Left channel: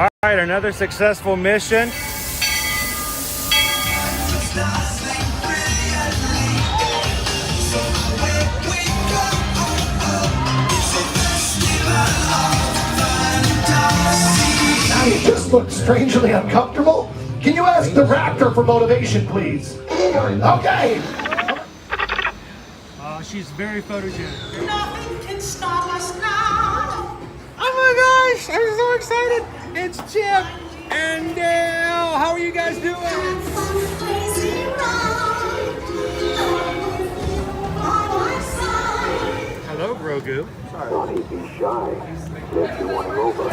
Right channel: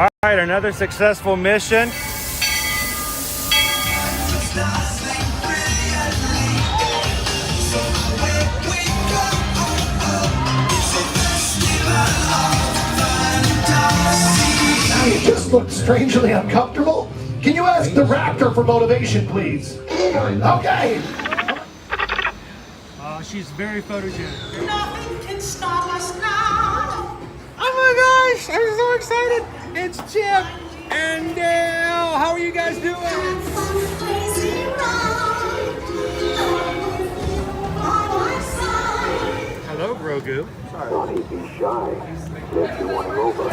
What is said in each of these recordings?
All right, another successful mission. You just look strangely uncomfortable. Can you ask the raptor for motivation, please? Okay. She's very photogenic. Nothing can stop us now. Oh my gosh, I'm so excited. It's Chip and Dale. How are you guys doing? Hello, Grogu. Sorry. He's shy. Makes you want to go over.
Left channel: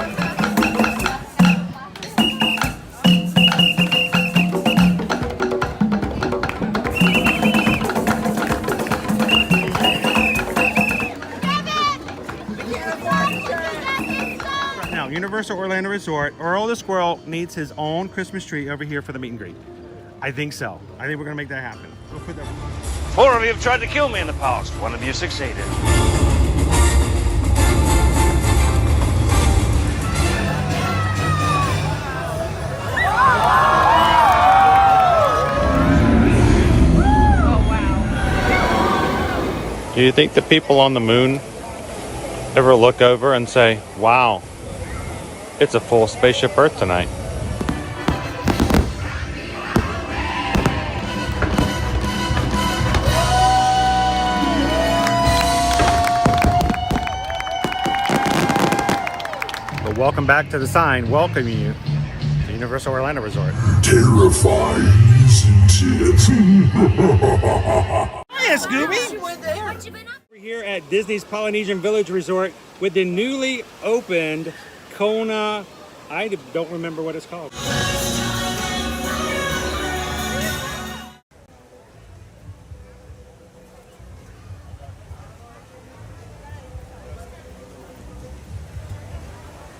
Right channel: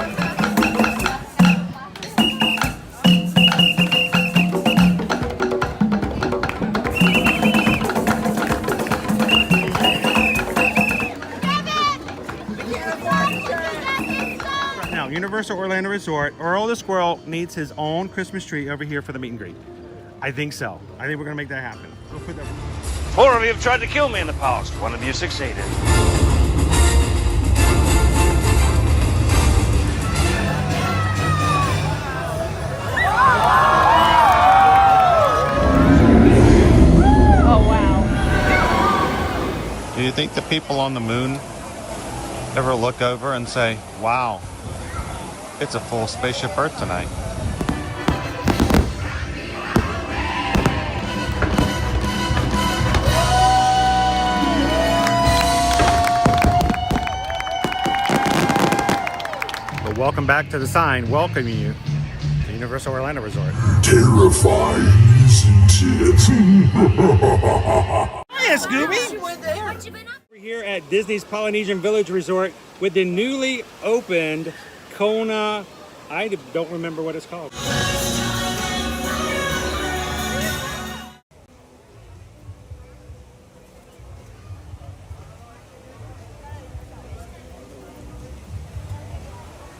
Universal Orlando Resort, Earl the Squirrel needs his own Christmas tree over here for the meet and greet. I think so. I think we're gonna make that happen. We'll put that. 4 of you have tried to kill me in the past. 1 of you succeeded. Oh, wow. Do you think the people on the moon ever look over and say, wow, it's a full spaceship Earth tonight? But welcome back to the sign welcoming you to Universal Orlando Resort. Terrifying, isn't it? Hiya, Scooby! We're here at Disney's Polynesian Village Resort with the newly opened Kona, I don't remember what it's called.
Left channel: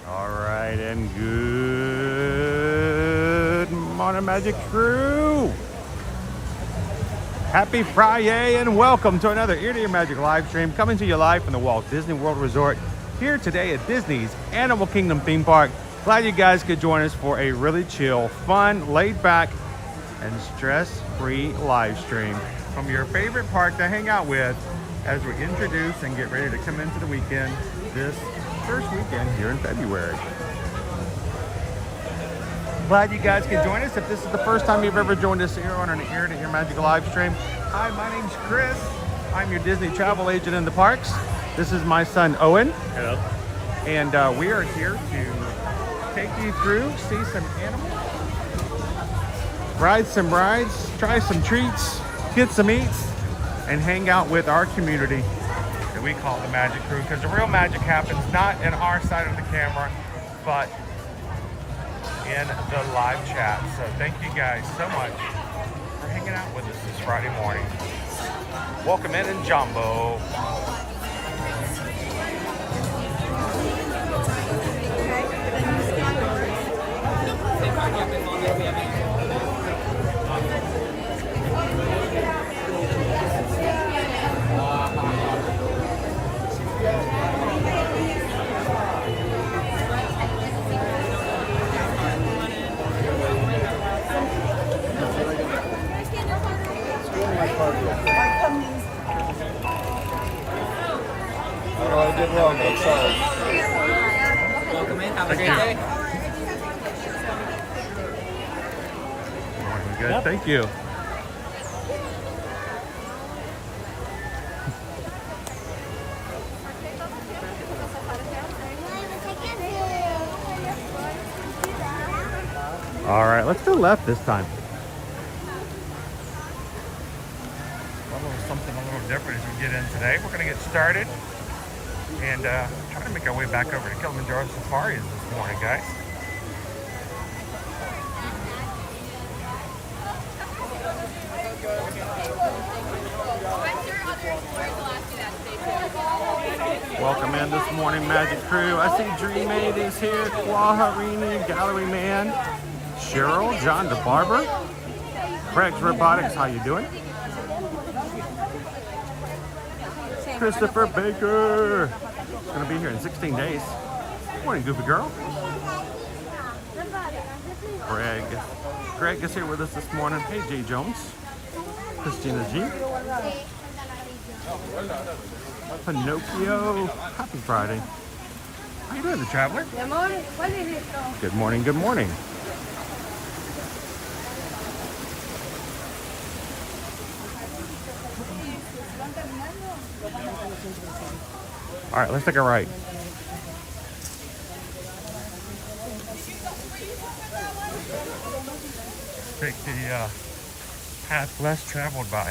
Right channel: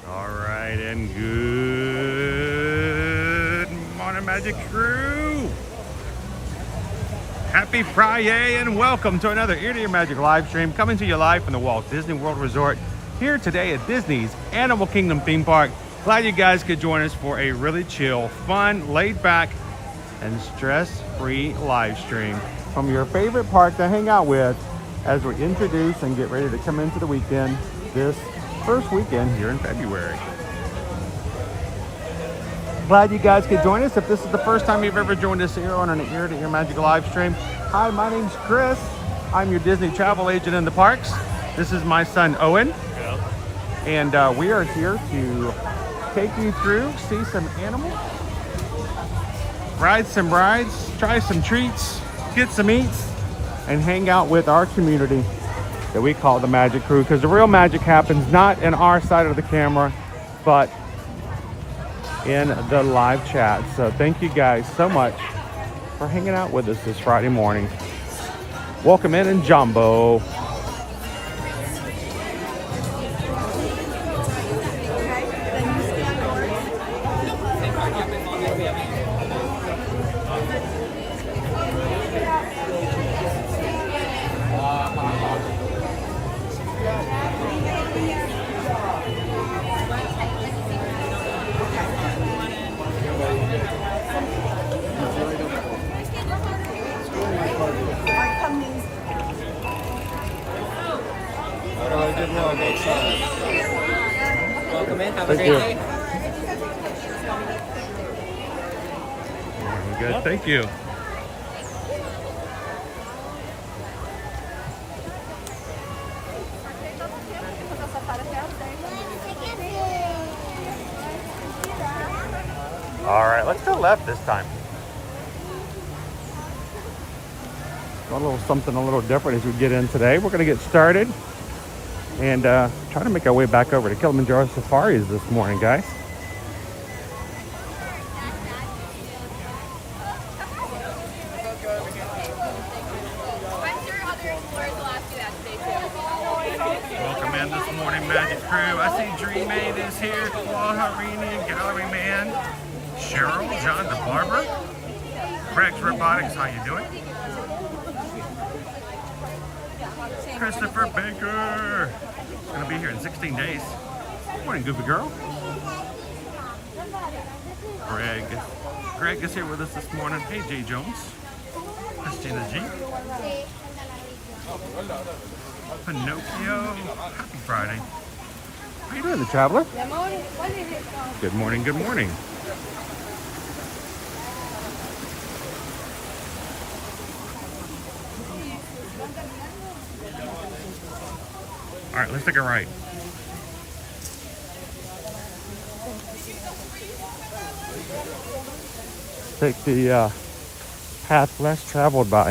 All right, and good morning, Magic Crew. Happy Friday and welcome to another Ear to Your Magic live stream coming to you live from the Walt Disney World Resort here today at Disney's Animal Kingdom theme park. Glad you guys could join us for a really chill, fun, laid back, and stress-free live stream from your favorite park to hang out with as we introduce and get ready to come into the weekend, this first weekend here in February. Glad you guys could join us. If this is the first time you've ever joined us here on an Ear to Your Magic live stream, hi, my name's Chris. I'm your Disney travel agent in the parks. This is my son, Owen. Hello. And we are here to take you through, see some animals, ride some rides, try some treats, get some eats, and hang out with our community that we call the Magic Crew, because the real magic happens not in our side of the camera, but in the live chat. So thank you guys so much for hanging out with us this Friday morning. Welcome in Jumbo. I did wrong, I'm sorry. Welcome in. Have a Thank great you. day. We're good. Thank you. All right, let's go left this time. A little something a little different as we get in today. We're going to get started and try to make our way back over to Kilimanjaro Safaris this morning, guys. Welcome in this morning, Magic Crew. I see Dream Aid is here, Kwaharini, Gallery Man, Cheryl, John the Barber, Craig's Robotics, how you doing? Christopher Baker is going to be here in 16 days. Good morning, Goofy Girl. Greg is here with us this morning. Hey, Jay Jones. Christina G. Pinocchio. Happy Friday. How you doing, the traveler? Good morning, good morning. All right, let's take a right. Take the path less traveled by.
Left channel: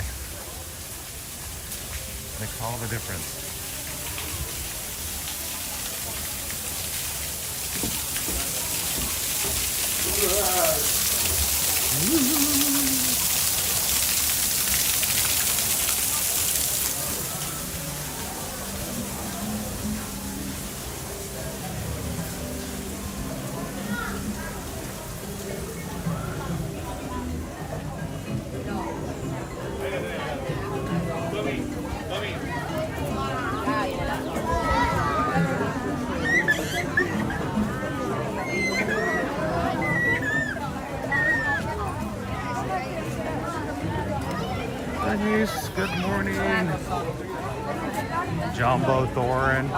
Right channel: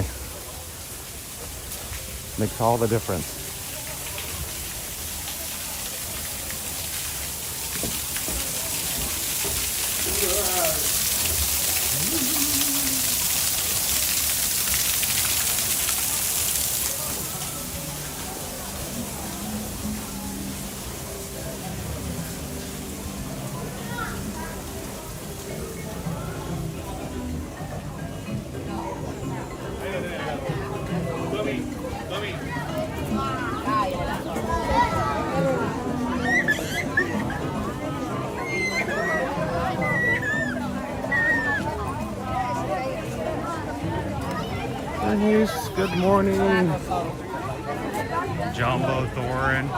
Makes all the difference. Denise, good morning. Jumbo Thorin.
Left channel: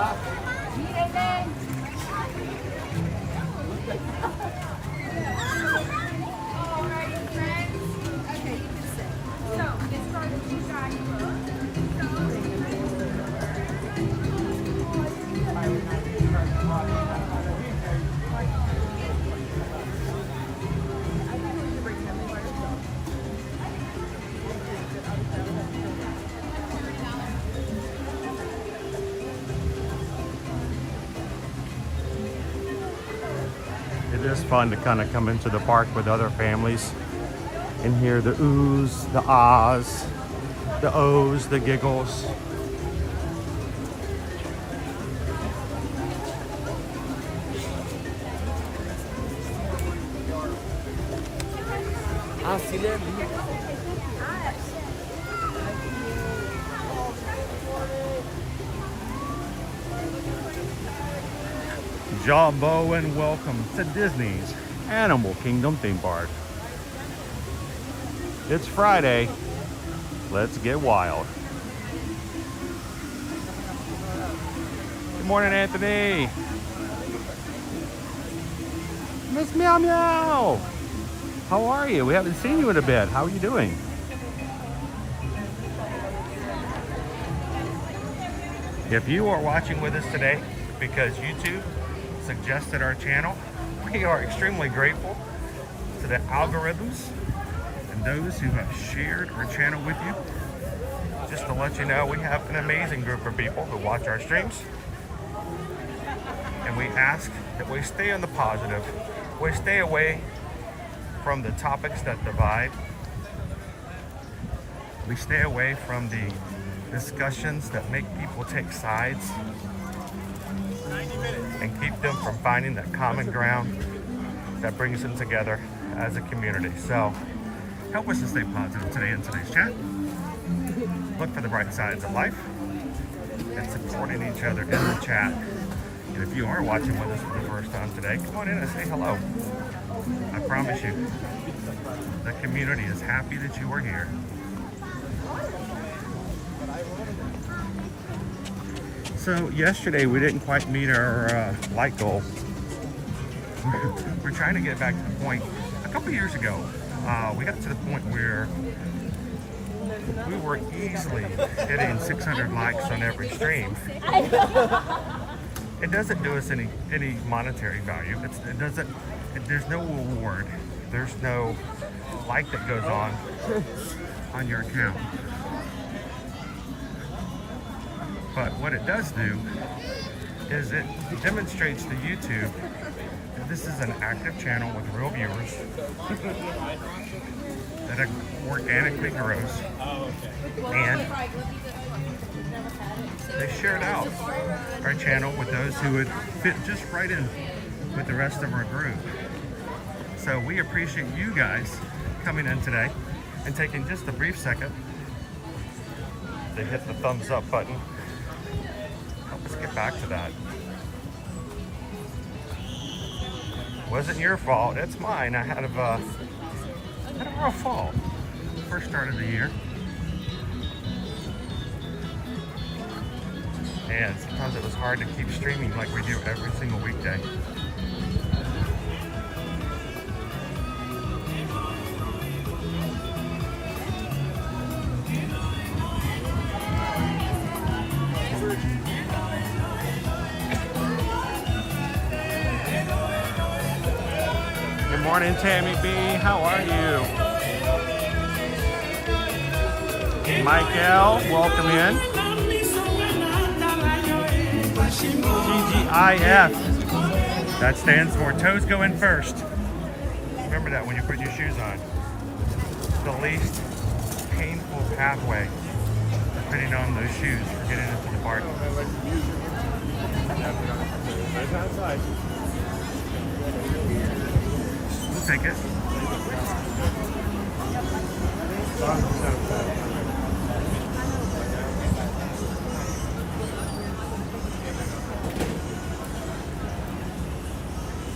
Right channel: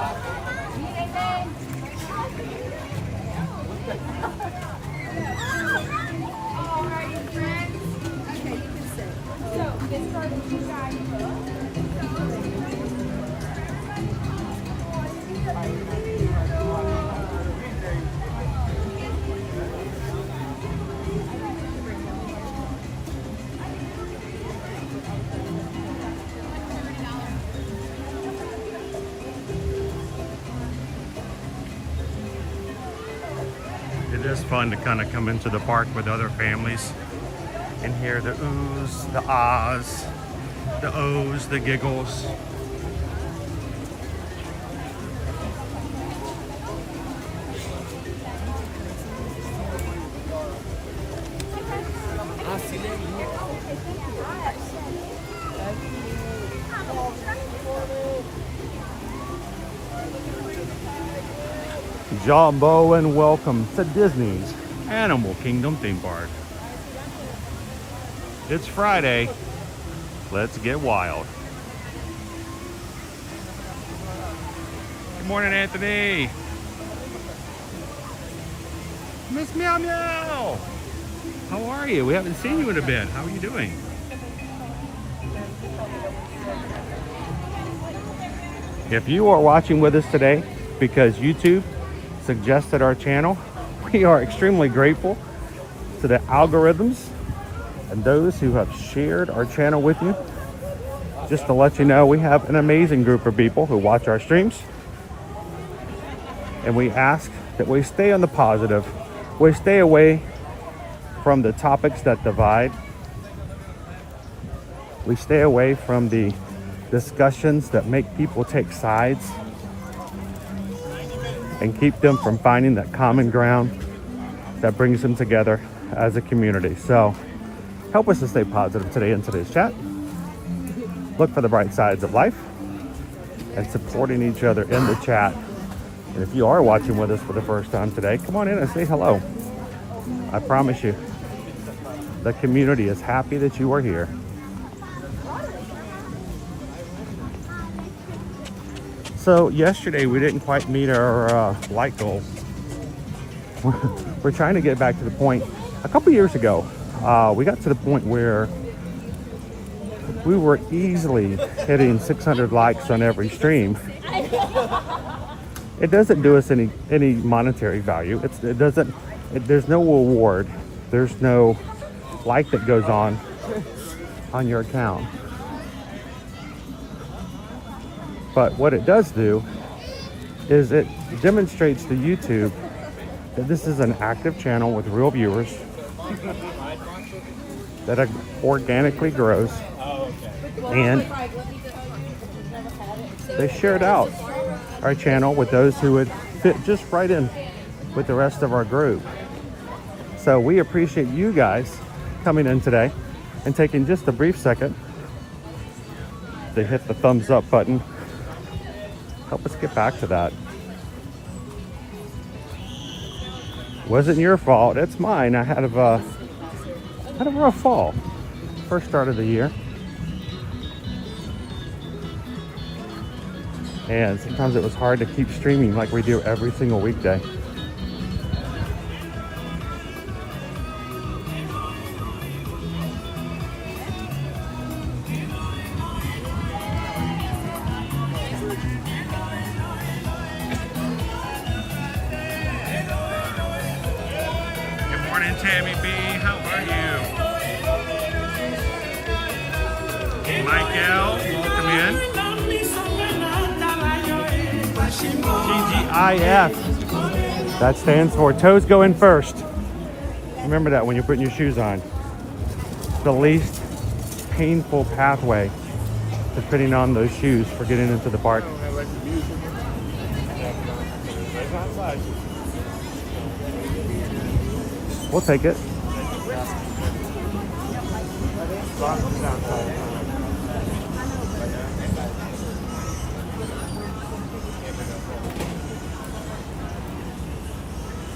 It is fun to kind of come into the park with other families and hear the oohs, the ahs, the ohs, the giggles. Jumbo, and welcome to Disney's Animal Kingdom theme park. It's Friday. Let's get wild. Good morning, Anthony. Miss Meow Meow. How are you? We haven't seen you in a bit. How are you doing? If you are watching with us today because YouTube suggested our channel, we are extremely grateful to the algorithms and those who have shared our channel with you. Just to let you know, we have an amazing group of people who watch our streams, and we ask that we stay on the positive. We stay away from the topics that divide. We stay away from the discussions that make people take sides and keep them from finding that common ground that brings them together as a community. So help us to stay positive today in today's chat. Look for the bright sides of life and supporting each other in the chat. And if you are watching with us for the first time today, come on in and say hello. I promise you, the community is happy that you are here. So yesterday we didn't quite meet our light goal. We're trying to get back to the point. A couple years ago, we got to the point where we were easily hitting 600 likes on every stream. It doesn't do us any monetary value. There's no reward. There's no like that goes on your account. But what it does do is it demonstrates to YouTube that this is an active channel with real viewers that organically grows, and they shared out our channel with those who would fit just right in with the rest of our group. So we appreciate you guys coming in today and taking just a brief second to hit the thumbs up button. Help us get back to that. Wasn't your fault. It's mine. I had a rough fall. First start of the year. And sometimes it was hard to keep streaming like we do every single weekday. Good morning, Tammy B. How are you? Michael, welcome in. TGIF. That stands for toes go in first. Remember that when you're putting your shoes on. The least painful pathway to putting on those shoes for getting into the park. We'll take it.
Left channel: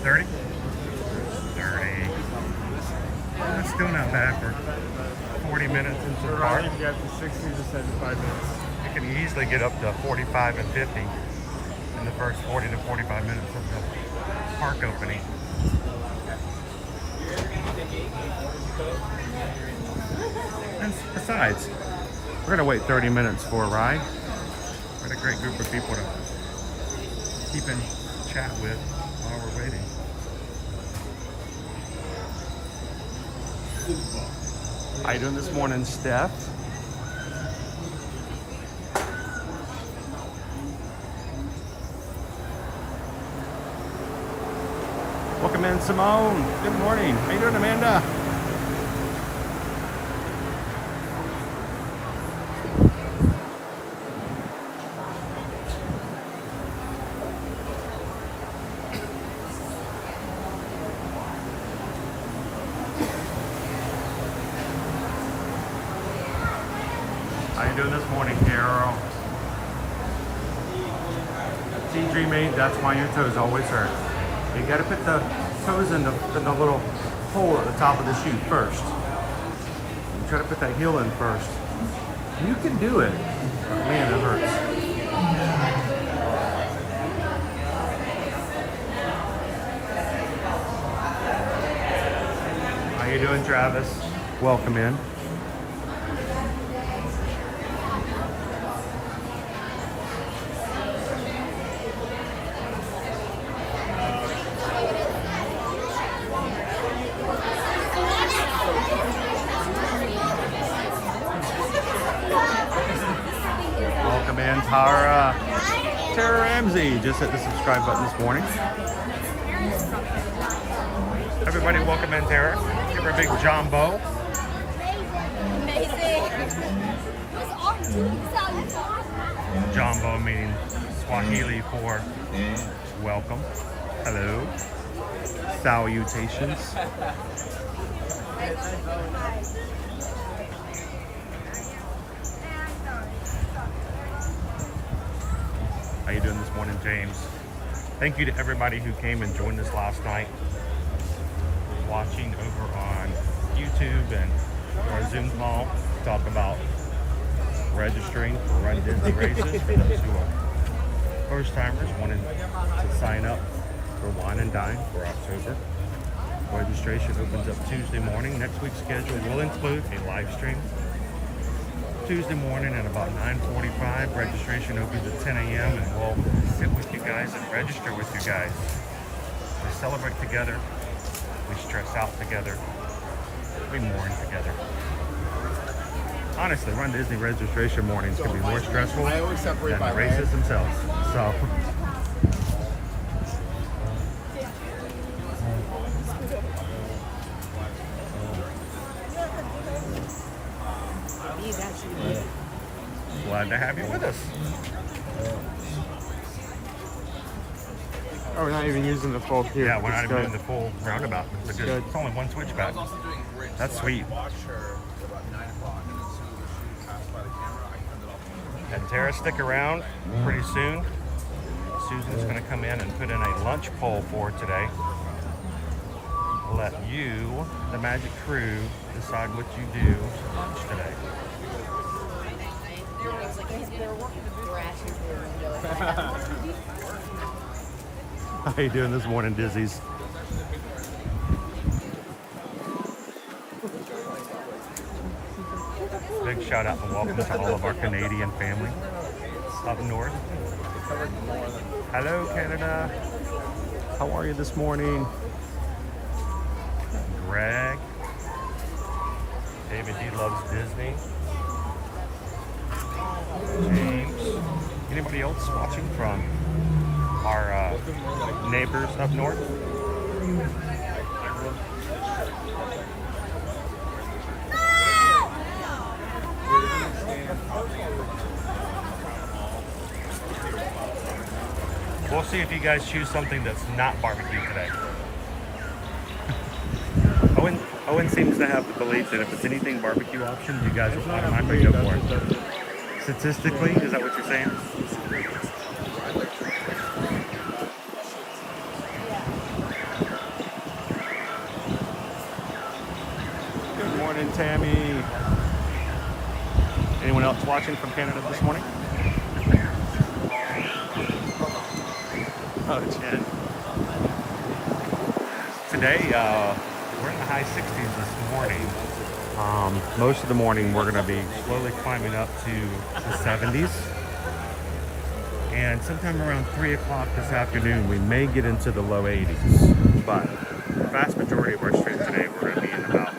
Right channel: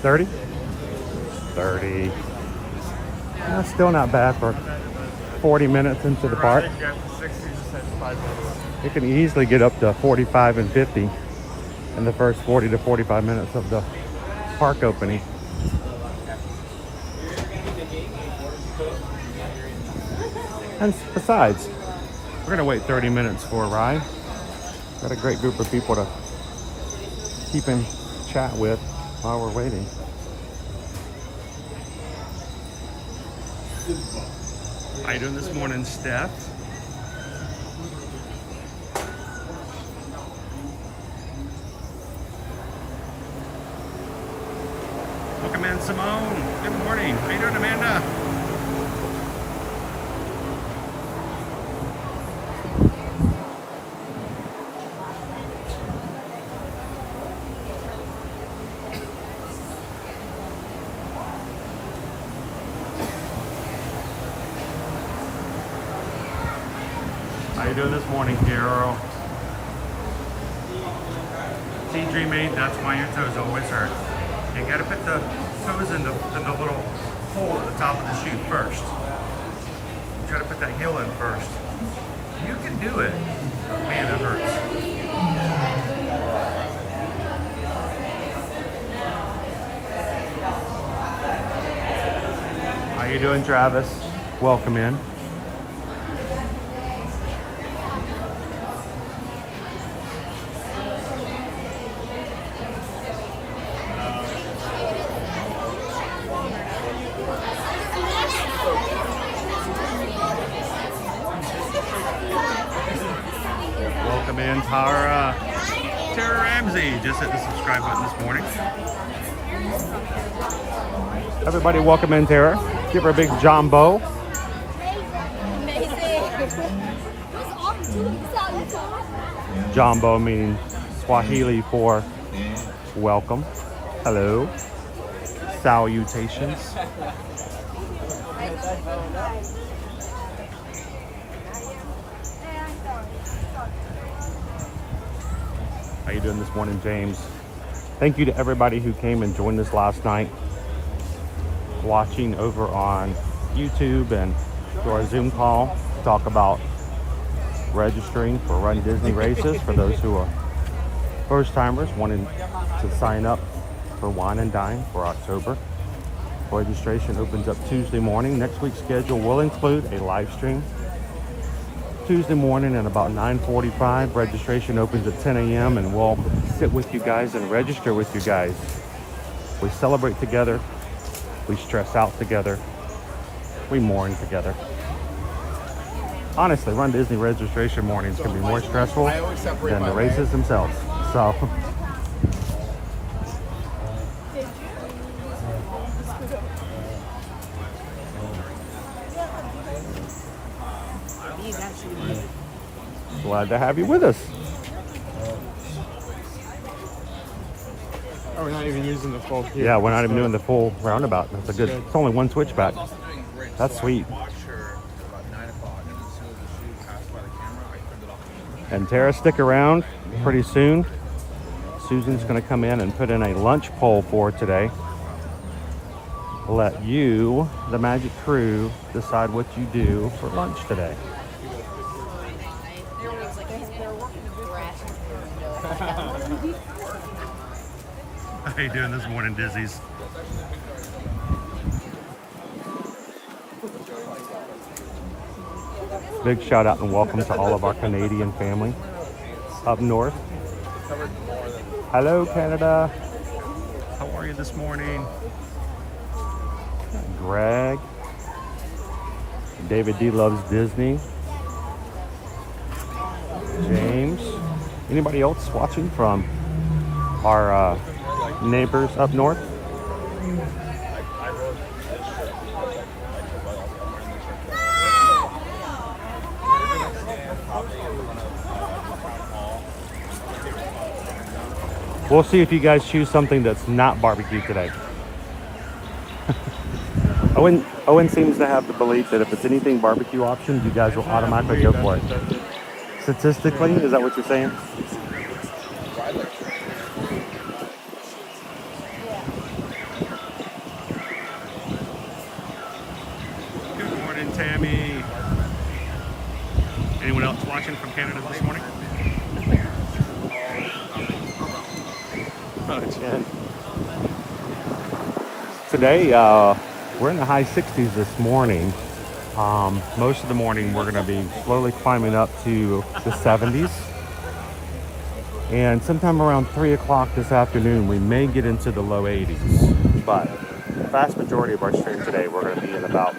$30? $30. That's still not bad for 40 minutes into the park. You can easily get up to 45 and 50 in the first 40 to 45 minutes of the park opening. And besides, we're gonna wait 30 minutes for a ride. Got a great group of people to keep in chat with while we're waiting. How you doing this morning, Steph? Welcome in, Simone. Good morning. How you doing, Amanda? How you doing this morning, Carol? See, Dream 8, that's why your toes always hurt. You gotta put the toes in the little hole at the top of the shoe first. You try to put that heel in first. You can do it. Man, it hurts. How you doing, Travis? Welcome in. Welcome in, Tara. Tara Ramsey just hit the subscribe button this morning. Everybody, welcome in, Tara. Give her a big jumbo. Jumbo meaning Swahili for welcome. Hello. Salutations. How you doing this morning, James? Thank you to everybody who came and joined us last night, watching over on YouTube and through our Zoom call to talk about registering for Run Disney races for those who are first timers wanting to sign up for Wine and Dine for October. Registration opens up Tuesday morning. Next week's schedule will include a live stream Tuesday morning at about 9:45. Registration opens at 10 a.m. and we'll sit with you guys and register with you guys. We celebrate together. We stress out together. We mourn together. Honestly, Run Disney registration mornings can be more stressful than the races themselves. So. Glad to have you with us. Oh, we're not even using the full queue. Yeah, we're not even doing the full roundabout. That's a good. It's only one switchback. That's sweet. And Tara, stick around. Pretty soon, Susan's going to come in and put in a lunch poll for today. let you, the Magic Crew, decide what you do for lunch today. How you doing this morning, Dizzies? Big shout out and welcome to all of our Canadian family up north. Hello, Canada. How are you this morning? Greg. David D loves Disney. James. Anybody else watching from our neighbors up north? We'll see if you guys choose something that's not barbecue today. Owen seems to have the belief that if it's anything barbecue options, you guys will automatically go for it. Statistically, is that what you're saying? Good morning, Tammy. Anyone else watching from Canada this morning? Oh, Jen. Today, we're in the high 60s this morning. Most of the morning, we're going to be slowly climbing up to the 70s. And sometime around 3 o'clock this afternoon, we may get into the low 80s. But the vast majority of our stream today, we're going to be in about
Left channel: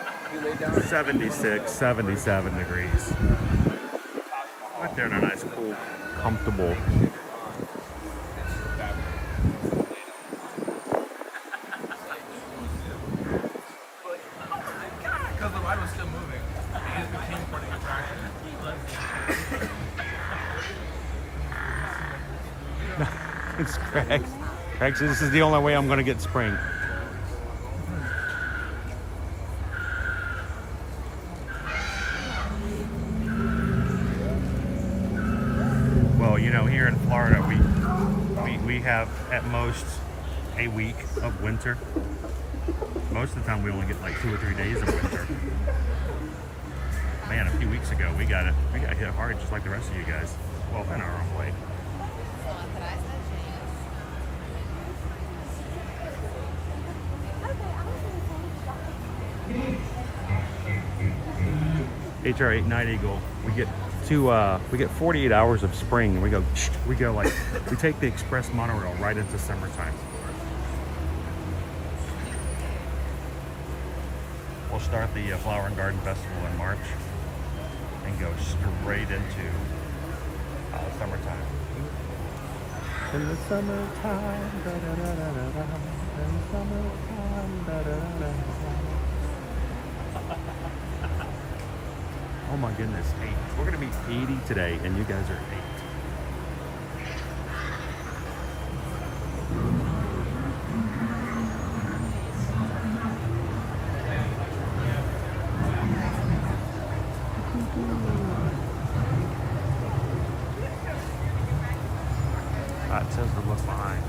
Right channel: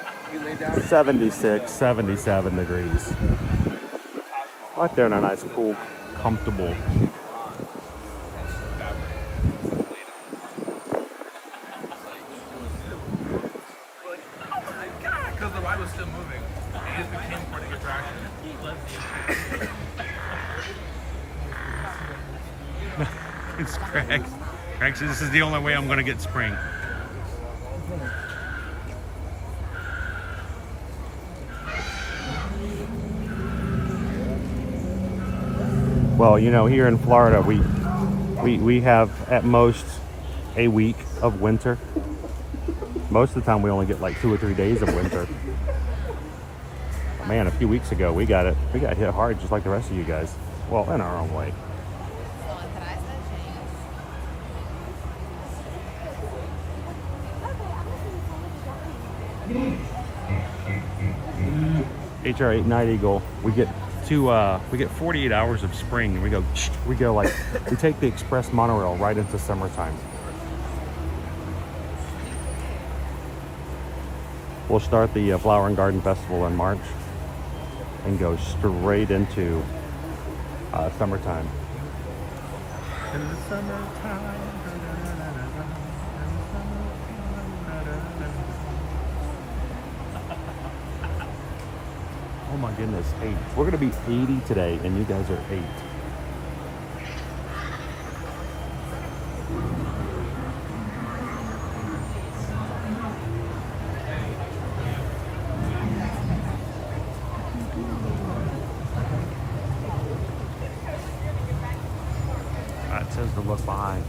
76, 77 degrees. Right there in a nice, cool, comfortable. It's Craig. Craig says this is the only way I'm going to get spring. Well, you know, here in Florida, we have at most a week of winter. Most of the time, we only get like 2 or 3 days of winter. Man, a few weeks ago, we got hit hard, just like the rest of you guys. Well, in our own way. HR 8 Night Eagle, we get 48 hours of spring, and we go like, we take the express monorail right into summertime. We'll start the Flower and Garden Festival in March and go straight into summertime. In the summertime, da, da, da, da, da, da, in the summertime, da, da, da, da. Oh my goodness, 8. We're gonna be 80 today, and you guys are 8. It says to look behind.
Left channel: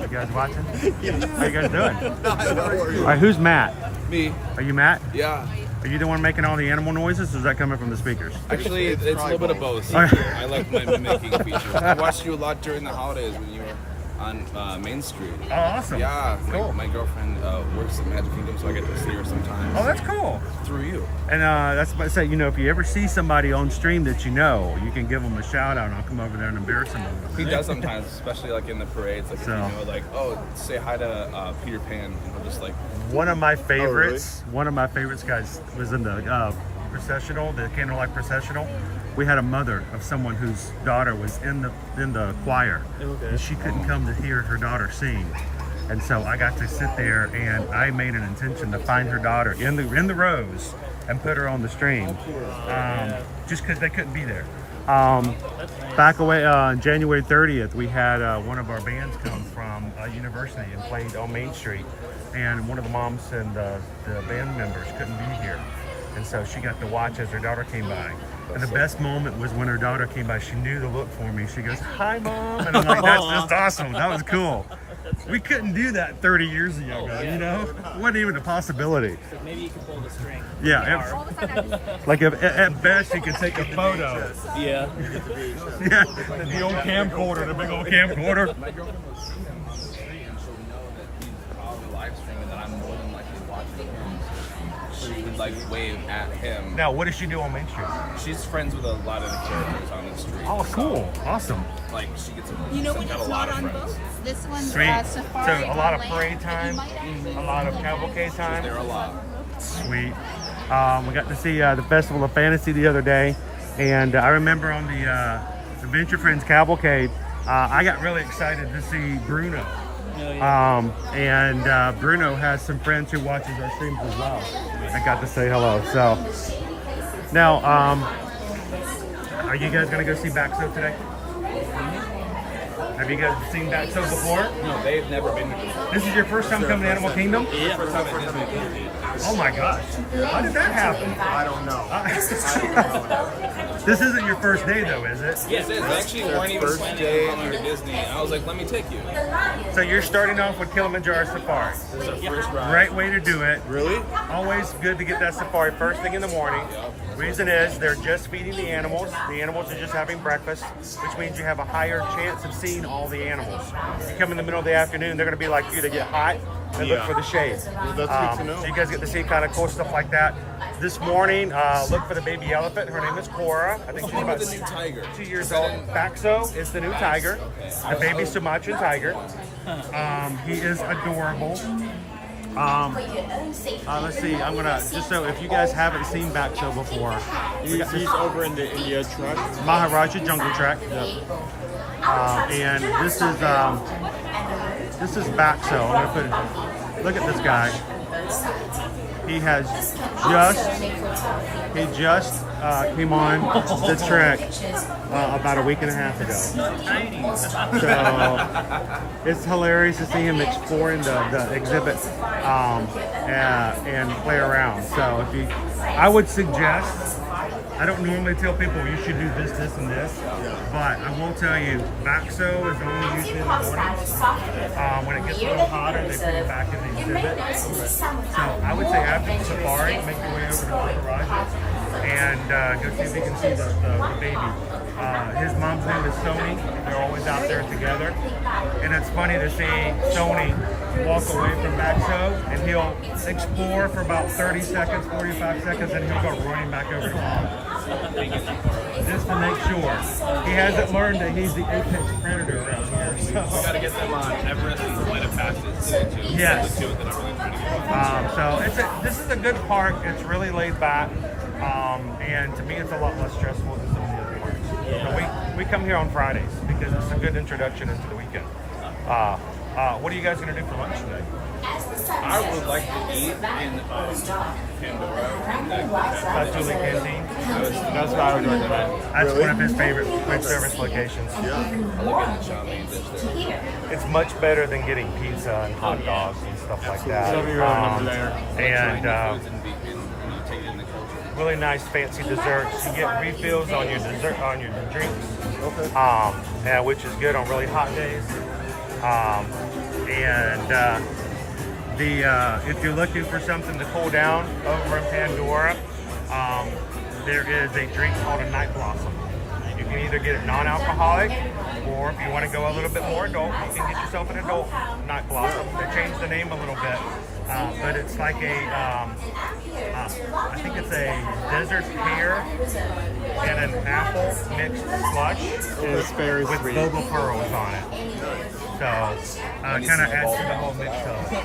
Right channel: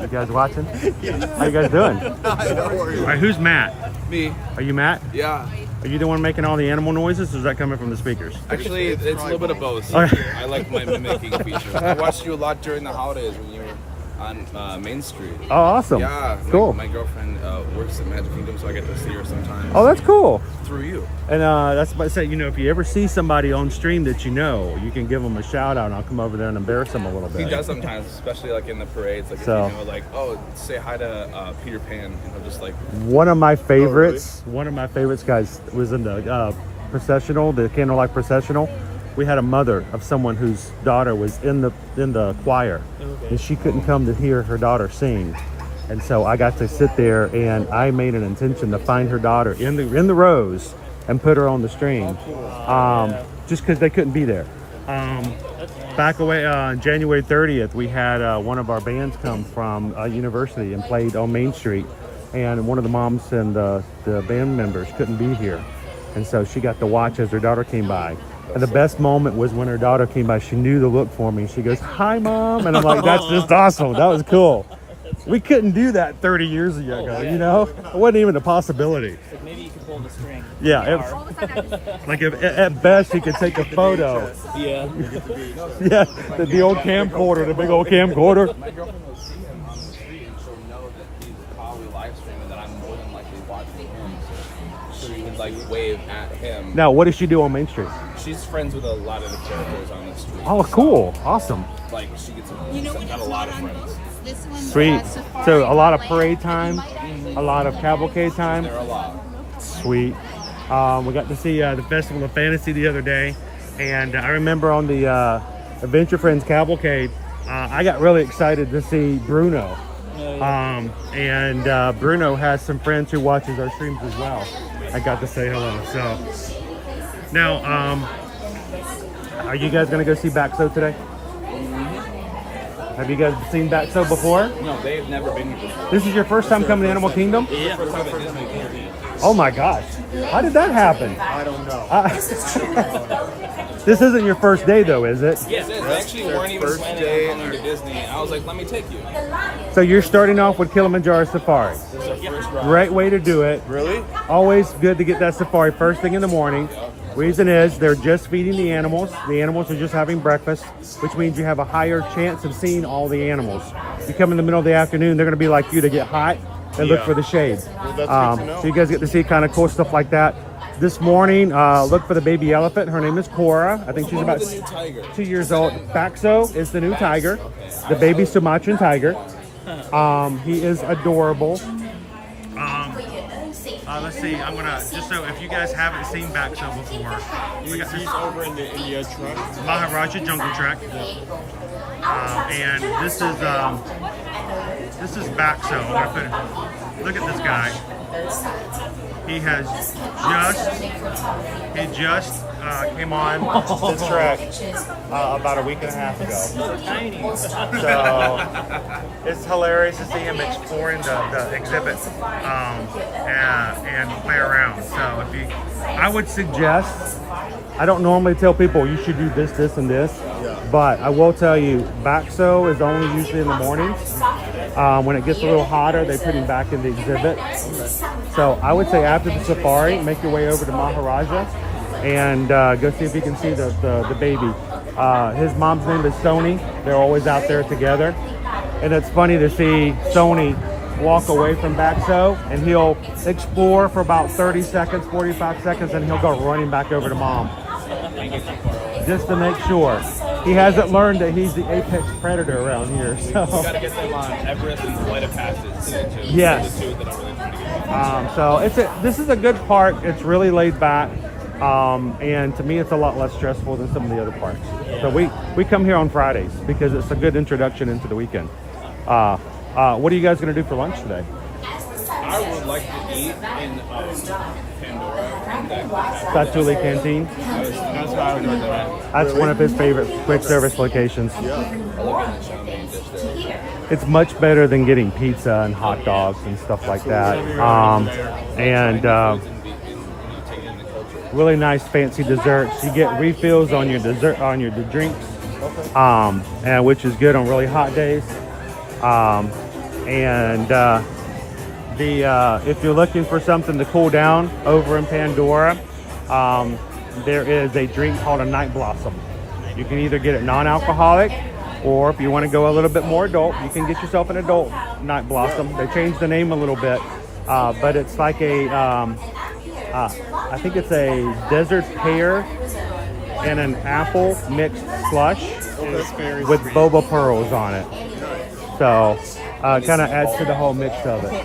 You guys watching? How you guys doing? All right, who's Matt? Me. Are you Matt? Yeah. Are you the one making all the animal noises, or is that coming from the speakers? Actually, it's a little bit of both. Okay. I like my mimicking feature. I watched you a lot during the holidays when you were on Main Street. Oh, awesome. Yeah. Cool. My girlfriend works at Magic Kingdom, so I get to see her sometimes. Oh, that's cool. Through you. And that's what I say, you know, if you ever see somebody on stream that you know, you can give them a shout out, and I'll come over there and embarrass them a little bit. He does sometimes, especially like in the parades. Like So- if you know, like, oh, say hi to Peter Pan, and he'll just like. One of my favorites, guys, was in the processional, the candlelight processional. We had a mother of someone whose daughter was in the choir, and she couldn't come to hear her daughter sing. And so I got to sit there, and I made an intention to find her daughter in the rows and put her on the stream, just because they couldn't be there. Back away on January 30th, we had one of our bands come from a university and played on Main Street, and one of the moms and the band members couldn't be here, and so she got to watch as her daughter came by. And the best moment was when her daughter came by. She knew to look for me. She goes, "Hi, Mom," and I'm like, "That's just awesome. That was cool." We couldn't do that 30 years ago, you know? It wasn't even a possibility. Maybe you can pull the string. Yeah, like if at best he could take a photo. Yeah. Yeah, the old camcorder, the big old camcorder. Like wave at him. Now, what does she do on Main Street? She's friends with a lot of the characters on the street. Oh, cool. Awesome. Like she gets You know what it's not on boats? This one's Sweet. safari. So a lot of on parade land. time, a lot of cavalcade time. there a lot. Sweet. We got to see the Festival of Fantasy the other day, and I remember on the Adventure Friends Cavalcade, I got really excited to see Bruno. And Bruno has some friends who watches our streams as well. I got to say hello. So now, are you guys gonna go see Baxo today? Have you guys seen Baxo before? No, they've never been here. This is your first time coming to Animal Kingdom? Yeah. First time at Disney. Oh my gosh. How did that happen? I don't know. This isn't your first day though, is it? Yes, they actually weren't even first planning day on coming to Disney. I was like, let me take you. So you're starting off with Kilimanjaro Safaris. Great way to do it. Really? Always good to get that safari first thing in the morning. Reason is they're just feeding the animals. The animals are just having breakfast, which means you have a higher chance of seeing all the animals. You come in the middle of the afternoon, they're going to be like you to get hot and look for the shade. Well, that's good to know. So you guys get to see kind of cool stuff like that. This morning, look for the baby elephant. Her name is Cora. I think she's about The new tiger. 2 years old. Baxo is the new tiger, the baby Sumatran tiger. He is adorable. Let's see. I'm gonna just so if you guys haven't seen Baxo before, we got this over in the India truck. Maharaja Jungle Trek, and this is Baxo. I'm gonna put. Look at this guy. He just came on the trek about a week and a half ago. So it's hilarious to see him exploring the exhibit and play around. So if you, I would suggest, I don't normally tell people you should do this, this, and this, but I will tell you, Baxo is only usually in the mornings. When it gets a little hotter, they put him back in the exhibit. So I would say after the safari, make your way over to Maharaja and go see if you can see the baby. His mom's name is Sony. They're always out there together. And it's funny to see Sony walk away from Baxo, and he'll explore for about 30 seconds, 45 seconds, and he'll go running back over to mom. Just to make sure. He hasn't learned that he's the apex predator around here. So. Gotta get them on Everest and flight of passage. Yes. The two that I'm really trying to get. So this is a good park. It's really laid back. And to me, it's a lot less stressful than some of the other parks. So we come here on Fridays because it's a good introduction into the weekend. What are you guys going to do for lunch today? I would like to eat in Satuli Canteen. That's what I would recommend. That's one of his favorite quick service locations. It's much better than getting pizza and hot dogs and stuff like that. Really nice fancy desserts. You get refills on your dessert, on your drinks, and which is good on really hot days. If you're looking for something to cool down over in Pandora, there is a drink called a Night Blossom. You can either get it non-alcoholic, or if you want to go a little bit more adult, you can get yourself an adult Night Blossom. They changed the name a little bit, but it's like a, I think it's a desert pear and an apple mixed slush with boba pearls on it. So kind of adds to the whole mix of it.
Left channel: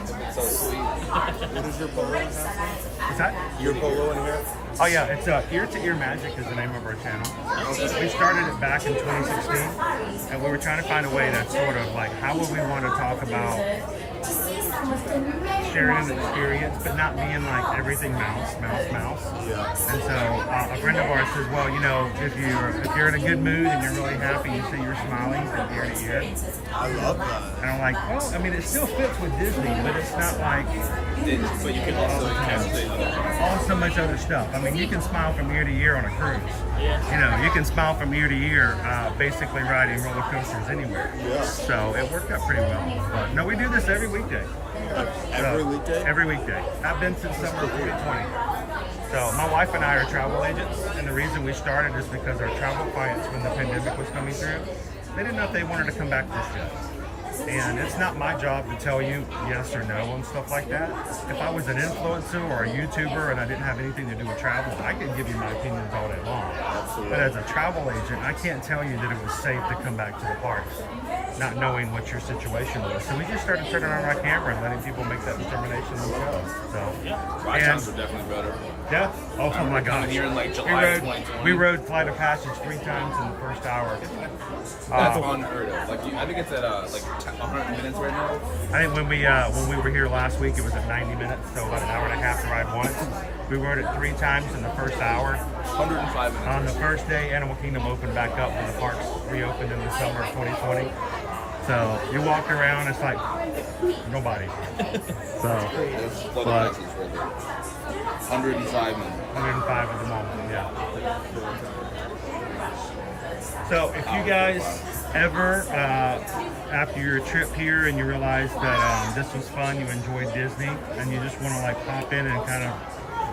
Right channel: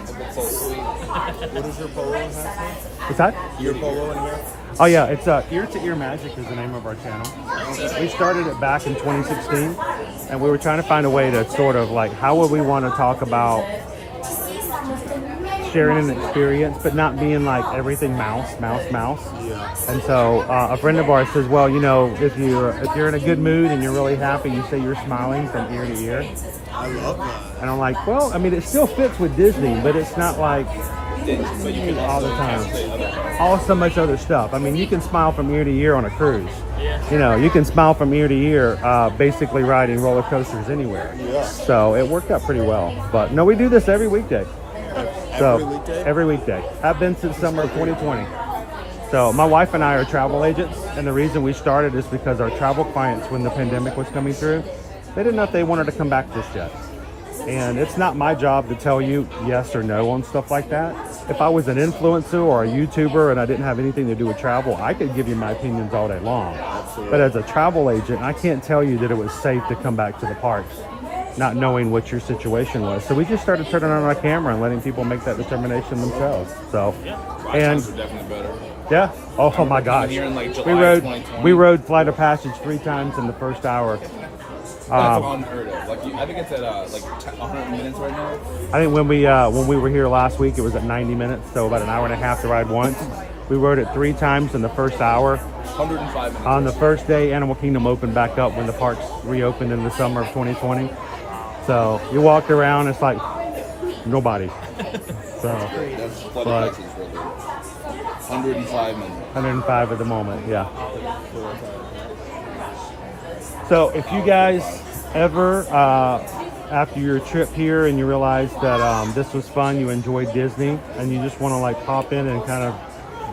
What's that? Your polo in here? Oh yeah, it's Ear to Ear Magic is the name of our channel. We started it back in 2016, and we were trying to find a way to sort of like, how would we want to talk about sharing an experience, but not being like everything mouse. And so a friend of ours says, well, you know, if you're in a good mood and you're really happy, you say you're smiling from ear to ear. I love that. And I'm like, well, I mean, it still fits with Disney, but it's not like But you can all also the time. translate All so much other stuff. I mean, you can smile from ear to ear on a cruise. You know, you can smile from ear to ear, basically riding roller coasters anywhere. So it worked out pretty well. But no, we do this every weekday. Every weekday? Every weekday. I've been since summer of 2020. So my wife and I are travel agents, and the reason we started is because our travel clients, when the pandemic was coming through, they didn't know if they wanted to come back just yet. And it's not my job to tell you yes or no on stuff like that. If I was an influencer or a YouTuber and I didn't have anything to do with travel, I could give you my opinions all day long. But as a travel agent, I can't tell you that it was safe to come back to the parks, not knowing what your situation was. So we just started turning on our camera and letting people make that determination themselves. So, and definitely better. yeah, oh my gosh, Here in like July we rode Flight of Passage 3 times in the first hour. That's unheard of. Like, I think it's at like 100 minutes right now. I think when we were here last week, it was at 90 minutes, so about an hour and a half to ride once. We rode it 3 times in the first hour. 105 minutes. On the first day, Animal Kingdom opened back up when the parks reopened in the summer of 2020. So you walk around, it's like nobody. So, but 105 minutes. 105 at the moment, yeah. So if you guys ever, after your trip here and you realize that this was fun, you enjoyed Disney, and you just want to like pop in and kind of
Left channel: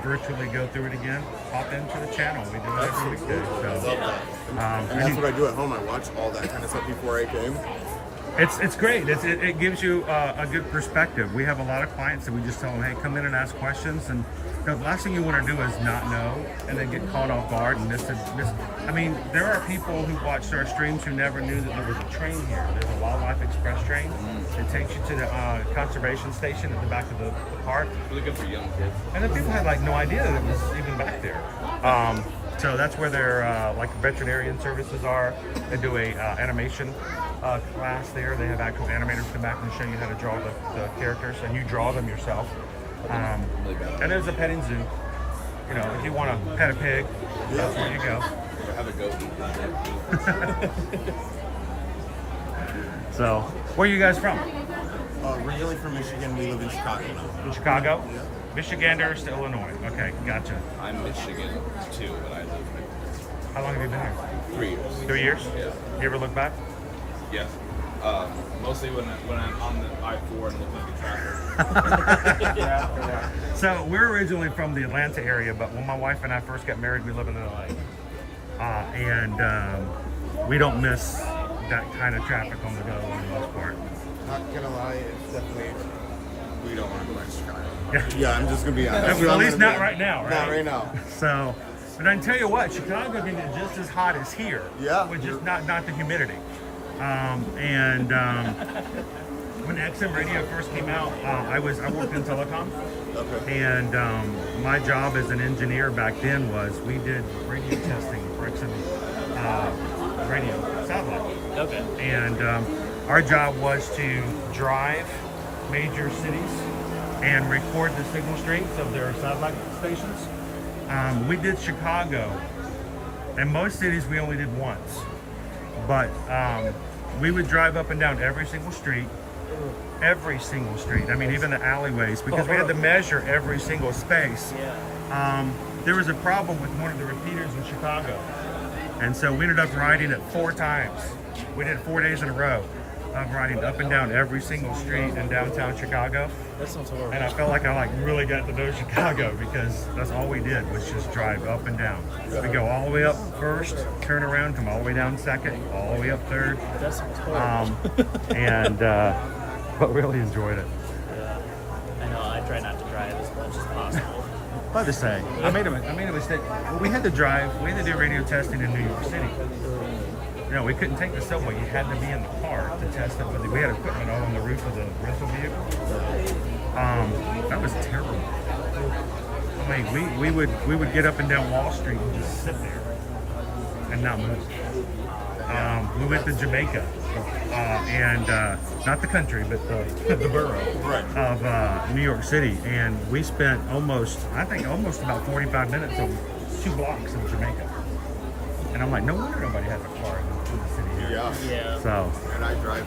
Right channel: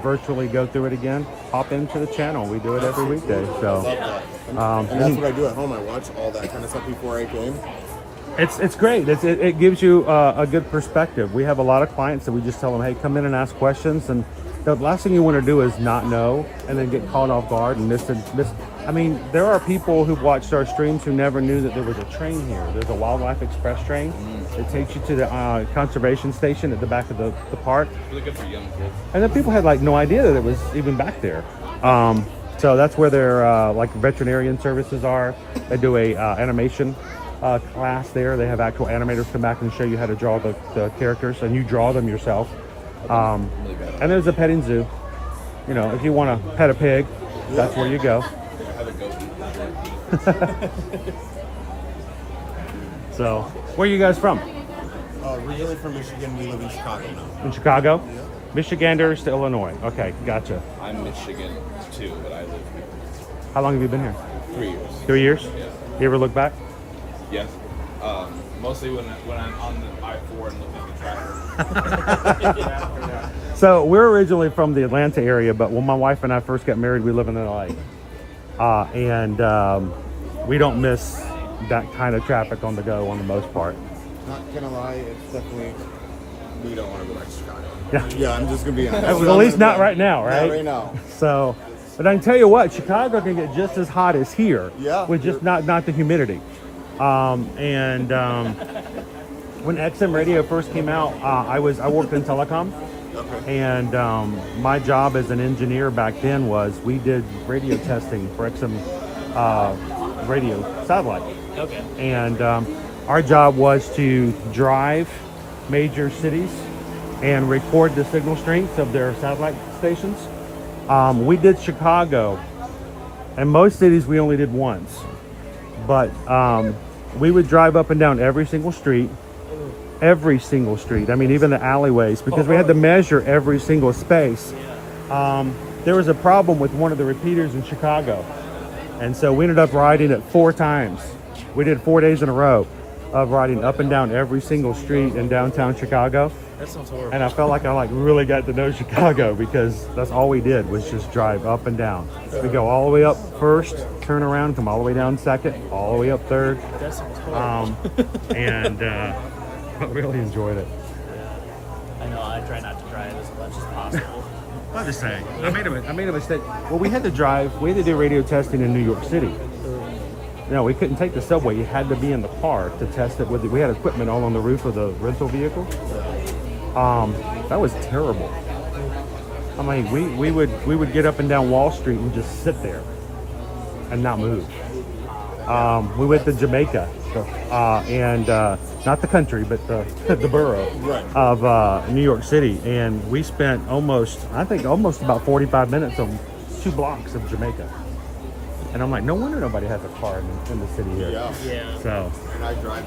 virtually go through it again, pop into the channel. We do it every weekday. So And that's what I do at home. I watch all that kind of stuff before I came. it's great. It gives you a good perspective. We have a lot of clients that we just tell them, hey, come in and ask questions. And the last thing you want to do is not know and then get caught off guard and miss. I mean, there are people who watched our streams who never knew that there was a train here. There's a Wildlife Express train that takes you to the conservation station at the back of the park. Really good for young kids. And then people had like no idea that it was even back there. So that's where their like veterinarian services are. They do a animation class there. They have actual animators come back and show you how to draw the characters, and you draw them yourself. And there's a petting zoo. You know, if you want to pet a pig, that's where you go. Have a goat. So, where are you guys from? Originally from Michigan, we live in Chicago now. In Chicago? Michiganders to Illinois. Okay, gotcha. I'm Michigan too, but I live here. How long have you been here? 3 years. 3 years? Yeah. You ever look back? Yeah. Mostly when I'm on the I-4 and looking at traffic. So we're originally from the Atlanta area, but when my wife and I first got married, we live in LA. And we don't miss that kind of traffic on the go on the most part. Can I lie? It's definitely, we don't want to go back to Chicago. Yeah. Yeah, I'm just going to be honest. At least not right now, right? Not right now. So, but I can tell you what, Chicago can get just as hot as here. Yeah. With just not the humidity. When XM radio first came out, I worked in telecom. Okay. And my job as an engineer back then was we did radio testing for XM radio satellite. Okay. And our job was to drive major cities and record the signal strengths of their satellite stations. We did Chicago, and most cities we only did once. But we would drive up and down every single street. I mean, even the alleyways, because we had to measure every single space. There was a problem with one of the repeaters in Chicago. And so we ended up riding it 4 times. We did 4 days in a row of riding up and down every single street in downtown Chicago. That sounds horrible. And I felt like I really got to know Chicago because that's all we did was just drive up and down. We go all the way up first, turn around, come all the way down second, all the way up third. That sounds horrible. But really enjoyed it. I know, I try not to drive as much as possible. But just saying, I made a mistake. Well, we had to do radio testing in New York City. You know, we couldn't take the subway. You had to be in the car to test it with we had equipment all on the roof of the rental vehicle. That was terrible. I mean, we would get up and down Wall Street and just sit there and not move. We went to Jamaica and not the country, but the borough of New York City. And we spent almost about 45 minutes on 2 blocks of Jamaica. And I'm like, no wonder nobody has a car in the city here. Yeah. So. And I drive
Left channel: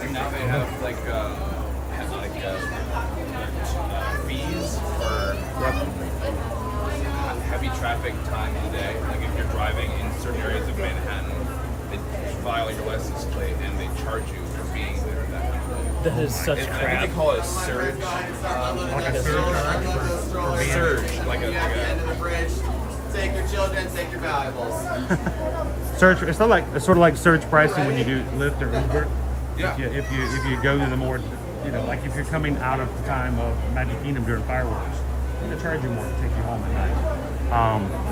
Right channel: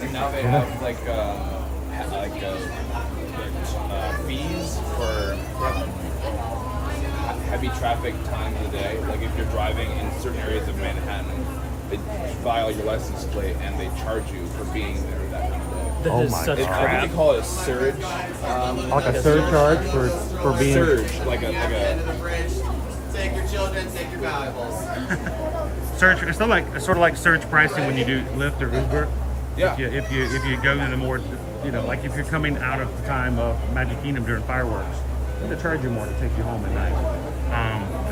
And now they have fees for heavy traffic time of the day. Like if you're driving in certain areas of Manhattan, they file your license plate and they charge you for being there that kind of day. That is such I think crap. they call it a surge. Like a surcharge for being. Surge. Like Take your children, take your valuables. Surge. It's sort of like surge pricing when you do Lyft or Uber. Yeah. If you go to the more, like if you're coming out of the time of Magic Kingdom during fireworks, they charge you more to take you home at night,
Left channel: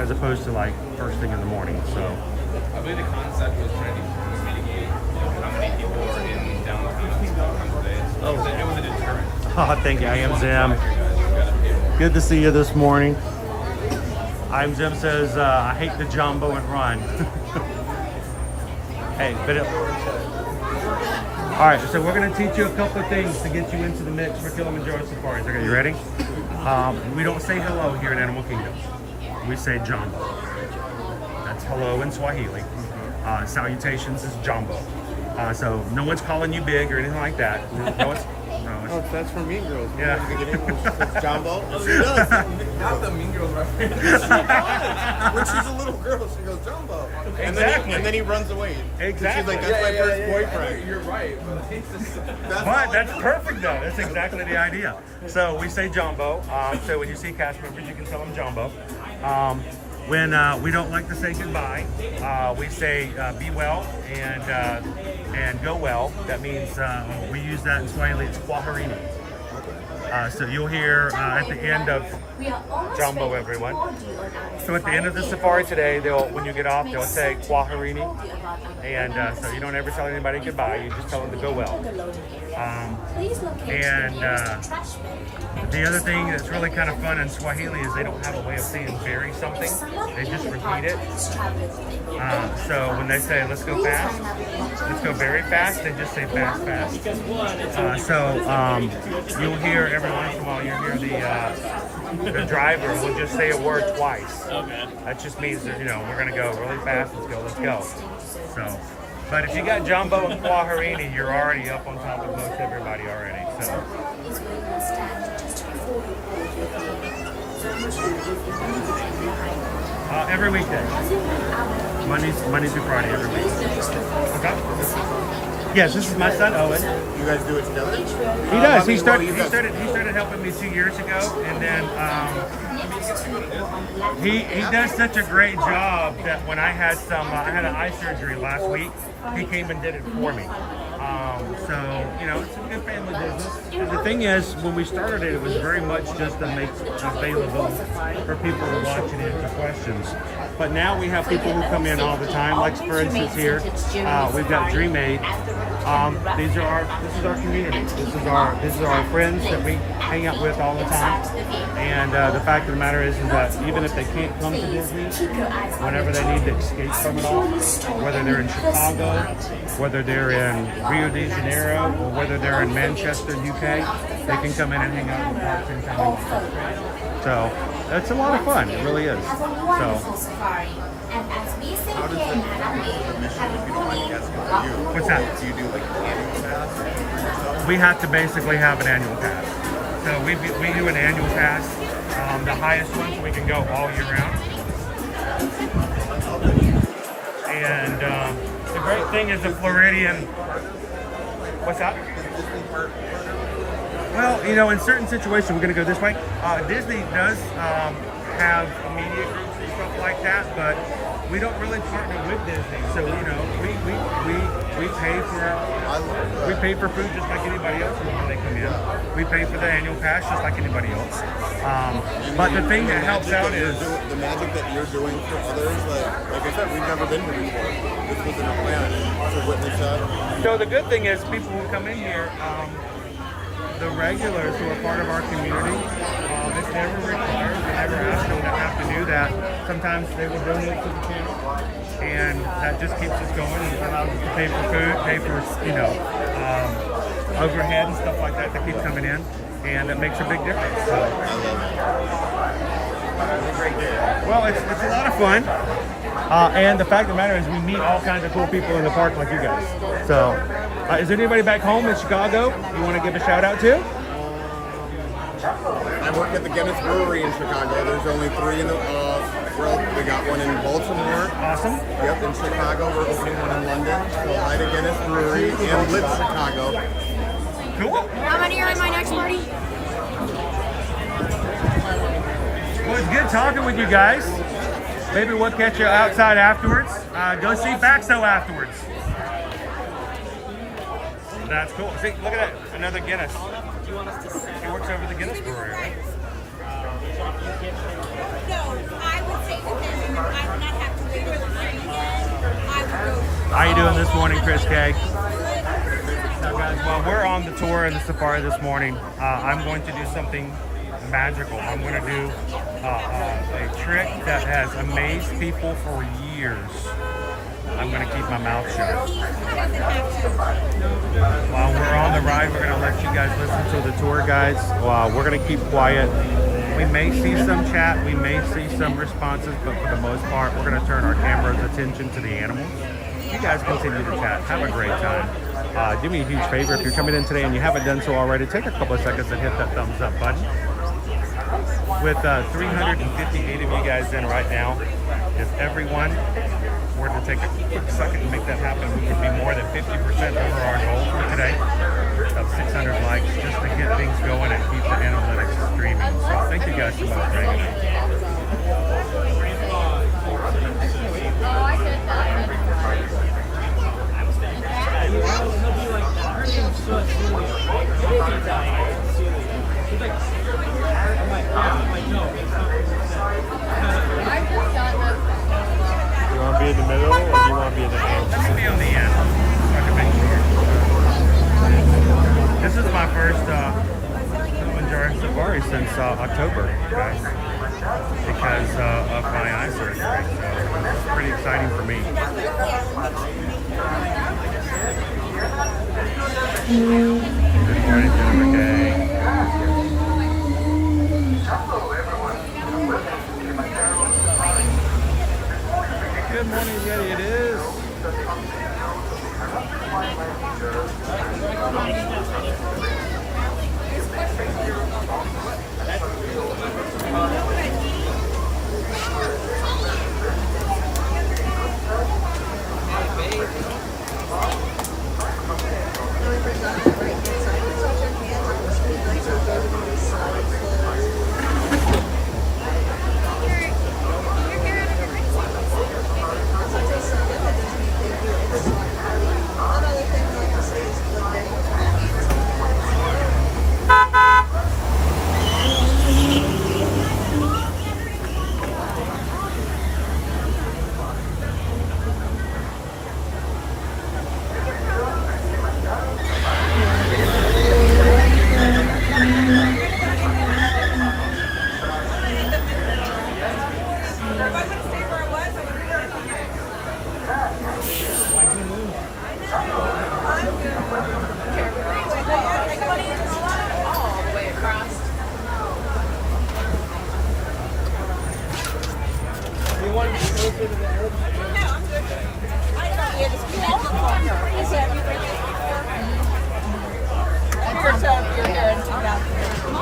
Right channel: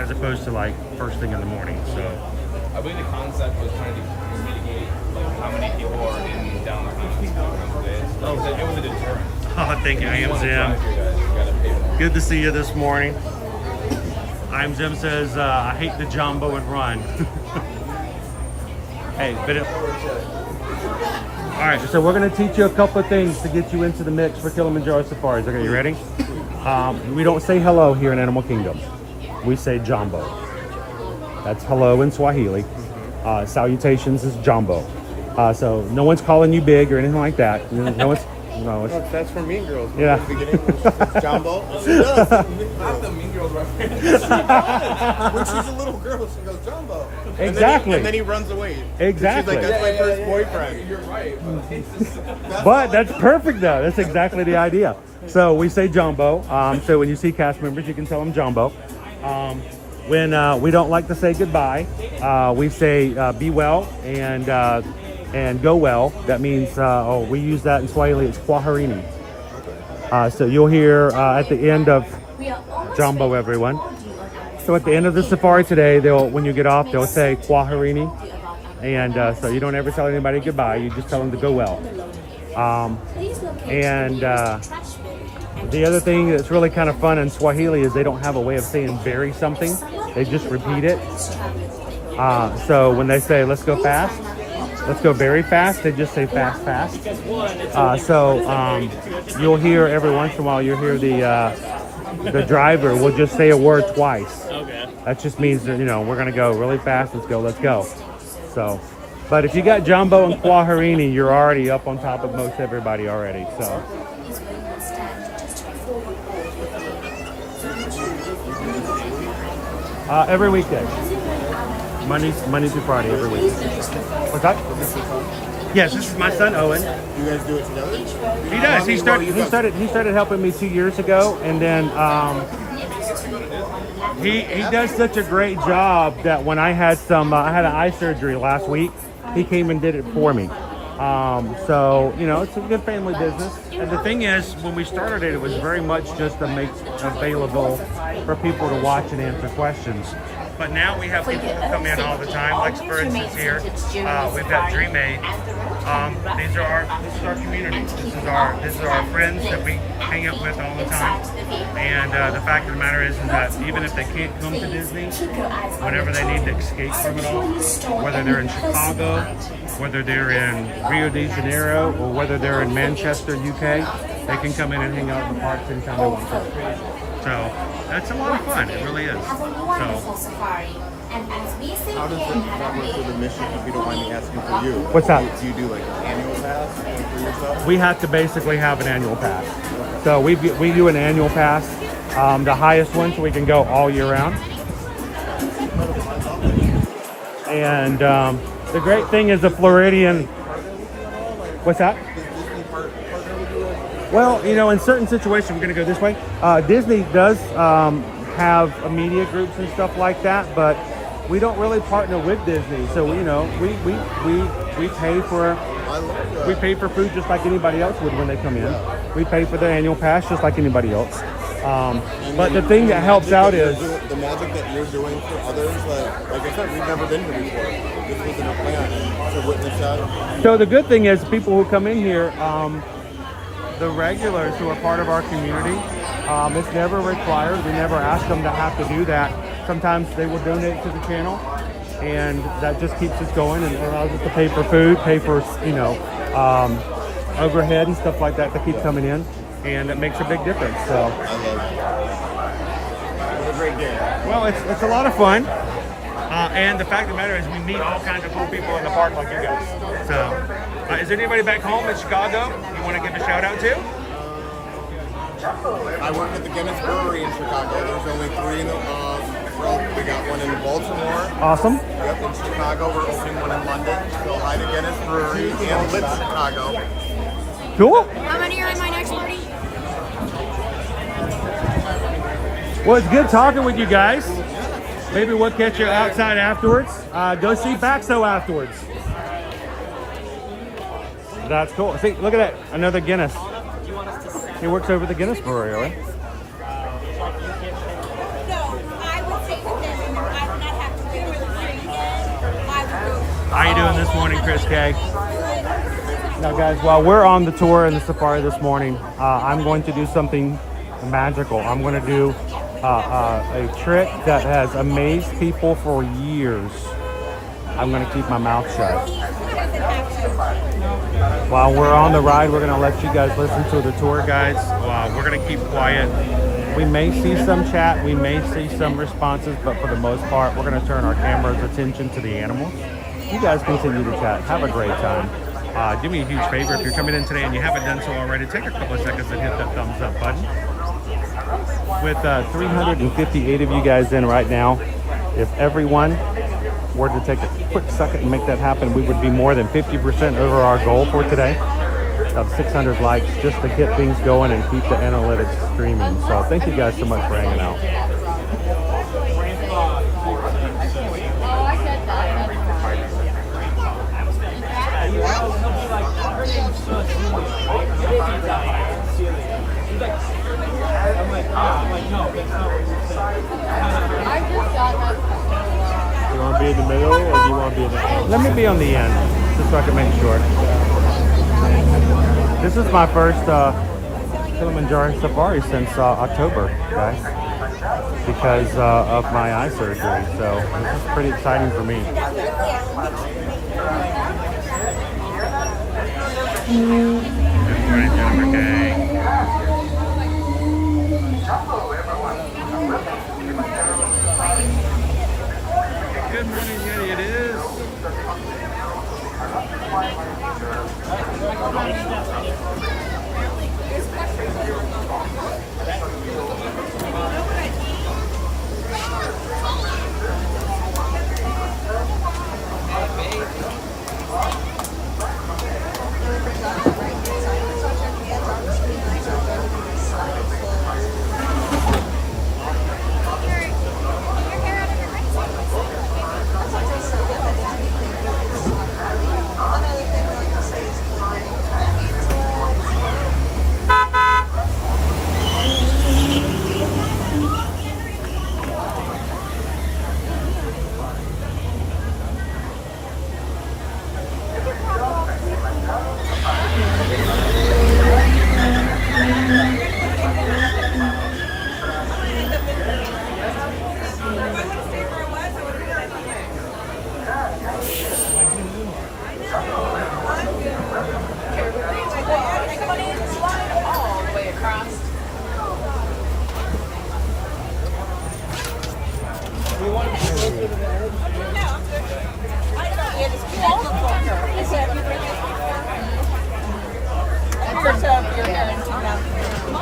as opposed to like first thing in the morning. So. I believe the concept was trying to mitigate how many people are in downtown. It was a deterrent. Oh, thank you. I am Zim. Good to see you this morning. I'm Zim says, I hate the jumbo and run. Hey, but all right, so we're going to teach you a couple of things to get you into the mix for Kilimanjaro Safaris. Okay, you ready? We don't say hello here in Animal Kingdom. We say jumbo. That's hello in Swahili. Salutations is jumbo. So no one's calling you big or anything like that. that's from Mean Girls. Yeah. Jumbo. Not the Mean Girls reference. When she's a little girl, she goes Jumbo. Exactly. And then he runs away. Exactly. She's like, that's my first boyfriend. You're right. But that's perfect though. That's exactly the idea. So we say jumbo. So when you see cast members, you can tell them jumbo. When we don't like to say goodbye, we say be well and go well. That means we use that in Swahili. It's kwaherini. So you'll hear at the end of jumbo, everyone. So at the end of the safari today, when you get off, they'll say kwaherini. And so you don't ever tell anybody goodbye. You just tell them to go well. The other thing that's really kind of fun in Swahili is they don't have a way of saying bury something. They just repeat it. So when they say, let's go fast, let's go very fast, they just say fast, fast. You'll hear every once in a while, you'll hear the driver will just say a word twice. Okay. That just means that, we're going to go really fast. Let's go. So, but if you got jumbo and kwaherini, you're already up on top of most everybody already. So. Every weekday. Monday through Friday, every week. What's that? Yes, this is my son Owen. You guys do it together? He does. He started helping me 2 years ago, and then he does such a great job that when I had I had an eye surgery last week, he came and did it for me. So it's a good family business. And the thing is, when we started it, it was very much just to make available for people to watch and answer questions. But now we have people who come in all the time. Like for instance here, we've got Dream Aid. This is our community. This is our friends that we hang out with all the time. And the fact of the matter is that even if they can't come to Disney, whenever they need to escape from it all, whether they're in Chicago, whether they're in Rio de Janeiro, or whether they're in Manchester, UK, they can come in and hang out in the parks anytime they want to. So it's a lot of fun. It really is. So. What's that? Do you do like an annual pass? We have to basically have an annual pass. So we do an annual pass, the highest one, so we can go all year round. And the great thing is the Floridian. What's that? Well, in certain situations, we're going to go this way. Disney does have media groups and stuff like that, but we don't really partner with Disney. So we pay for food just like anybody else would when they come in. We pay for the annual pass just like anybody else. But the thing that helps out is the magic that you're doing for others. Like I said, we've never been here before. This was a plan to witness that. So the good thing is people who come in here, the regulars who are part of our community, it's never required. We never ask them to have to do that. Sometimes they will donate to the channel, and that just keeps us going and allows us to pay for food, pay for, overhead and stuff like that keep coming in, and it makes a big difference. So, well, it's a lot of fun, and the fact of the matter is we meet all kinds of cool people in the park like you guys. So, is there anybody back home in Chicago you want to give a shout out to? I work at the Guinness Brewery in Chicago. There's only 3 in the we got one in Baltimore. Awesome. We got in Chicago. We're opening one in London. We'll line at Guinness Brewery in Chicago. Cool. How many are in my next party? Well, it's good talking with you guys. Maybe we'll catch you outside afterwards. Go see Baxo afterwards. That's cool. See, look at that. Another Guinness. He works over at the Guinness Brewery, right? No, I would say that then I would not have to wait for the line again. I would go. How you doing this morning, Chris K? Now, guys, while we're on the tour and the safari this morning, I'm going to do something magical. I'm going to do a trick that has amazed people for years. I'm going to keep my mouth shut. While we're on the ride, we're going to let you guys listen to the tour guides. We're going to keep quiet. We may see some chat, we may see some responses, but for the most part, we're going to turn our camera's attention to the animals. You guys continue to chat. Have a great time. Do me a huge favor. If you're coming in today and you haven't done so already, take a couple of seconds and hit that thumbs up button. With 358 of you guys in right now, if everyone were to take a quick second and make that happen, we would be more than 50% over our goal for today of 600 likes, just to get things going and keep the analytics streaming. So thank you guys so much for hanging out. You want to be in the middle or do you want to be in the end? Let me be on the end, so I can make sure. This is my first Kilimanjaro Safari since October, guys, because of my eye surgery. So it's pretty exciting for me. Good morning, Jennifer Kay. Good morning, Yeti. It is.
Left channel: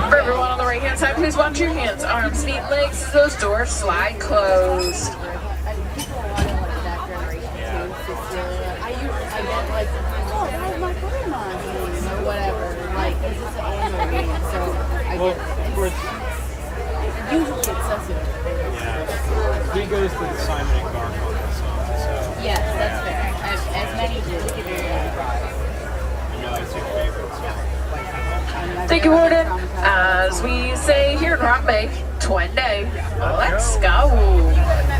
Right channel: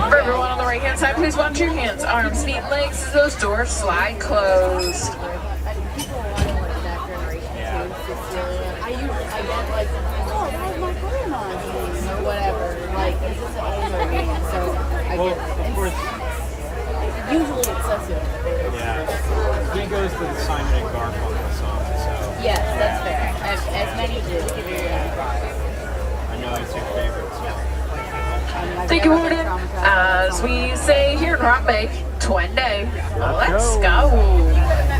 For everyone on the right hand side, please watch your hands, arms, feet, legs. Those doors slide closed. Usually it's sensitive. Yeah. He goes to the Simon and Garfunkel song, so. Yes, that's fair. As many do. I know it's your favorite, so. Thank you, Warden. As we say here in Rock Bay, Twende, let's go.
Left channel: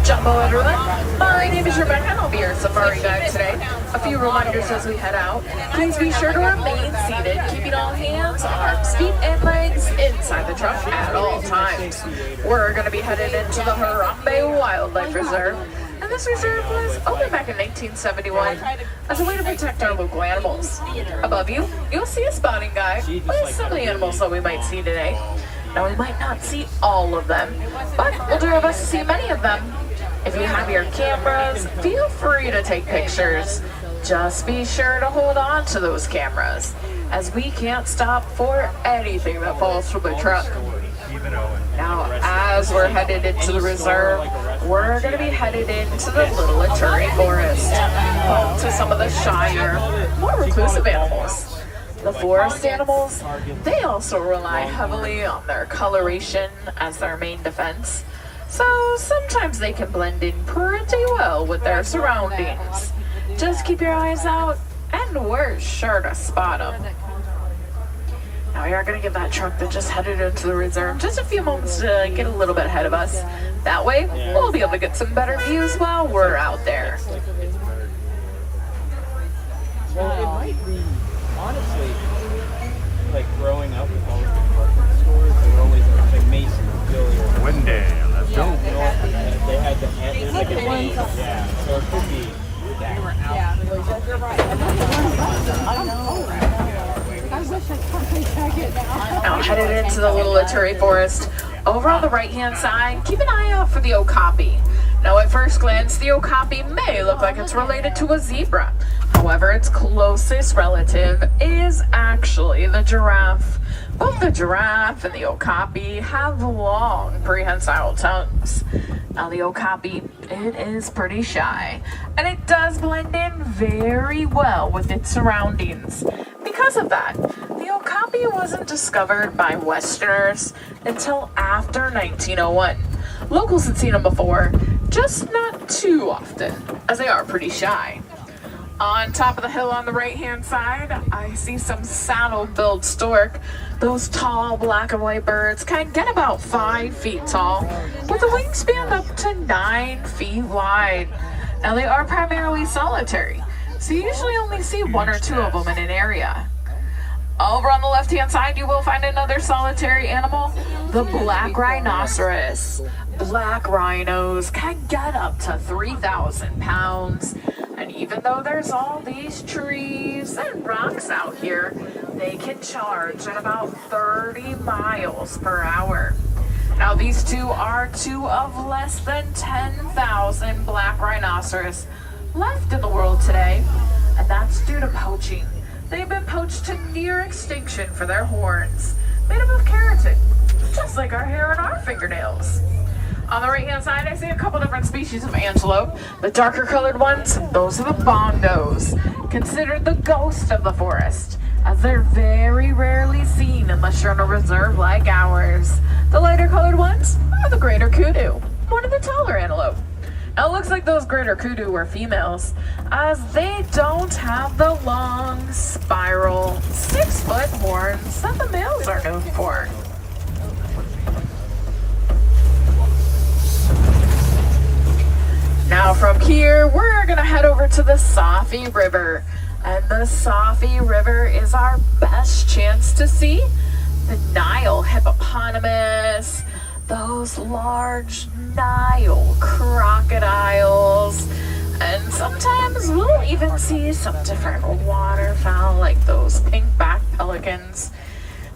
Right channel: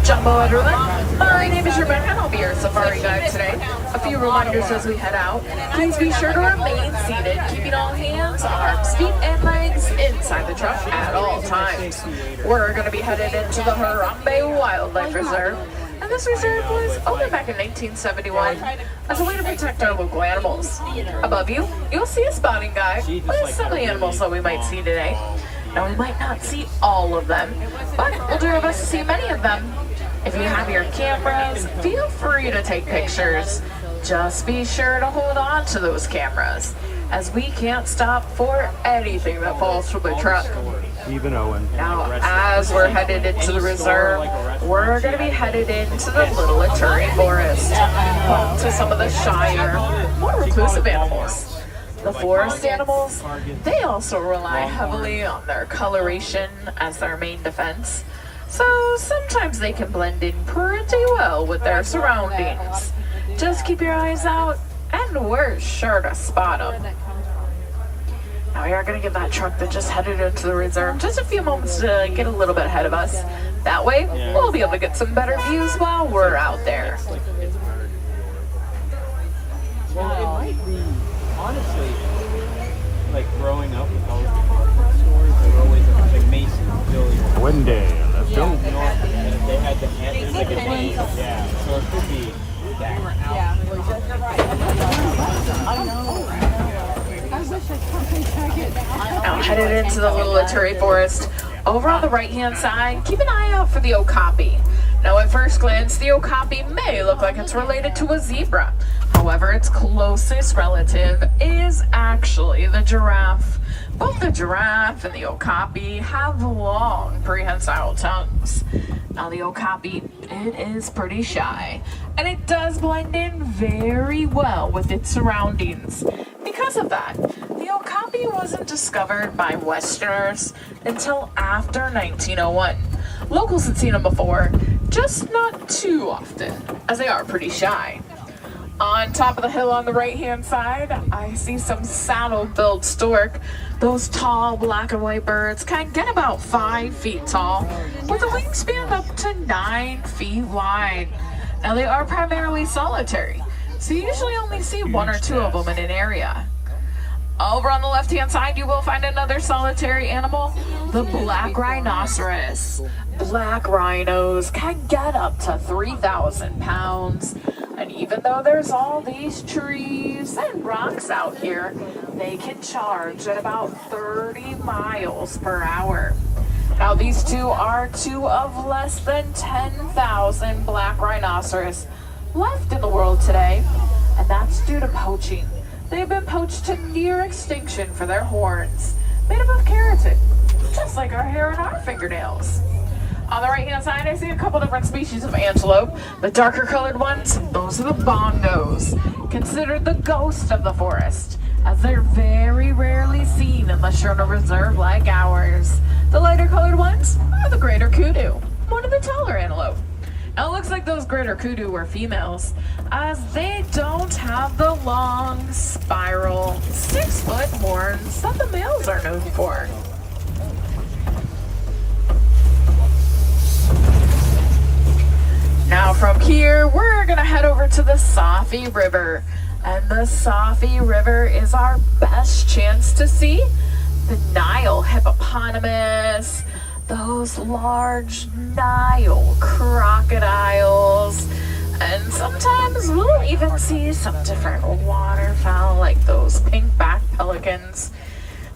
Jumbo everyone. My name is Rebecca and I'll be your safari guide today. A few reminders as we head out. Please be sure to remain seated, keeping all hands, arms, feet, and legs inside the truck at all times. We're going to be headed into the Harambe Wildlife Reserve. And this reserve was opened back in 1971 as a way to protect our local animals. Above you, you'll see a spotting guide with some of the animals that we might see today. Now, we might not see all of them, but we'll do our best to see many of them. If you have your cameras, feel free to take pictures. Just be sure to hold on to those cameras, as we can't stop for anything that falls from the truck. Even Owen. Now, as we're headed into the reserve, we're going to be headed into the Little Aturi Forest, home to some of the shyer, more reclusive animals. The forest animals, they also rely heavily on their coloration as their main defense, so sometimes they can blend in pretty well with their surroundings. Just keep your eyes out, and we're sure to spot them. Now we are going to give that truck that just headed into the reserve just a few moments to get a little bit ahead of us. That way, we'll be able to get some better views while we're out there. Well, it might be, honestly, like growing up with all the department stores, they were always like Macy's, Billy, One day, let's go. and they had the there's like a name, yeah. So it could be that. Now headed into the Little Aturi Forest. Over on the right-hand side, keep an eye out for the okapi. Now at first glance, the okapi may look like it's related to a zebra. However, its closest relative is actually the giraffe. Both the giraffe and the okapi have long prehensile tongues. Now the okapi, it is pretty shy, and it does blend in very well with its surroundings. Because of that, the okapi wasn't discovered by Westerners until after 1901. Locals had seen them before, just not too often, as they are pretty shy. On top of the hill on the right-hand side, I see some saddle-billed stork. Those tall black and white birds can get about 5 feet tall, with a wingspan up to 9 feet wide. Now they are primarily solitary, so you usually only see 1 or 2 of them in an area. Over on the left-hand side, you will find another solitary animal, the black rhinoceros. Black rhinos can get up to 3,000 pounds. And even though there's all these trees and rocks out here, they can charge at about 30 miles per hour. Now these two are 2 of less than 10,000 black rhinoceros left in the world today, and that's due to poaching. They've been poached to near extinction for their horns, made up of keratin, just like our hair and our fingernails. On the right-hand side, I see a couple different species of antelope. The darker colored ones, those are the bongos, considered the ghost of the forest, as they're very rarely seen unless you're in a reserve like ours. The lighter colored ones are the greater kudu, one of the taller antelope. Now it looks like those greater kudu were females, as they don't have the long, spiral, 6-foot horns that the males are known for. Now from here, we're gonna head over to the Safi River. And the Safi River is our best chance to see the Nile hippopotamus, those large Nile crocodiles, and sometimes we'll even see some different waterfowl like those pink-backed pelicans.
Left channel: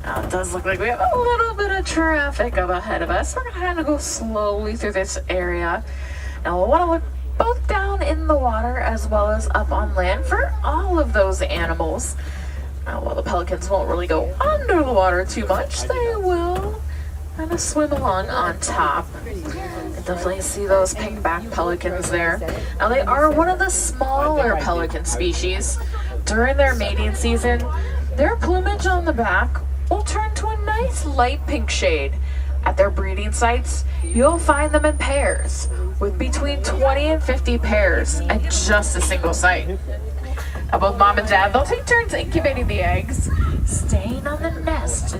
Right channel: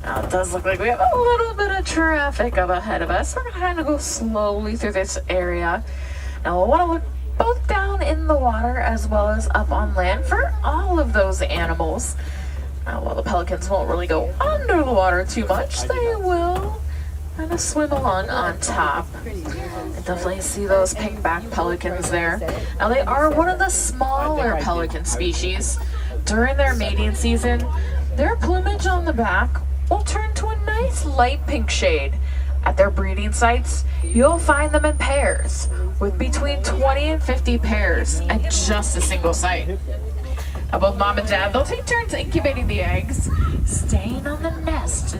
Now it does look like we have a little bit of traffic up ahead of us. We're gonna kind of go slowly through this area. Now we'll want to look both down in the water as well as up on land for all of those animals. While the pelicans won't really go under the water too much, they will kind of swim along on top. I definitely see those pink-backed pelicans there. Now they are one of the smaller pelican species. During their mating season, their plumage on the back will turn to a nice light pink shade. At their breeding sites, you'll find them in pairs, with between 20 and 50 pairs at just a single site. Now both mom and dad, they'll take turns incubating the eggs, staying on the nest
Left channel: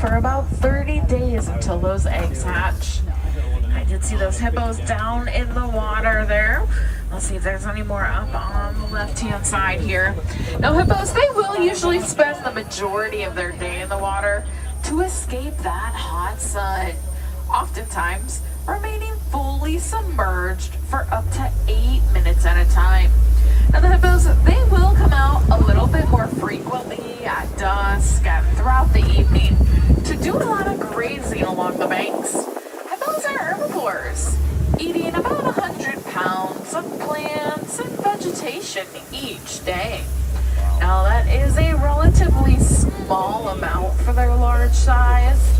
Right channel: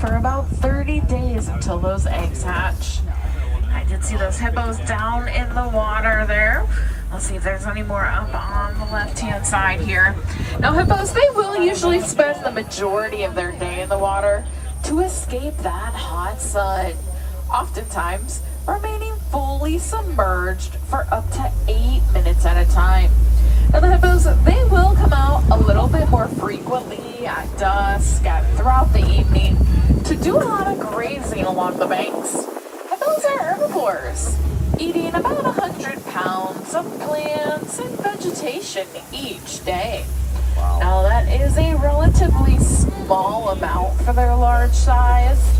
for about 30 days until those eggs hatch. I did see those hippos down in the water there. Let's see if there's any more up on the left-hand side here. Now hippos, they will usually spend the majority of their day in the water to escape that hot sun. Oftentimes, remaining fully submerged for up to 8 minutes at a time. Now the hippos, they will come out a little bit more frequently at dusk and throughout the evening to do a lot of grazing along the banks. Hippos are herbivores, eating about 100 pounds of plants and vegetation each day. Now that is a relatively small amount for their large size,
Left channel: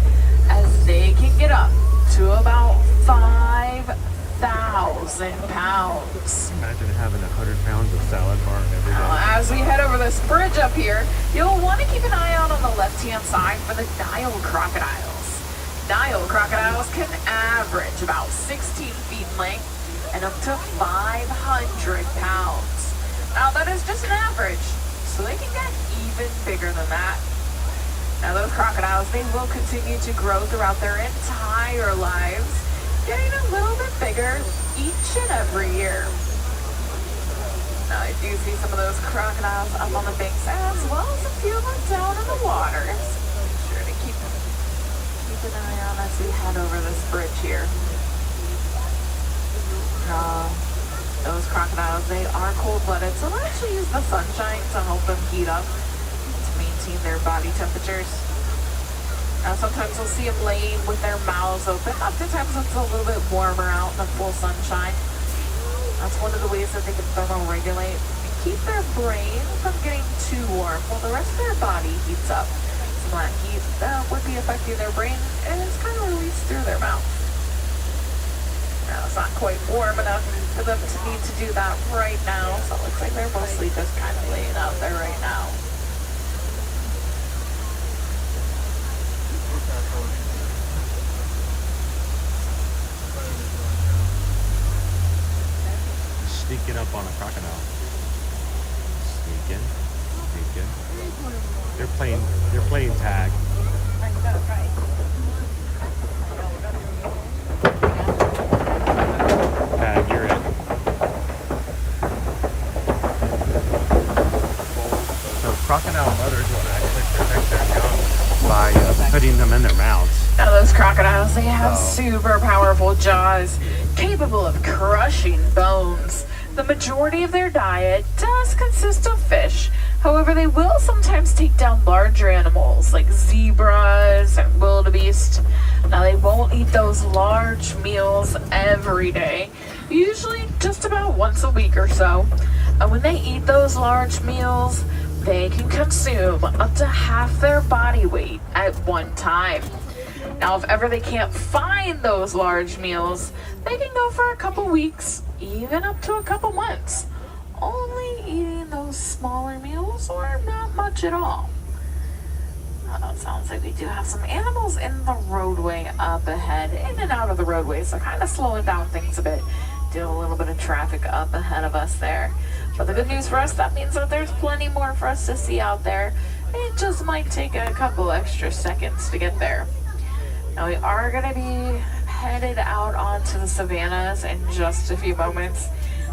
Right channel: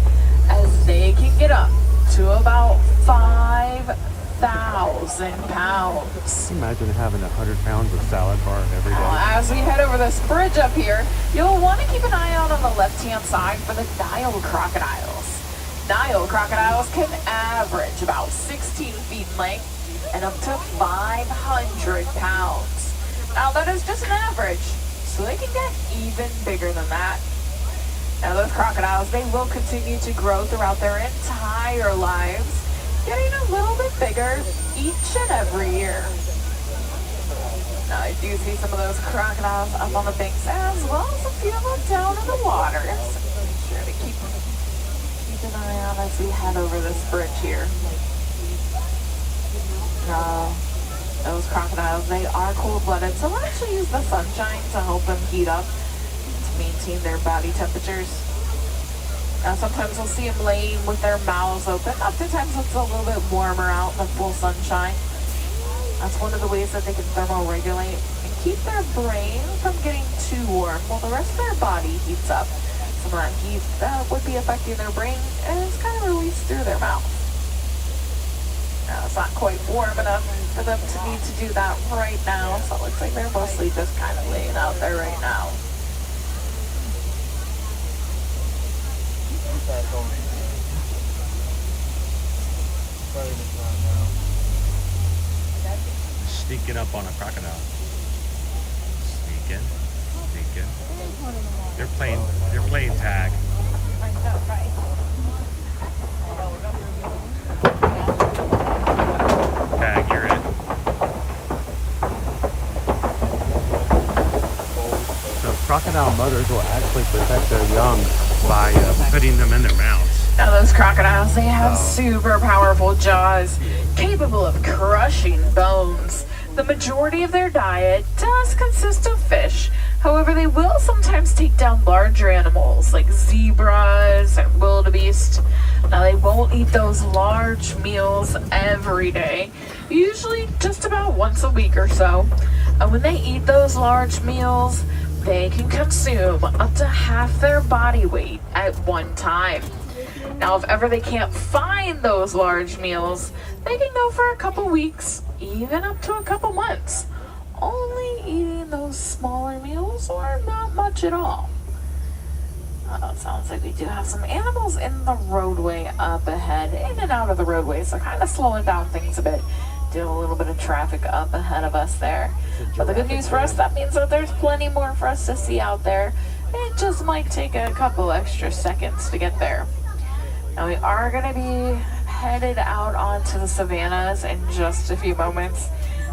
as they can get up to about 5,000 pounds. Imagine having 100 pounds of salad bar every day. Now, as we head over this bridge up here, you'll want to keep an eye out on the left-hand side for the Nile crocodiles. Nile crocodiles can average about 16 feet in length and up to 500 pounds. Now that is just an average, so they can get even bigger than that. Now those crocodiles, they will continue to grow throughout their entire lives, getting a little bit bigger each and every year. Now I do see some of those crocodiles up on the banks as well as a few of them down in the water. So make sure to keep an eye on as we head over this bridge here. Those crocodiles, they are cold-blooded, so they'll actually use the sunshine to help them heat up, to maintain their body temperatures. Now sometimes we'll see them laying with their mouths open. Oftentimes it's a little bit warmer out in the full sunshine. That's one of the ways that they can thermoregulate and keep their brain from getting too warm while the rest of their body heats up. So that heat that would be affecting their brain and it's kind of released through their mouth. Now it's not quite warm enough for them to need to do that right now, so it looks like they're mostly just kind of laying out there right now. Sneaking up on a crocodile. Sneaking. They're playing tag. Tag, you're it. So crocodile mothers will actually protect their young by putting them in their mouths. Now those crocodiles, they have super powerful jaws, capable of crushing bones. The majority of their diet does consist of fish. However, they will sometimes take down larger animals like zebras and wildebeest. Now they won't eat those large meals every day, usually just about once a week or so. And when they eat those large meals, they can consume up to half their body weight at one time. Now, if ever they can't find those large meals, they can go for a couple weeks, even up to a couple months, only eating those smaller meals or not much at all. It sounds like we do have some animals in the roadway up ahead, in and out of the roadway, so kind of slowing down things a bit. Do a little bit of traffic up ahead of us there. But the good news for us, that means that there's plenty more for us to see out there. It just might take a couple extra seconds to get there. Now we are going to be headed out onto the savannas in just a few moments.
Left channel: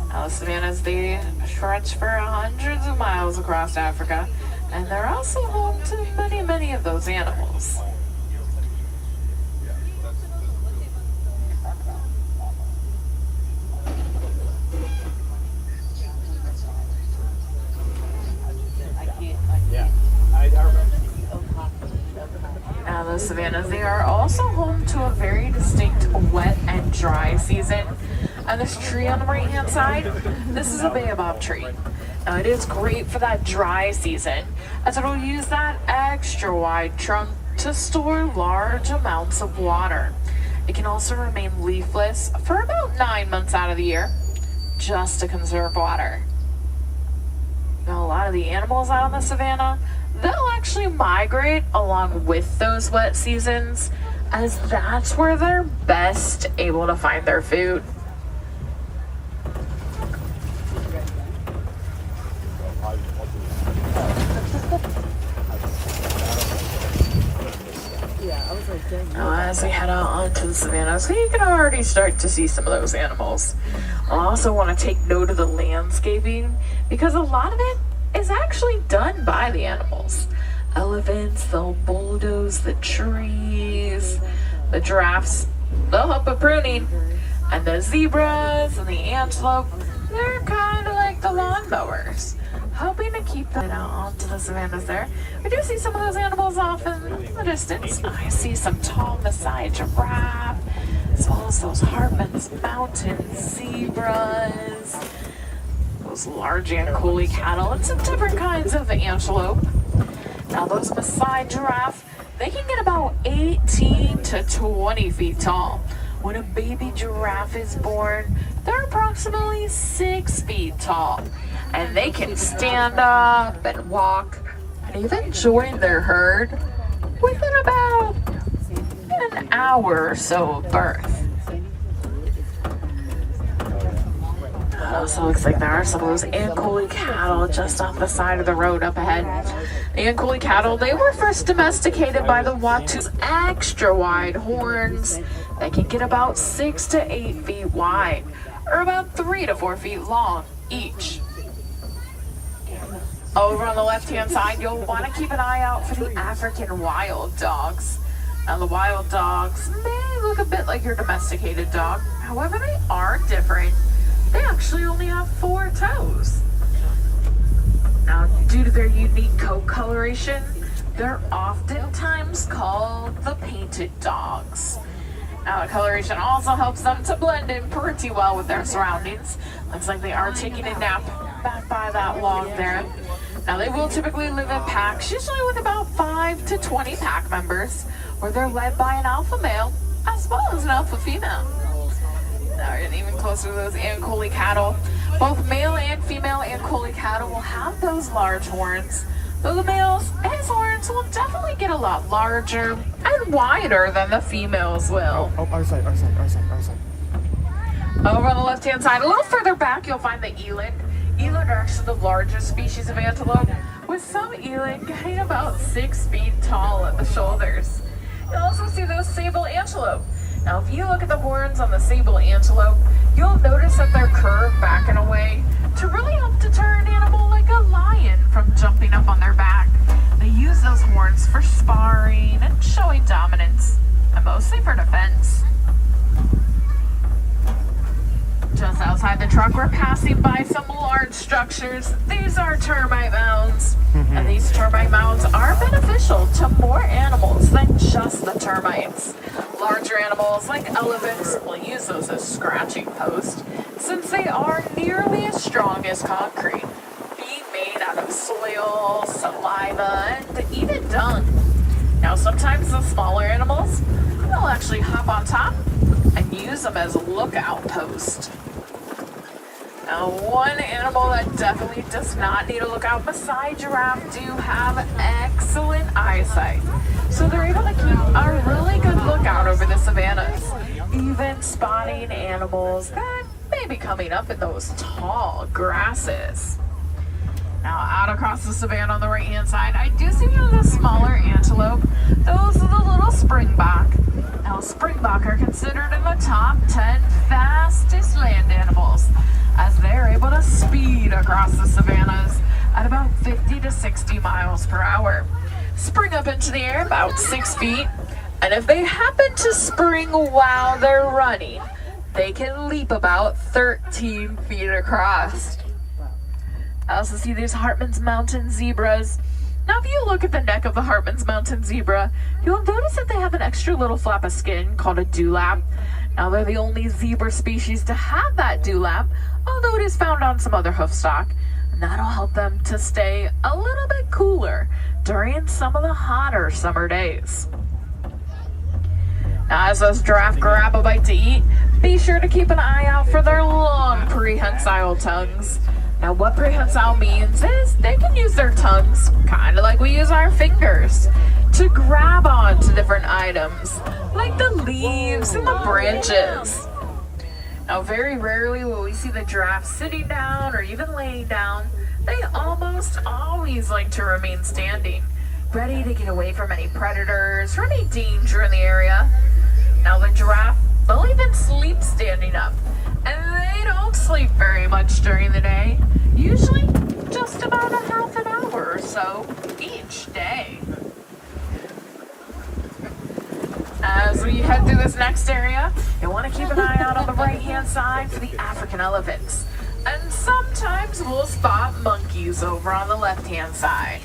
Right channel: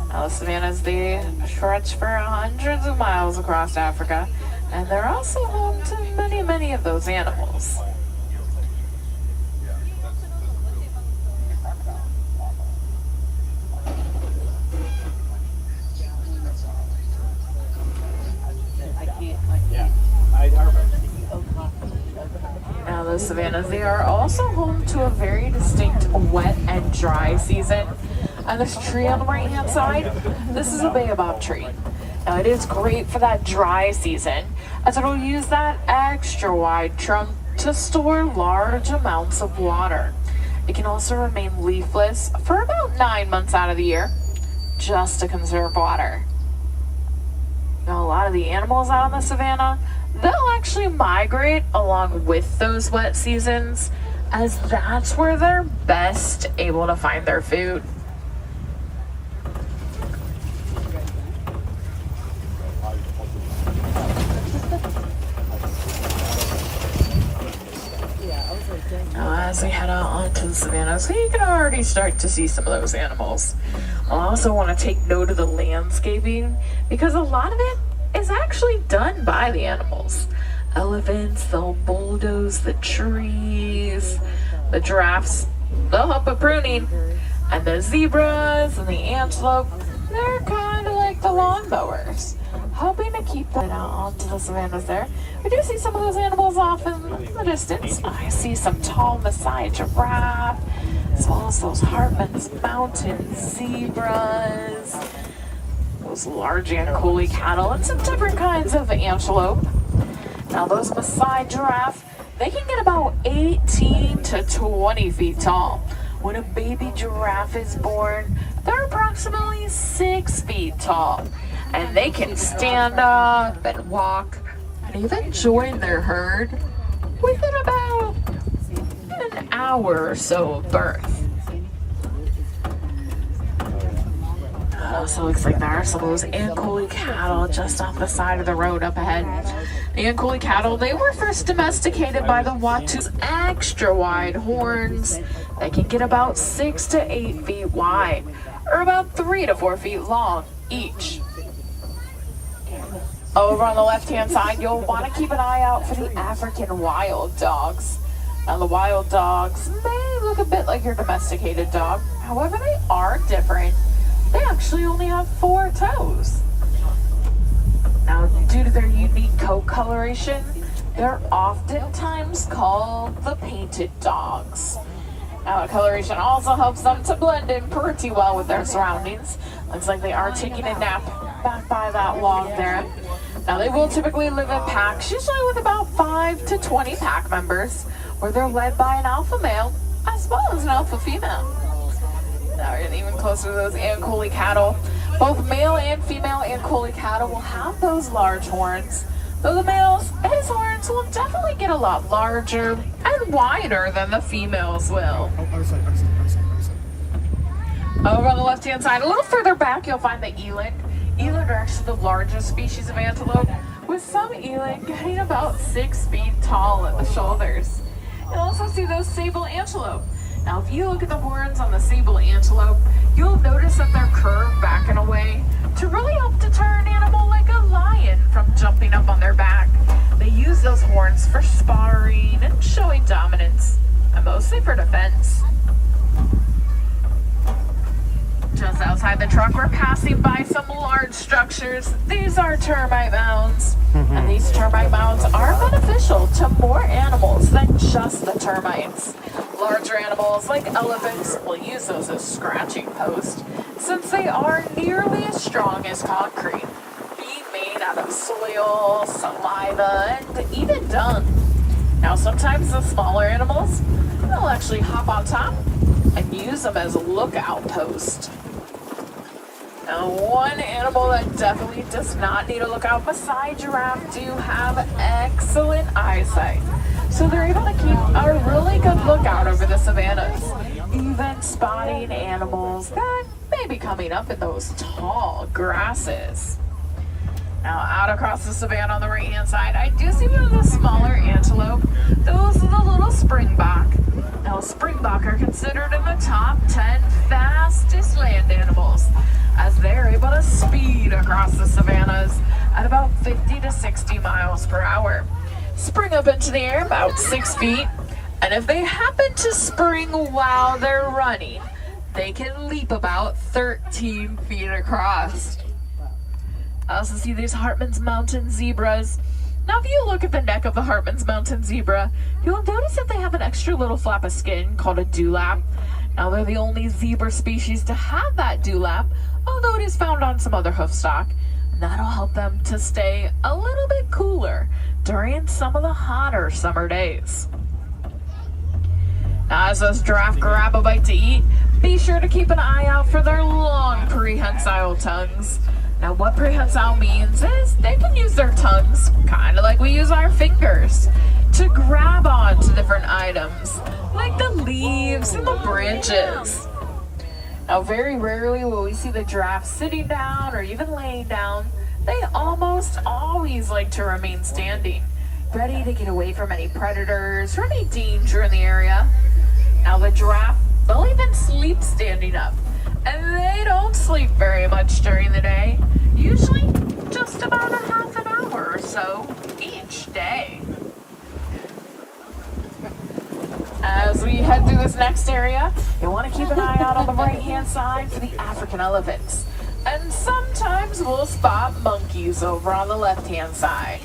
Now the savannas, they stretch for hundreds of miles across Africa, and they're also home to many of those animals. Now the savannas, they are also home to a very distinct wet and dry season. And this tree on the right hand side, this is a baobab tree. Now it is great for that dry season, as it will use that extra wide trunk to store large amounts of water. It can also remain leafless for about 9 months out of the year, just to conserve water. Now a lot of the animals out on the savanna, they'll actually migrate along with those wet seasons, as that's where they're best able to find their food. Now as we head out onto the savanna, so you can already start to see some of those animals. I also want to take note of the landscaping, because a lot of it is actually done by the animals. Elephants, they'll bulldoze the trees. The giraffes, they'll help with pruning. And the zebras and the antelope, they're kind of like the lawnmowers, helping to keep that out onto the savannas there. We do see some of those animals off in the distance. I see some tall Maasai giraffe, as well as those Hartman's Mountain zebras, those large Ankole cattle, and some different kinds of antelope. Now those Maasai giraffe, they can get about 18 to 20 feet tall. When a baby giraffe is born, they're approximately 6 feet tall. And they can stand up and walk and even join their herd within about an hour or so of birth. Also looks like there are some of those Ankole cattle just off the side of the road up ahead. The Ankole cattle, they were first domesticated by the Watu's extra wide horns. They can get about 6 to 8 feet wide, or about 3 to 4 feet long each. Over on the left-hand side, you'll want to keep an eye out for the African wild dogs. Now, the wild dogs may look a bit like your domesticated dog. However, they are different. They actually only have 4 toes. Now, due to their unique coat coloration, they're oftentimes called the painted dogs. Now, the coloration also helps them to blend in pretty well with their surroundings. Looks like they are taking a nap back by that log there. Now, they will typically live in packs, usually with about 5 to 20 pack members, where they're led by an alpha male as well as an alpha female. Now, we're getting even closer to those Ankole cattle. Both male and female Ankole cattle will have those large horns, though the male's his horns will definitely get a lot larger and wider than the females will. Our side. Over on the left-hand side, a little further back, you'll find the eland. Eland are actually the largest species of antelope, with some eland getting about 6 feet tall at the shoulders. You'll also see those sable antelope. Now, if you look at the horns on the sable antelope, you'll notice that they're curved back in a way to really help deter an animal like a lion from jumping up on their back. They use those horns for sparring and showing dominance, and mostly for defense. Just outside the truck, we're passing by some large structures. These are termite mounds, and these termite mounds are beneficial to more animals than just the termites. Larger animals like elephants will use those as scratching posts, since they are nearly as strong as concrete, being made out of soil, saliva, and even dung. Now, sometimes the smaller animals, they'll actually hop on top and use them as a lookout post. Now, one animal that definitely does not need a lookout, Maasai giraffe do have excellent eyesight. So they're able to keep a really good lookout over the savannas, even spotting animals that may be coming up in those tall grasses. Now, out across the savanna on the right-hand side, I do see one of the smaller antelope. Those are the little springbok. Now, springbok are considered in the top 10 fastest land animals, as they're able to speed across the savannas at about 50 to 60 miles per hour. Spring up into the air about 6 feet, and if they happen to spring while they're running, they can leap about 13 feet across. I also see these Hartman's Mountain zebras. Now, if you look at the neck of the Hartman's Mountain zebra, you'll notice that they have an extra little flap of skin called a dewlap. Now, they're the only zebra species to have that dewlap, although it is found on some other hoofstock, and that'll help them to stay a little bit cooler during some of the hotter summer days. Now, as those giraffe grab a bite to eat, be sure to keep an eye out for their long prehensile tongues. Now, what prehensile means is they can use their tongues, kind of like we use our fingers, to grab onto different items, like the leaves and the branches. Now, very rarely will we see the giraffe sitting down or even laying down. They almost always like to remain standing, ready to get away from any predators or any danger in the area. Now, the giraffe, they'll even sleep standing up, and they don't sleep very much during the day, usually just about a half an hour or so each day. As As we head through this next area, you want to keep an eye out on the right-hand side for the African elephants. And sometimes we'll spot monkeys over on the left-hand side.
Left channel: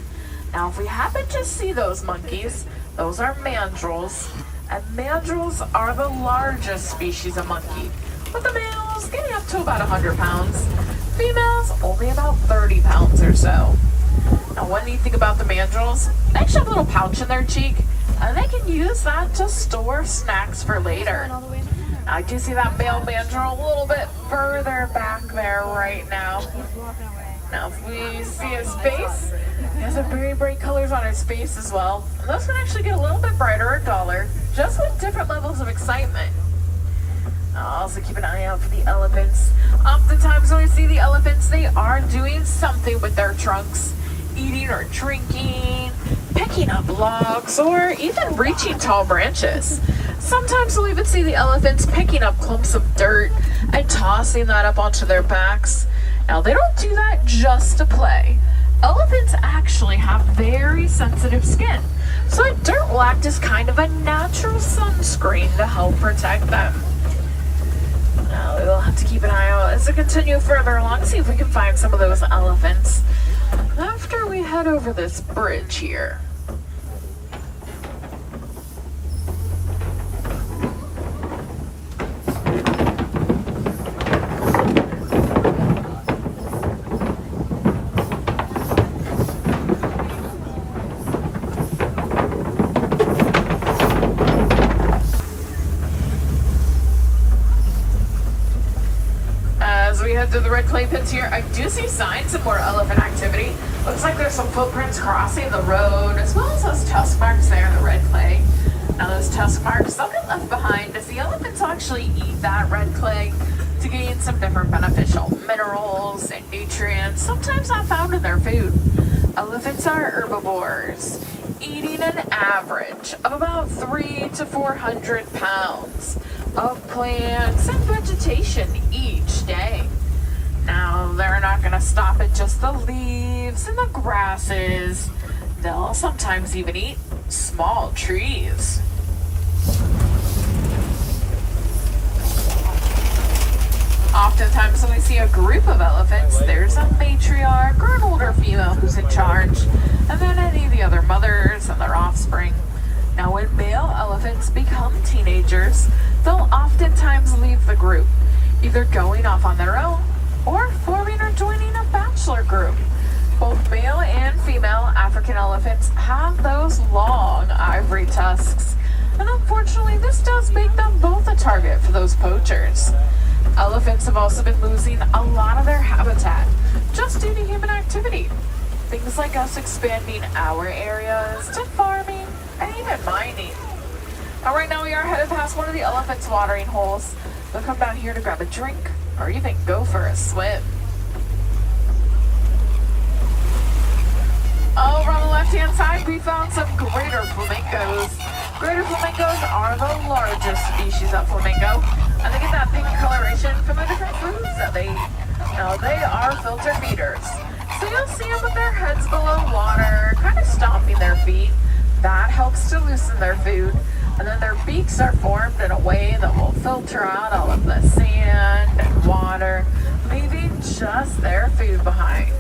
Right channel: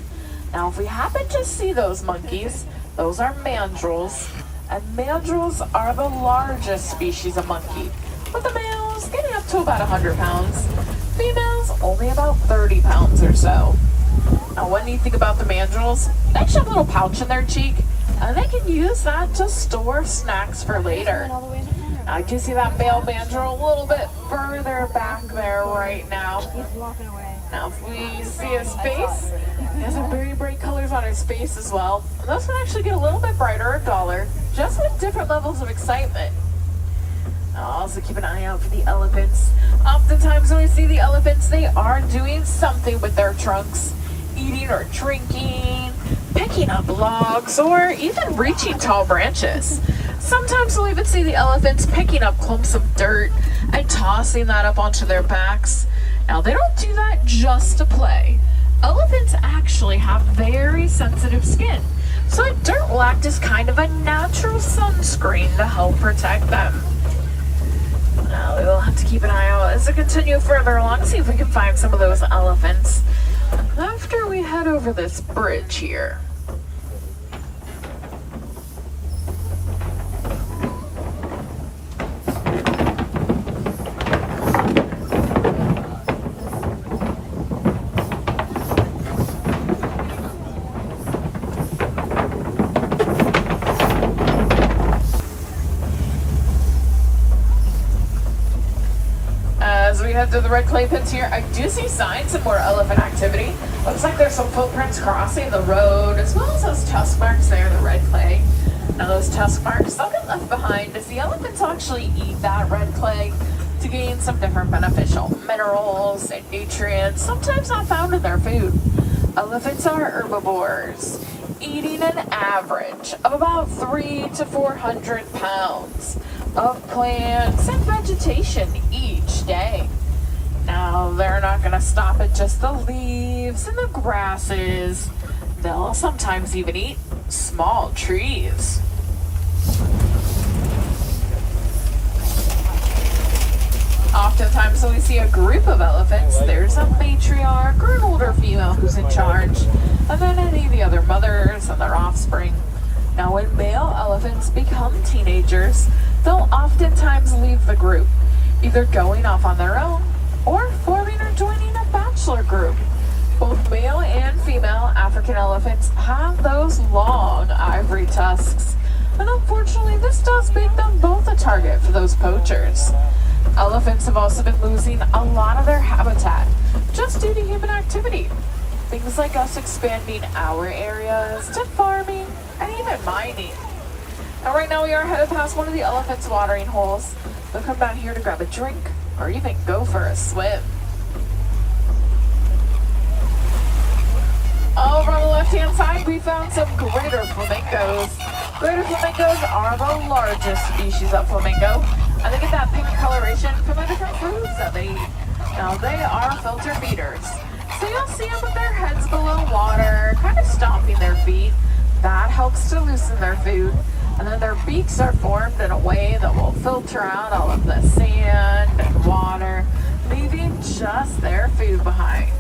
Now, if we happen to see those monkeys, those are mandrills. And mandrills are the largest species of monkey, with the males getting up to about 100 pounds, females only about 30 pounds or so. Now, what do you think about the mandrills? They actually have a little pouch in their cheek, and they can use that to store snacks for later. Now, I do see that male mandrill a little bit further back there right now. Now, if we see his face, he has some very bright colors on his face as well. And those can actually get a little bit brighter or duller, just with different levels of excitement. I'll also keep an eye out for the elephants. Oftentimes when we see the elephants, they are doing something with their trunks, eating or drinking, picking up logs, or even reaching tall branches. Sometimes we'll even see the elephants picking up clumps of dirt and tossing that up onto their backs. Now, they don't do that just to play. Elephants actually have very sensitive skin, so dirt will act as kind of a natural sunscreen to help protect them. Now, we will have to keep an eye out as we continue further along, see if we can find some of those elephants after we head over this bridge here. To the red clay pits here, I do see signs of more elephant activity. Looks like there's some footprints crossing the road, as well as those tusk marks there in the red clay. Now those tusk marks, they'll get left behind as the elephants actually eat that red clay to gain some different beneficial minerals and nutrients, sometimes not found in their food. Elephants are herbivores, eating an average of about 300 to 400 pounds of plants and vegetation each day. Now, they're not going to stop at just the leaves and the grasses. They'll sometimes even eat small trees. Oftentimes when we see a group of elephants, there's a matriarch or an older female who's in charge, and then any of the other mothers and their offspring. Now, when male elephants become teenagers, they'll oftentimes leave the group, either going off on their own or forming or joining a bachelor group. Both male and female African elephants have those long ivory tusks, and unfortunately this does make them both a target for those poachers. Elephants have also been losing a lot of their habitat just due to human activity. Things like us expanding our areas to farming and even mining. Now, right now we are headed past one of the elephants' watering holes. They'll come down here to grab a drink or even go for a swim. Over on the left-hand side, we found some greater flamingos. Greater flamingos are the largest species of flamingo, and they get that pink coloration from the different foods that they eat. Now, they are filter feeders, so you'll see them with their heads below water, kind of stomping their feet. That helps to loosen their food, and then their beaks are formed in a way that will filter out all of the sand and water, leaving just their food behind.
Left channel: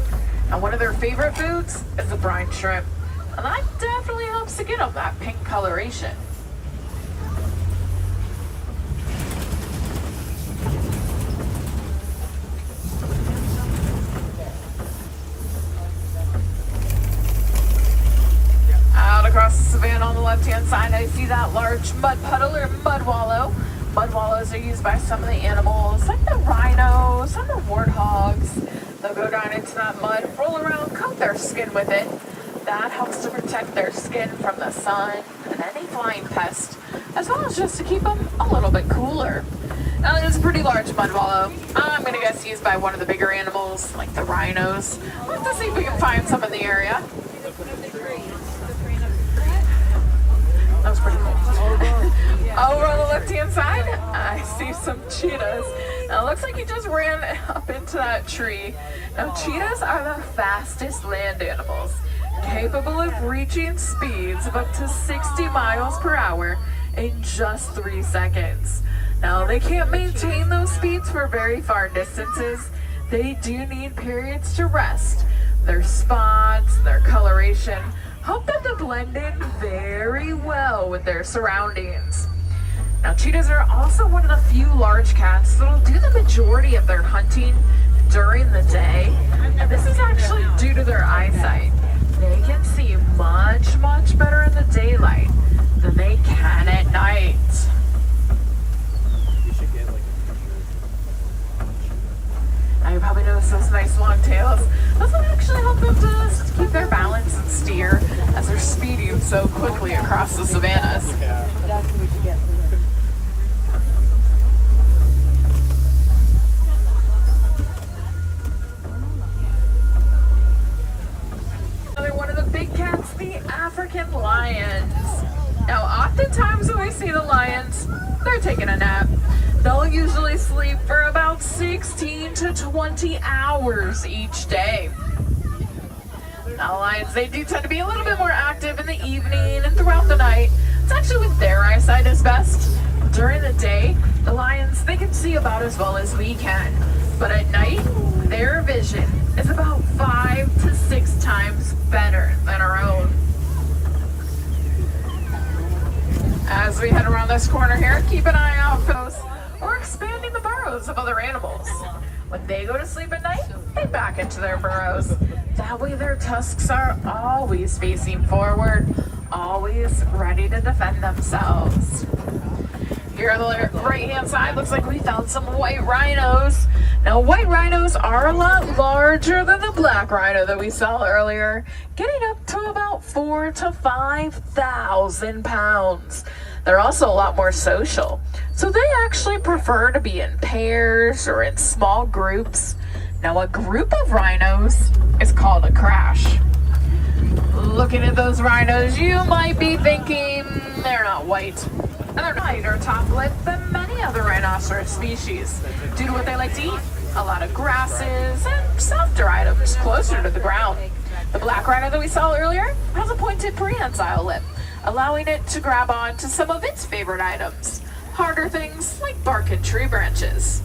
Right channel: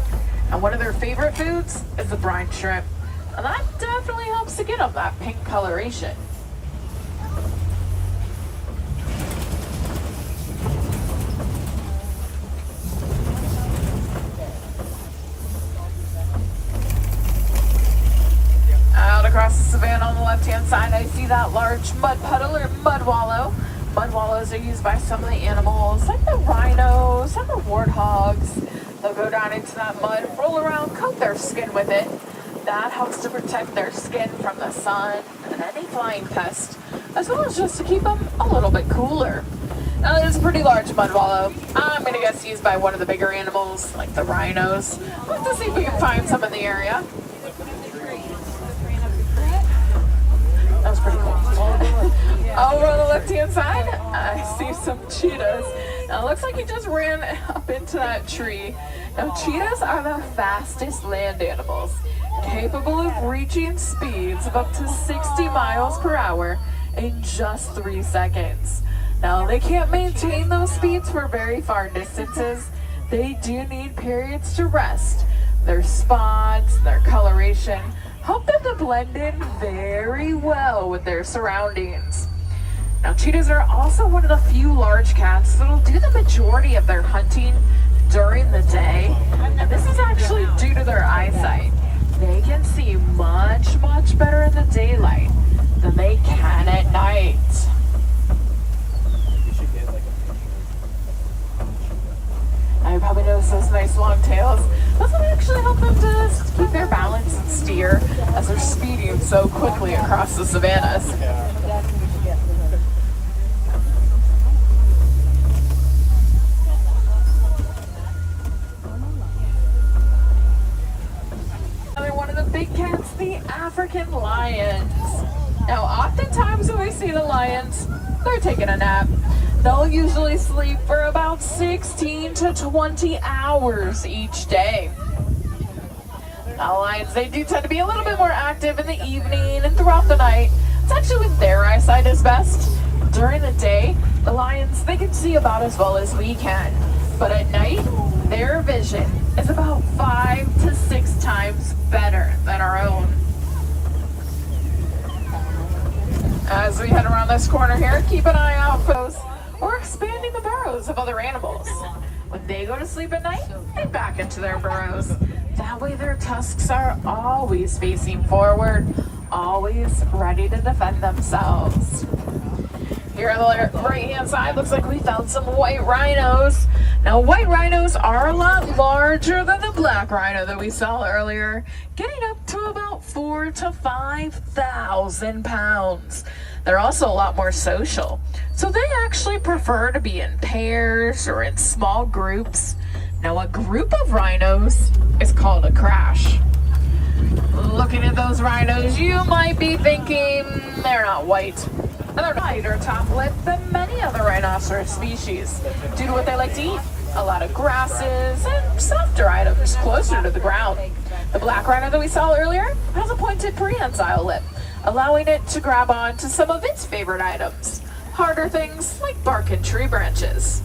And one of their favorite foods is the brine shrimp, and that definitely helps to get them that pink coloration. Out across the savanna on the left-hand side, I see that large mud puddle or mud wallow. Mud wallows are used by some of the animals, like the rhinos and the warthogs. They'll go down into that mud, roll around, coat their skin with it. That helps to protect their skin from the sun and any flying pest, as well as just to keep them a little bit cooler. Now, this is a pretty large mud wallow. I'm going to guess used by one of the bigger animals, like the rhinos. Let's see if we can find some in the area. That was pretty cool. Over on the left-hand side, I see some cheetahs. Now, it looks like he just ran up into that tree. Now, cheetahs are the fastest land animals, capable of reaching speeds of up to 60 miles per hour in just 3 seconds. Now, they can't maintain those speeds for very far distances. They do need periods to rest. Their spots, their coloration, help them to blend in very well with their surroundings. Now, cheetahs are also one of the few large cats that'll do the majority of their hunting during the day, and this is actually due to their eyesight. They can see much, much better in the daylight than they can at night. Now, you probably notice those nice long tails. Those will actually help them to keep their balance and steer as they're speeding so quickly across the savannas. One of the big cats, the African lions. Now, oftentimes when we see the lions, they're taking a nap. They'll usually sleep for about 16 to 20 hours each day. Now, lions, they do tend to be a little bit more active in the evening and throughout the night. It's actually when their eyesight is best. During the day, the lions, they can see about as well as we can. But at night, their vision is about 5 to 6 times better than our own. As we head around this corner here, keep an eye out for those or expanding the burrows of other animals. When they go to sleep at night, they back into their burrows. That way their tusks are always facing forward, always ready to defend themselves. Here on the right-hand side, looks like we found some white rhinos. Now, white rhinos are a lot larger than the black rhino that we saw earlier, getting up to about 4,000 to 5,000 pounds. They're also a lot more social, so they actually prefer to be in pairs or in small groups. Now, a group of rhinos is called a crash. Looking at those rhinos, you might be thinking they're not white. They're lighter top lip than many other rhinoceros species due to what they like to eat. A lot of grasses and softer items closer to the ground. The black rhino that we saw earlier has a pointed prehensile lip, allowing it to grab on to some of its favorite items, harder things like bark and tree branches.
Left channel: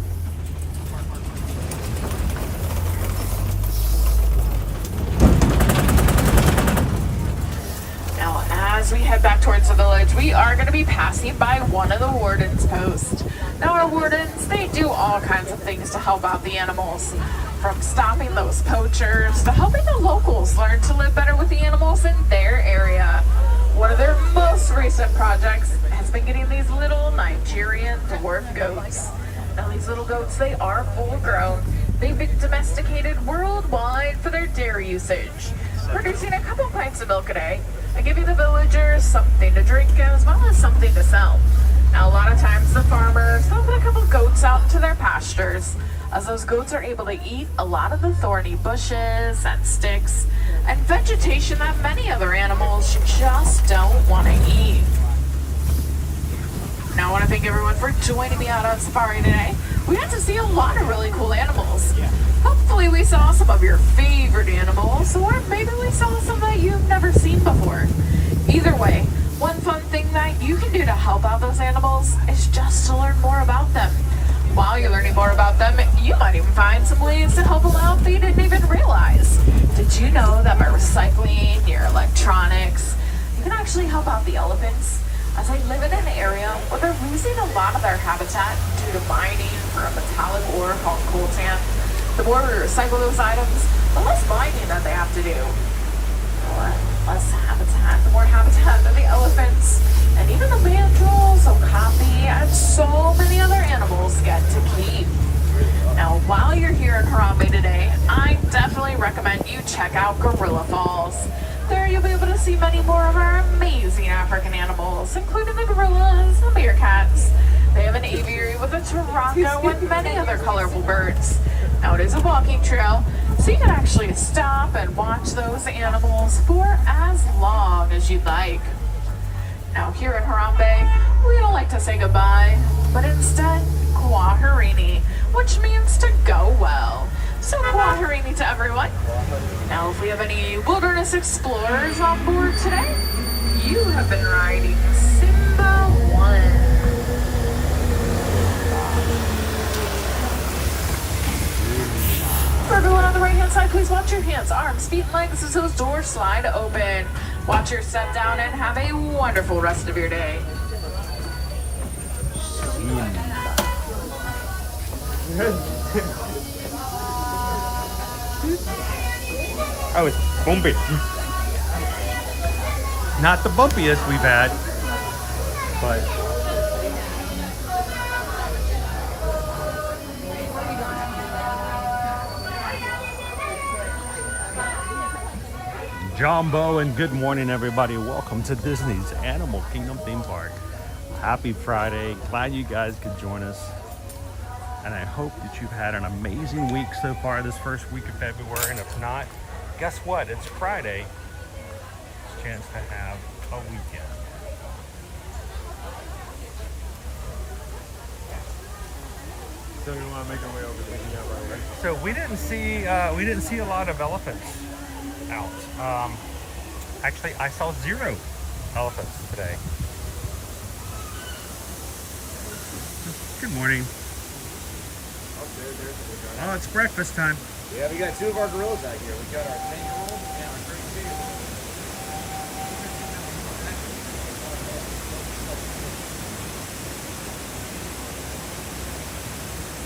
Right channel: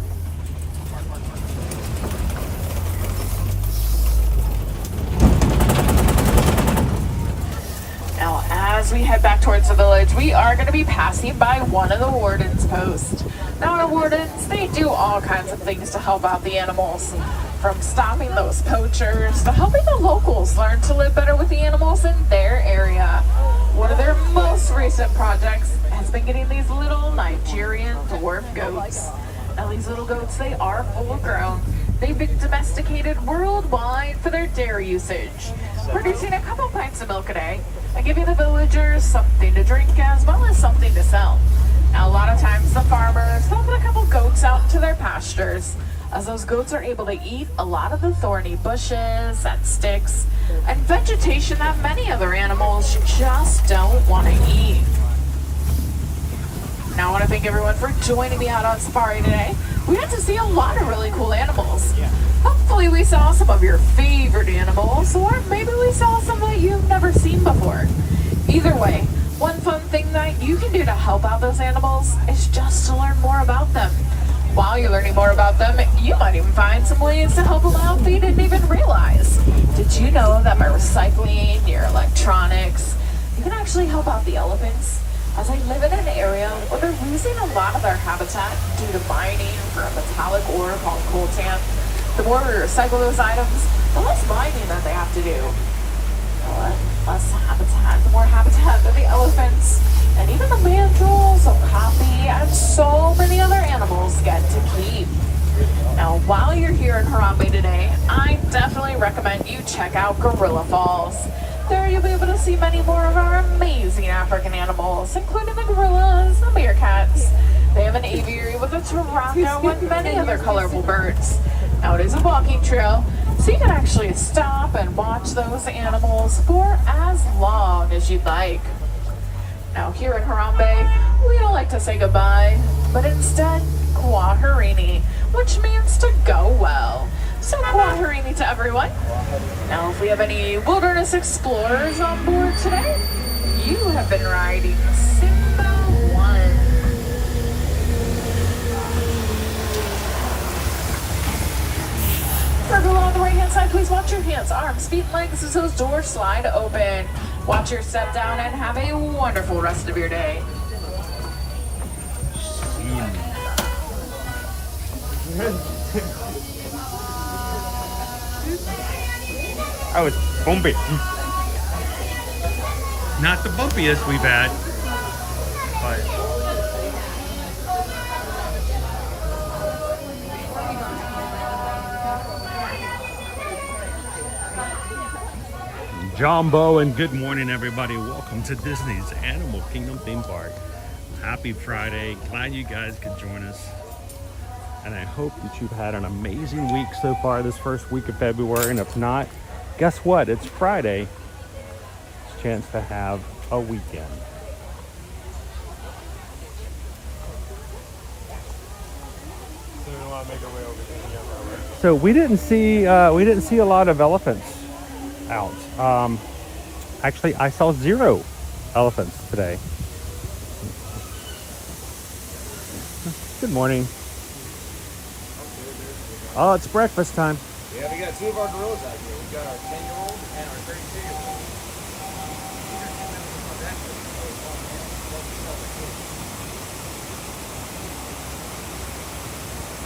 Now, as we head back towards the village, we are going to be passing by one of the warden's posts. Now, our wardens, they do all kinds of things to help out the animals, from stopping those poachers to helping the locals learn to live better with the animals in their area. One of their most recent projects has been getting these little Nigerian dwarf goats. Now, these little goats, they are full grown. They've been domesticated worldwide for their dairy usage, producing a couple pints of milk a day and giving the villagers something to drink as well as something to sell. Now, a lot of times the farmers, they'll put a couple goats out into their pastures, as those goats are able to eat a lot of the thorny bushes and sticks and vegetation that many other animals just don't want to eat. Now, I want to thank everyone for joining me out on safari today. We got to see a lot of really cool animals. Hopefully we saw some of your favorite animals, or maybe we saw some that you've never seen before. Either way, one fun thing that you can do to help out those animals is just to learn more about them. While you're learning more about them, you might even find some ways to help them out that you didn't even realize. Did you know that by recycling your electronics, you can actually help out the elephants, as they live in an area where they're losing a lot of their habitat due to mining for a metallic ore called coltan? The more we recycle those items, the less mining that they have to do. Less habitat, the more habitat that the elephants and even the mandrills, okapi, and so many other animals get to keep. Now, while you're here in Harambe today, I definitely recommend you check out Gorilla Falls. There you'll be able to see many more of our amazing African animals, including the gorillas, the meerkats. They have an aviary with a tarango and many other colorful birds. Now, it is a walking trail, so you can actually stop and watch those animals for as long as you'd like. Now, here in Harambe, we don't like to say goodbye, but instead, kwaherini, which means to go well. So kwaherini to everyone. Now, if we have any wilderness explorers on board today, you have been riding Simba 1. feet and legs as those doors slide open. Watch your step down and have a wonderful rest of your day. I was bumpy. Not the bumpiest we've had, but Jumbo, and good morning, everybody. Welcome to Disney's Animal Kingdom theme park. Happy Friday. Glad you guys could join us. And I hope that you've had an amazing week so far this first week of February. And if not, guess what? It's Friday. It's a chance to have a weekend. So we didn't see a lot of elephants out. Actually, I saw 0 elephants today. Good morning. Oh, it's breakfast time. Yeah, we got 2 of our gorillas out here. We got our Bengal and our Great Dane.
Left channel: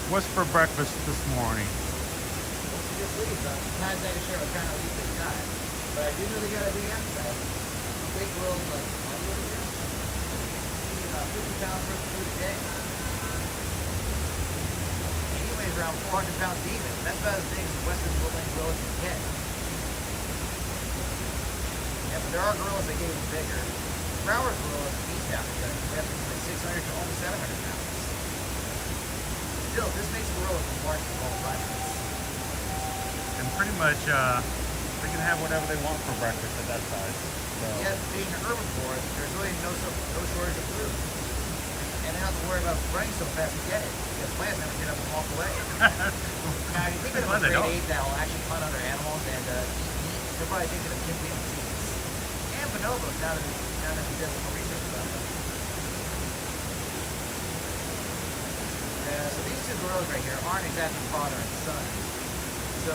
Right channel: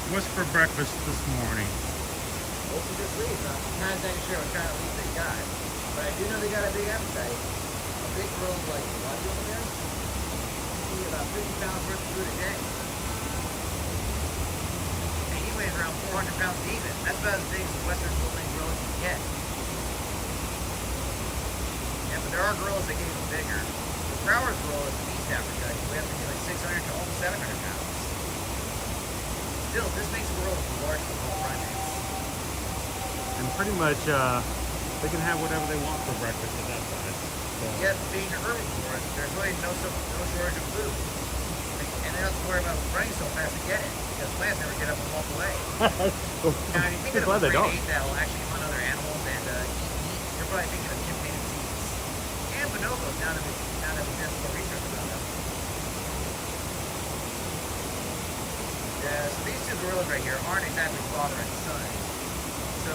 What's for breakfast this morning? Not that sure what kind of meat they got, but I do know they got a big appetite. Big gorillas like about 50 pounds worth of food a day. And he weighs around 400 pounds even. That's about as big as the Western Woodland gorillas can get. Yeah, but there are gorillas that get even bigger. Broward gorillas in East Africa can weigh up to like 600 to almost 700 pounds. Still, this makes a gorilla the largest of all primates. And pretty much, they can have whatever they want for breakfast at that size. So. Yeah, being an urban forest, there's really no shortage of food. And they don't have to worry about running so fast to get it, because plants never get up and walk away. Now, if you think of a great ape that will actually hunt other animals and eat meat, you're probably thinking of chimpanzees and bonobos now that we did some more research about them. Yeah, so these 2 gorillas right here aren't exactly father and son. So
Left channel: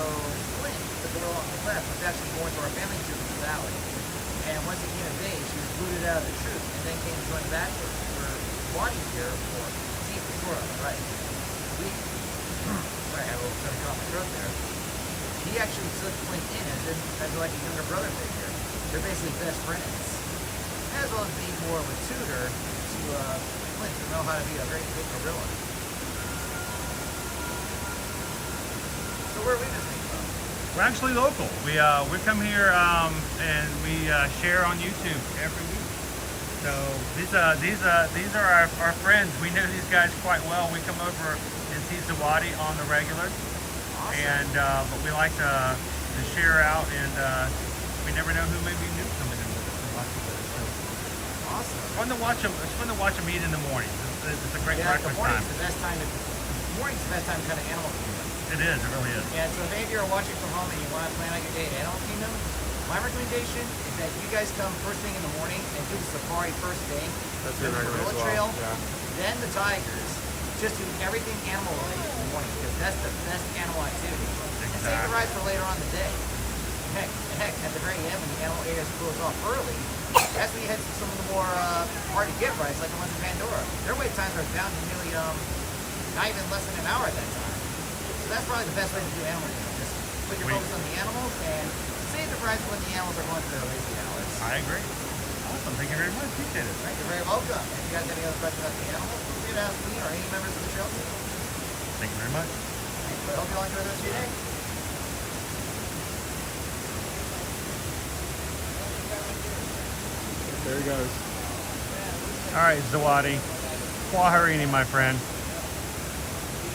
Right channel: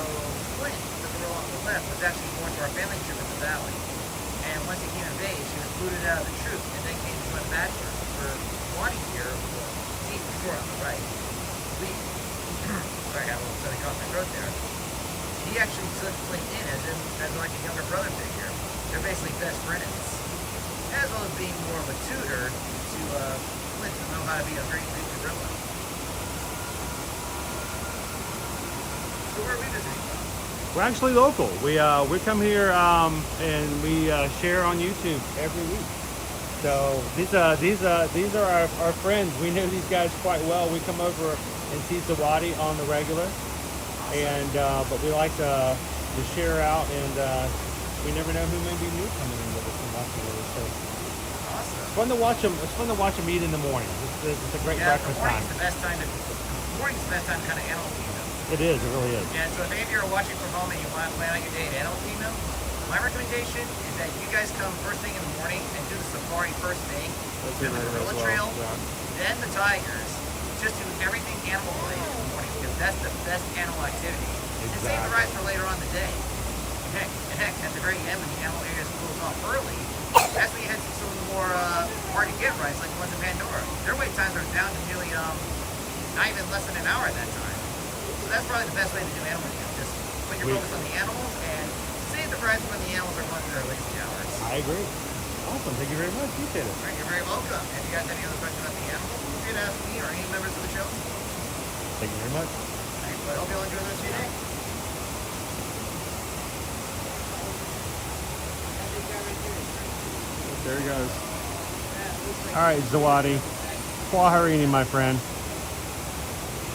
Flint, the gorilla on the left, was actually born to our family troop in the valley. And once he came of age, he was booted out of the troop and then came to join the bachelors for wanting here. He for sure on the right. Sorry, I had a little something off my throat there. He actually took Flint in as like a younger brother figure. They're basically best friends. As well as being more of a tutor to Flint to know how to be a great big gorilla. So where are we visiting from? We're actually local. We come here and we share on YouTube every week. So these are our friends. We know these guys quite well. We come over and see Zawadi on the regular, awesome. And but we like to share out, and we never know who may be new coming in with us and watching with us. So awesome. It's fun to watch them. It's fun to watch them eat in the morning. It's a great breakfast time. The best time. Morning's the best time to kind of animal kingdom. It is. It really is. And so if any of you are watching from home and you want to plan out your day at Animal Kingdom, my recommendation is that you guys come first thing in the morning and do the safari first thing, then the gorilla trail, then the tigers. Just do everything animal related in the morning because that's the best animal activity. Exactly. And save the rest for later on in the day. Heck, at the very end when the animal area closes off early, that's when you head to some of the more hard to get rides like the ones in Pandora. Their wait times are down to nearly not even less than an hour at that time. So that's probably the best way to do animal kingdom. Just put your focus on the animals and save the rides when the animals are going to their lazy hours. I agree. Awesome. Thank you very much. Appreciate it. Right, you're very welcome. If you guys have any other questions about the animals, feel free to ask me or any members of the show. Thank you very much. Thanks. Well, I hope you all enjoy the rest of your day. There he goes. All right, Zawadi. Kwaharini, my friend.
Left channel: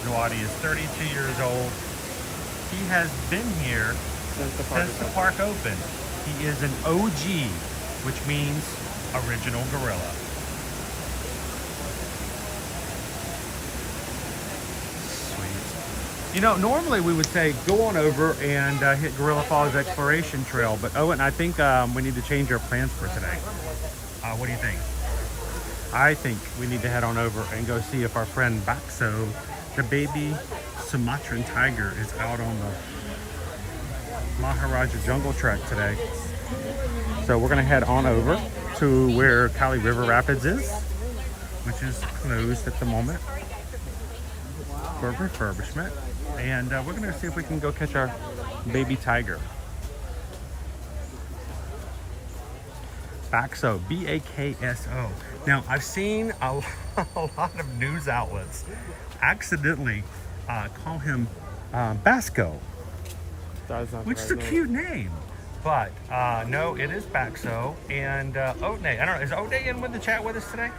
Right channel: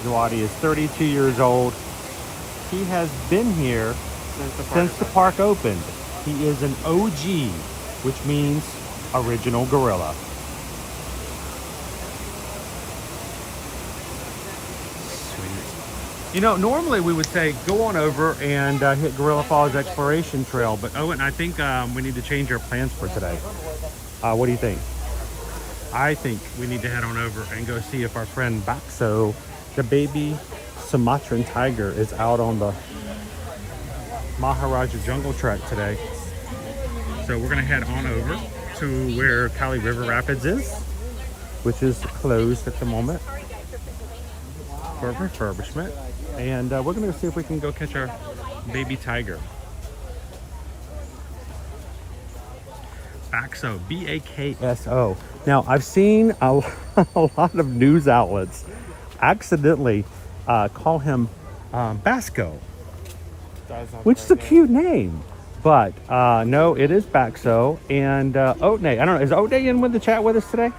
Zawadi is 32 years old. He has been here since the park opened. He is an OG, which means original gorilla. Sweet. You know, normally we would say go on over and hit Gorilla Falls Exploration Trail, but Owen, I think we need to change our plans for today. What do you think? I think we need to head on over and go see if our friend Baxo, the baby Sumatran tiger, is out on the Maharaja Jungle Trek today. So we're gonna head on over to where Kali River Rapids is, which is closed at the moment for refurbishment. And we're gonna see if we can go catch our baby tiger. Bakso, B-A-K-S-O. Now, I've seen a lot of news outlets accidentally call him Basco, which is a cute name. But no, it is Bakso. And Otney, I don't know, is Otney in with the chat with us today?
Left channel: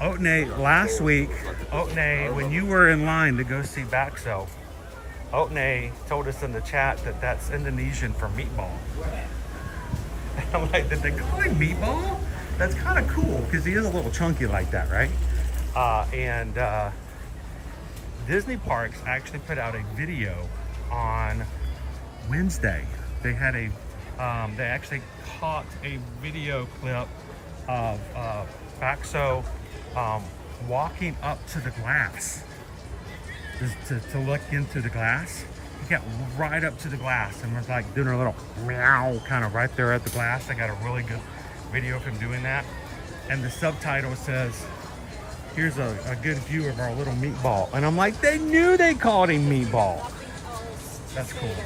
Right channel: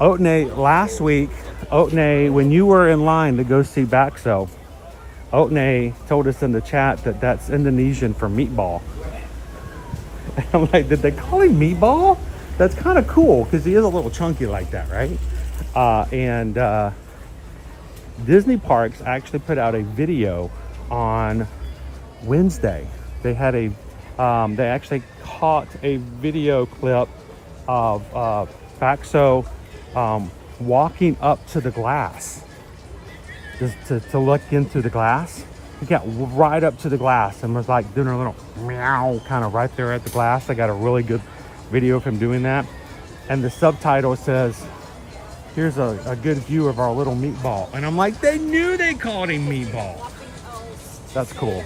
Otney, last week, Otney, when you were in line to go see Bakso, Otney told us in the chat that that's Indonesian for meatball. I'm like, did they call him Meatball? That's kind of cool because he is a little chunky like that, right? And Disney Parks actually put out a video on Wednesday. They had a, they actually caught a video clip of Bakso walking up to the glass to look into the glass. He got right up to the glass and was like doing a little meow kind of right there at the glass. I got a really good video of him doing that. And the subtitle says, here's a good view of our little meatball. And I'm like, they knew they called him Meatball. That's cool.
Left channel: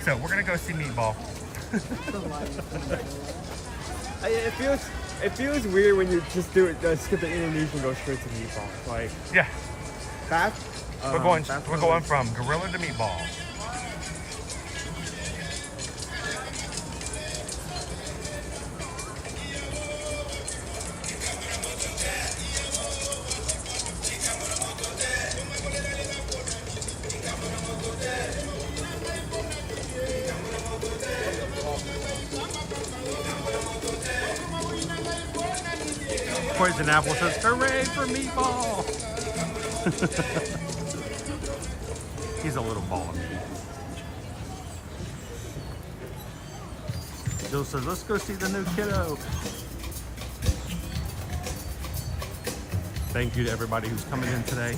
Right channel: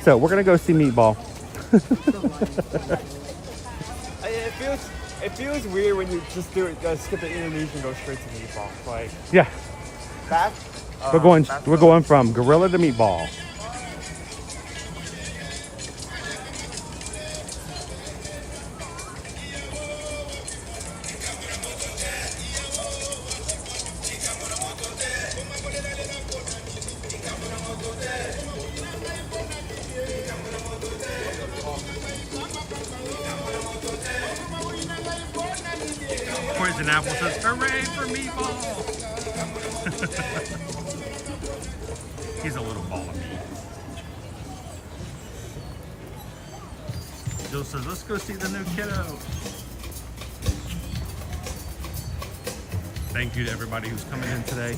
So we're gonna go see Meatball. It feels weird when you just do it, skip the Indonesian, go straight to Meatball. Like, yeah. That? We're going from gorilla to meatball. Poison Apple says, hooray for meatball! He's a little ball of meat. Jill says, let's go see the new kiddo. Thank you to everybody who's coming in today.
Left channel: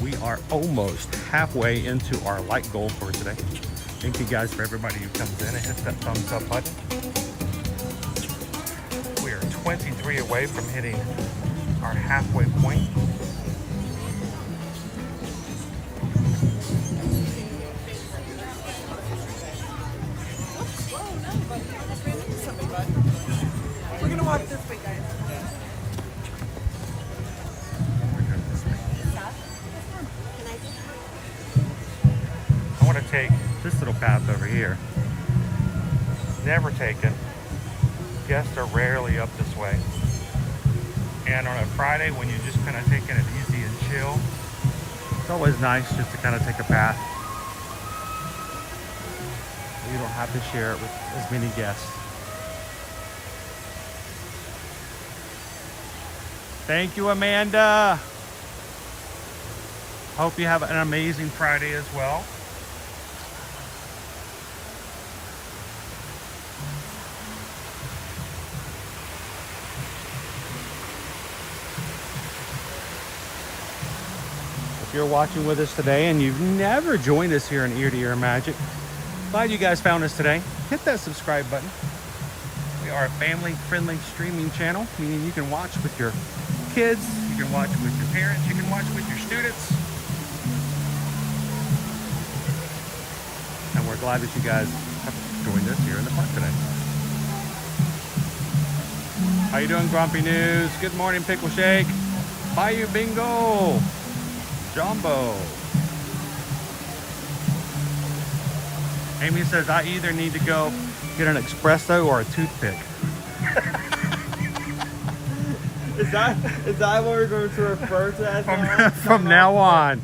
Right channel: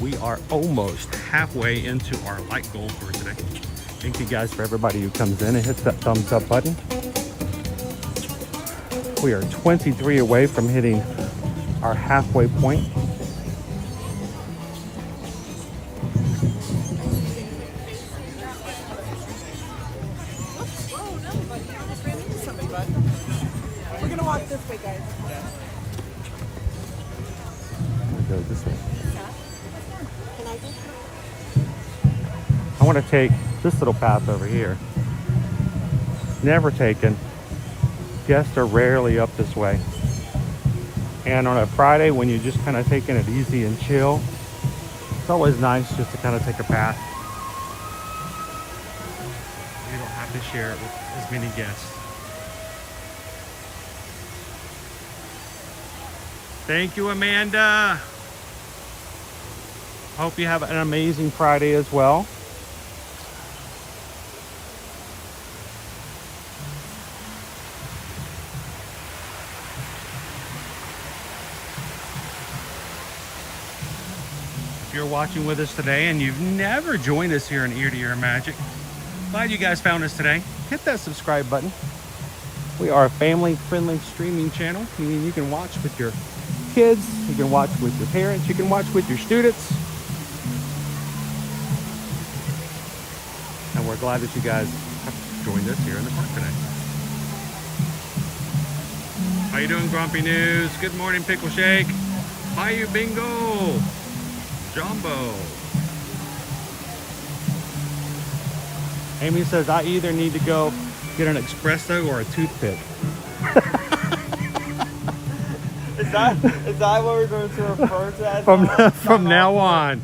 We are almost halfway into our light goal for today. Thank you guys for everybody who comes in and hits that thumbs up button. We are 23 away from hitting our halfway point. I want to take this little path over here. Never taken. Guests are rarely up this way. And on a Friday when you're just kind of taking it easy and chill, it's always nice just to kind of take a path. You don't have to share it with as many guests. Thank you, Amanda. Hope you have an amazing Friday as well. If you're watching with us today and you've never joined us here in Ear to Ear Magic, glad you guys found us today. Hit that subscribe button. We are a family-friendly streaming channel, meaning you can watch with your kids, you can watch with your parents, you can watch with your students. And we're glad that you guys have joined us here in the park today. How you doing, Grumpy News? Good morning, Pickle Shake. Bayou Bingo. Jumbo. Amy says, I either need to go get an espresso or a toothpick. Is that what we're going to refer to as? From now on,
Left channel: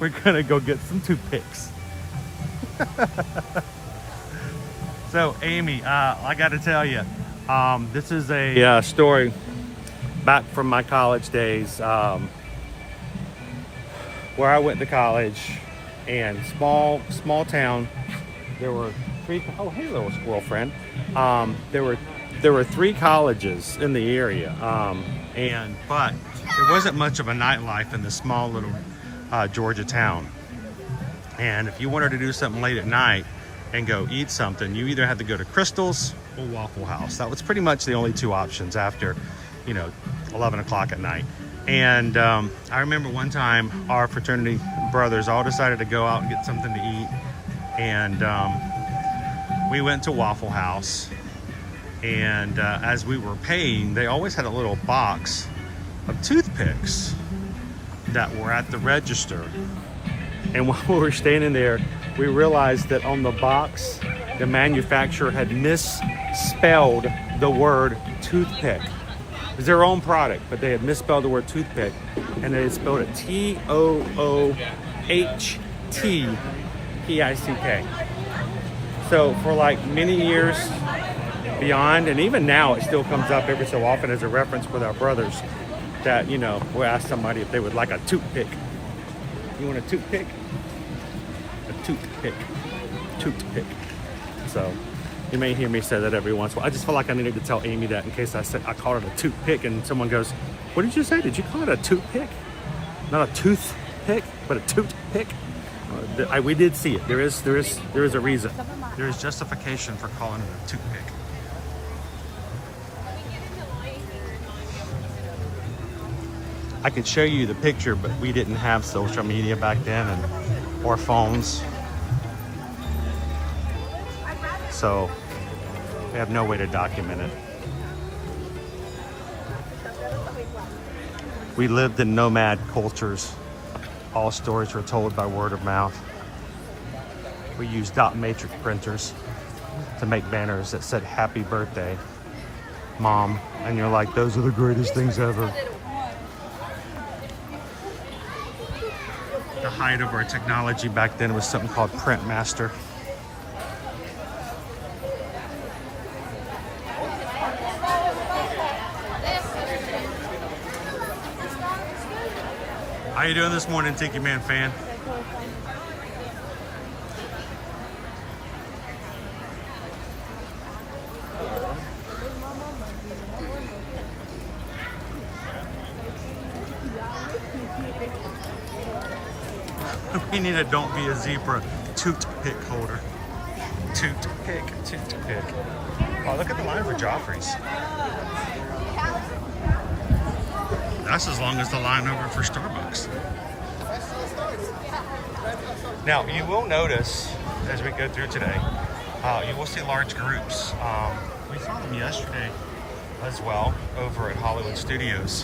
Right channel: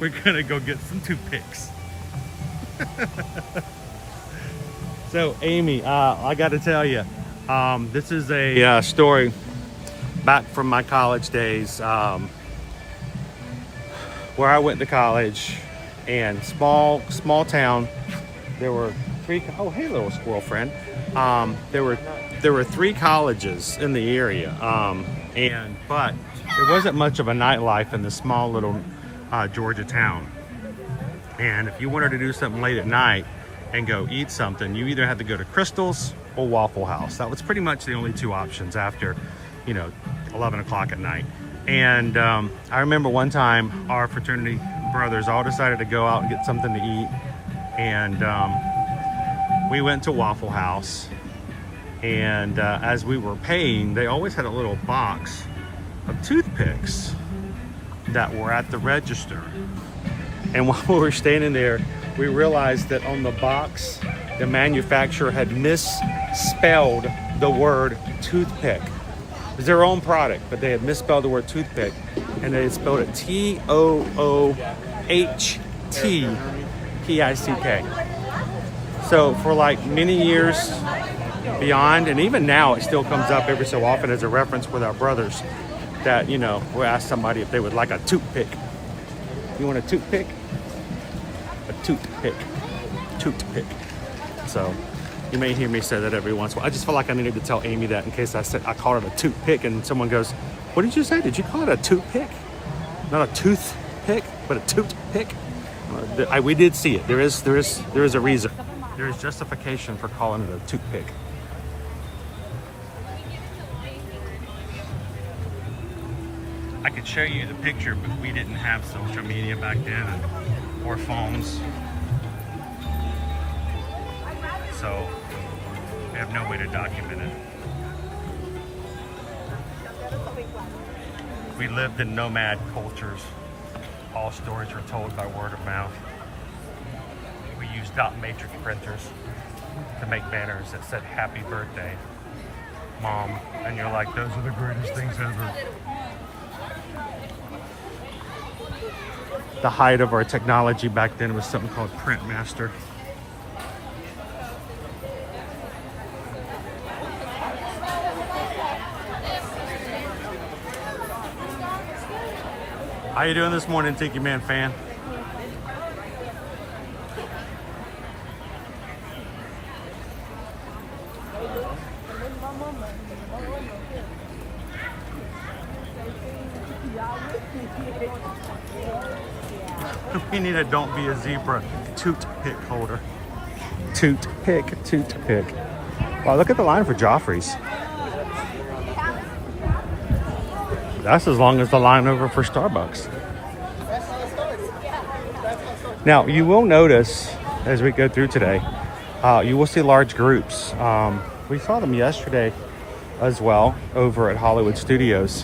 we're gonna go get some toothpicks. So, Amy, I got to tell you, this is a story back from my college days. Where I went to college, and small town. There were three. Oh, hey, little squirrel friend. There were three colleges in the area, but there wasn't much of a nightlife in the small little Georgia town. And if you wanted to do something late at night and go eat something, you either had to go to Crystal's or Waffle House. That was pretty much the only two options after, you know, 11 o'clock at night. And I remember one time our fraternity brothers all decided to go out and get something to eat. And we went to Waffle House. And as we were paying, they always had a little box of toothpicks that were at the register. And while we were standing there, we realized that on the box, the manufacturer had misspelled the word toothpick. It was their own product, but they had misspelled the word toothpick, and they had spelled it T-O-O-H-T-P-I-C-K. So for like many years beyond, and even now it still comes up every so often as a reference with our brothers, that, you know, we'll ask somebody if they would like a toothpick. You want a toothpick? A toothpick. Toothpick. So you may hear me say that every once in a while. I just feel like I needed to tell Amy that in case I called it a toothpick and someone goes, what did you say? Did you call it a toothpick? Not a toothpick, but a toothpick? We did see it. There is a reason. There is justification for calling it a toothpick. I could show you the picture, but we didn't have social media back then or phones. So we have no way to document it. We lived in nomad cultures. All stories were told by word of mouth. We used dot matrix printers to make banners that said happy birthday, Mom. And you're like, those are the greatest things ever. The height of our technology back then was something called Print Master. How you doing this morning, Tiki Man fan? We need a Don't Be a Zebra toothpick holder. Toothpick. Oh, look at the line for Joffrey's. That's as long as the line over for Starbucks. Now, you will notice as we go through today, you will see large groups. We saw them yesterday as well over at Hollywood Studios.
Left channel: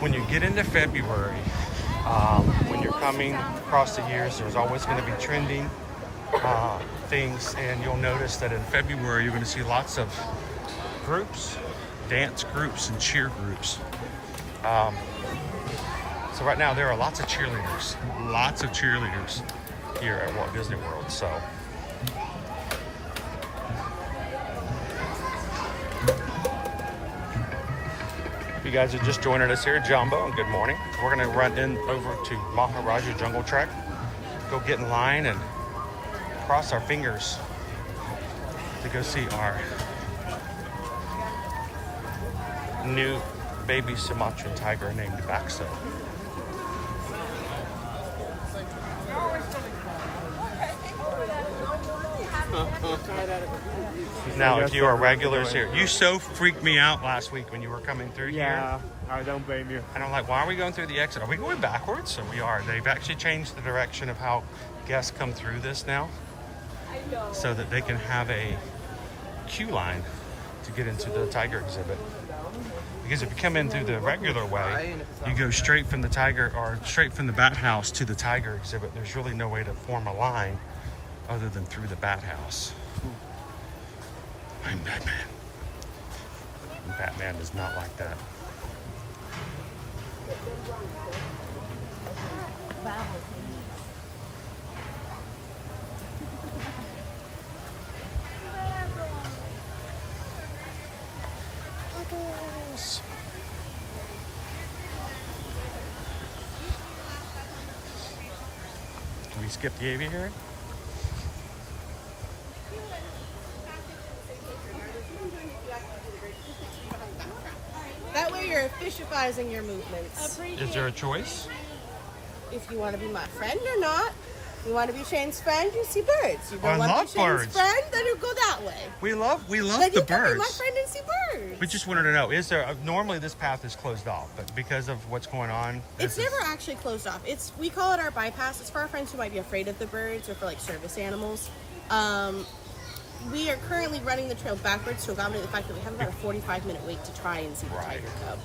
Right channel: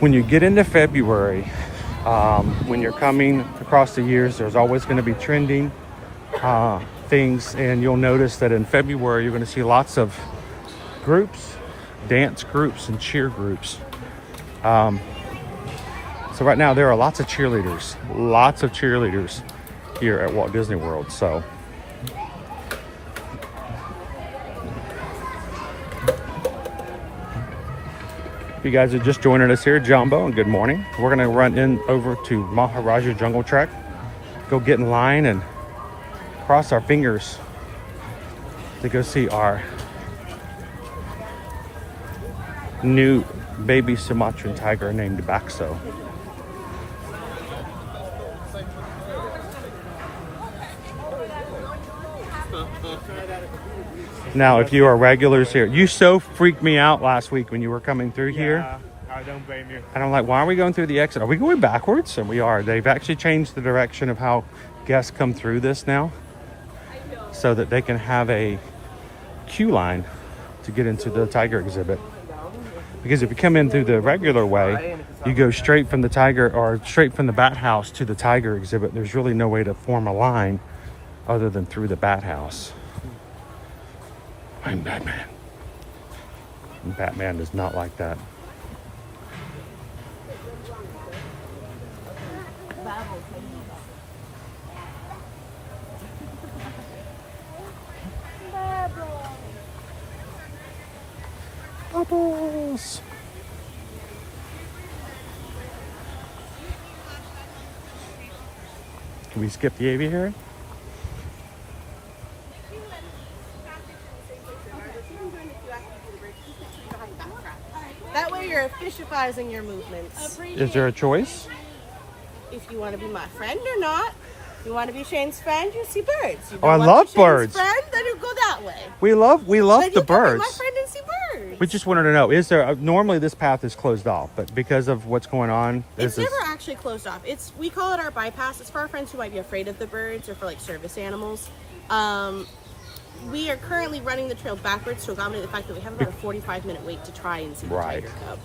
When you get into February, when you're coming across the years, there's always going to be trending things, and you'll notice that in February you're going to see lots of groups, dance groups and cheer groups. So right now there are lots of cheerleaders here at Walt Disney World. So if you guys are just joining us here, Jumbo, and good morning. We're going to run in over to Maharaja Jungle Trek, go get in line and cross our fingers to go see our new baby Sumatran tiger named Baxo. Now, if you are regulars here, you so freaked me out last week when you were coming through here. I don't blame you. And I'm like, why are we going through the exit? Are we going backwards? And we are. They've actually changed the direction of how guests come through this now, so that they can have a queue line to get into the tiger exhibit. Because if you come in through the regular way, you go straight from the tiger or straight from the bat house to the tiger exhibit. There's really no way to form a line other than through the bat house. I'm Batman. And Batman is not like that. Bubbles. Can we skip the aviary? That way you're efficientizing your movements. Is there a choice? If you want to be my friend, you're not. You want to be Shane's friend? You see birds. You Oh, I don't want love to be Shane's birds. friend? Then you go that way. We love Then the you can be birds. my friend and see birds. We just wanted to know, is there, normally this path is closed off, but because of what's going on, It's never actually closed off. We call it our bypass. It's for our friends who might be afraid of the birds or for like service animals. We are currently running the trail backwards to accommodate the fact that we have about a 45-minute wait to try and see the tiger cub.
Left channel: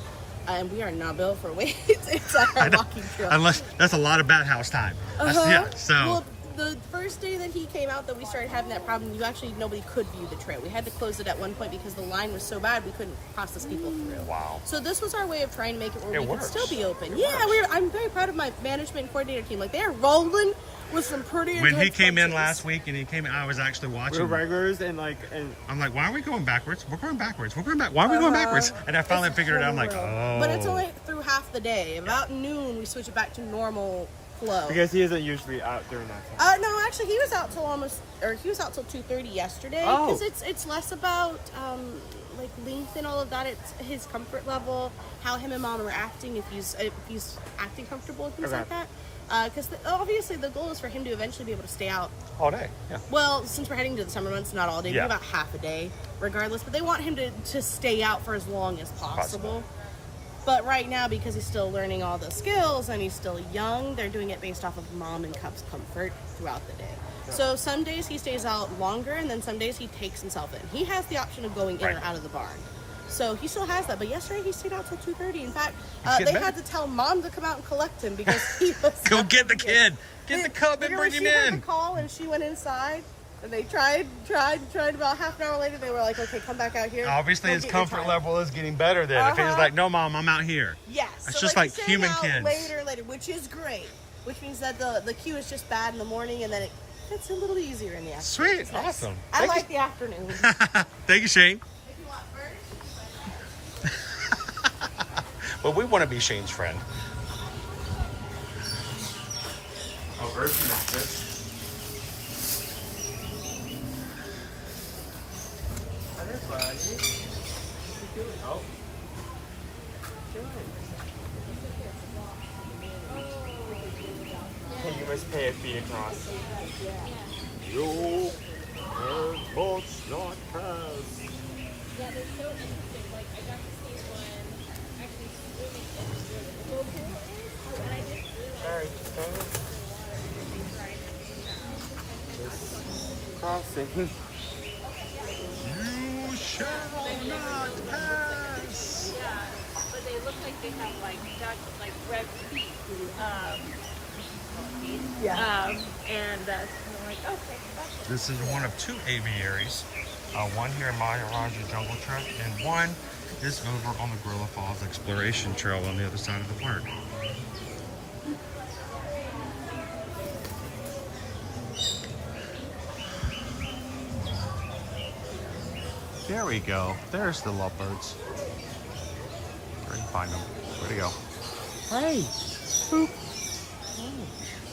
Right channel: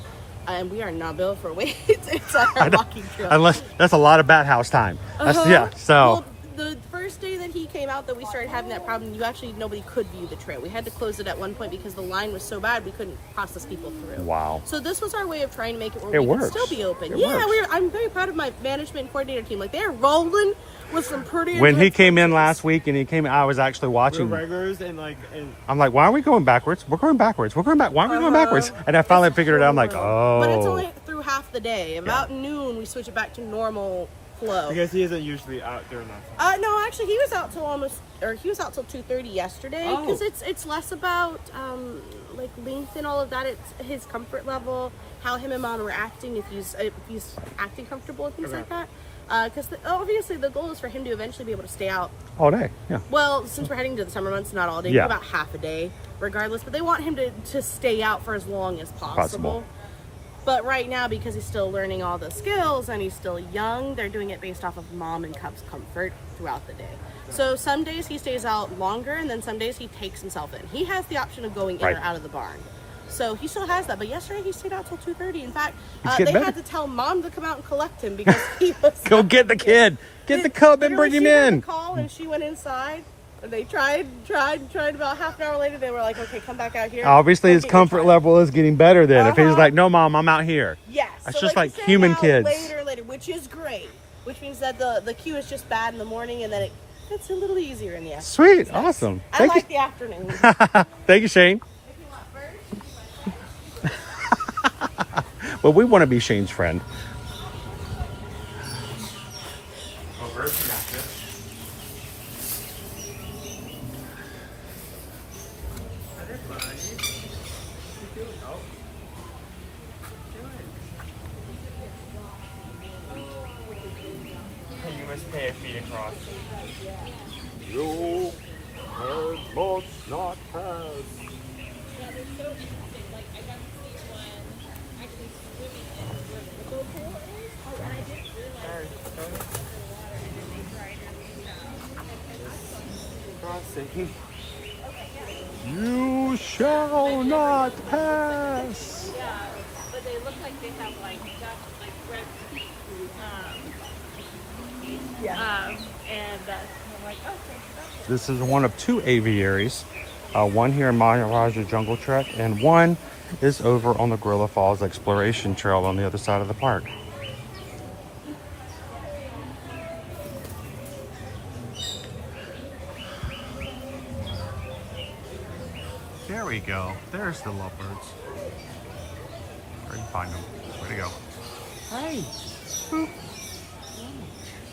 And we are not built for wait. It's a walking trail. Unless that's a lot of bat house time. Yeah, so. Well, the first day that he came out that we started having that problem, nobody could view the trail. We had to close it at one point because the line was so bad we couldn't process people through. Wow. So this was our way of trying to make it where It we works. could still be open. It Yeah, works. I'm very proud of my management and coordinator team. Like they're rolling with some pretty. When he intense came in punches. last week and he came, I was actually watching. We're regulars and I'm like, why are we going backwards? We're going backwards. We're going back. Why are we going backwards? And I finally figured it out. I'm like, oh. But it's only through half the day. About noon, we switch it back to normal flow. because he isn't usually out during that time. No, actually, he was out till 2:30 yesterday. Oh. Because it's less about like length and all of that. It's his comfort level, how him and mom are acting. If he's acting comfortable and things like that. Because obviously the goal is for him to eventually be able to stay out all day. Yeah. Well, since we're heading to the summer months, not all day, Yeah. maybe about half a day, regardless. But they want him to stay out for as long as possible. But right now, because he's still learning all the skills and he's still young, they're doing it based off of mom and cub's comfort throughout the day. So some days he stays out longer, and then some days he takes himself in. He has the option of going in or out of the barn. So he still has that. But yesterday he stayed out till 2:30. In fact, they had to tell mom to come out and collect him because he was... Go get the kid. Get the cub and bring him She heard in. the call and she went inside. And they tried. About half an hour later, they were like, okay, come back out here. Obviously, his Okay, comfort level is getting better then. If he's Uh-huh. like, no, mom, I'm out here. Yes. That's so just they like stay human out kids. Later, which is great. Which means that the queue is just bad in the morning and then it gets a little easier in the afternoon. Sweet. It's nice. Awesome. I Thank like the afternoon. Thank you, Shane. If you want birds. Well, we want to be Shane's friend. You must pay a fee across. You must not pass. Yeah, they're so interesting. Like, I got to see one actually swimming in where the hippo pool is. Oh, and I didn't realize. Crossing. You shall not pass. Yeah, but they look like they have like red feet. And I'm like, okay. This is one of two aviaries. One here in Maharaja Jungle Trek, and one is over on the Gorilla Falls Exploration Trail on the other side of the park. There we go. There's the lovebirds. Where do you find them? Where'd he go? Hey! Boop.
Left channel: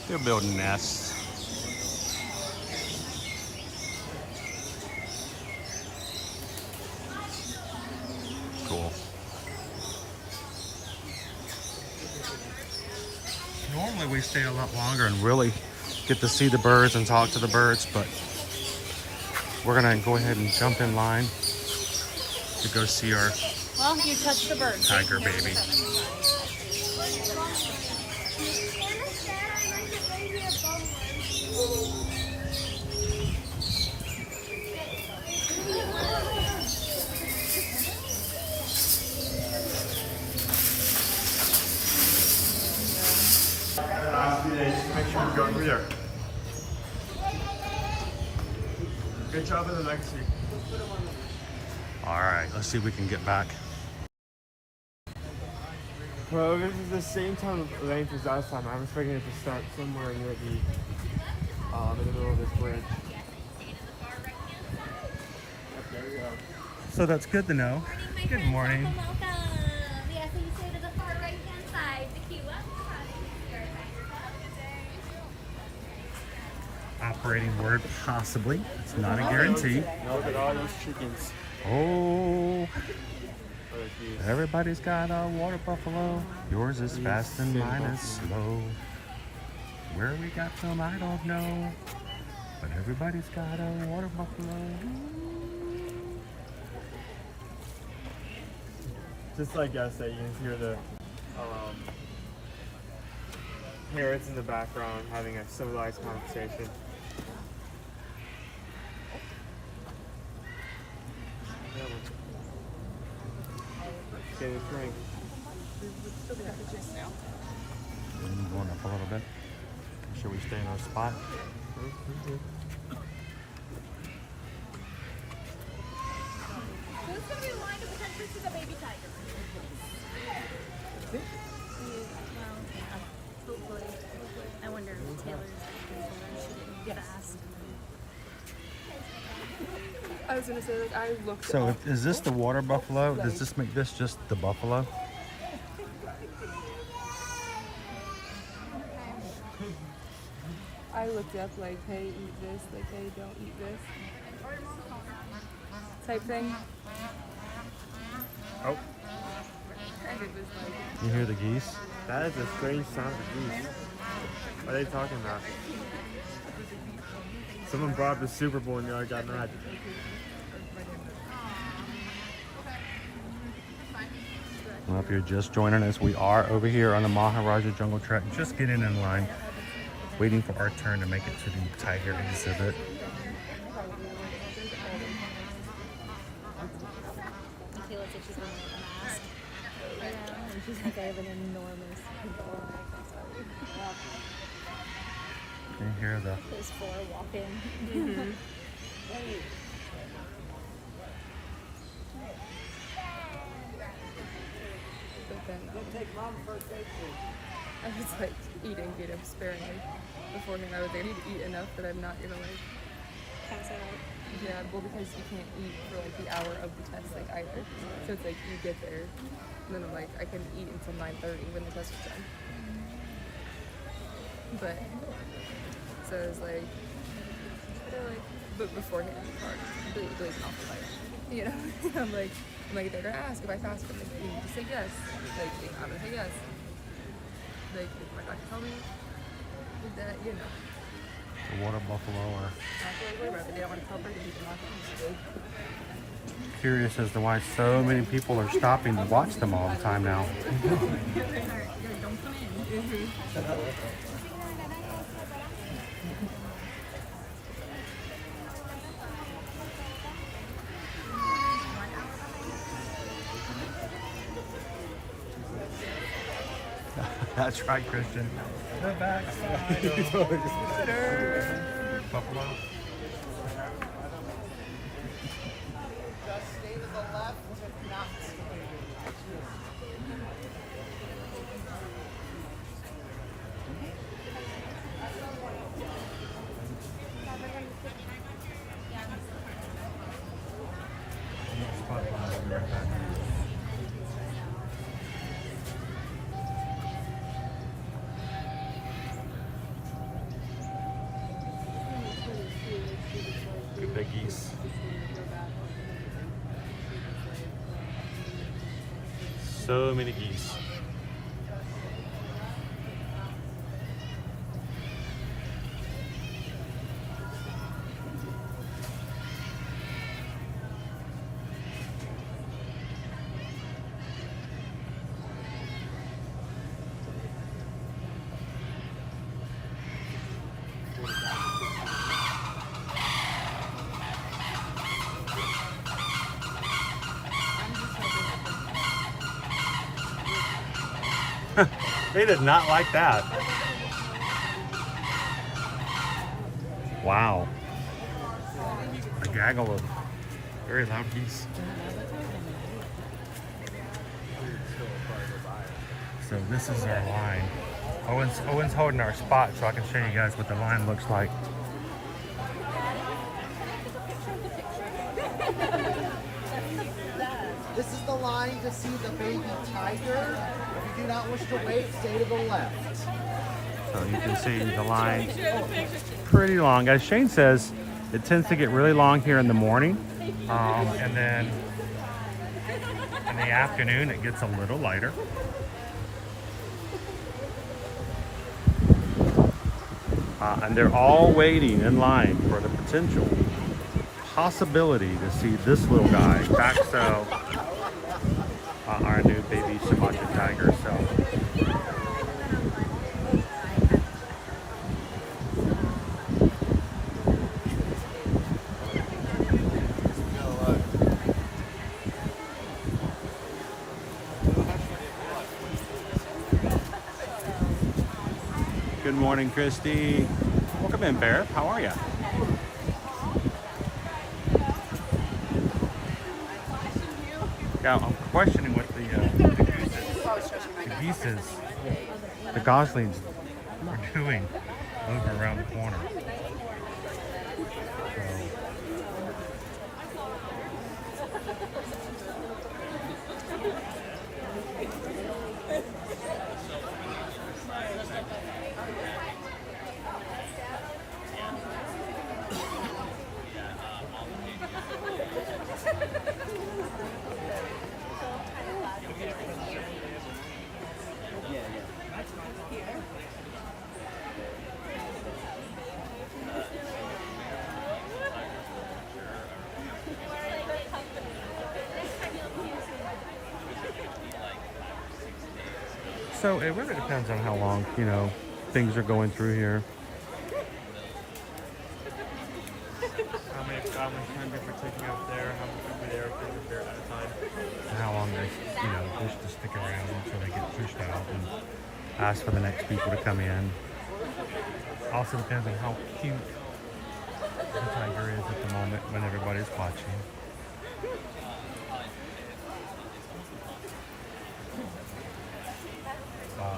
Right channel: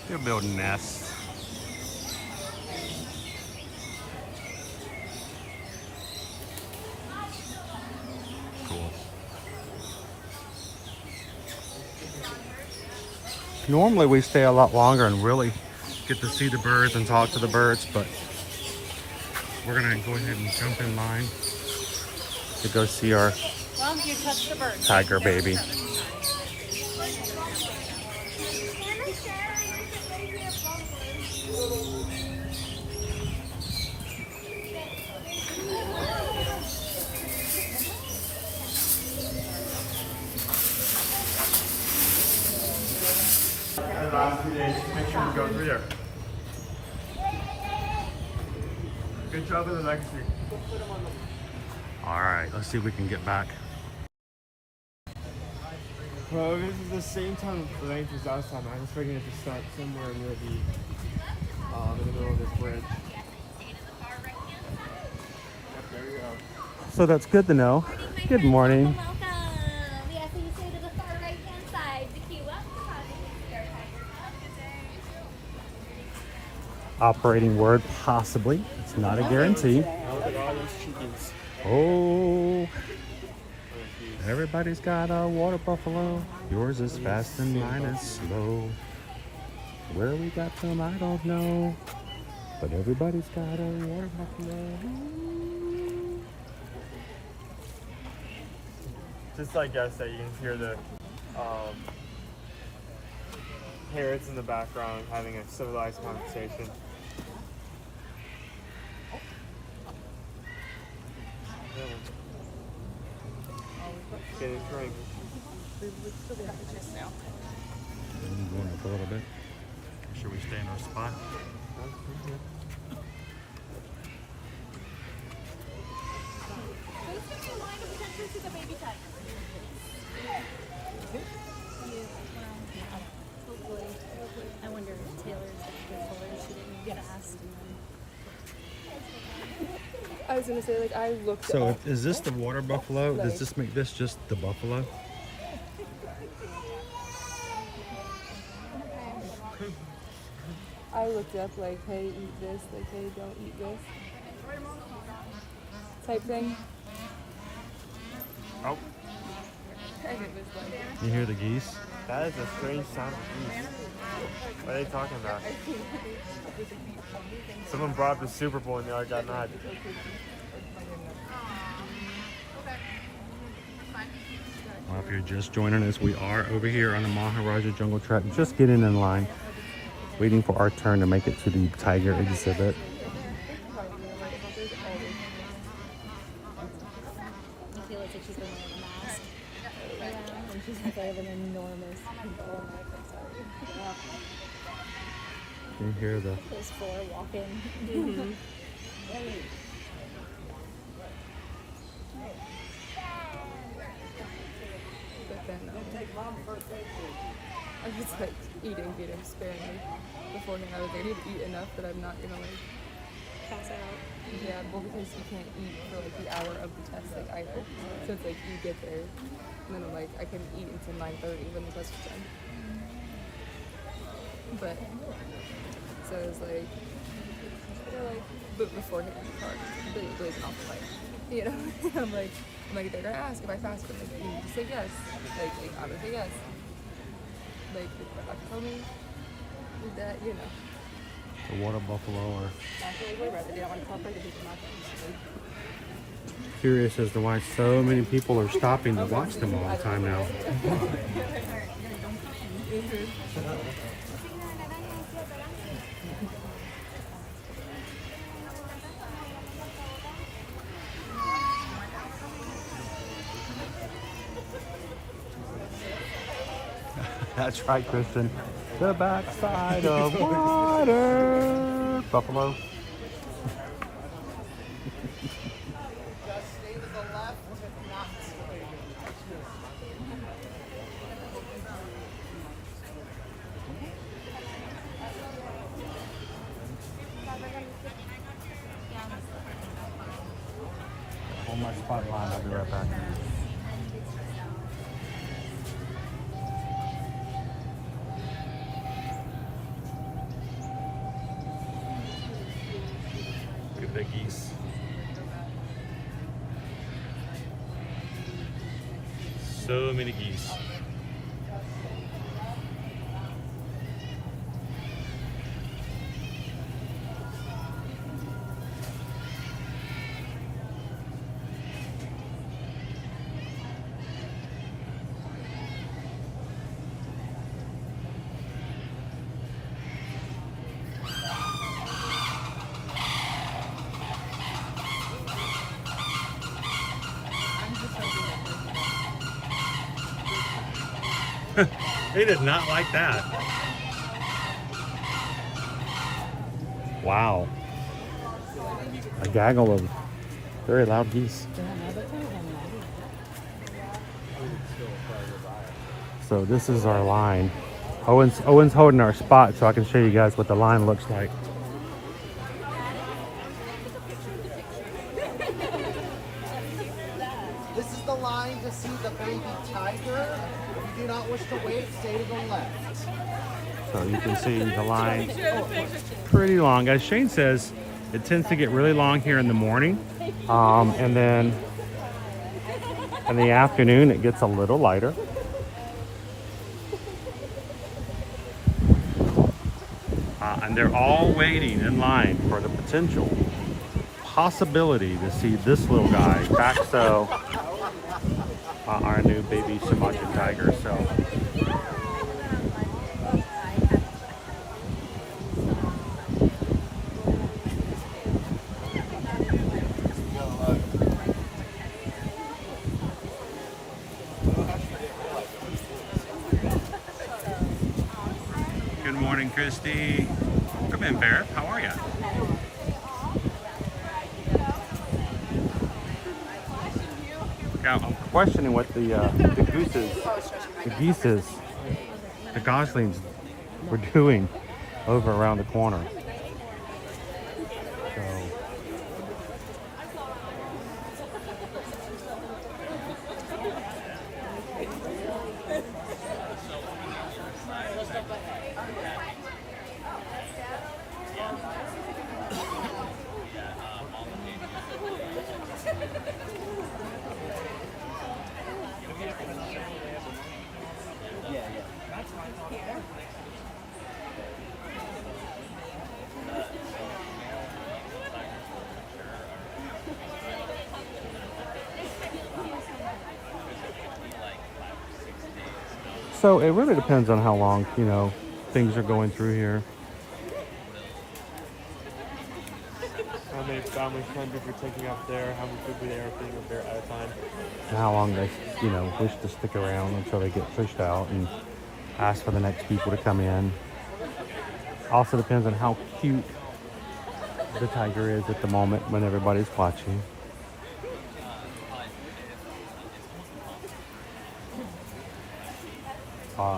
They're building nests. Cool. Normally we stay a lot longer and really get to see the birds and talk to the birds, but we're gonna go ahead and jump in line to go see our Mom, you touched the bird. tiger baby. Make sure you go through there. Good job in the legacy. All right, let's see if we can get back. Well, this is the same time of length as last time. I was expecting it to start somewhere near the in the middle of this bridge. Yep, there you go. So that's good to know. Good morning. Welcome. Yeah, so you stay to the far right hand side. The key left side. Operating word, possibly. It's not a guarantee. Look at all those chickens. Oh, everybody's got a water buffalo. Yours is fast and mine is slow. Where we got some, I don't know. But everybody's got a water buffalo. Just like yesterday, you can hear the parrots in the background having a civilized conversation. Get a drink. Going up a little bit. Make sure we stay in our spot. Who's going to be in line to potentially see the baby tiger? Hopefully. I wonder if Taylor's she didn't get asked. I was gonna say, like, I looked. So is this the water buffalo? Does this make this just the buffalo? I looked up like, hey, eat this, like, hey, don't eat this, type thing. Oh. You hear the geese? That is a strange sound of geese. What are they talking about? Someone brought up the Super Bowl and now I got mad. Well, if you're just joining us, we are over here on the Maharaja Jungle Trek, just getting in line, waiting for our turn to make it to the tiger exhibit. She's like, I have an enormous pimple on my neck. I'm sorry. Can you hear the... Those four walking. I was like eating, but I'm sparing beforehand. I was like, I need to eat enough that I'm not gonna like Pass out. Yeah, well, because you can't eat for like the hour of the test, like either. So it's like you get there, and then I'm like, I can eat until 9:30 when the test is done. But so it was like, but beforehand, completely blazing off the light. You know, I'm like, they're gonna ask if I fasted. I'm like, you need to say yes. Like, you gotta say yes. Like, the doctor told me that, you know. The water buffalo are curious as to why so many people are stopping to watch them all the time now. That's right, Kristen. The backside of water. Buffalo. Just stay to the left, not On my spot line, I'll be right back. Good big geese. So many geese. They did not like that. Wow. A gaggle of very loud geese. So this is our line. Owen's holding our spot so I can show you guys what the line looks like. This is the line to see the baby tiger. If you do not wish to wait, stay to the left. So you can see the line pretty long. As Shane says, it tends to get really long here in the morning. And then in the afternoon, it gets a little lighter. And they're all waiting in line for the potential possibility to see this little guy, Paxo, our new baby Sumatra tiger. So good morning, Christy. Welcome in, Bear. How are you? Yeah, I'm questioning what the geese, the goslings were doing over around the corner. So, so it really depends on how long, you know, things are going through here. And how long they, you know, wish to stick around until they get pushed out and ask for the next people to come in. Also depends on how cute the tiger is at the moment when everybody's watching.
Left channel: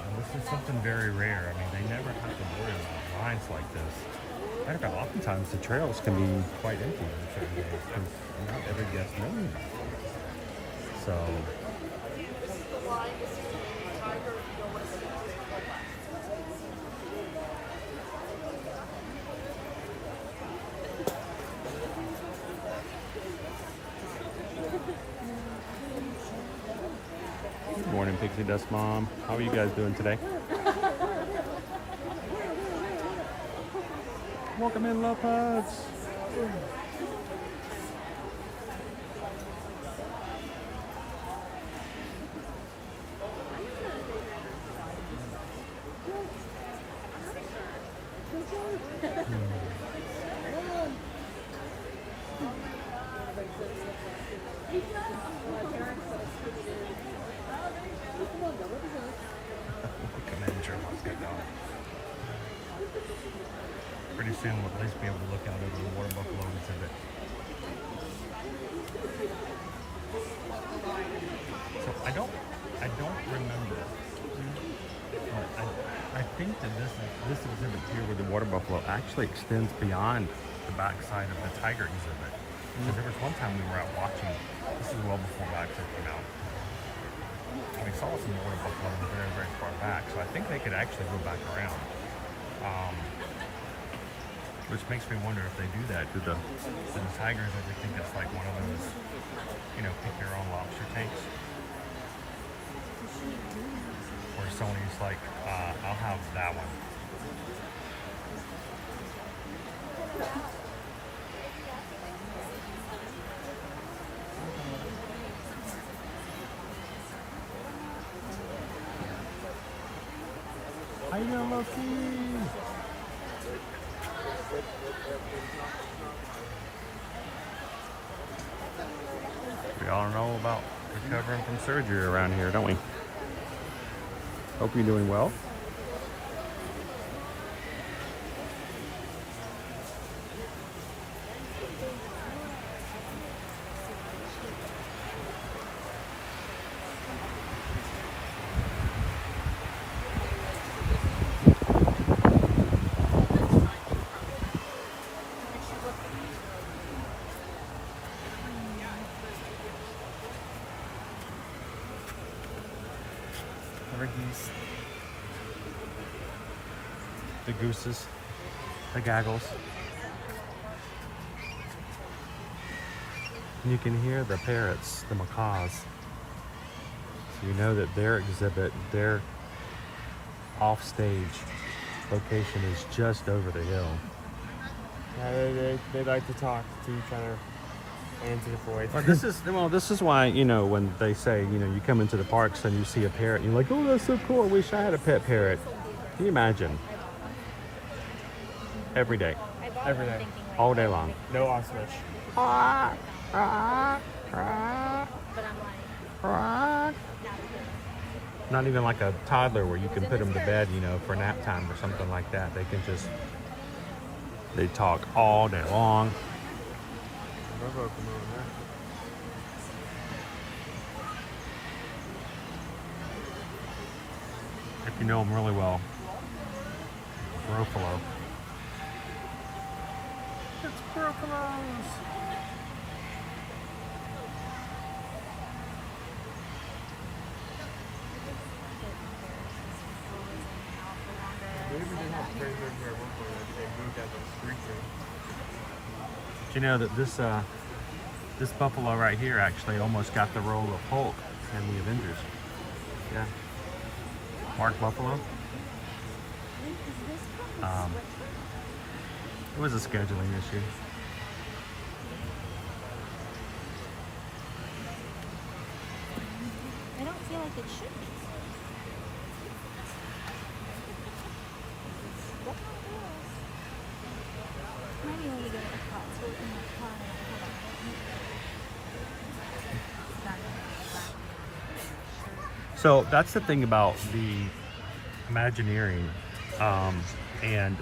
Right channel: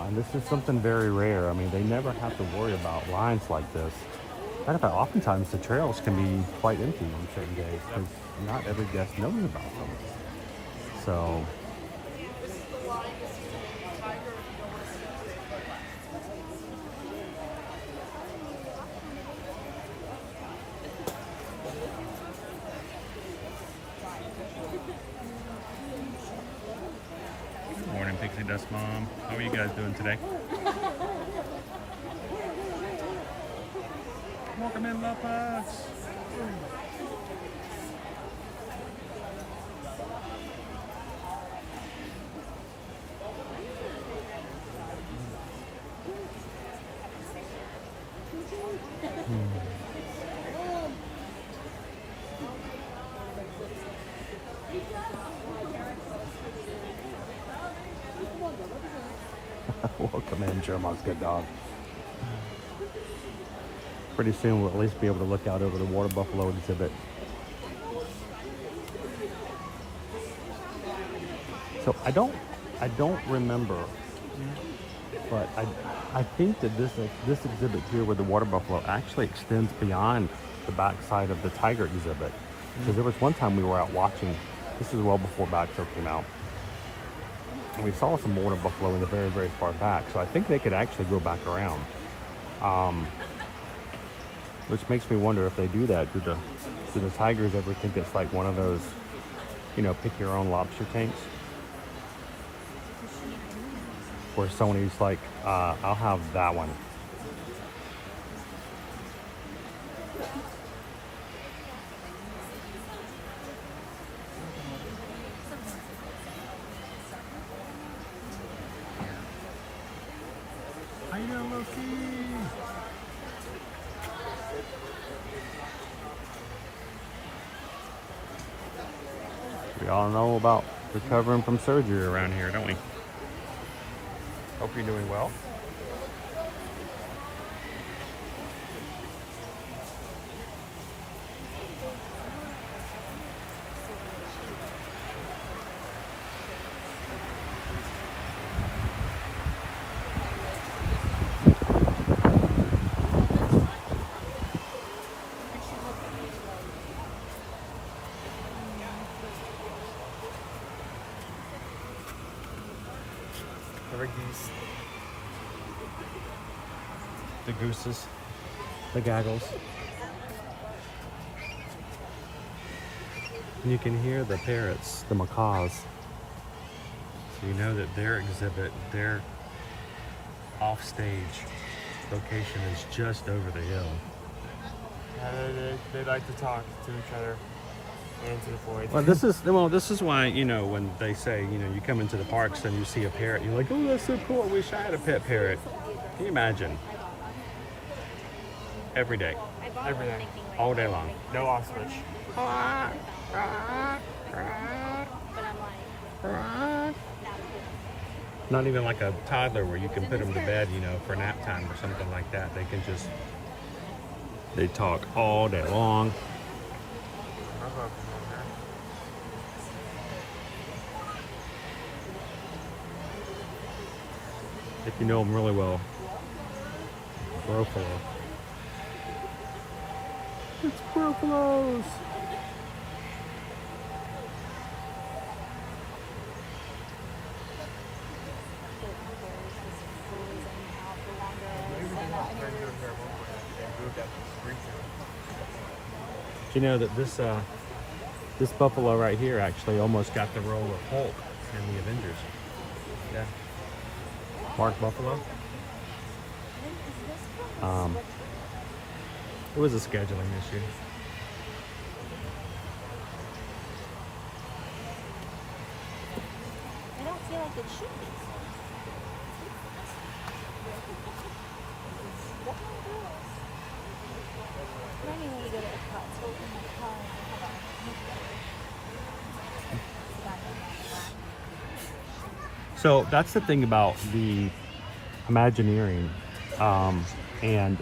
And this is something very rare. I mean, they never have to worry about lines like this. Matter of fact, oftentimes the trails can be quite empty on certain days because not every guest knows about them. So, good morning, Pixie Dust Mom. How are you guys doing today? Welcome in, Lopez. Welcome in, Jeremiah's good dog. Pretty soon we'll at least be able to look out over the water buffalo exhibit. So I don't remember, but I think that this exhibit here with the water buffalo actually extends beyond the backside of the tiger exhibit. Because there was one time we were out watching, this is well before Backstro came out, and we saw some water buffalo in the very, very far back. So I think they could actually go back around. Which makes me wonder if they do that. Do the tigers ever think it's like one of those, you know, pick your own lobster tanks? Where somebody's like, I'll have that one. How you doing, Loki? We all know about recovering from surgery around here, don't we? Hope you're doing well. Geese, the gooses, the gaggles. And you can hear the parrots, the macaws. So you know that their exhibit, they're off stage location is just over the hill. They like to talk to each other and to the void. Well, this is why, you know, when they say, you know, you come into the parks and you see a parrot, you're like, oh, that's so cool. I wish I had a pet parrot. Can you imagine? Every day. Every day. All day long. No ostrich. Not even like a toddler where you can put them to bed, you know, for nap time or something like that. They can just, they talk all day long. If you know them really well. Buffalo. It's buffaloes. Do you know that this buffalo right here actually almost got the role of Hulk in the Avengers? Yeah. Mark Buffalo. It was a scheduling issue. I don't feel like it should be. So that's the thing about the Imagineering and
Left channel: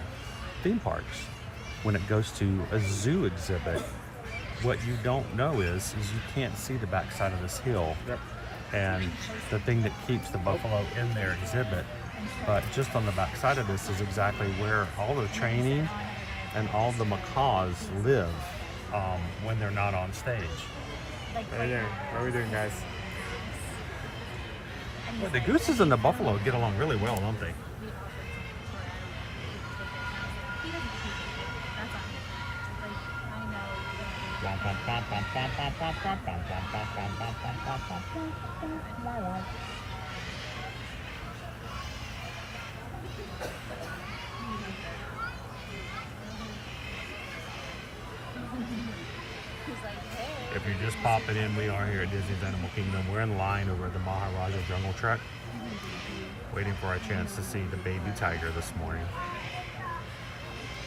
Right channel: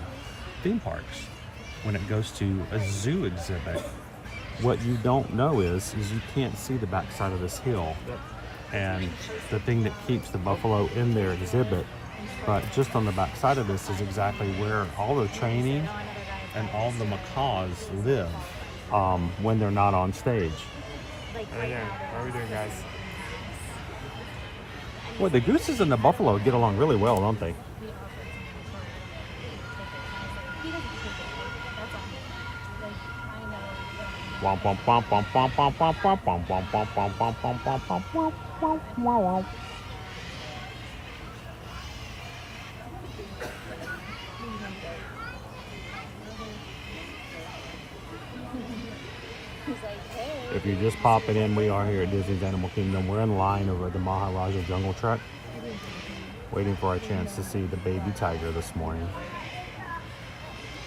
theme parks. When it goes to a zoo exhibit, what you don't know is you can't see the backside of this hill. Yep. And the thing that keeps the buffalo in their exhibit, but just on the backside of this is exactly where all the training and all the macaws live when they're not on stage. Yeah. How are we doing, guys? Well, the gooses and the buffalo get along really well, don't they? If you're just popping in, we are here at Disney's Animal Kingdom. We're in line over at the Maharaja Jungle Trek, waiting for our chance to see the baby tiger this morning.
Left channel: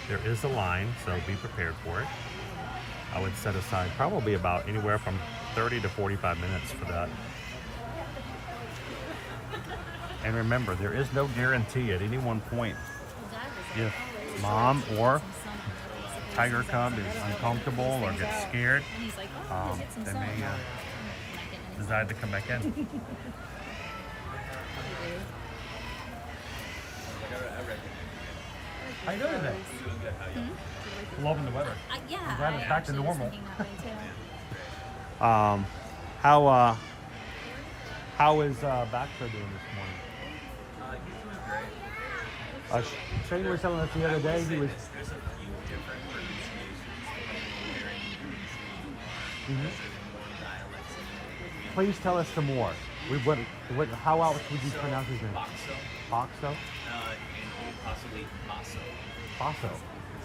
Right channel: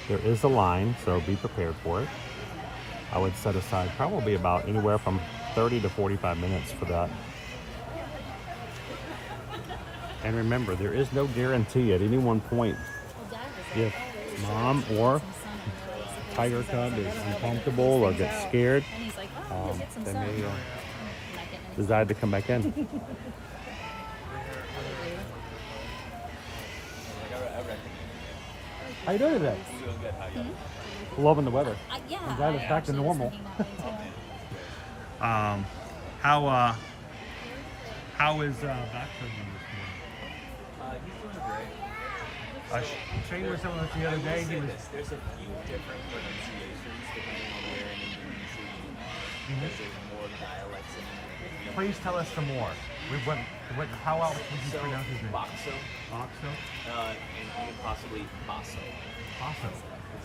There is a line, so be prepared for it. I would set aside probably about anywhere from 30 to 45 minutes for that. And remember, there is no guarantee at any one point if mom or tiger cub is uncomfortable or gets scared, they may decide to come back in. How you doing today? Loving the weather. Yeah, I'm glad it's back to normal. How is Baxter doing this morning? He's doing great. Shane was telling us the other day he was. There's a few different pronunciations depending on where in Indonesia you are. There's more dialects in Indonesia. Please tell us some more. How else would you pronounce his name? Bakso. Bakso? And possibly Basso. Basso.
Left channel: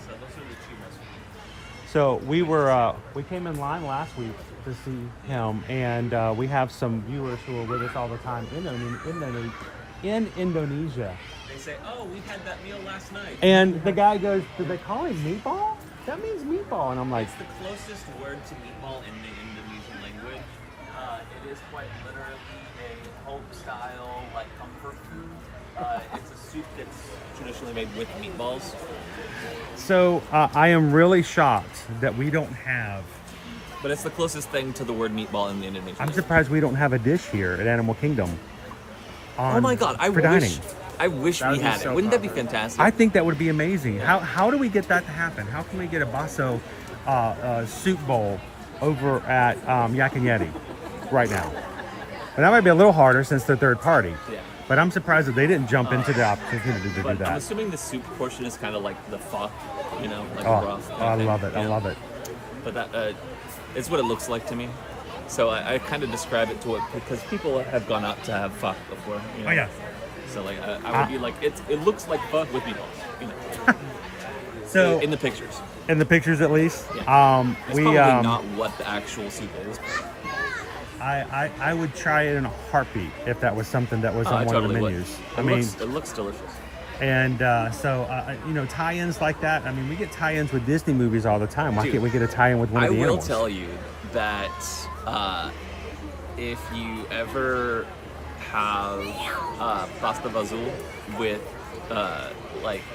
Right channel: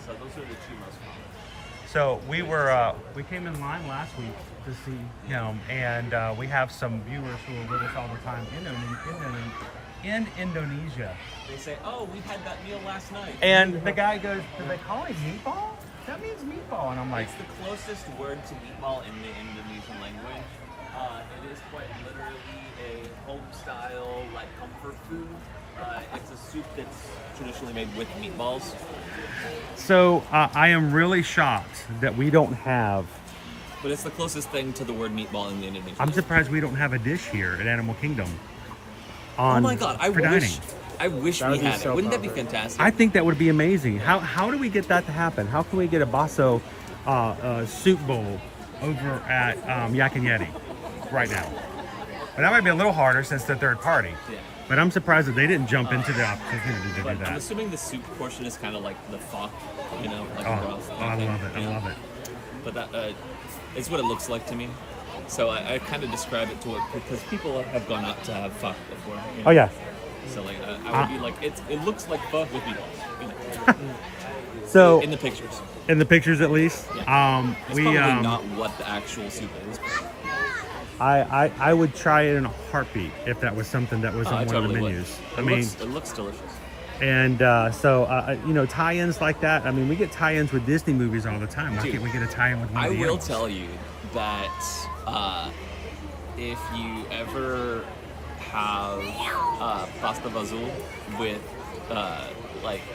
So those are the two most common. So we came in line last week to see him, and we have some viewers who are with us all the time in Indonesia. They say, oh, we had that meal last night. And the guy goes, do they call him meatball? That means meatball. And I'm like, it's the closest word to meatball in the Indonesian language. It is quite literally a home-style, like, comfort food. It's a soup that's traditionally made with meatballs. So I am really shocked that we don't have. But it's the closest thing to the word meatball in the Indonesian. I'm surprised we don't have a dish here at Animal Kingdom. Oh my God! I wish we had it. Wouldn't that be fantastic? I think that would be amazing. How do we get that to happen? How can we get a Basso soup bowl over at Yak and Yeti right now? And that might be a little harder since they're third party. Yeah. But I'm surprised that they didn't jump into the opportunity to do I'm that. assuming the soup portion is kind of like the pho, you know, like broth. I love it. I love it. But that it's what it looks like to me. So I kind of describe it to it because people have gone out to have pho before. You know? Oh yeah. So like I would be like, it looks like pho with meatballs. You know. So in the pictures. In the pictures, at least. Yeah. It's probably not what the actual soup is. I would try it in a heartbeat if that was something that was on one of the menus. It looks delicious. And you know, tie-ins like that. I mean, we get tie-ins with Disney movies all the time. Why can't we get a tie-in with one of the I will animals? tell you that if you ever have pasta vazul with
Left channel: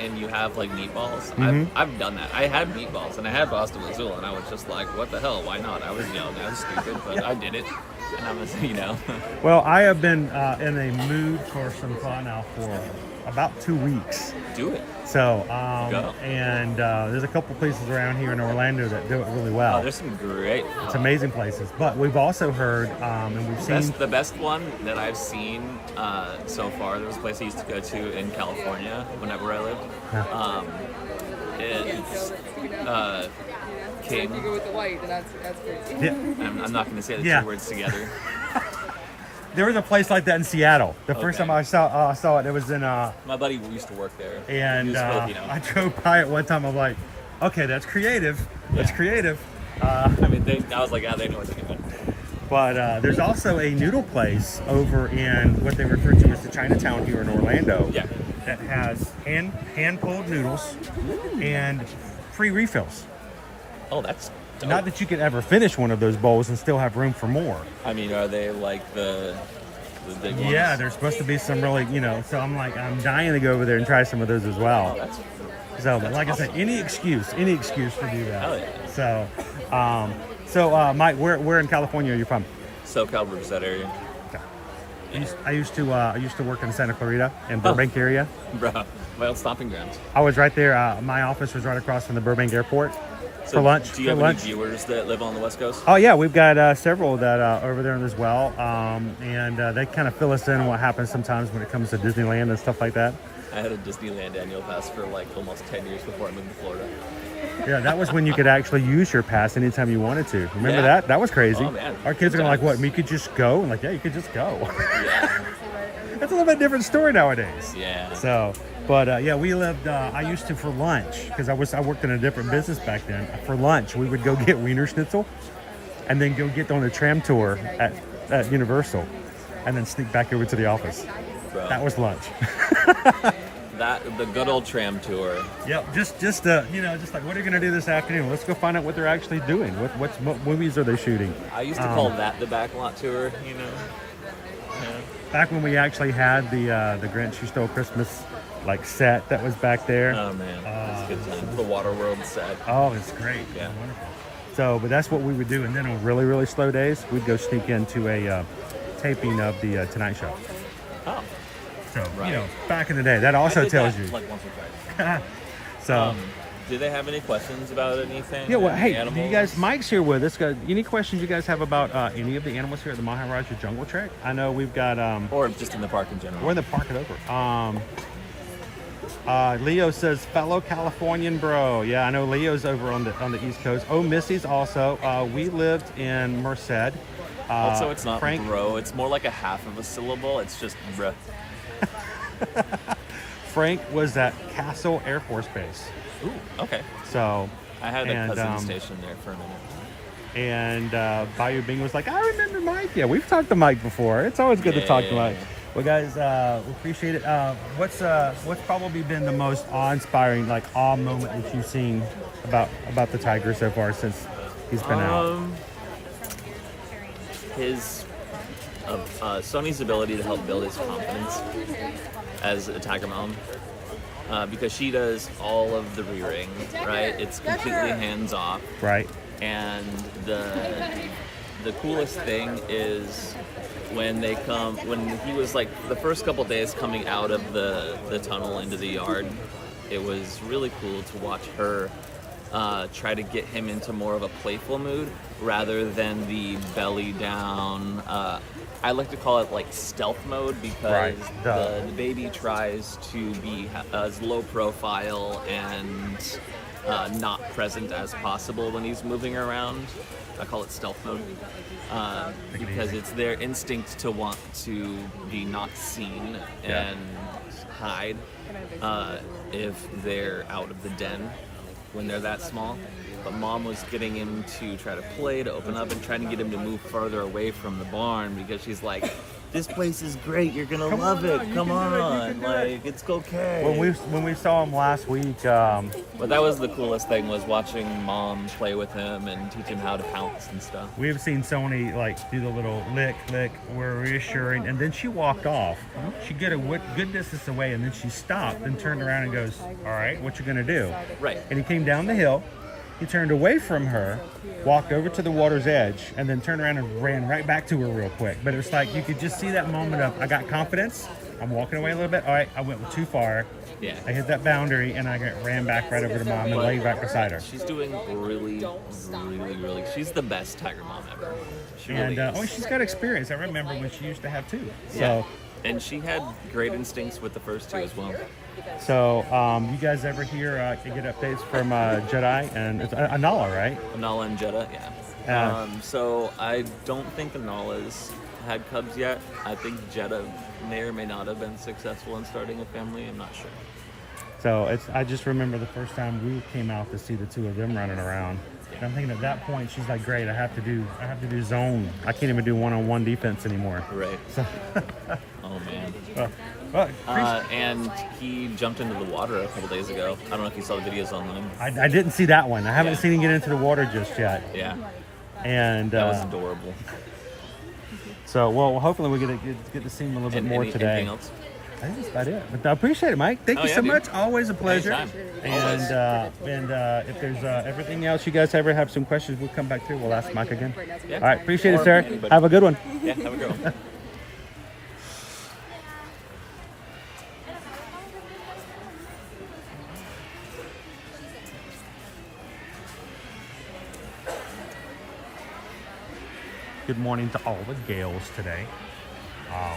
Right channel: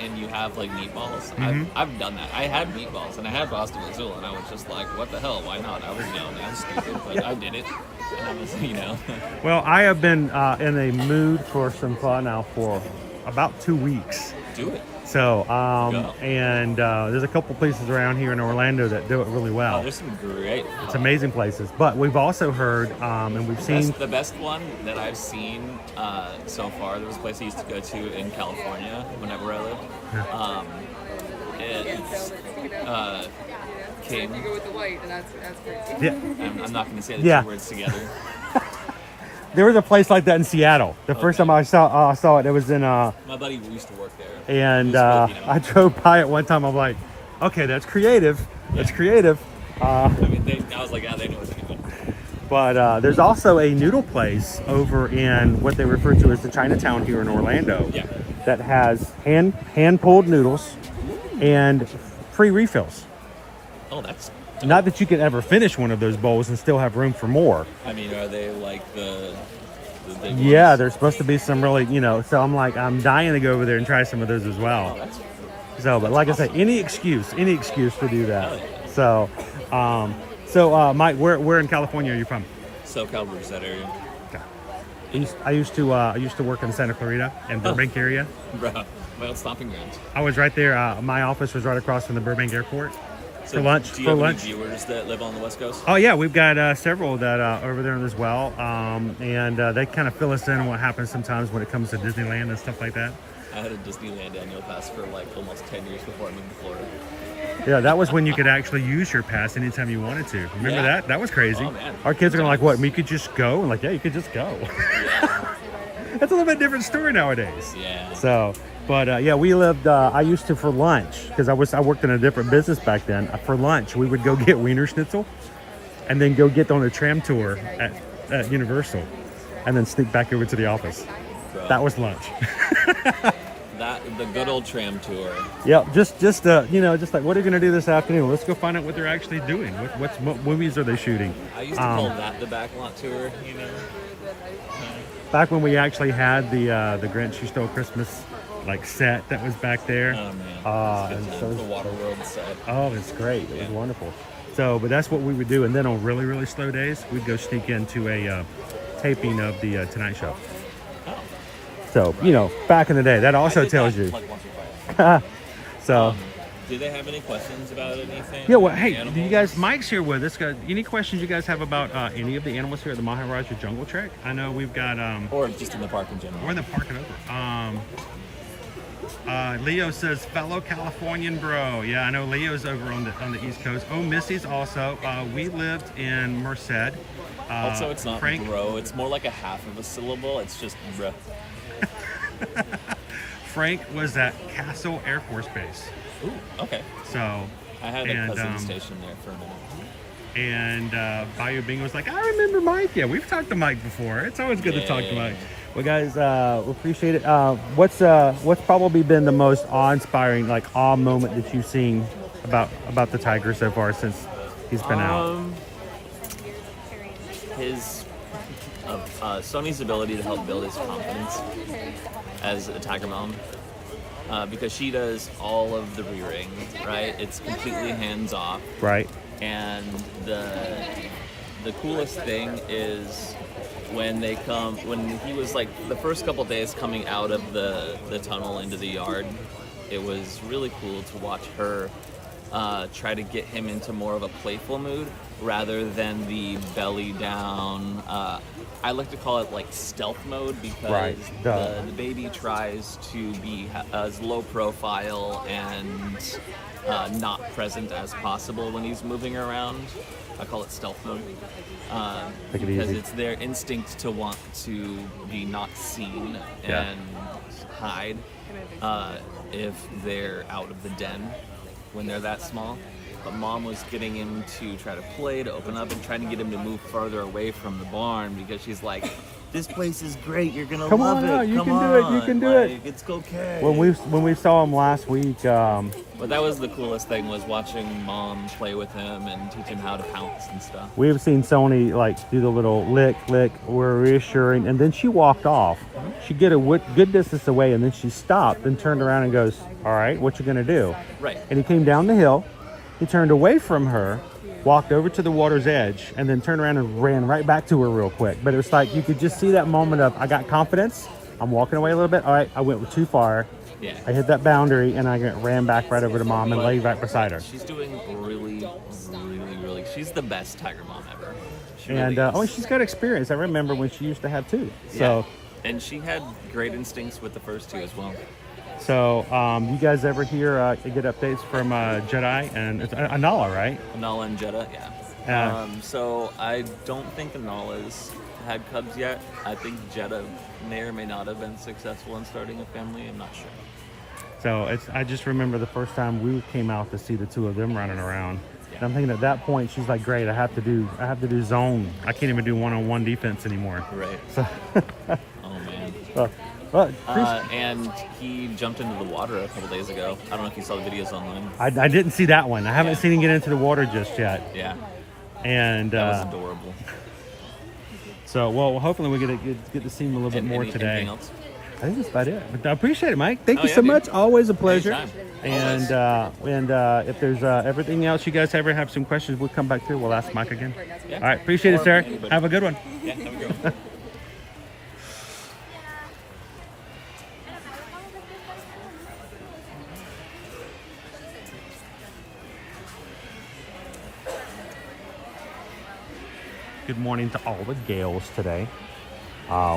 and you have like meatballs, I've done that. I had meatballs and I had pasta vazul, and I was just like, what the hell? Why not? I was young, I was stupid, but I did it, and I was, you know. Well, I have been in a mood for some pho now for about 2 weeks. Do it. So, and there's a couple places around here in Orlando that do it really well. Oh, there's some great. It's amazing places. But we've also heard, and we've seen the best one that I've seen so far. There was a place I used to go to in California whenever I lived. It's King. You go with the white, and that's great. Yeah. I'm not going to say the two words together. There was a place like that in Seattle. The first time I saw it, it was in. My buddy used to work there. And I drove by it one time. I'm like, okay, that's creative. That's creative. I mean, I was like, yeah, they know what they're doing. But there's also a noodle place over in what they refer to as the Chinatown here in Orlando. Yeah. That has hand pulled noodles and free refills. Oh, that's dope. Not that you can ever finish one of those bowls and still have room for more. I mean, are they like the big ones? Yeah, there's supposed to be some really, you know, so I'm dying to go over there and try some of those as well. Oh, that's but like awesome. I say, any excuse to do that. Oh, yeah. So, Mike, where in California are you from? SoCal, Riverside area. I used to work in Santa Clarita and Burbank area. Bro, my old stomping grounds. I was right there. My office was right across from the Burbank Airport. So for lunch. Do you have any viewers that live on the West Coast? Oh yeah, we've got several that over there as well, and they kind of fill us in on what happens sometimes when it comes to Disneyland and stuff like that. I had a Disneyland annual pass for like almost 10 years before I moved to Florida. Yeah, that was when you could actually use your pass anytime you wanted to. Remember that? That was crazy. Oh, man. Our kids are like, what? You could just go? And like, yeah, you could just go. Yeah. That's a little bit different story nowadays. Yeah. So, but yeah, we lived. I used to for lunch because I worked in a different business back then. For lunch, we would go get Wiener Schnitzel, and then go get on a tram tour at Universal, and then sneak back over to the office. Bro. That was lunch. The good old tram tour. Yep, just you know, just like, what are you gonna do this afternoon? Let's go find out what they're actually doing. What movies are they shooting? I used to call that the backlot tour. You know. Back when we actually had the Grinch Who Stole Christmas like set that was back there. Oh man, the Waterworld set. Oh, it's great. Yeah. It's wonderful. So, but that's what we would do, and then on really, really slow days, we'd go sneak into a taping of the Tonight Show. Oh. So, you know, back in the day, that also tells you. Like once or twice. So. Do they have any questions about anything? Yeah, well, hey, do you guys, Mike's here with us. Any questions you guys have about any of the animals here at the Maharaja Jungle Trek? I know we've got... or just in the park in general. We're in the park and over. Leo says, fellow Californian bro. Yeah, I know Leo's over on the East Coast. Oh, Missy's also. We lived in Merced. Also, it's not Frank, bro. It's more like a half of a syllable. It's just bruh. Frank was at Castle Air Force Base. Ooh, okay. So I had a cousin stationed there for a minute. And Bayou Bing was like, I remember Mike. Yeah, we've talked to Mike before. It's always good to talk to Mike. Well, guys, we appreciate it. What's probably been the most awe-inspiring, like awe moment that you've seen about the tiger so far since he's been out? His Sonny's ability to help build his confidence as a tiger mom. Because she does all of the rearing, right? It's completely hands-off. Right. And the coolest thing is when he was like the first couple days coming out of the tunnel into the yard, it was really cool to watch her try to get him into more of a playful mood rather than the belly down. I like to call it like stealth mode because the baby tries to be as low profile and not present as possible when he's moving around. I call it stealth mode. Take it because easy. it's their instinct to want to be not seen Yeah. and hide if they're out of the den when they're that small. But Mom was getting him to try to play, to open up, and trying to get him to move further away from the barn because she's like, this place is great, you're gonna Come love on out, it, you come can do on, it, you can do like, it." it's okay. When we saw him last week, But that was the coolest thing, was watching Mom play with him and teach him how to pounce and stuff. we have seen Sony like do the little lick, we're reassuring, and then she walked off. She get a good distance away, and then she stopped and turned around and goes, "All right, what you gonna do?" Right. And he came down the hill. He turned away from her, walked over to the water's edge, and then turned around and ran right back to her real quick. But it was like you could just see that moment of, I got confidence. I'm walking away a little bit. All right, I went too far. Yeah. I hit that boundary, and I ran back right over to Mom and laid right beside her. She's doing really, she's the best tiger mom ever. She really And is. oh, she's got experience. I remember when she used to have two. Yeah. So, And she had great instincts with the first two as well. so you guys ever hear get updates from Jedi and it's Anala, right? Anala and Jeddah, yeah. So I don't think Anala's had cubs yet. I think Jeddah may or may not have been successful in starting a family. I'm not sure. So I just remember the first time we came out to see the two of them running around. And I'm thinking at that point she's like, great, I have to do zone. I can't even do one-on-one defense anymore. Right. So Oh man. well, and he jumped into the water a couple days ago. I don't know if you saw the videos online. I didn't see that one. I haven't seen him get into the water just yet. Yeah. And That was adorable. So, well, hopefully we get to see him a little bit more today. Anything else? I think that's about it. But I appreciate it, Mike. Thank you yeah, so dude. much. Always a pleasure. Anytime. And if there's everything else, you guys ever have some questions, we'll come back through. We'll ask Mike again. Yeah. All right. Appreciate it, Or sir. anybody. Have a good one. Yeah, have a good one. Good morning to all the gales today.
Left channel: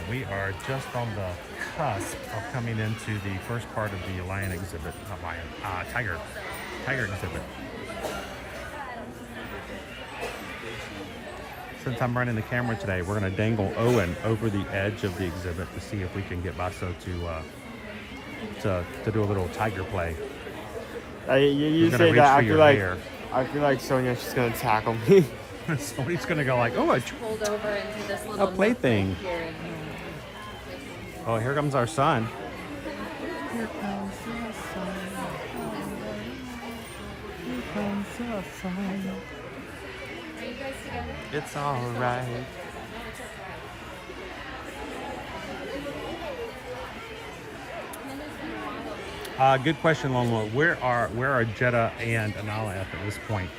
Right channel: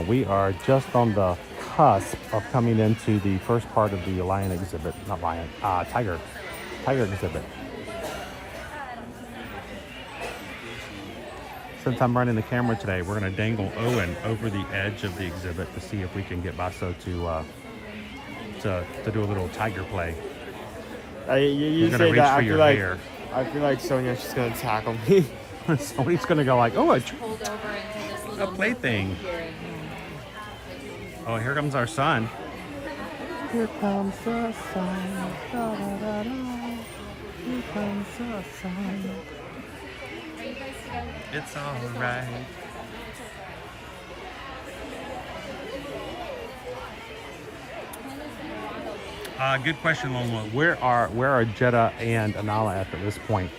We are just on the cusp of coming into the first part of the lion exhibit, not lion, tiger exhibit. Since I'm running the camera today, we're going to dangle Owen over the edge of the exhibit to see if we can get Basso to do a little tiger play. You He's gonna say reach that, for I your feel like hair. I feel like Sonia's just gonna tackle me. Somebody's going to go like, oh, a plaything. Oh, here comes our son. Here comes the sun. Here comes the sun. It's all right. Good question, Longwood. Where are Jeddah and Anala at this point?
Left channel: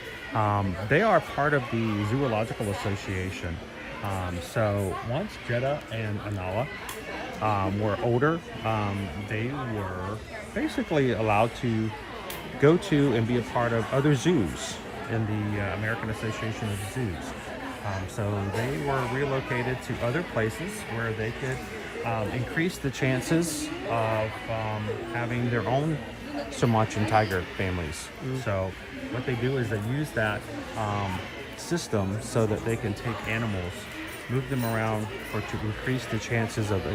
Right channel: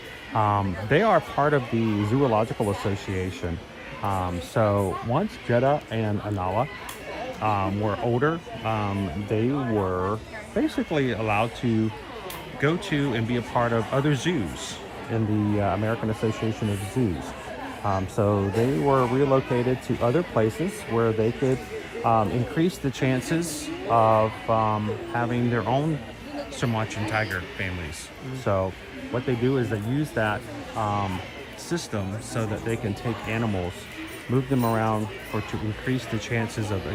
They are part of the Zoological Association. So once Jeddah and Anala were older, they were basically allowed to go to and be a part of other zoos in the American Association of Zoos. So they were relocated to other places where they could increase the chances of having their own Sumatran tiger families. So what they do is they use that system so that they can take animals, move them around to increase the chances of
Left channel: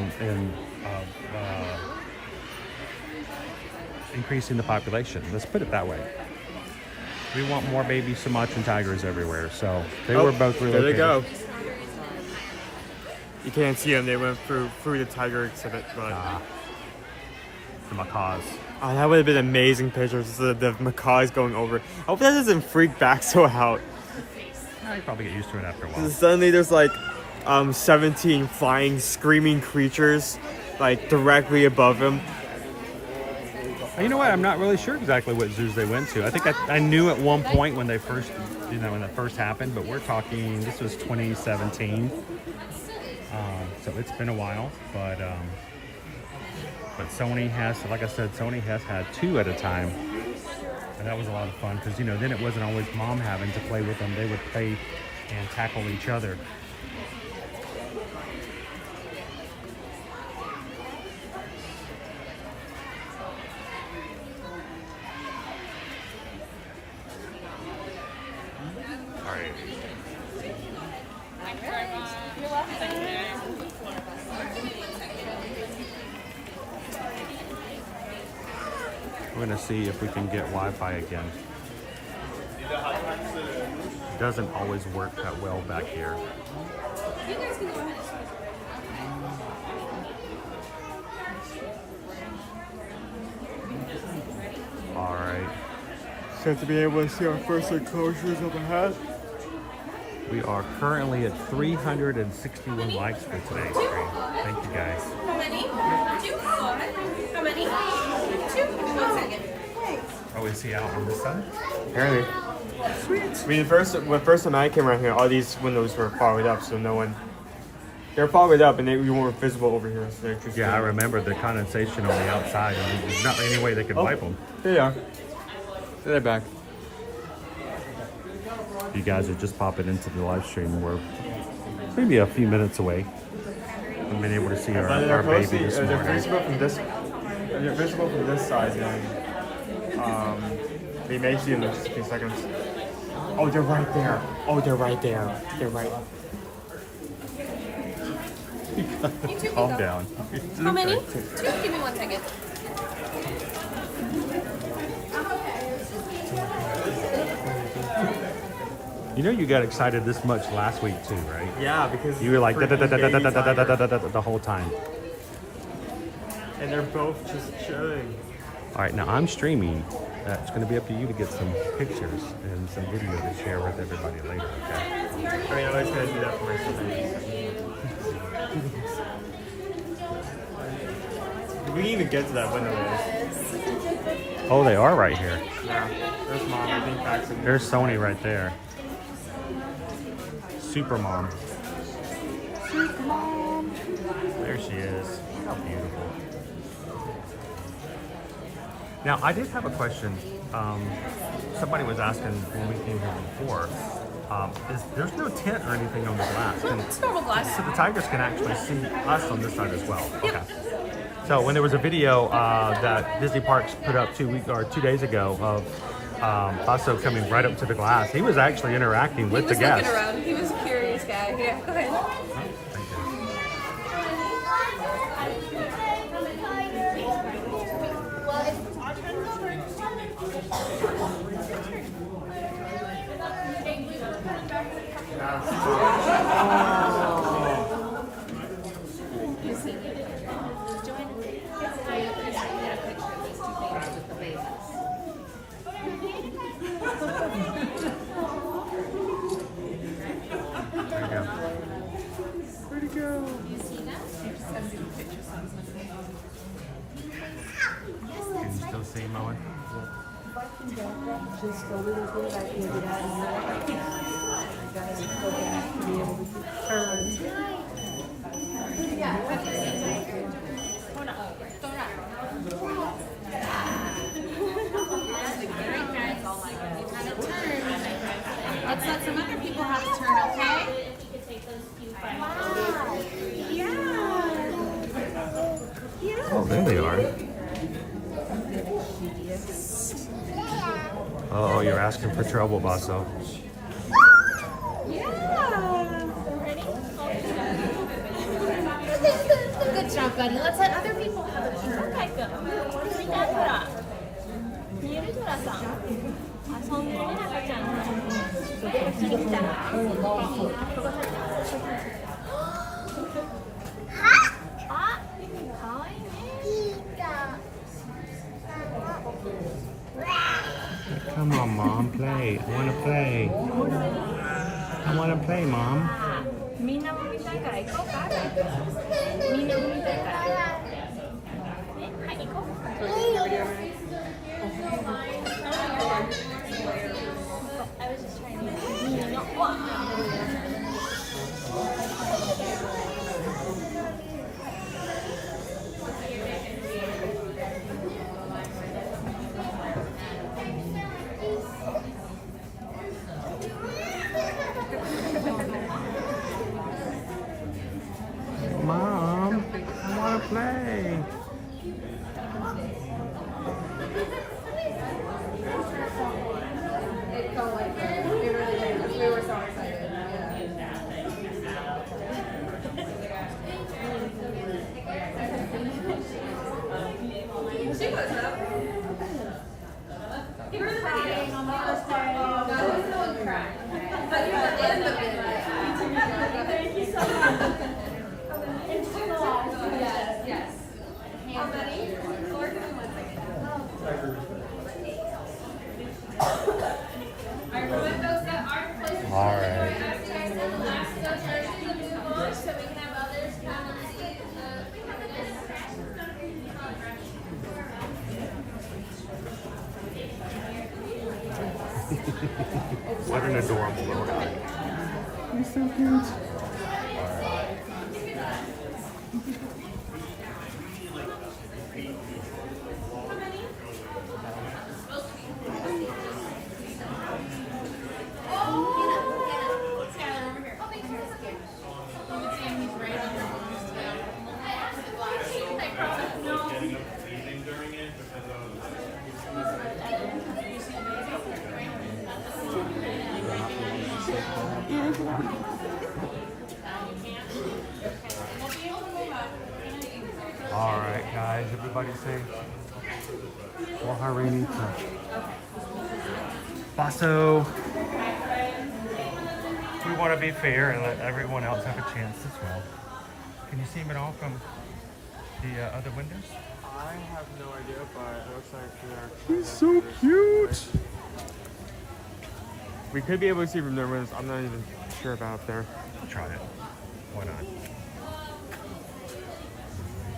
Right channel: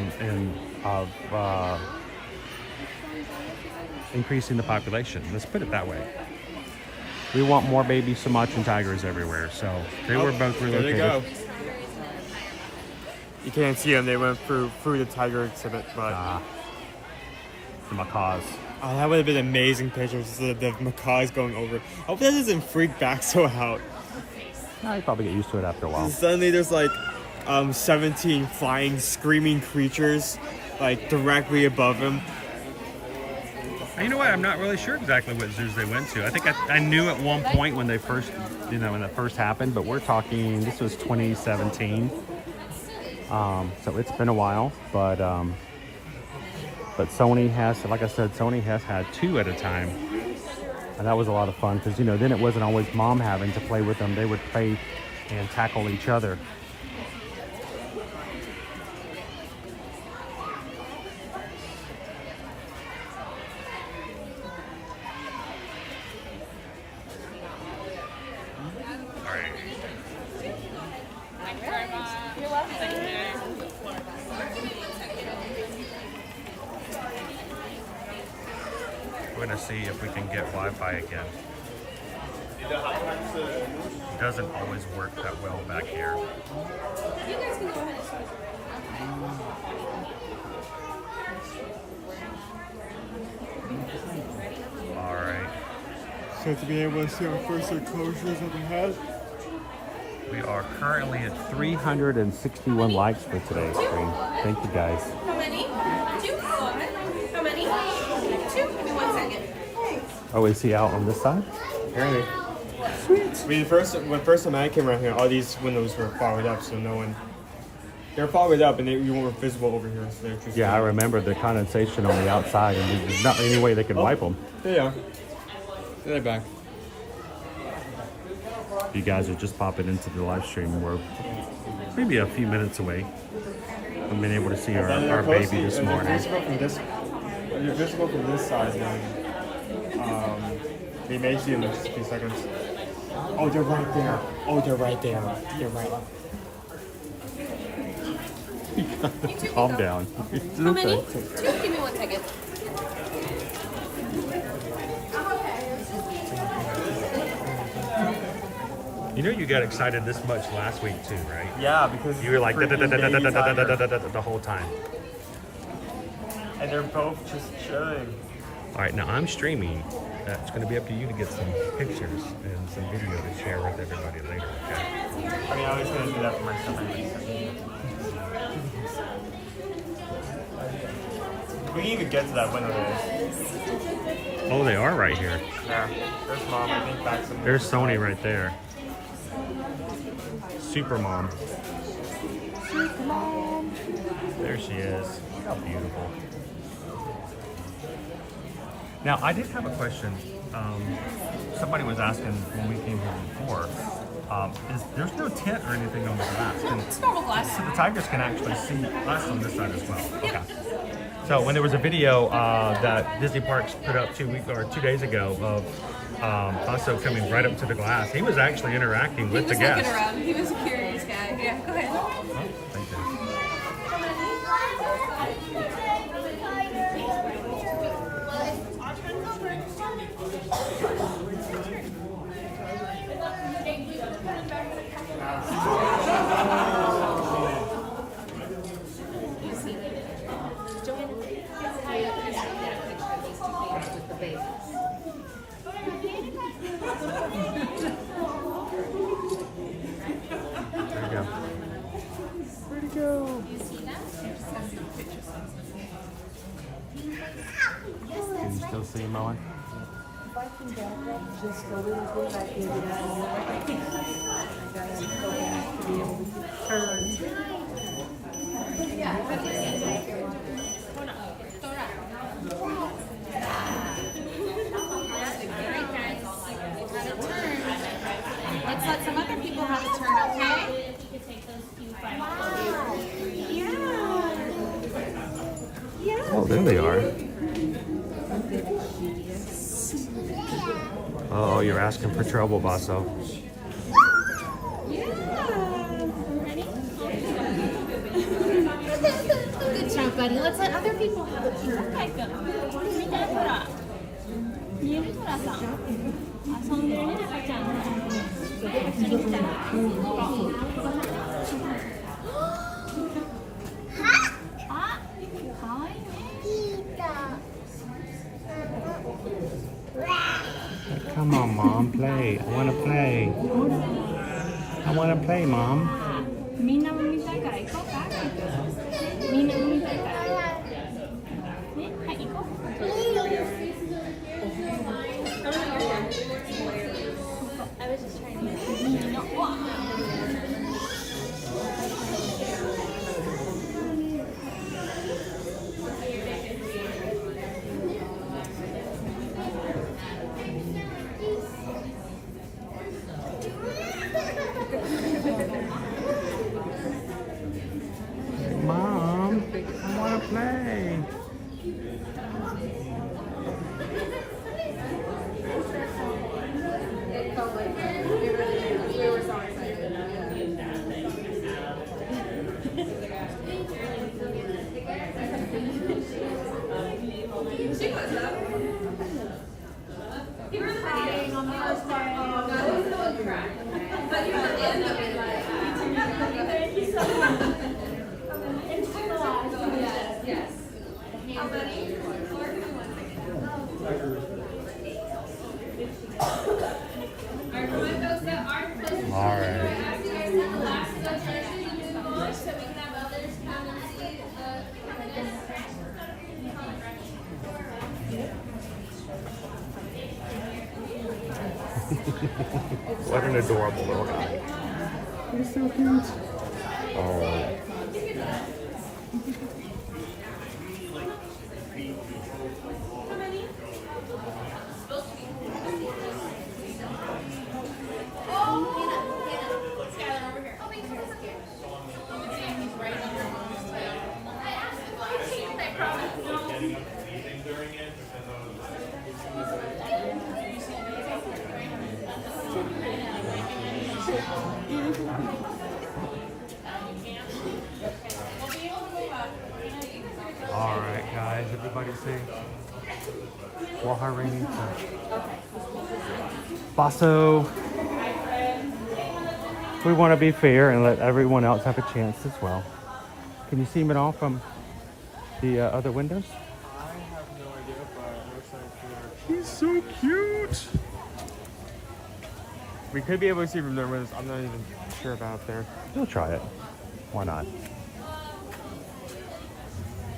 increasing the population. Let's put it that way. We want more baby Sumatran tigers everywhere. So they were both relocated. There they go. You can't see them. They went through the tiger exhibit, but the macaws. Oh, that would have been amazing pictures. The macaws going over. I hope that doesn't freak Baxo out. You probably get used to it after a while. Suddenly there's like 17 flying, screaming creatures like directly above him. You know what? I'm not really sure exactly what zoos they went to. I think I knew at one point when they first, when that first happened, but we're talking, this was 2017. So it's been a while, but Sony has, like I said, Sony has had 2 at a time. And that was a lot of fun because, then it wasn't always mom having to play with them. They would play and tackle each other. We're gonna see if we can get Wi-Fi again. It doesn't always work that well back here. You guys can go ahead. All right. So to be able to see our first enclosures of the hat. We are currently at 361 likes for today's stream. Thank you guys. How many? 2. How many? 2. 1 second. Oh, is he out on this side? Apparently. Sweet. I mean, when first time I came around here, all these windows were fogged up, so no one. They're fogged up and we weren't visible over here. So they're just Yeah, I remember the condensation on the outside, and there's not any way they could wipe them. There they are. They're back. You guys are just popping into the live stream. We're maybe a few minutes away from being able to see our baby this morning. They're visible from this side, then they may see in a few seconds. Oh, they're right there. Oh, they're right there. They're right. Calm down. How many? 2. Give me 1 second. You know, you got excited this much last week too, right? Yeah, because you were like the whole time. And they're both just chilling. All right, now I'm streaming. It's going to be up to you to get some pictures and some video to share with everybody later. Okay. I was going to do that first. We can even get to that window. Oh, they are right here. Yeah. There's Sony right there. Super mom. Super mom. There she is. How beautiful. Now, I did have a question. Somebody was asking when we came here before. There's no tent or anything on the glass. It's normal glass. So the tigers can actually see us on this side as well. Okay. So when there was a video that Disney Parks put up 2 days ago of Paso coming right up to the glass, he was actually interacting with the guests. Around. He was a curious guy. Yeah, go ahead. Oh, thank you. Where'd he go? Can you still see him, Owen? If I can back up just a little bit, I can get out of here. I gotta go back to be able to turn. Let's let some other people have a turn, okay? Yeah. Oh, there they are. Oh, you're asking for trouble, Basso. Good job, buddy. Let's let other people have a turn. Okay, good. 見えるトラさん。遊んでるね、赤ちゃん。こっちに来た。Come on, Mom, play. I want to play. I want to play, Mom. みんなも見たいから行こうか。みんなも見たいから。ね、はい、行こう。I was just trying to. Mom. All right. What an adorable little guy. He's so cute. All right, guys, everybody say Waharinita. Basso. We want to be fair and let everyone else have a chance as well. Can you see them at all from the other windows? I have no idea, but it looks like they're... He's so cute. We could be able to see from their windows. I'm not even sure about there. We'll try it. Why not?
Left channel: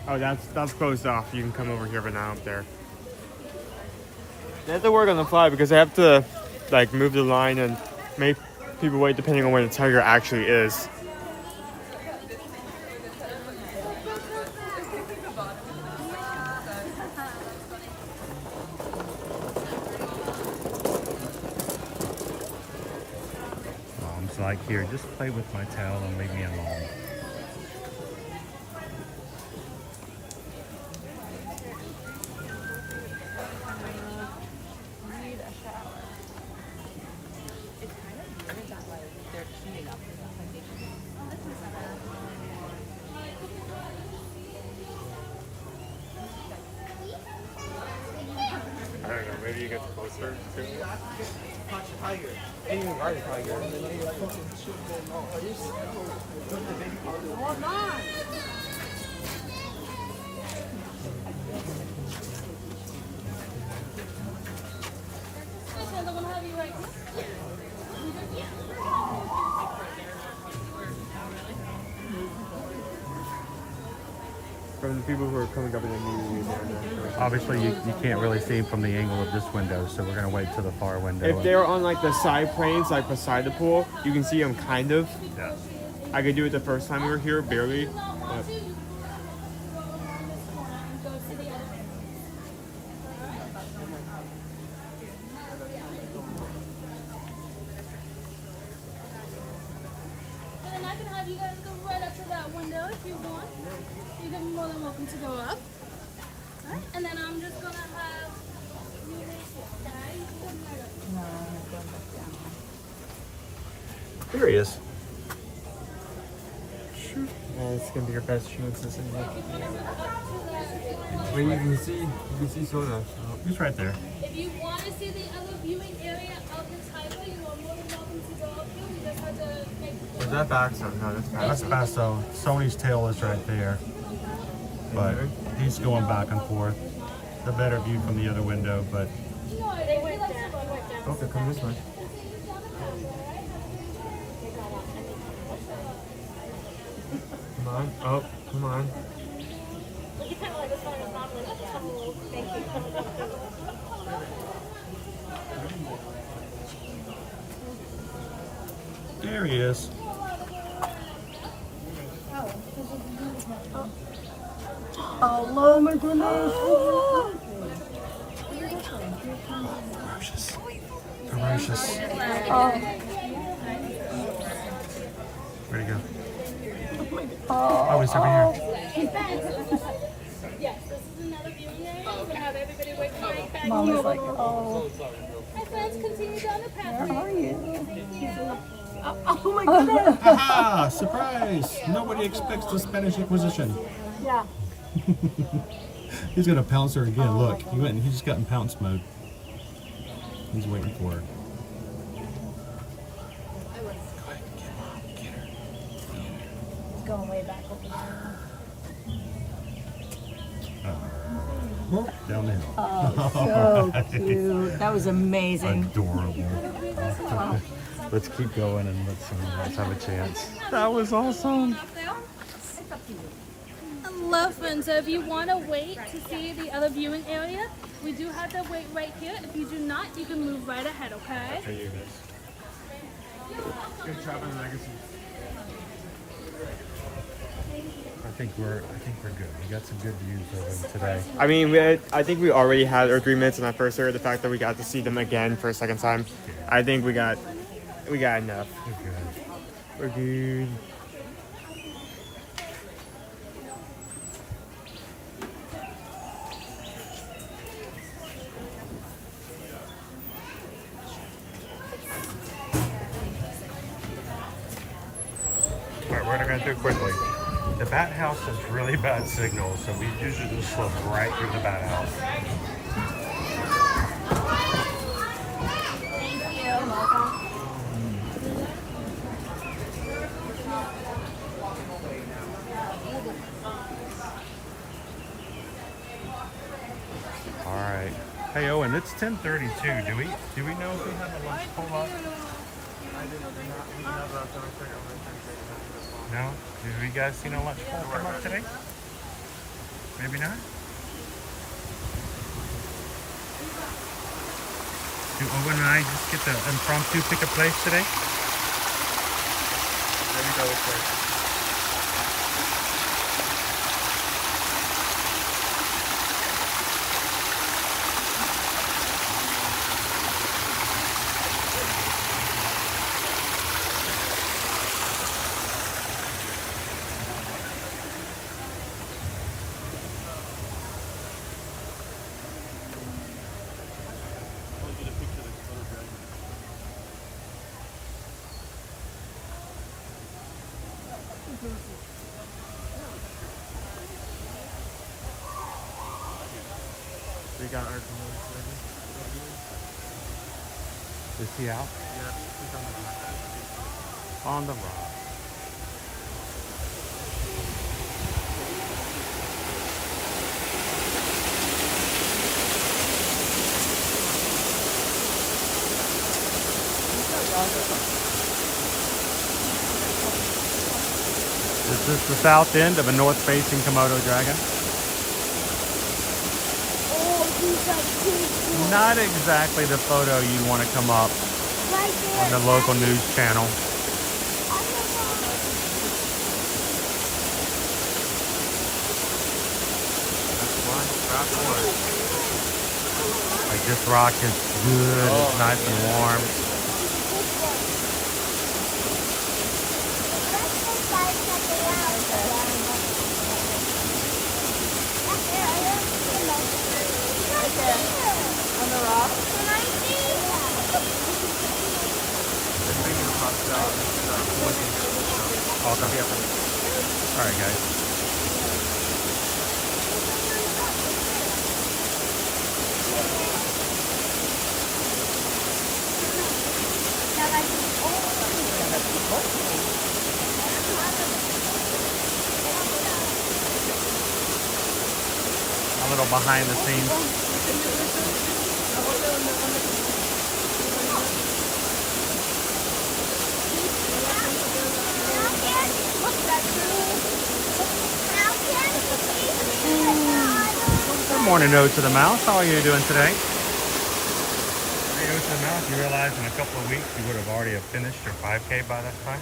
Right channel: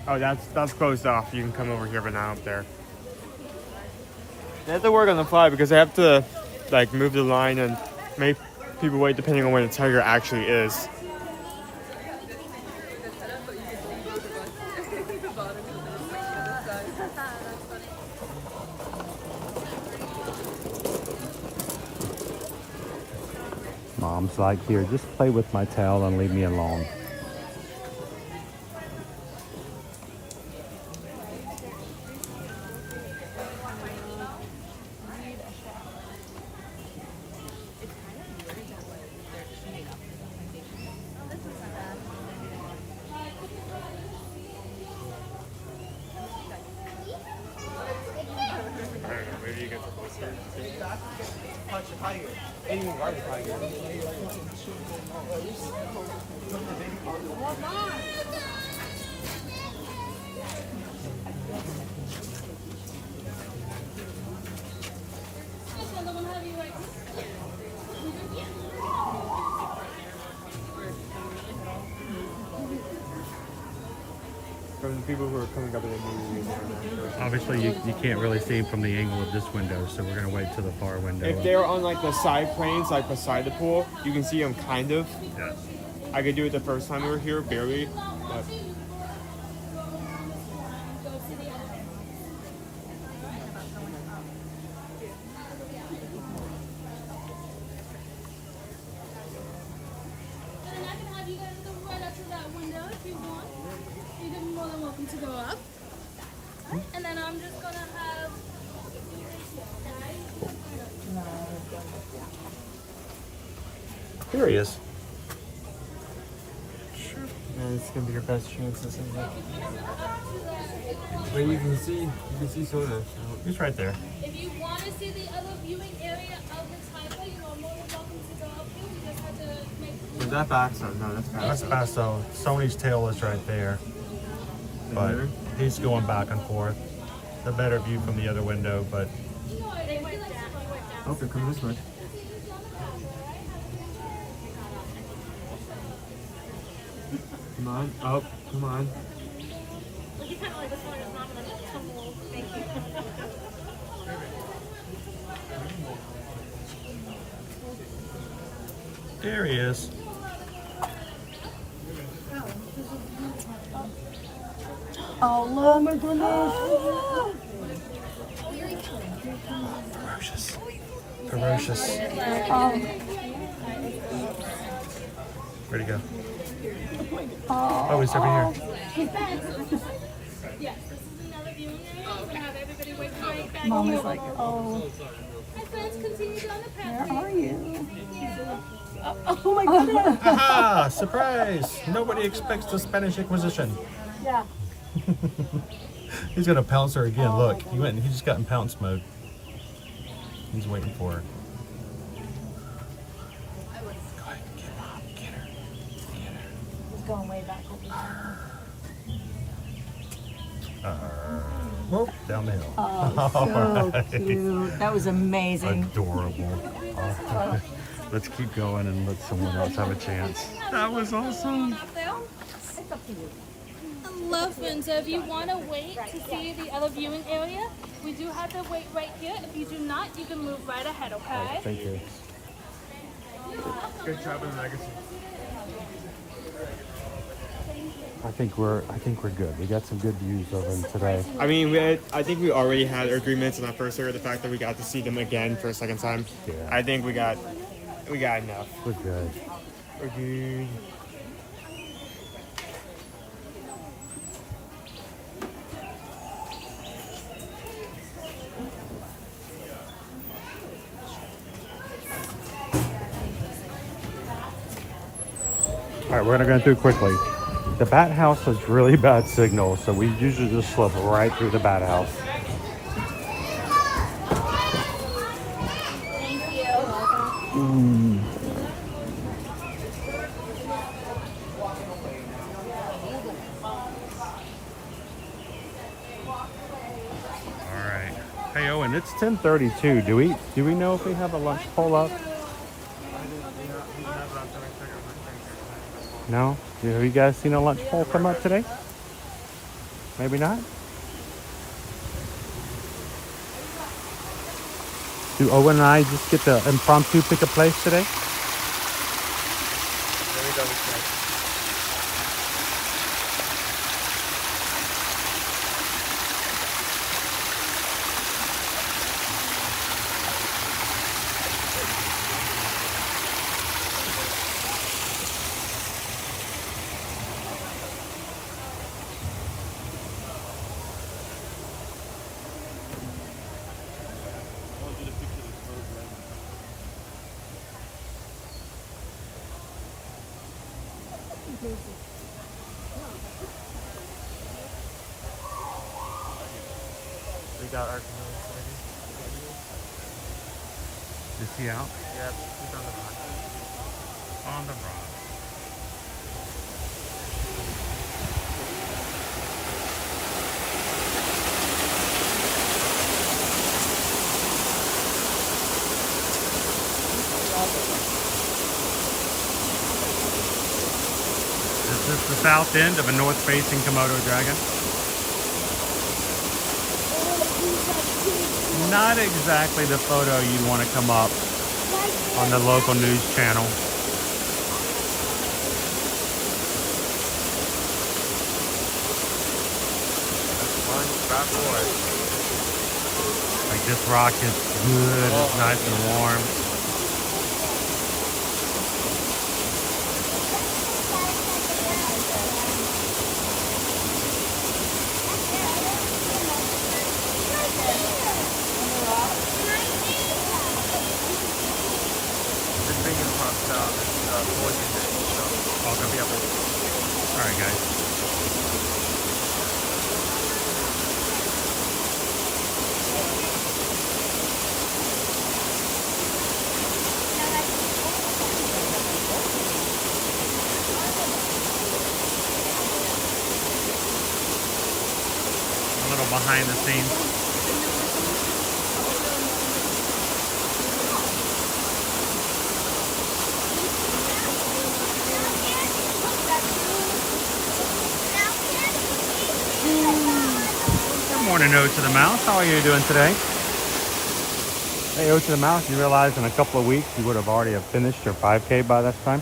Oh, that's closed off. You can come over here, but not up there. They have to work on the fly because they have to like move the line and make people wait depending on where the tiger actually is. Mom's like, here, just play with my towel and leave me alone. Maybe you get closer to it. From the people who are coming up in the movie. Obviously, you can't really see him from the angle of this window, so we're going to wait to the far window. If they're on like the side planes, like beside the pool, you can see them kind of. Yeah. I could do it the first time we were here, barely. But... And I can have you guys go right up to that window if you want. You're more than welcome to go up. And then I'm just gonna have There he is. Yeah, it's gonna be your best chance, isn't it? Well, you can see Soda. He's right there. If you want to see the other viewing area of the tiger, you are more than welcome to go up here. We just have to make. Is that Basso? No, that's Basso. That's Basso. Sony's tail is right there. But he's going back and forth. A better view from the other window, but No, they went down. Okay, come this way. Come on, up, come on. You kind of like this one is not like tumble. Thank you. there he is. Oh my goodness. Ferocious. Ferocious. Where'd he go? Oh, he's over here. Yes, this is another viewing area. We're gonna have everybody wait for right back. Mom is like, oh, Hi friends, continue down the path. where are you? Oh my goodness. Aha! Surprise! Nobody expects the Spanish Inquisition. Yeah. He's gonna pounce her again. Look, he just got in pounce mode. He's waiting for her. I was. Go ahead, get Mom, get her. He's going way back over there. Down the hill. Oh, so cute. That was amazing. Adorable. Let's keep going and let someone else have a chance. That was awesome. Hello, friends. So if you want to wait to see the other viewing area, we do have to wait right here. If you do not, you can move right ahead, okay? Thank you. Good job in legacy. I think we're good. We got some good views of them today. I mean, I think we already had our 3 minutes in that first area. The fact that we got to see them again for a second time, I think we got enough. We're good. We're good. All right, we're gonna go through quickly. The bat house has really bad signal, so we usually just slip right through the bat house. All right. Hey Owen, it's 10:32. Do we know if we have a lunch pull up? No? Have you guys seen a lunch pole come up today? Maybe not? Do Owen and I just get to impromptu pick a place today? We got our. Is he out? Yeah, he's on the rock. On the rock. Is this the south end of a north-facing Komodo dragon? Not exactly the photo you'd want to come up on the local news channel. Like this rock is good, it's nice and warm. All coming up. All right, guys. A little behind the scenes. Good morning, O to the Mouse. How are you doing today? Hey, O to the Mouse, you realize in a couple of weeks you would have already finished your 5K by this time?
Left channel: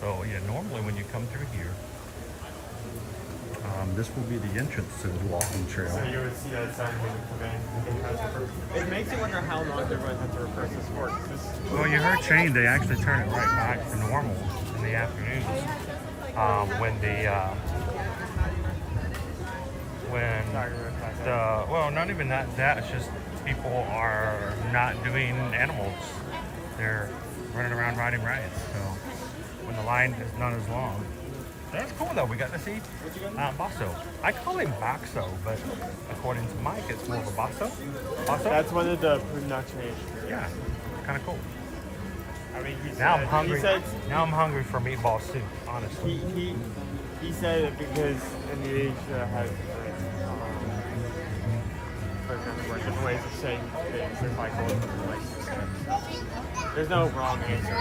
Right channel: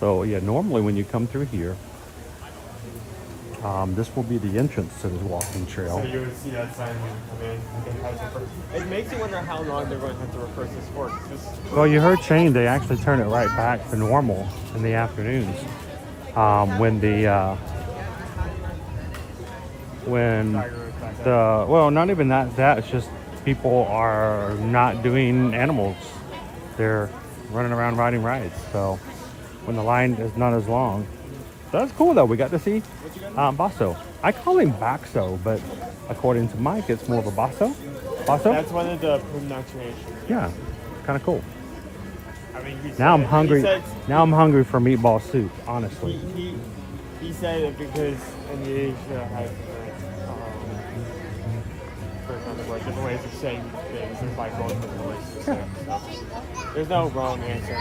So yeah, normally when you come through here, this will be the entrance to the walking trail. So you're gonna see that sign when you come in. It makes you wonder how long they're going to replace this for. Well, you heard Shane, they actually turn it right back to normal in the afternoons. Well, not even that, it's just people are not doing animals. They're running around riding rides. So when the line is not as long. So that's cool though. We got to see Basso. I call him Baxo, but according to Mike, it's more of a Basso. Basso? That's one of the pronunciations. Yeah, kind of cool. I mean, Now I'm hungry. Said, Now I'm hungry for meatball soup, honestly. He said it because in the age that I have, different ways of saying things. There's no wrong answer.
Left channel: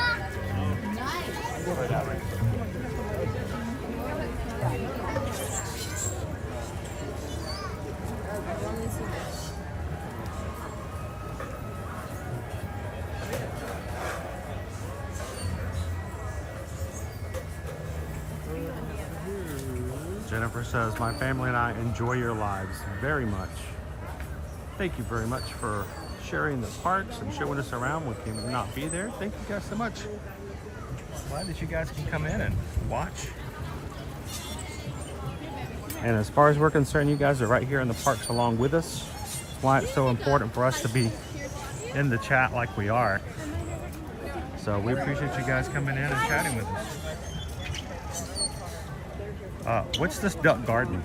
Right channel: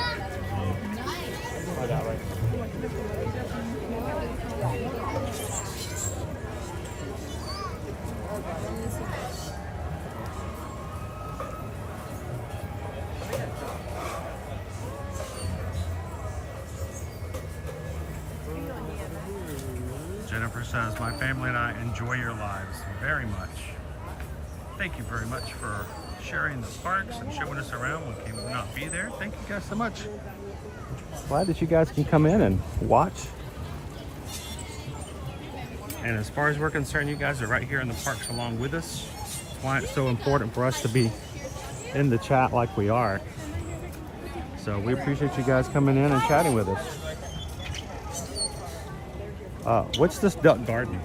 I'll go that way. Jennifer says, my family and I enjoy your lives very much. Thank you very much for sharing the parks and showing us around when we could not be there. Thank you guys so much. Glad that you guys can come in and watch. And as far as we're concerned, you guys are right here in the parks along with us. That's why it's so important for us to be in the chat like we are. So we appreciate you guys coming in and chatting with us. What's this duck garden?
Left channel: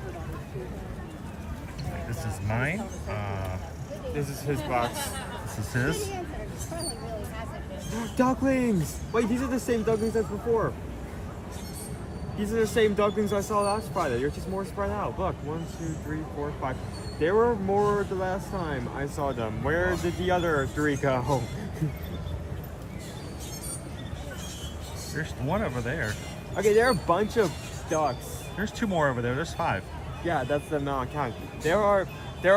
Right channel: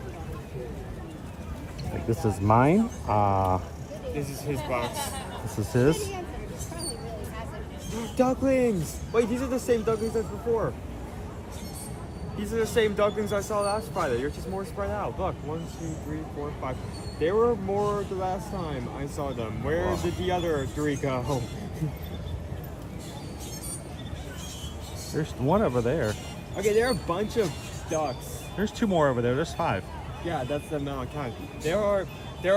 This is mine. This is his box. This is his. Ducklings! Wait, these are the same ducklings as before. These are the same ducklings I saw last Friday. They're just more spread out. Look, 1, 2, 3, 4, 5. They were more the last time I saw them. Where did the other 3 go? There's one over there. Okay, there are a bunch of ducks. There's 2 more over there. There's 5. Yeah, that's the amount I count. There are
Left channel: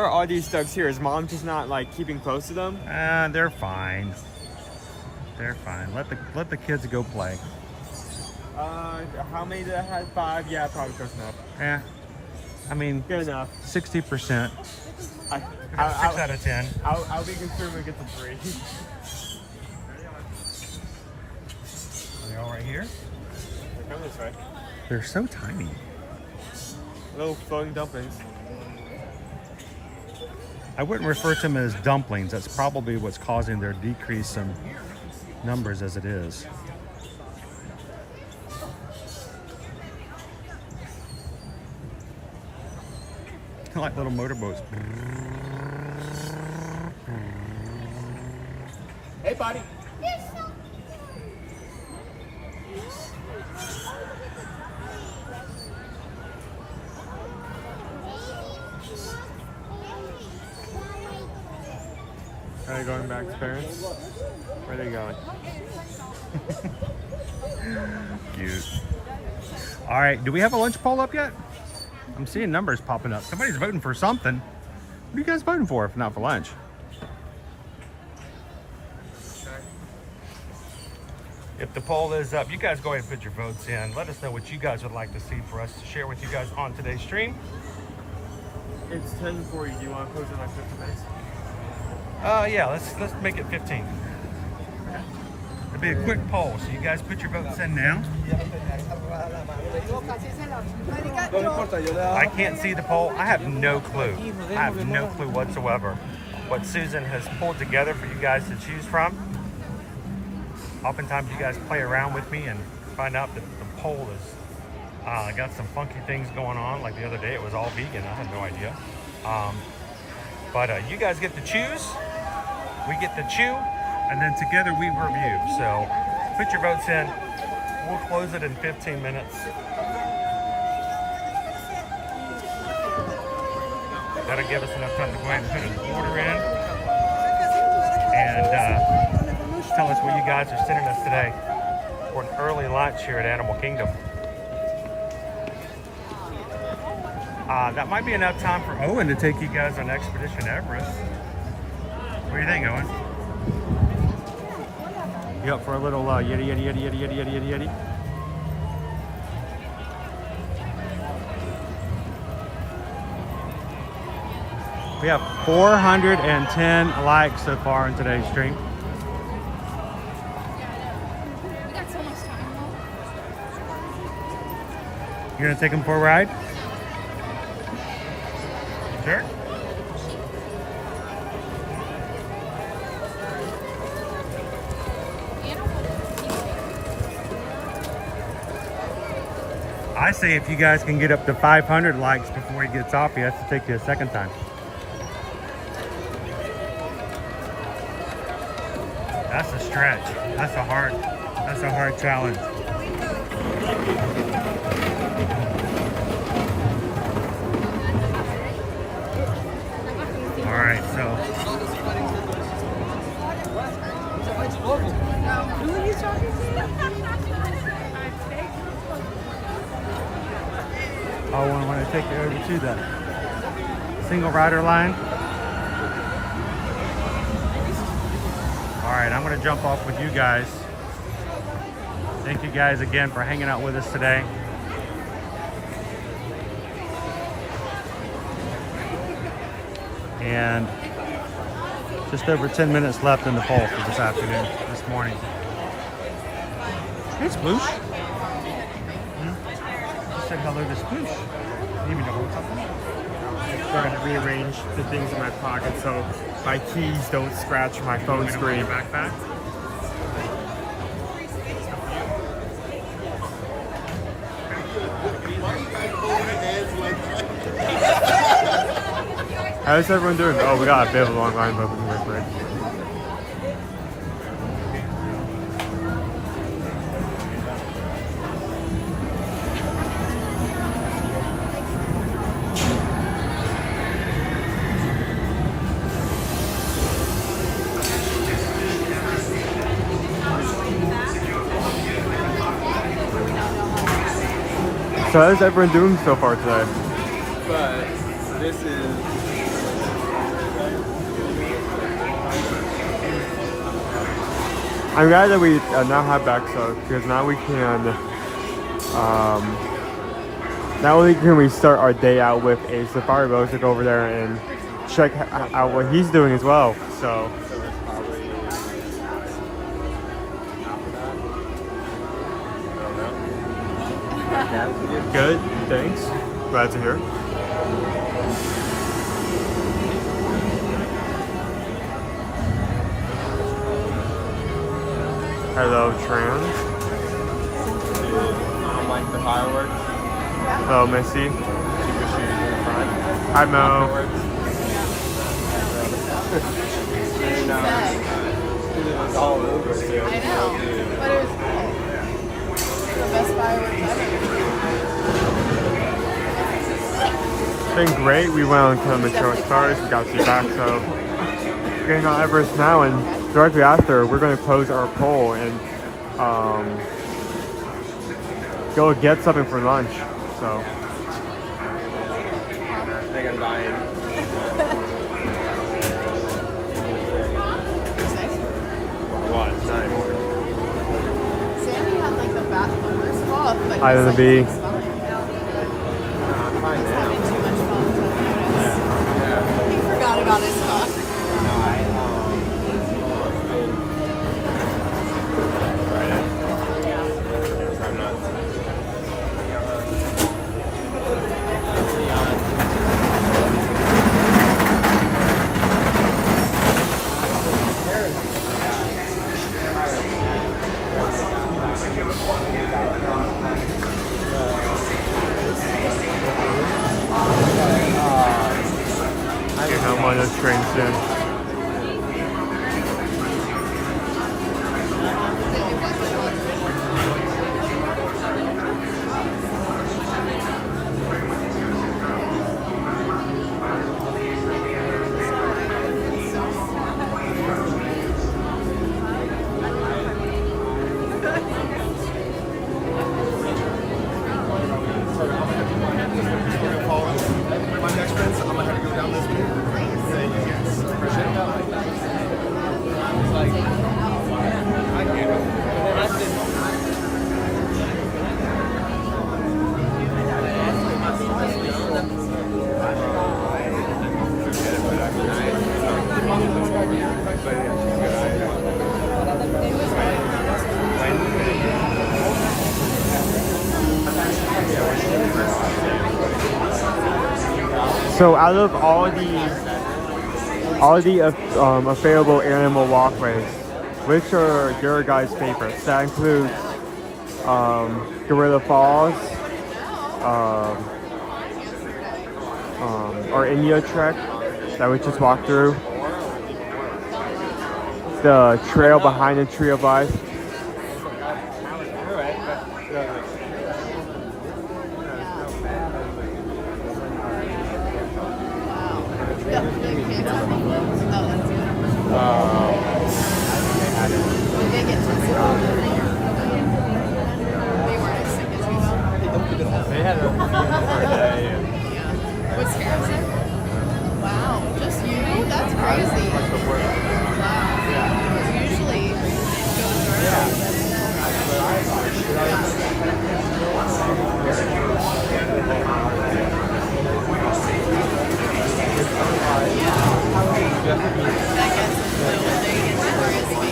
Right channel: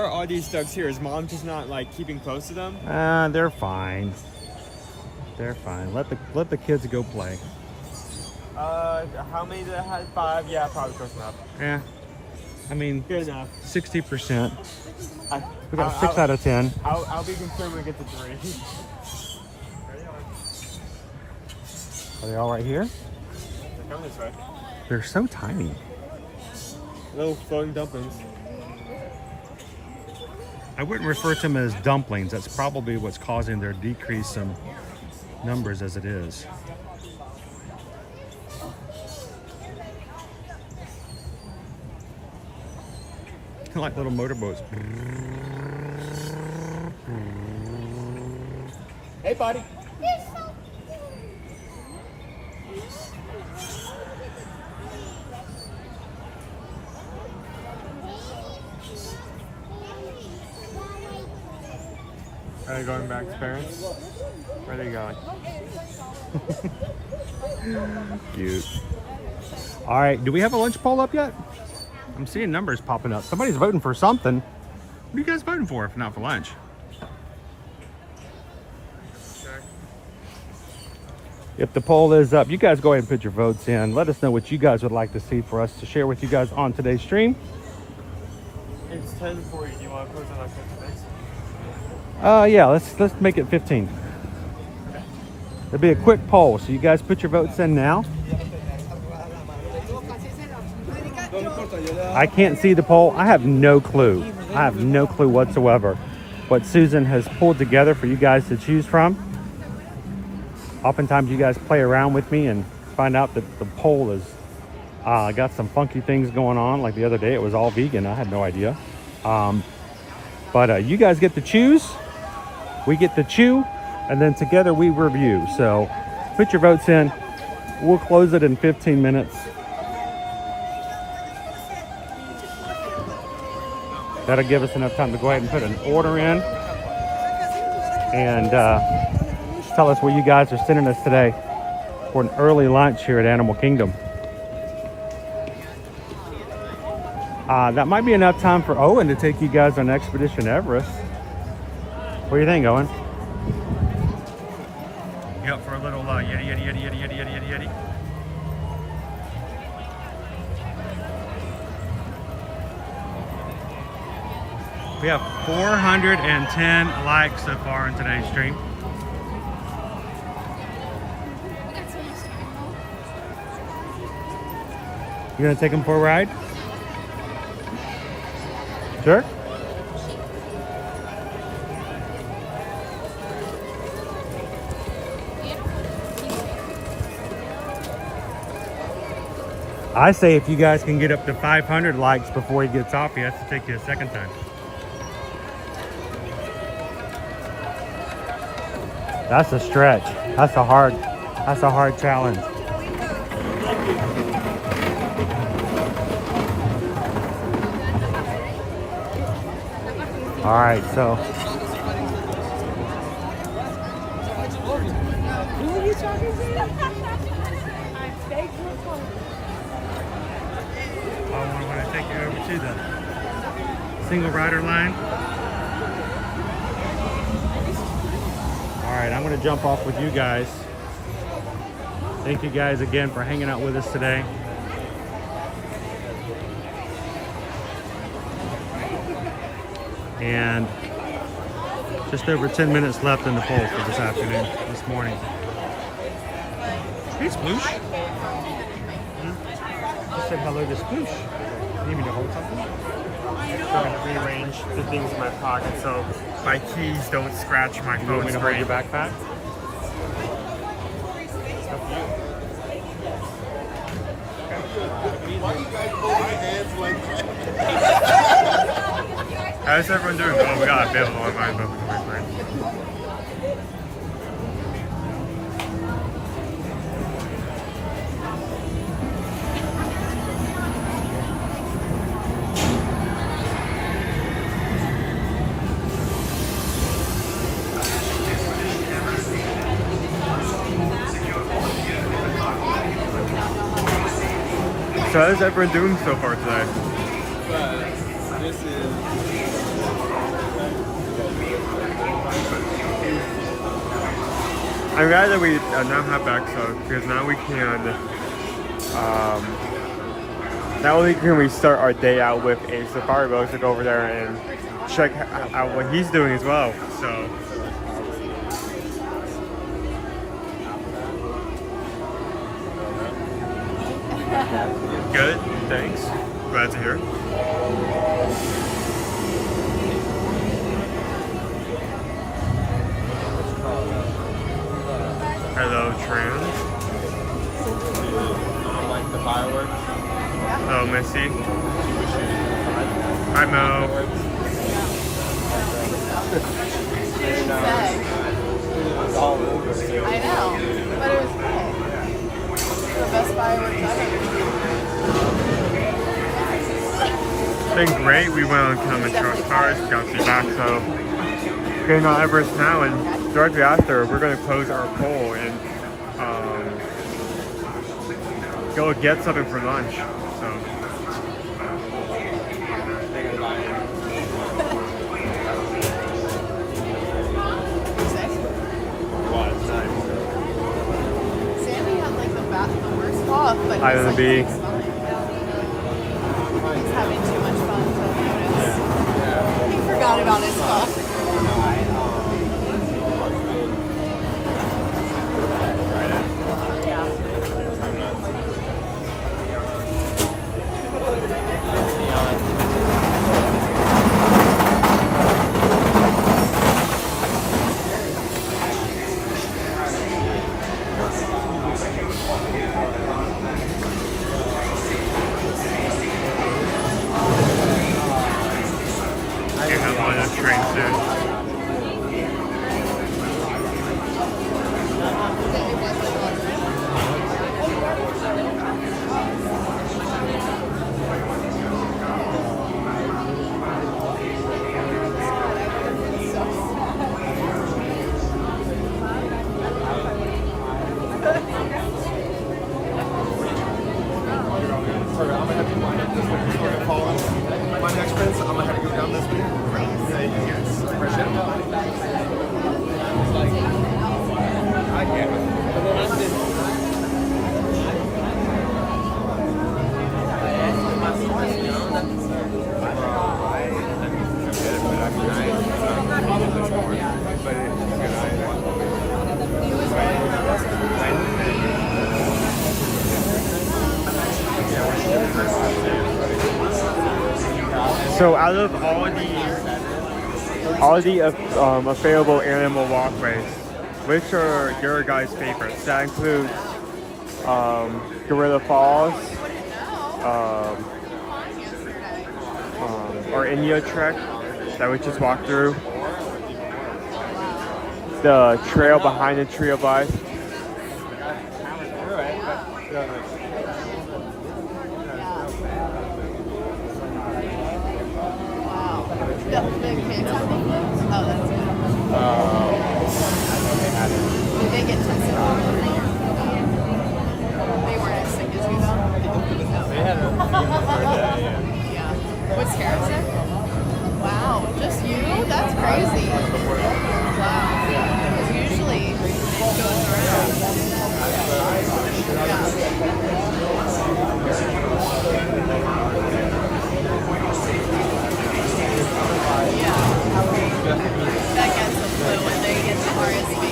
all these ducks here. Is mom just not like keeping close to them? They're fine. They're fine. Let the kids go play. How many did I have? 5? Yeah, probably close enough. Yeah. I mean, good enough. 60%. We got 6 out of 10. I'll be concerned when we get to 3. Are they all right here? They're coming this way. They're so tiny. Little floating dumplings. I wouldn't refer to them as dumplings. That's probably what's causing their decrease in numbers as it is. Like little motorboats. Hey, buddy. Are they going back to parents? Where are they going? Cute. All right, do we have a lunch poll up yet? I'm seeing numbers popping up. Somebody's voting for something. What are you guys voting for if not for lunch? If the poll is up, you guys go ahead and put your votes in. Let us know what you guys would like to see for us to share with you guys on today's stream. It's 10:40. Do you want to close it like 50 minutes? Yeah, let's make it 15. It'll be a quick poll, so you guys put your votes in now. I can't see the poll. I have no clue. I have no clue whatsoever what Susan has pulled together for you guys to choose from. Oftentimes you guys play around with me and find out that the poll is got some funky things going on. Like the other day it was all vegan. I had no idea. But you guys get to choose. We get to chew. And then together we review. So put your votes in. We'll close it in 15 minutes. That'll give us enough time to go ahead and put an order in. And tell us where you guys are sending us today for an early lunch here at Animal Kingdom. That might be enough time for Owen to take you guys on Expedition Everest. What do you think, Owen? You up for a little yitty? We have 410 likes so far in today's stream. You gonna take them for a ride? Sure. I say if you guys can get up to 500 likes before he gets off, he has to take you a second time. That's a stretch. That's a hard challenge. All right, so I'm going to take you over to the single rider line. All right, I'm going to jump off with you guys. Thank you guys again for hanging out with us today. And just over 10 minutes left in the poll for this afternoon, this morning. Hey, Sploosh. You said hello to Sploosh. You need me to hold something? So I rearrange the things in my pocket so my keys don't scratch my phone screen. Backpack. Why are you guys holding hands like that? How's everyone doing? Oh, we got a bit of a long line, but we're So how's everyone doing so far today? But this is. I'm glad that we now have backstock because now we can, not only can we start our day out with a safari boat, go over there and check out what he's doing as well. So. Good, thanks. Glad to hear. Hello, Trans. Like the fireworks. Hello, Missy. Hi, Mo. It was all over. I know, but it was cool. The best fireworks I've ever seen. It's been great. We went on Kilimanjaro Safaris. We got to see back, so we're getting on Everest now, and directly after, we're going to close our poll and go get something for lunch. So. They're gonna buy in. What? Nice. Sammy had like the worst cough, but he's Hi, like, Libby. he's fine. He's having too much fun to notice. Yeah. He forgot about his cough. No, You're on one of those trains soon. My next friends, I'm gonna have to go down this way. Yes, appreciate it. I get it. So out of all the available animal walkways, which are your guys' favorites? That includes Gorilla Falls, our India trek that we just walked through, the trail behind the Tree of Life. Did they get tested? They weren't as sick as you though? They had a fever for a day. Yeah. Was Kara sick? Wow, just you? That's crazy. Wow. Because usually it goes around. That gets them flu when they get to RSV.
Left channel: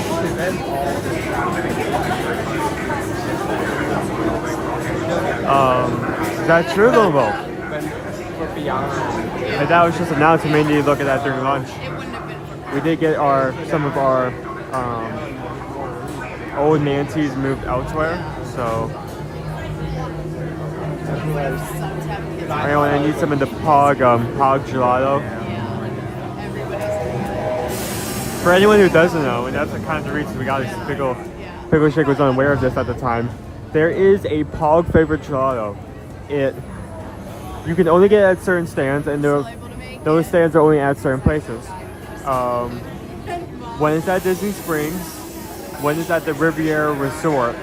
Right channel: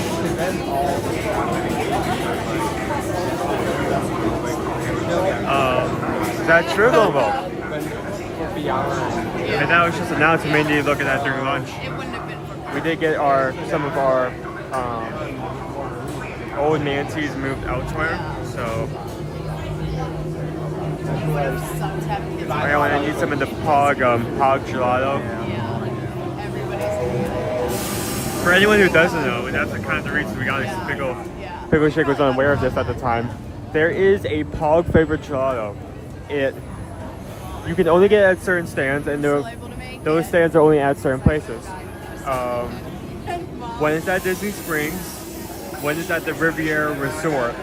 Is that true, Lobo? And that was just announced. We may need to look at that during lunch. We did get some of our old Nancy's moved elsewhere, so I need some of the Pog gelato. For anyone who doesn't know, and that's kind of the reason we got this Pickle Shake was unaware of this at the time. There is a Pog favorite gelato. You can only get it at certain stands, and those stands are only at certain places. One is at Disney Springs, one is at the Riviera Resort,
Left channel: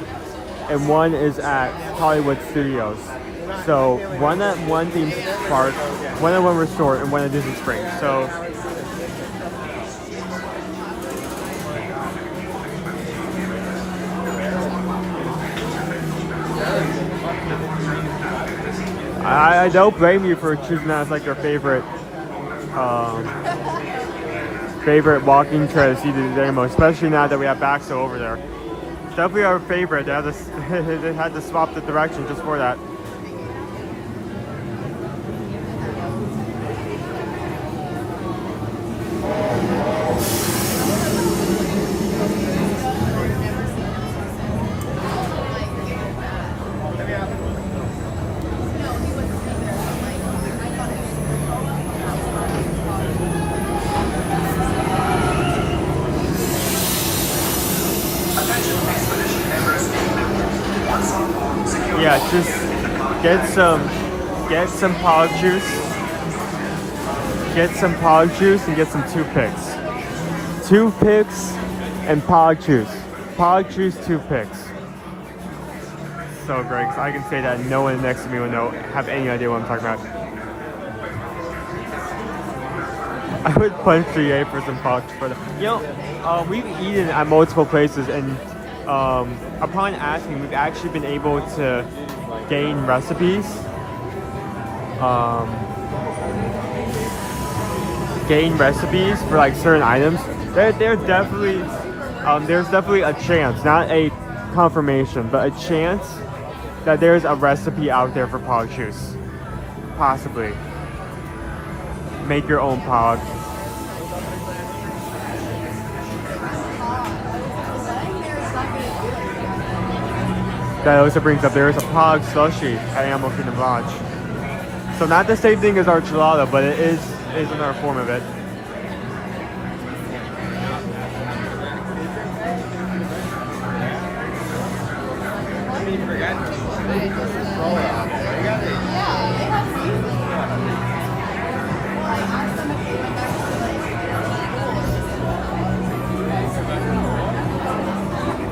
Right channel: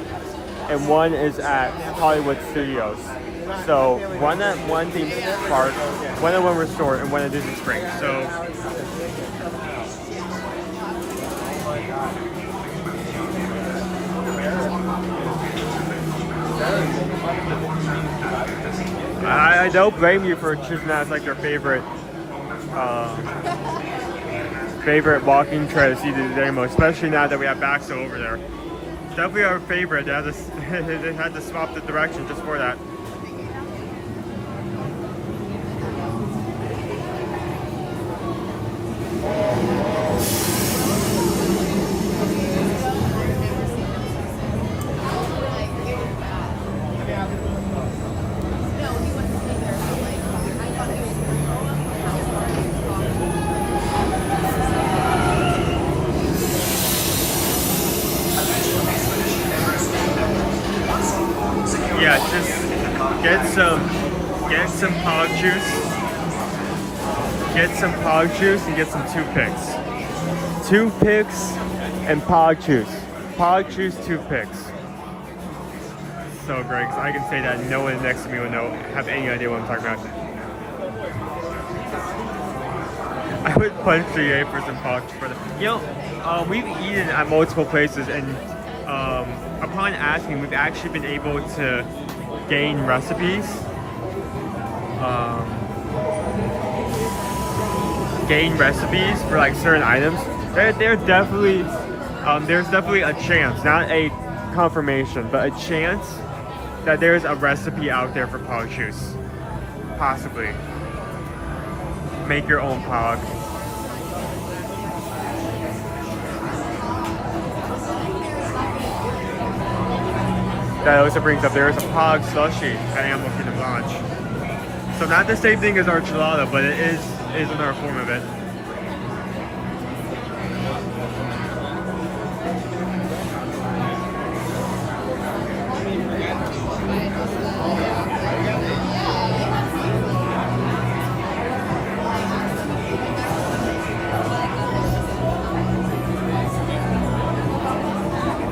and one is at Hollywood Studios. So one at one theme park, one at one resort, and one at Disney Springs. So I don't blame you for choosing that as like your favorite walking trail to see the demo, especially now that we have Baxo over there. It's definitely our favorite. They had to swap the direction just for that. Yeah, just get some Pog juice. Get some Pog juice and get some toothpicks. Toothpicks and Pog juice. Pog juice, toothpicks. So great, 'cause I can say that no one next to me will have any idea what I'm talking about. I would punch GA for some Pog for them. You know, we've eaten at multiple places, and upon asking, we've actually been able to gain recipes. For like certain items. They're definitely there's definitely a chance, not a confirmation, but a chance that there's a recipe out there for Pog juice. Possibly. Make your own Pog. That also brings up, there is a Pog slushie at Animal Kingdom Lodge. So not the same thing as our gelato, but it is another form of it.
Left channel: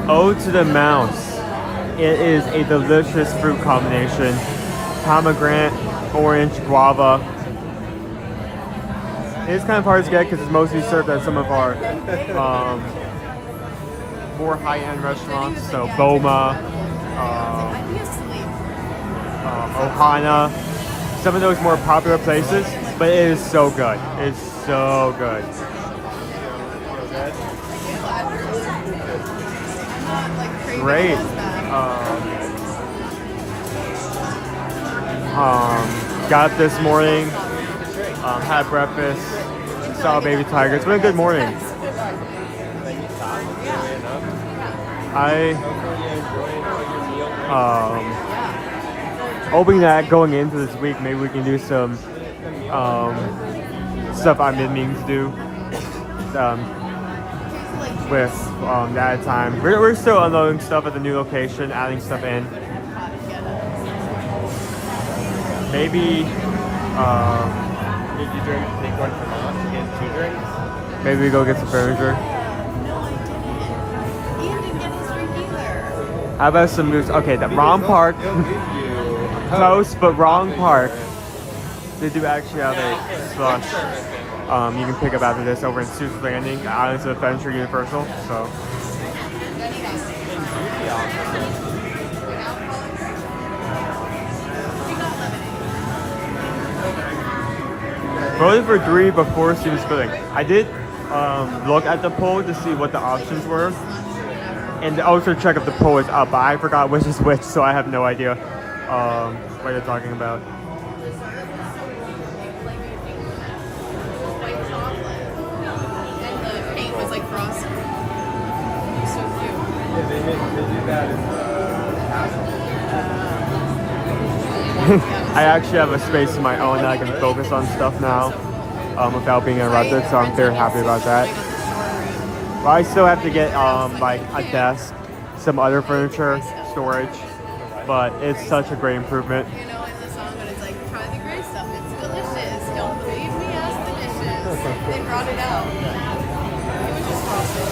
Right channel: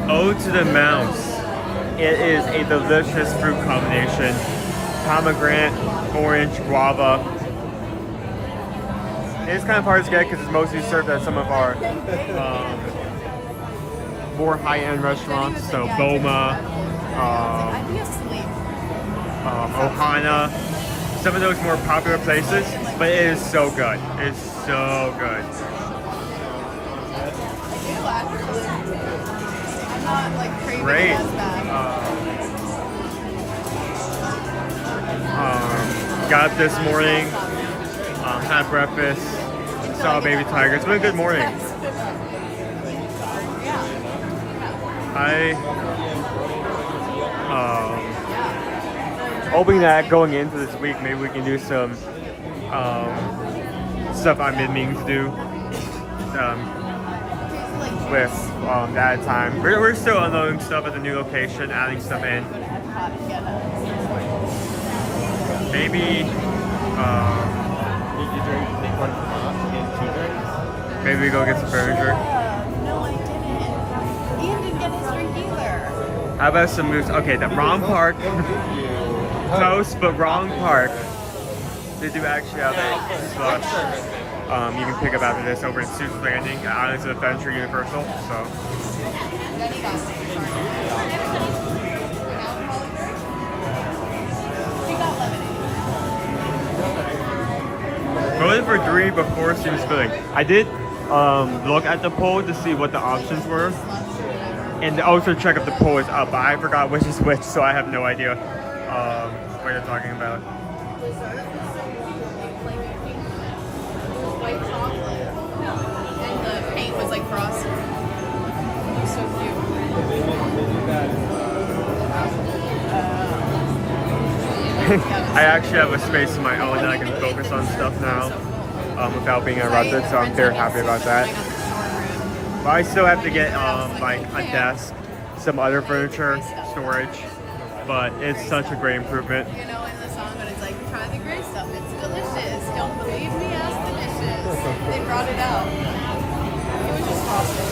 Ode to the Mouse. It is a delicious fruit combination. Pomegranate, orange, guava. It's kind of hard to get because it's mostly served at some of our more high-end restaurants. So Boma, Ohana, some of those more popular places. But it is so good. It's so good. Great. Got up this morning, Had breakfast, saw a baby tiger. It's been a good morning. I hoping that going into this week, maybe we can do some stuff I've been meaning to do with that time. We're still unloading stuff at the new location, adding stuff in. Maybe Did you take one from us? Get 2 drinks? maybe we go get some furniture. No, I didn't. Ian didn't get his drink either. How about some moves? Okay, the wrong park. Close, but wrong park. They do actually have a slush. You can pick up after this over in Sue's Landing, Islands of Adventure Universal. So. Voted for 3 before seems filling. I did look at the poll to see what the options were, and also check if the poll is up. But I forgot which is which, so I have no idea what you're talking about. And the paint was like frosted. So cute. They do that in I actually have a space of my own that I can focus on stuff now without being interrupted, so I'm very happy about that. But I still have to get like a desk, some other furniture, storage, but it's such a great improvement. You know, in the song when it's like, try the gray stuff, it's delicious. Don't believe me, ask the dishes. They brought it out. It was just frosted.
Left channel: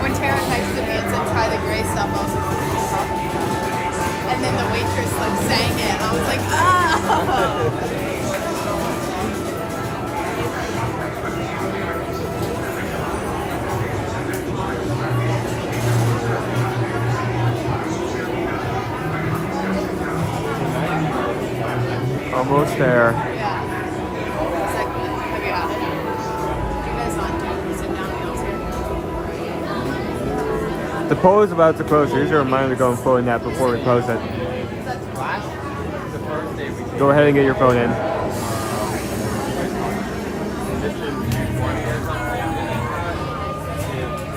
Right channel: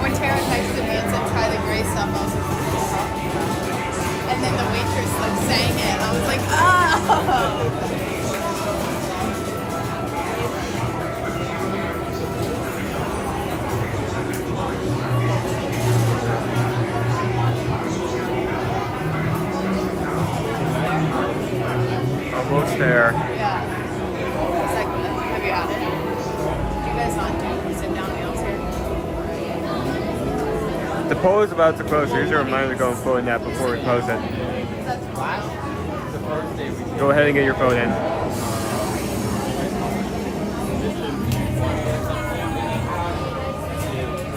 When Tara texted me and said, try the gray stuff, I was like, what are you talking about? And then the waitress like sang it, and I was like, oh! Almost there. Yeah. Second, have you had it? You guys not sit down meals here? The poll is about to close. Here's a reminder to go and pull in that before we close it. Go ahead and get your phone in. They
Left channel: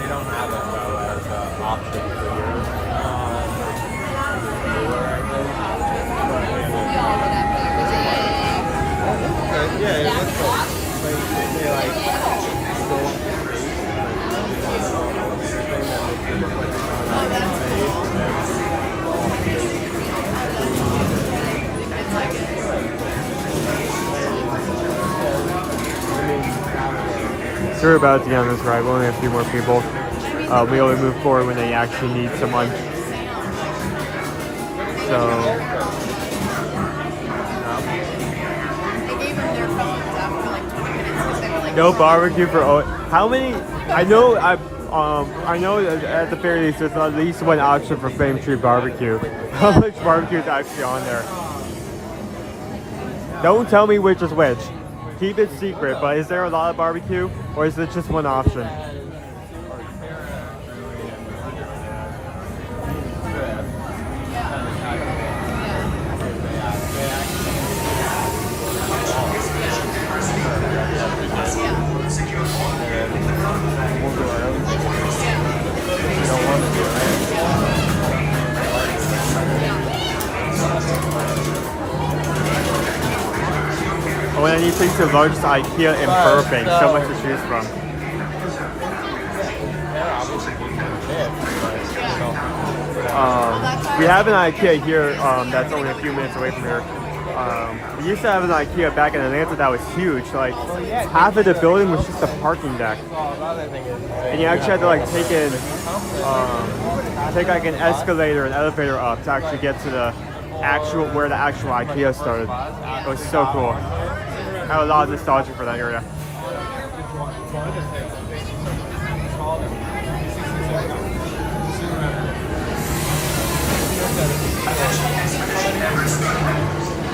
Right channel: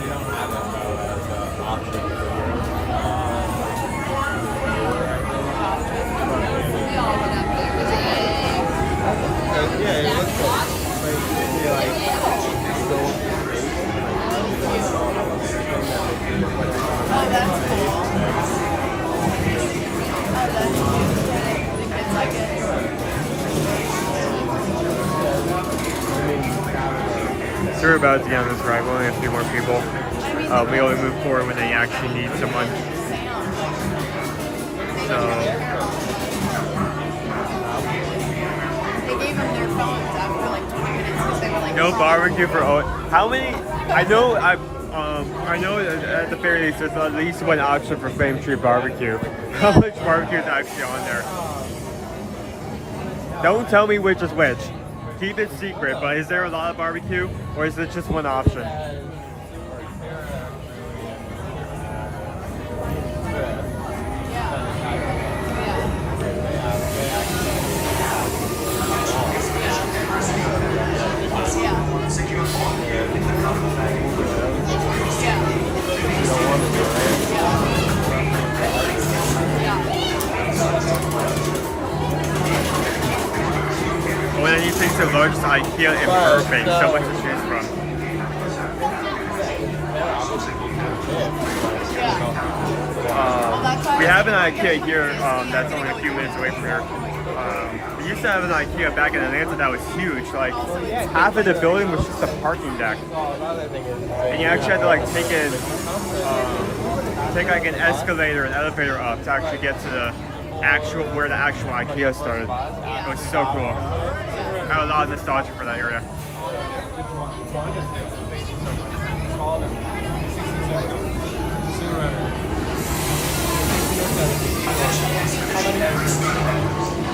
don't have it though as an option for yours. Yeah, it looks like they like go Oh, that's cool. I like it. So we're about to get on this ride. We only have a few more people. We only move forward when they actually need someone. So. They gave them their phones after like 20 minutes because they were like, No barbecue for Owen. How many? I know that at the very least there's at least one option for Flame Tree Barbecue. How much barbecue is actually on there? Don't tell me which is which. Keep it secret, but is there a lot of barbecue or is it just one option? When I need things the largest IKEA in Burbank, so much to choose from. We have an IKEA here that's only a few minutes away from here. We used to have an IKEA back in Atlanta that was huge. Like half of the building was just a parking deck, and you actually had to like take like an escalator, an elevator up to actually get to the where the actual IKEA started. It was so cool. I have a lot of nostalgia for that area.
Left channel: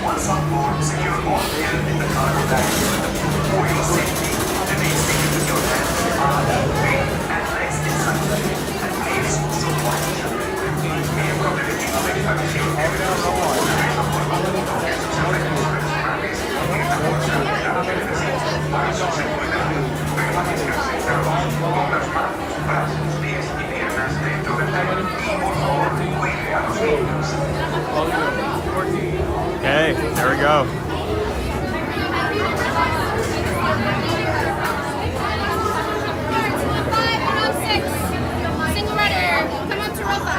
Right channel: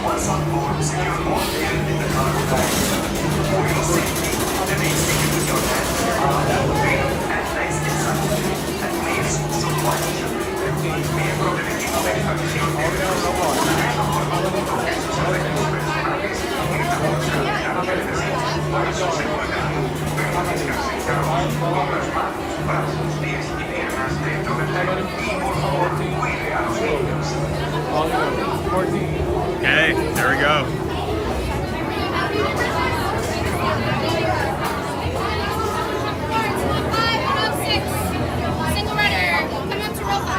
Once on board, secure all gear in the cargo bag. For your safety, the main thing is your hands are and legs inside, and please also watch. We have probably been Okay, there we go. Single rider, come up to row 5.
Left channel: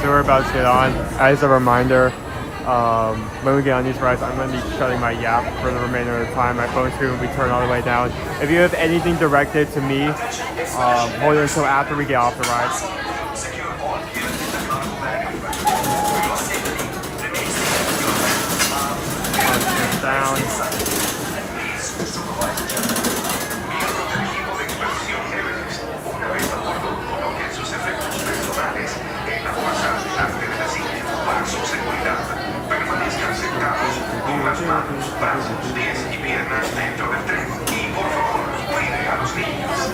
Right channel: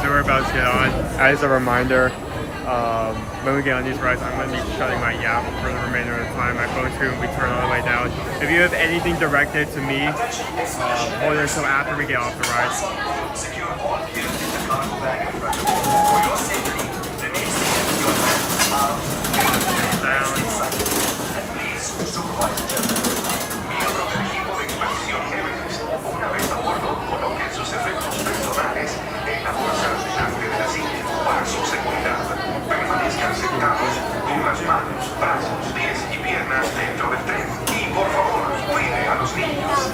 So we're about to get on. As a reminder, when we get on these rides, I'm going to be shutting my yap for the remainder of the time. My phone screen will be turned all the way down. If you have anything directed to me, more than so after we get off the ride. Permanezcan sentados con las manos, brazos, pies y piernas dentro del tren. Y por favor, cuide a los niños.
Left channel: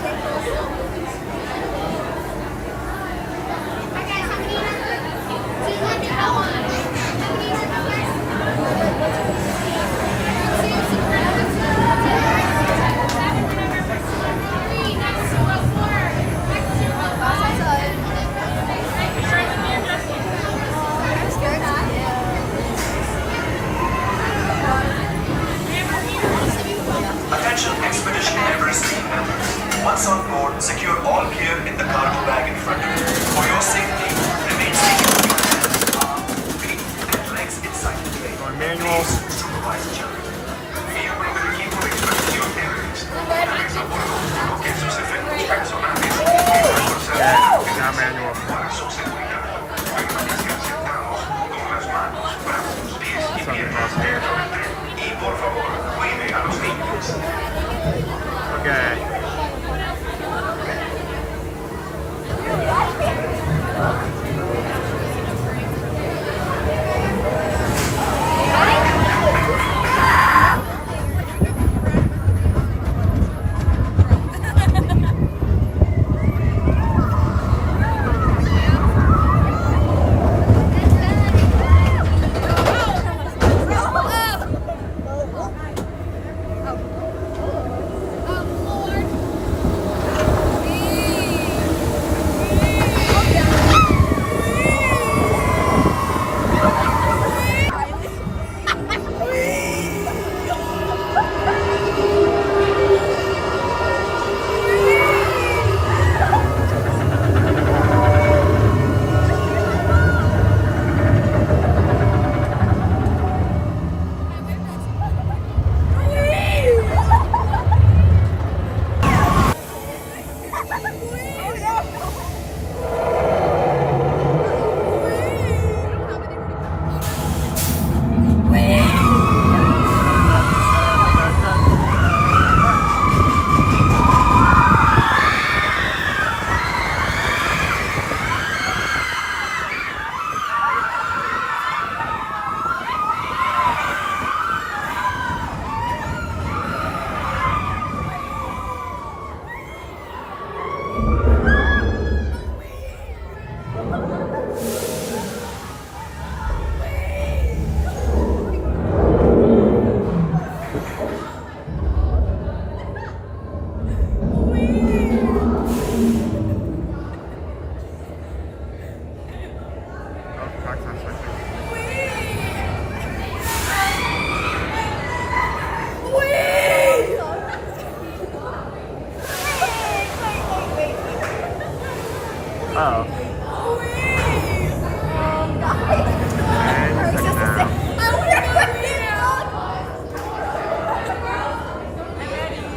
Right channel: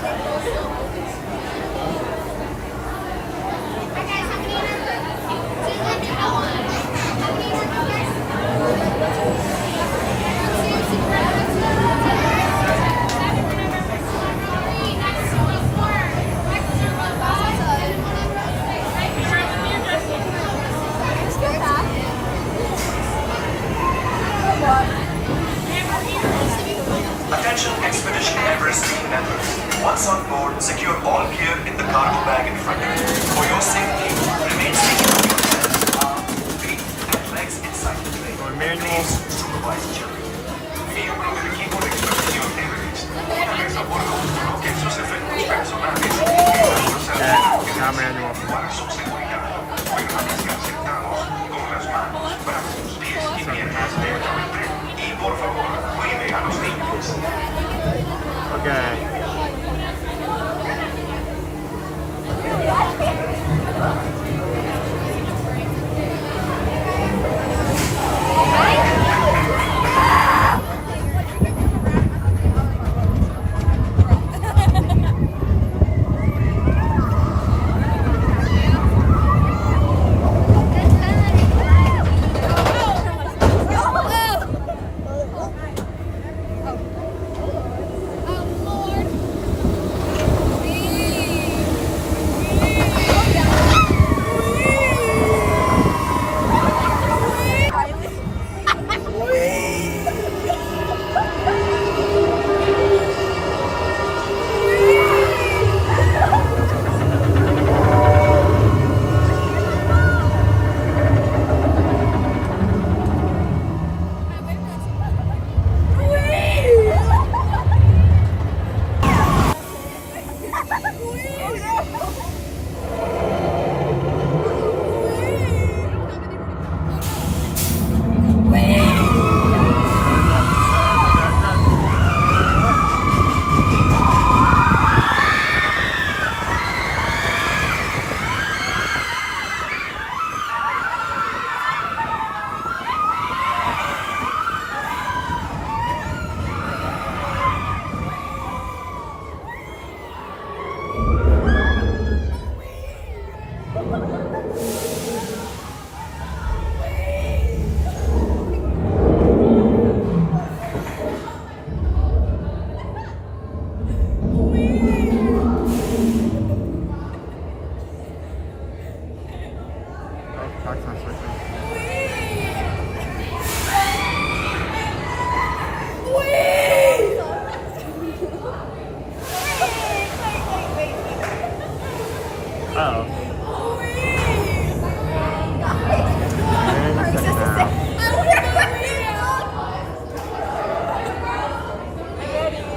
Attention Expedition Everest team members. Once on board, secure all gear in the cargo bag in front of you. For your safety, remain seated with your hands, arms, feet, and legs inside the plane. Please supervise children. Miembros del equipo de expedición Everest. Una vez a bordo, coloquen sus efectos personales y para su seguridad. Permanezcan sentados con las manos, brazos, pies y piernas dentro del tren. Y por favor, cuide a los niños. Okay.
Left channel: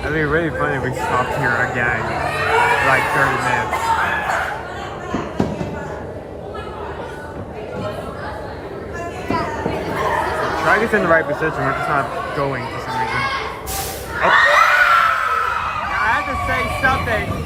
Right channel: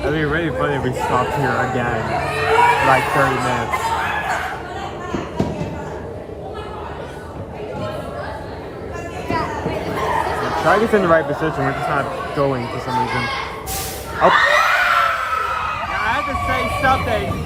It'd be really funny if we stopped here again, like 30 minutes. Try to get in the right position, we're just not going for some reason. Oh! I had to say something!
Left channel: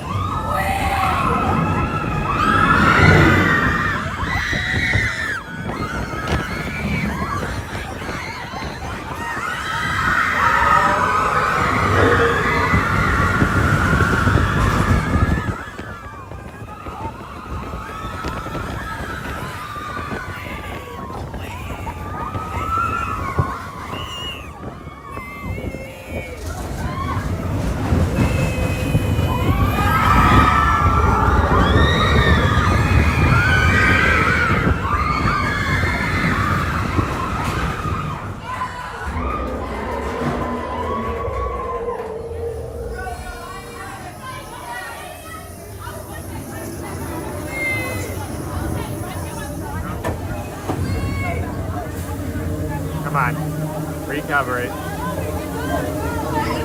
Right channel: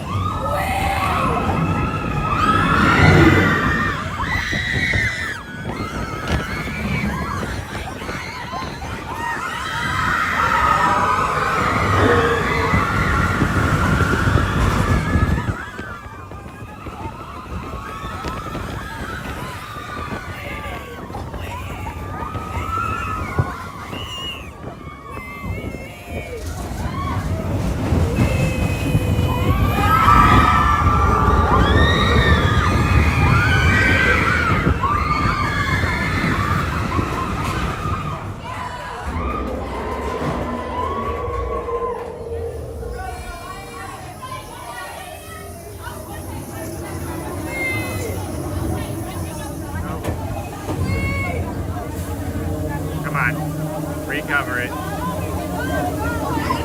Come on. Recover it.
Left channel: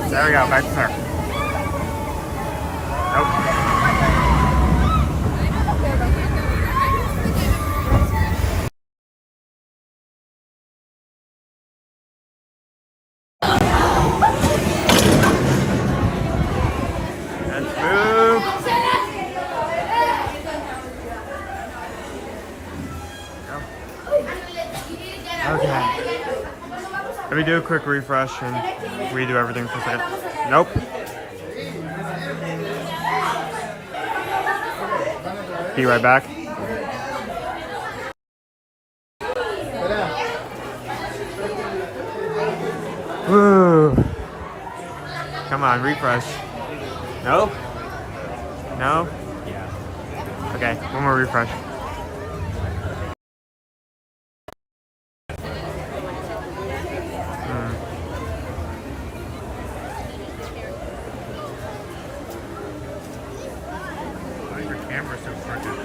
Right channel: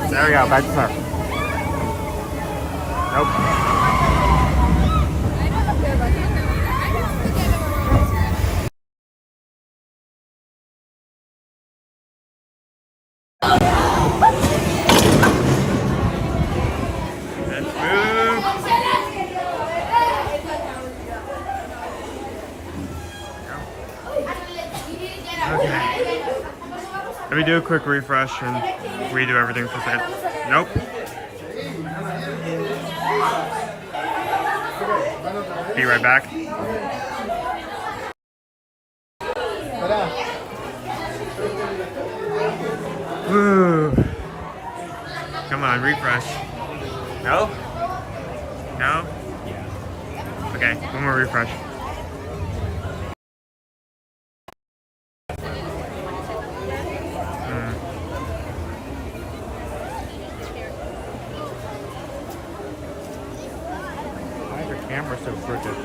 There we go. Back to surf. Nope. Let's move. Okay. Let me do a quick refresh and redo everything for a second. Nope. Be right back. Woo. Come on, refresh. Nope. No? Okay, one more refresh. Why is your camera so crooked?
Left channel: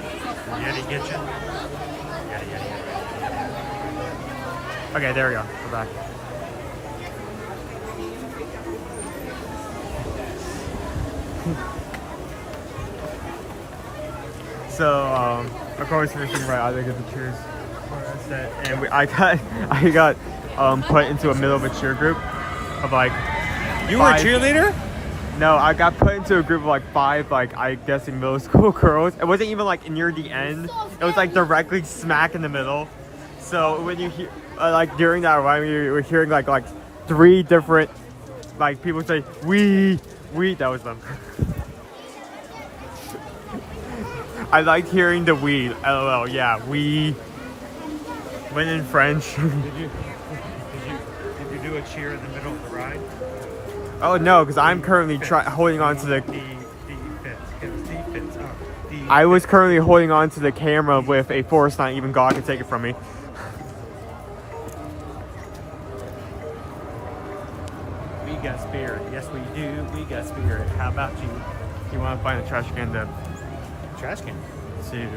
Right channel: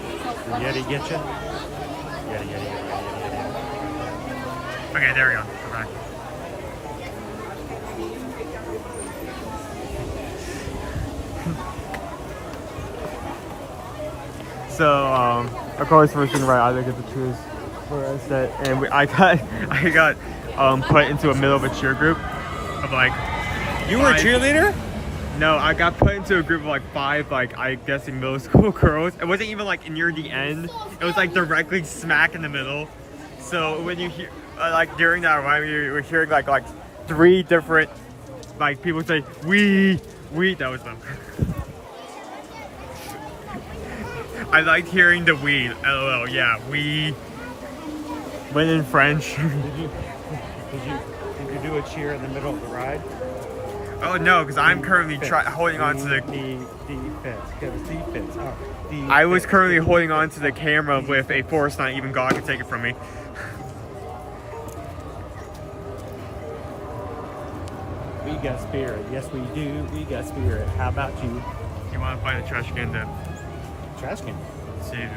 Yeti get you? Yeti. Okay, there we go. We're back. So, of course, first thing right, I get the cheers. And I got put into a middle of a cheer group of like. You were a cheerleader? No, I got put into a group of like 5, like I guessing middle school girls. It wasn't even like near the end. It was like directly smack in the middle. So when you hear like during that rhyme, you were hearing like 3 different like people say we. That was them. I liked hearing the we. LOL. Yeah, we. When in French. Did you do a cheer in the middle of the ride? Oh no, because I'm currently holding on to the. Defense. I was currently holding on to the camera with a force not even God could take it from me. We got spirit. Yes, we do. We got spirit. How about you? You want to find a trash can to Trash can. to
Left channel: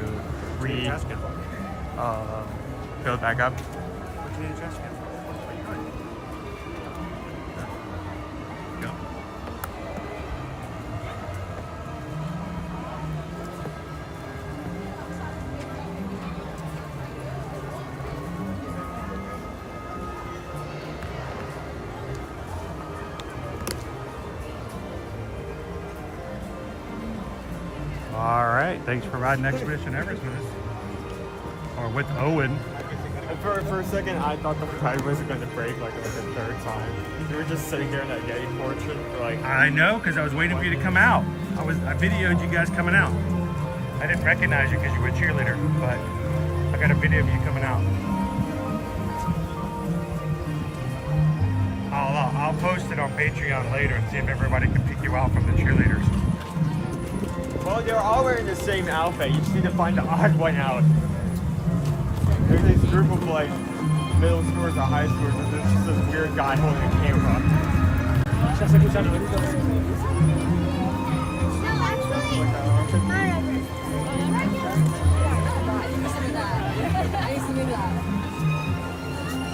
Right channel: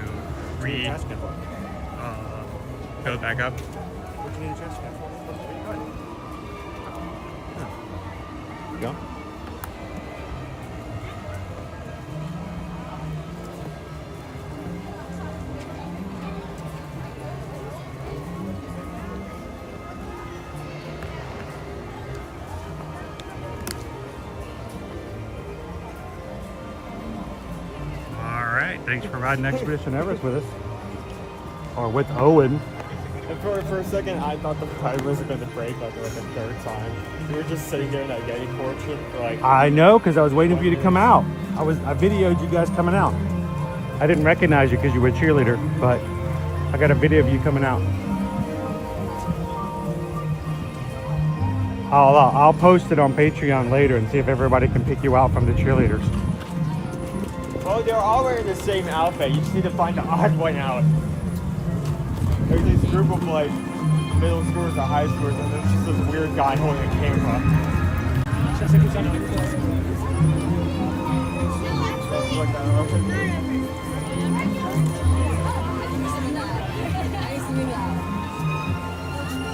Trash can. fill it back up? What do you need a trash can for? Go. All right, thanks for riding Expedition Everest with us. Or with Owen. For a second, I thought the tire was going to break like the 3rd time. You were just sitting there in that gate portion. Like, I know, because I was waiting for you to come out. I videoed you guys coming out. I didn't recognize you because you were a cheerleader, but I got a video of you coming out. I'll post it on Patreon later and see if everybody can pick you out from the cheerleaders. well, they're all wearing the same outfit. You just need to find the odd one out. There's this group of like middle schoolers and high schoolers. There's just this weird guy holding a camera. Just like who's on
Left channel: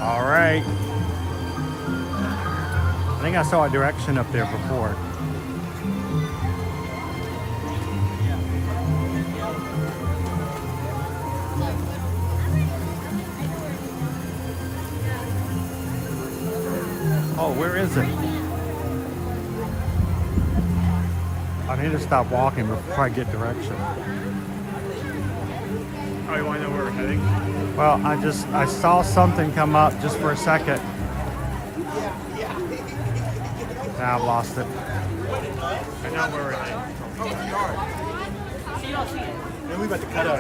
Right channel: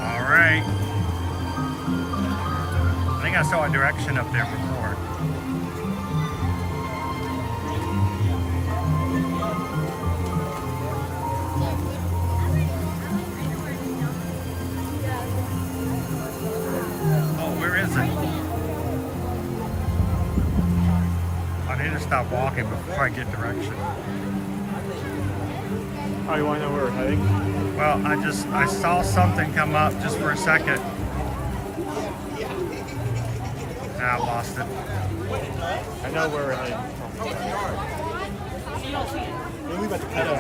All right. I think I saw a direction up there before. Oh, where is it? I need to stop walking before I get direction. Well, I saw something come up just for a second. Now I lost it. We about to cut out.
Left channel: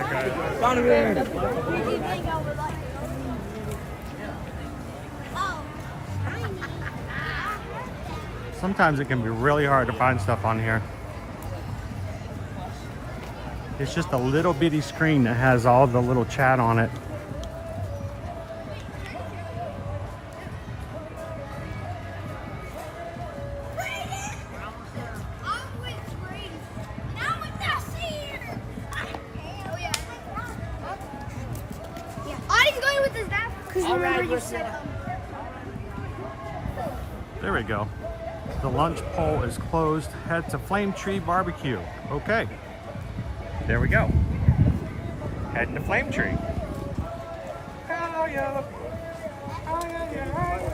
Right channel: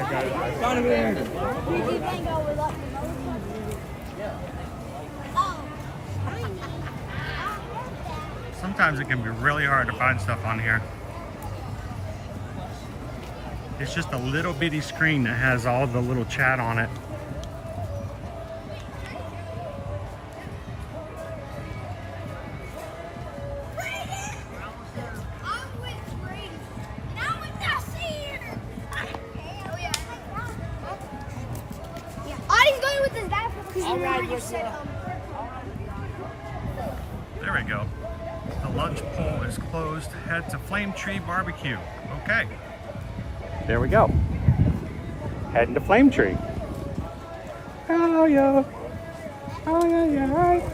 Donovan! Sometimes it can be really hard to find stuff on here. It's just a little bitty screen that has all the little chat on it. There we go. The lunch pole is closed. Head to Flame Tree Barbecue. Okay. There we go. Heading to Flame Tree. Oh yeah. Oh yeah.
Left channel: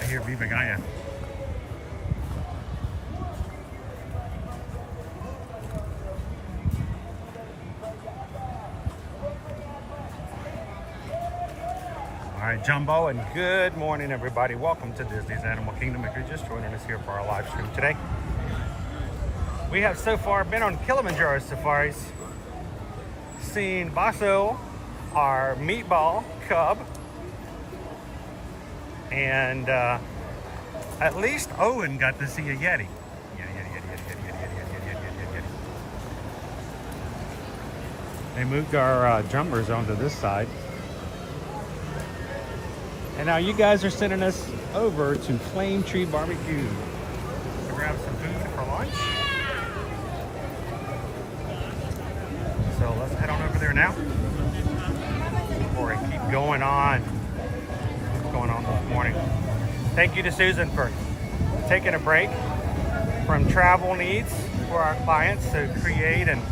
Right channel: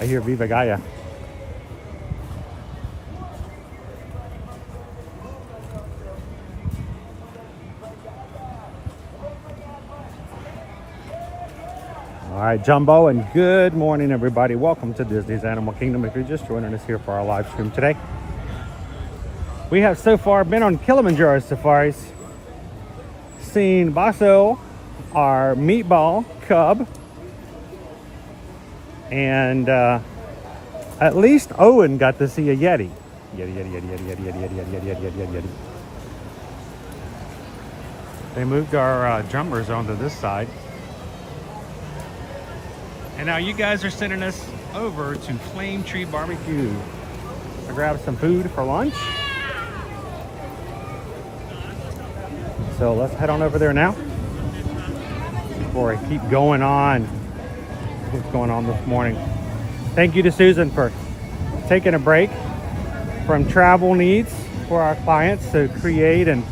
I hear Viva Gaia. All right, Jumbo, and good morning, everybody. Welcome to Disney's Animal Kingdom. If you're just joining us here for our live stream today, we have so far been on Kilimanjaro Safaris, seen Basso, our meatball cub, and at least Owen got to see a Yeti. Yeti. They moved our jumpers onto this side. And now you guys are sending us over to Flame Tree Barbecue to grab some food for lunch. So let's head on over there now before I keep going on. What's going on this morning? Thank you to Susan for taking a break from travel needs for our clients to create and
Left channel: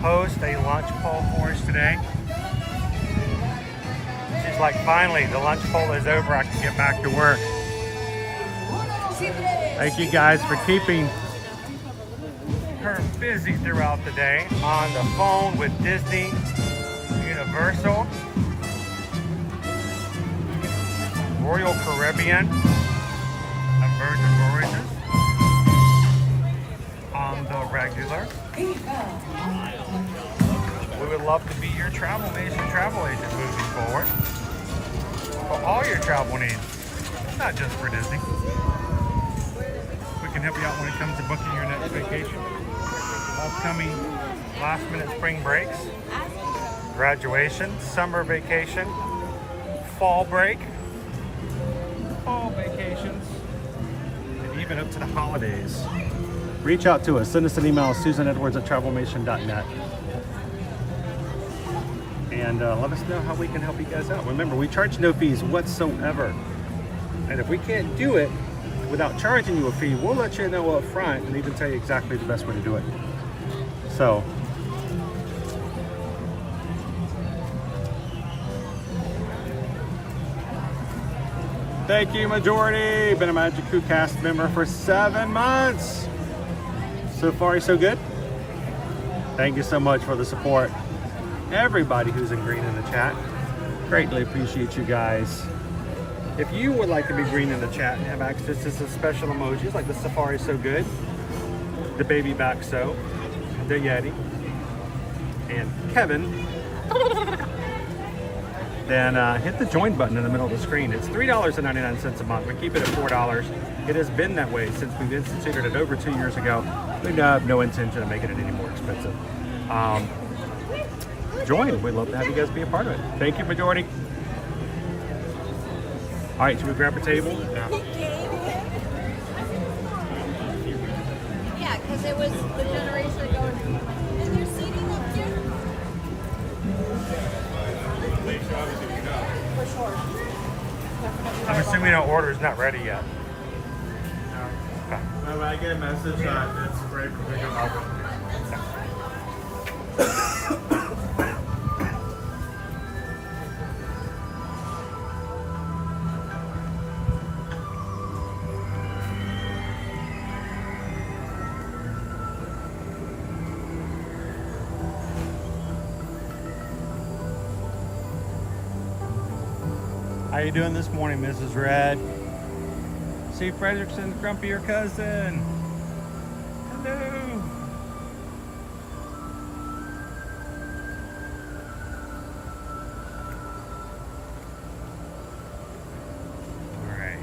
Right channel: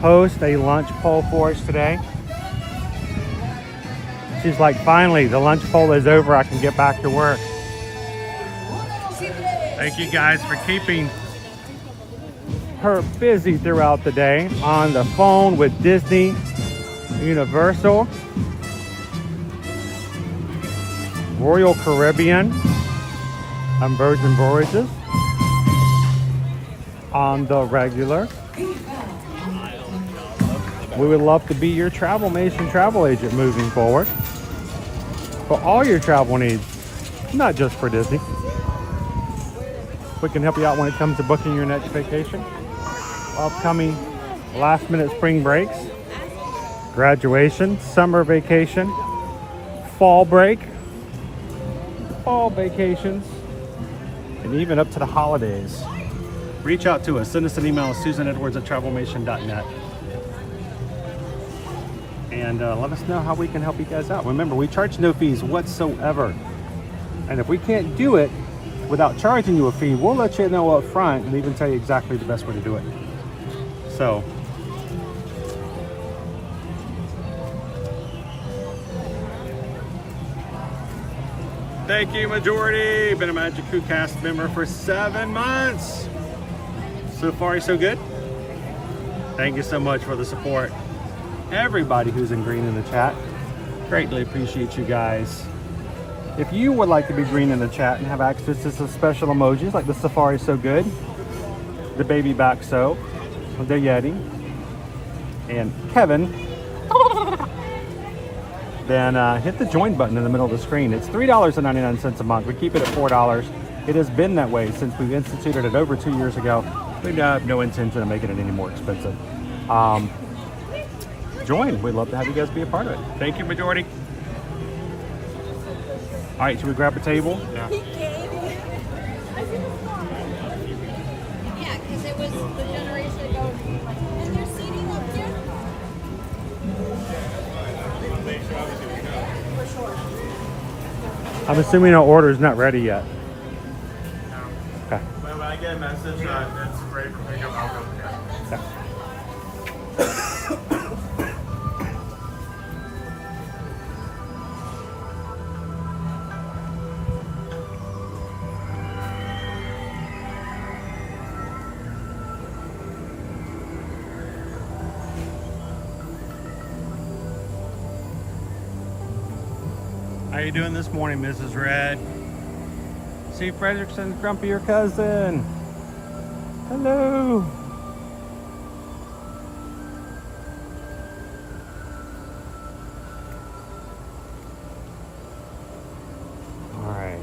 host a lunch poll for us today. She's like, finally, the lunch poll is over. I can get back to work. Thank you guys for keeping her busy throughout the day on the phone with Disney, Universal, Royal Caribbean, on Virgin Voyages, on the regular. We would love to be your Travel Nation travel agent moving forward for all your travel needs, not just for Disney. We can help you out when it comes to booking your next vacation, upcoming last minute spring breaks, graduation, summer vacation, fall break, fall vacations, and even up to the holidays. Reach out to us. Send us an email, susanedwards@travelmation.net. And let us know how we can help you guys out. Remember, we charge no fees whatsoever. And if we can't do it without charging you a fee, we'll let you know up front and even tell you exactly the best way to do it. So, thank you, Majority. Been a Magic Crew cast member for 7 months. So far, so good. Thank you so much for the support. Everybody who's in green in the chat, greatly appreciate you guys. If you would like to be green in the chat and have access to some special emojis like the Safari So Good, the Baby Back So, the Yeti, and Kevin, then hit the join button in the middle of the screen. It's $3.99 a month. We keep it at $4. It has been that way since we've instituted it over 2 years ago. We have no intention of making it any more expensive. Join. We'd love to have you guys be a part of it. Thank you, Majority. All right, should we grab a table? Yeah, because it was the generation ago. And there's seating up here? For sure. I'm assuming our order's not ready yet. Okay. When I get a message that's great for me to offer. How you doing this morning, Mrs. Red? See Frederickson's grumpier cousin. Hello. All right.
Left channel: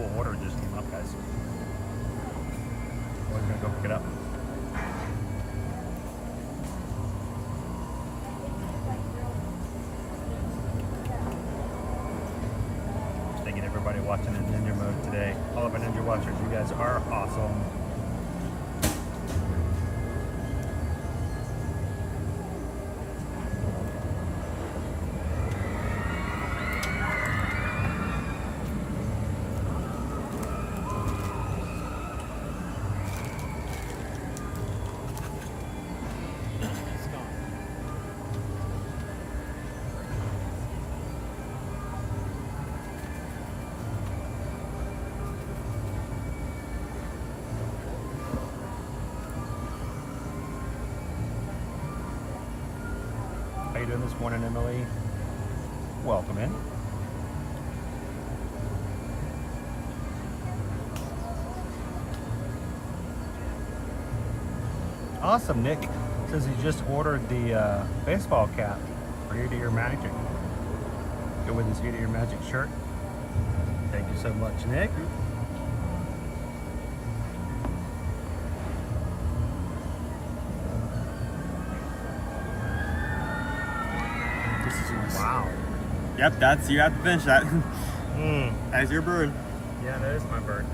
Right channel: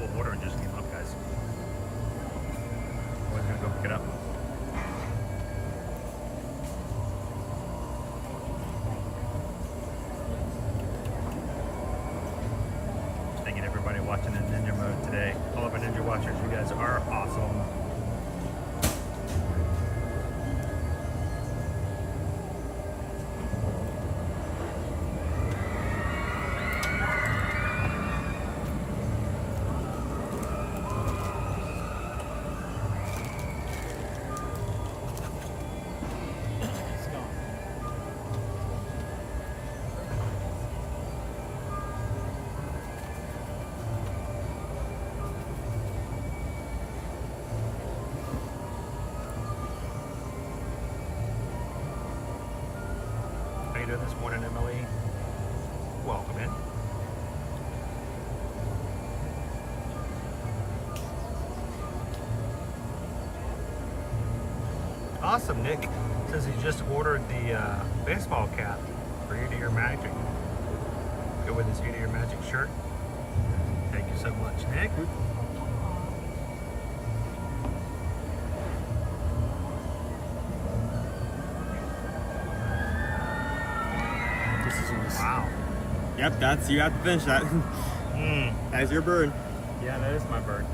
mobile order just came up, guys. I was gonna go pick it up. Thanking everybody watching in Ninja mode today. All of our Ninja watchers, you guys are awesome. How you doing this morning, Emily? Welcome in. Awesome, Nick. Says he just ordered the baseball cap for Ear to Ear Magic. Go with his Ear to Ear Magic shirt. Thank you so much, Nick. Wow. Yep, that's, you have to finish that. That's your bird. Yeah, that is my bird.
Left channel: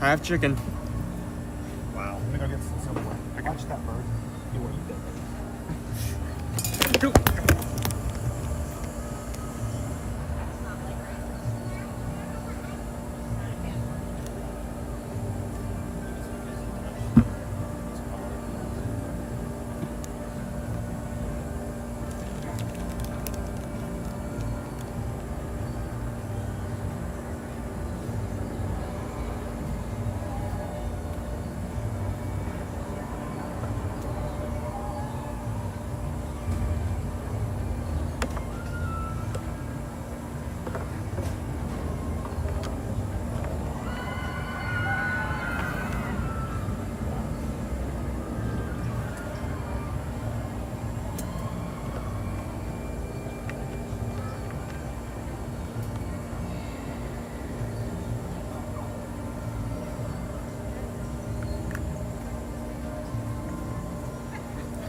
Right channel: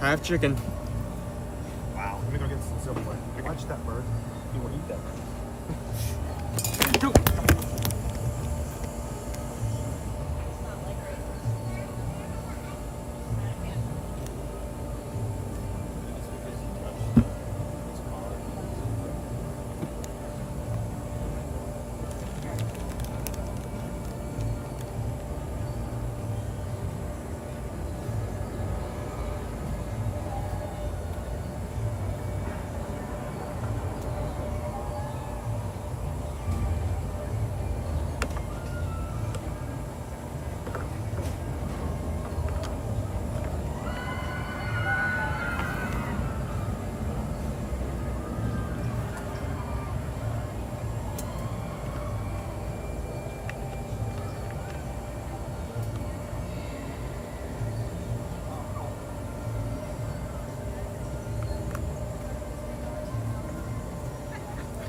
Half chicken. Wow. Let me go get some silverware. I can touch that bird. You will eat that.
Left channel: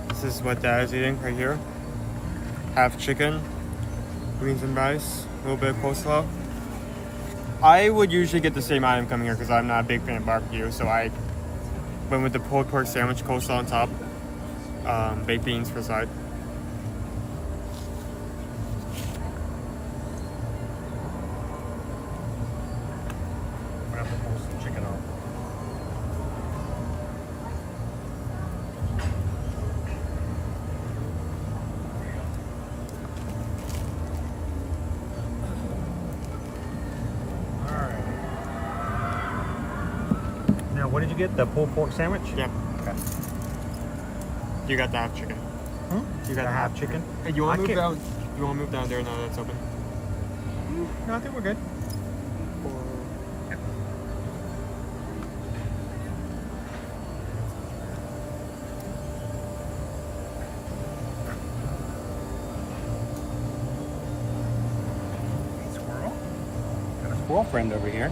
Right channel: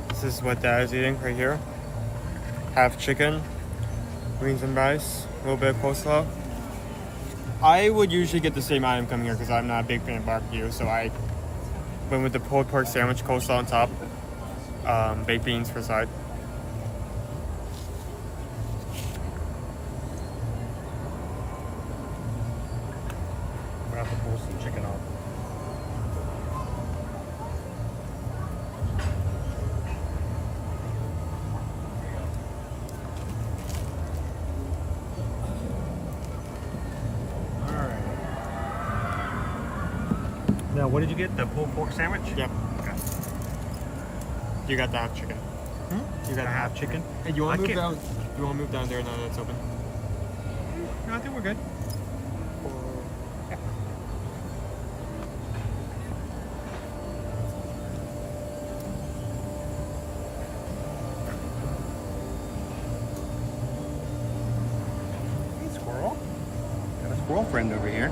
This is what Dad is eating right here. Half chicken, greens and rice, a little bit of coleslaw. I would usually get the same item coming here because I'm not a big fan of barbecue, so I went with the pulled pork sandwich, coleslaw on top, baked beans for the side. I'm gonna have to pull some chicken off. Now, what did you get? The pulled pork sandwich? Yep. Okay. You got the half chicken. You got a half chicken? Hey, you want I to move can't- down? You want to move down there now that's open? No, I think we're good. Yeah. Hey, squirrel. Got a squirrel friend over here.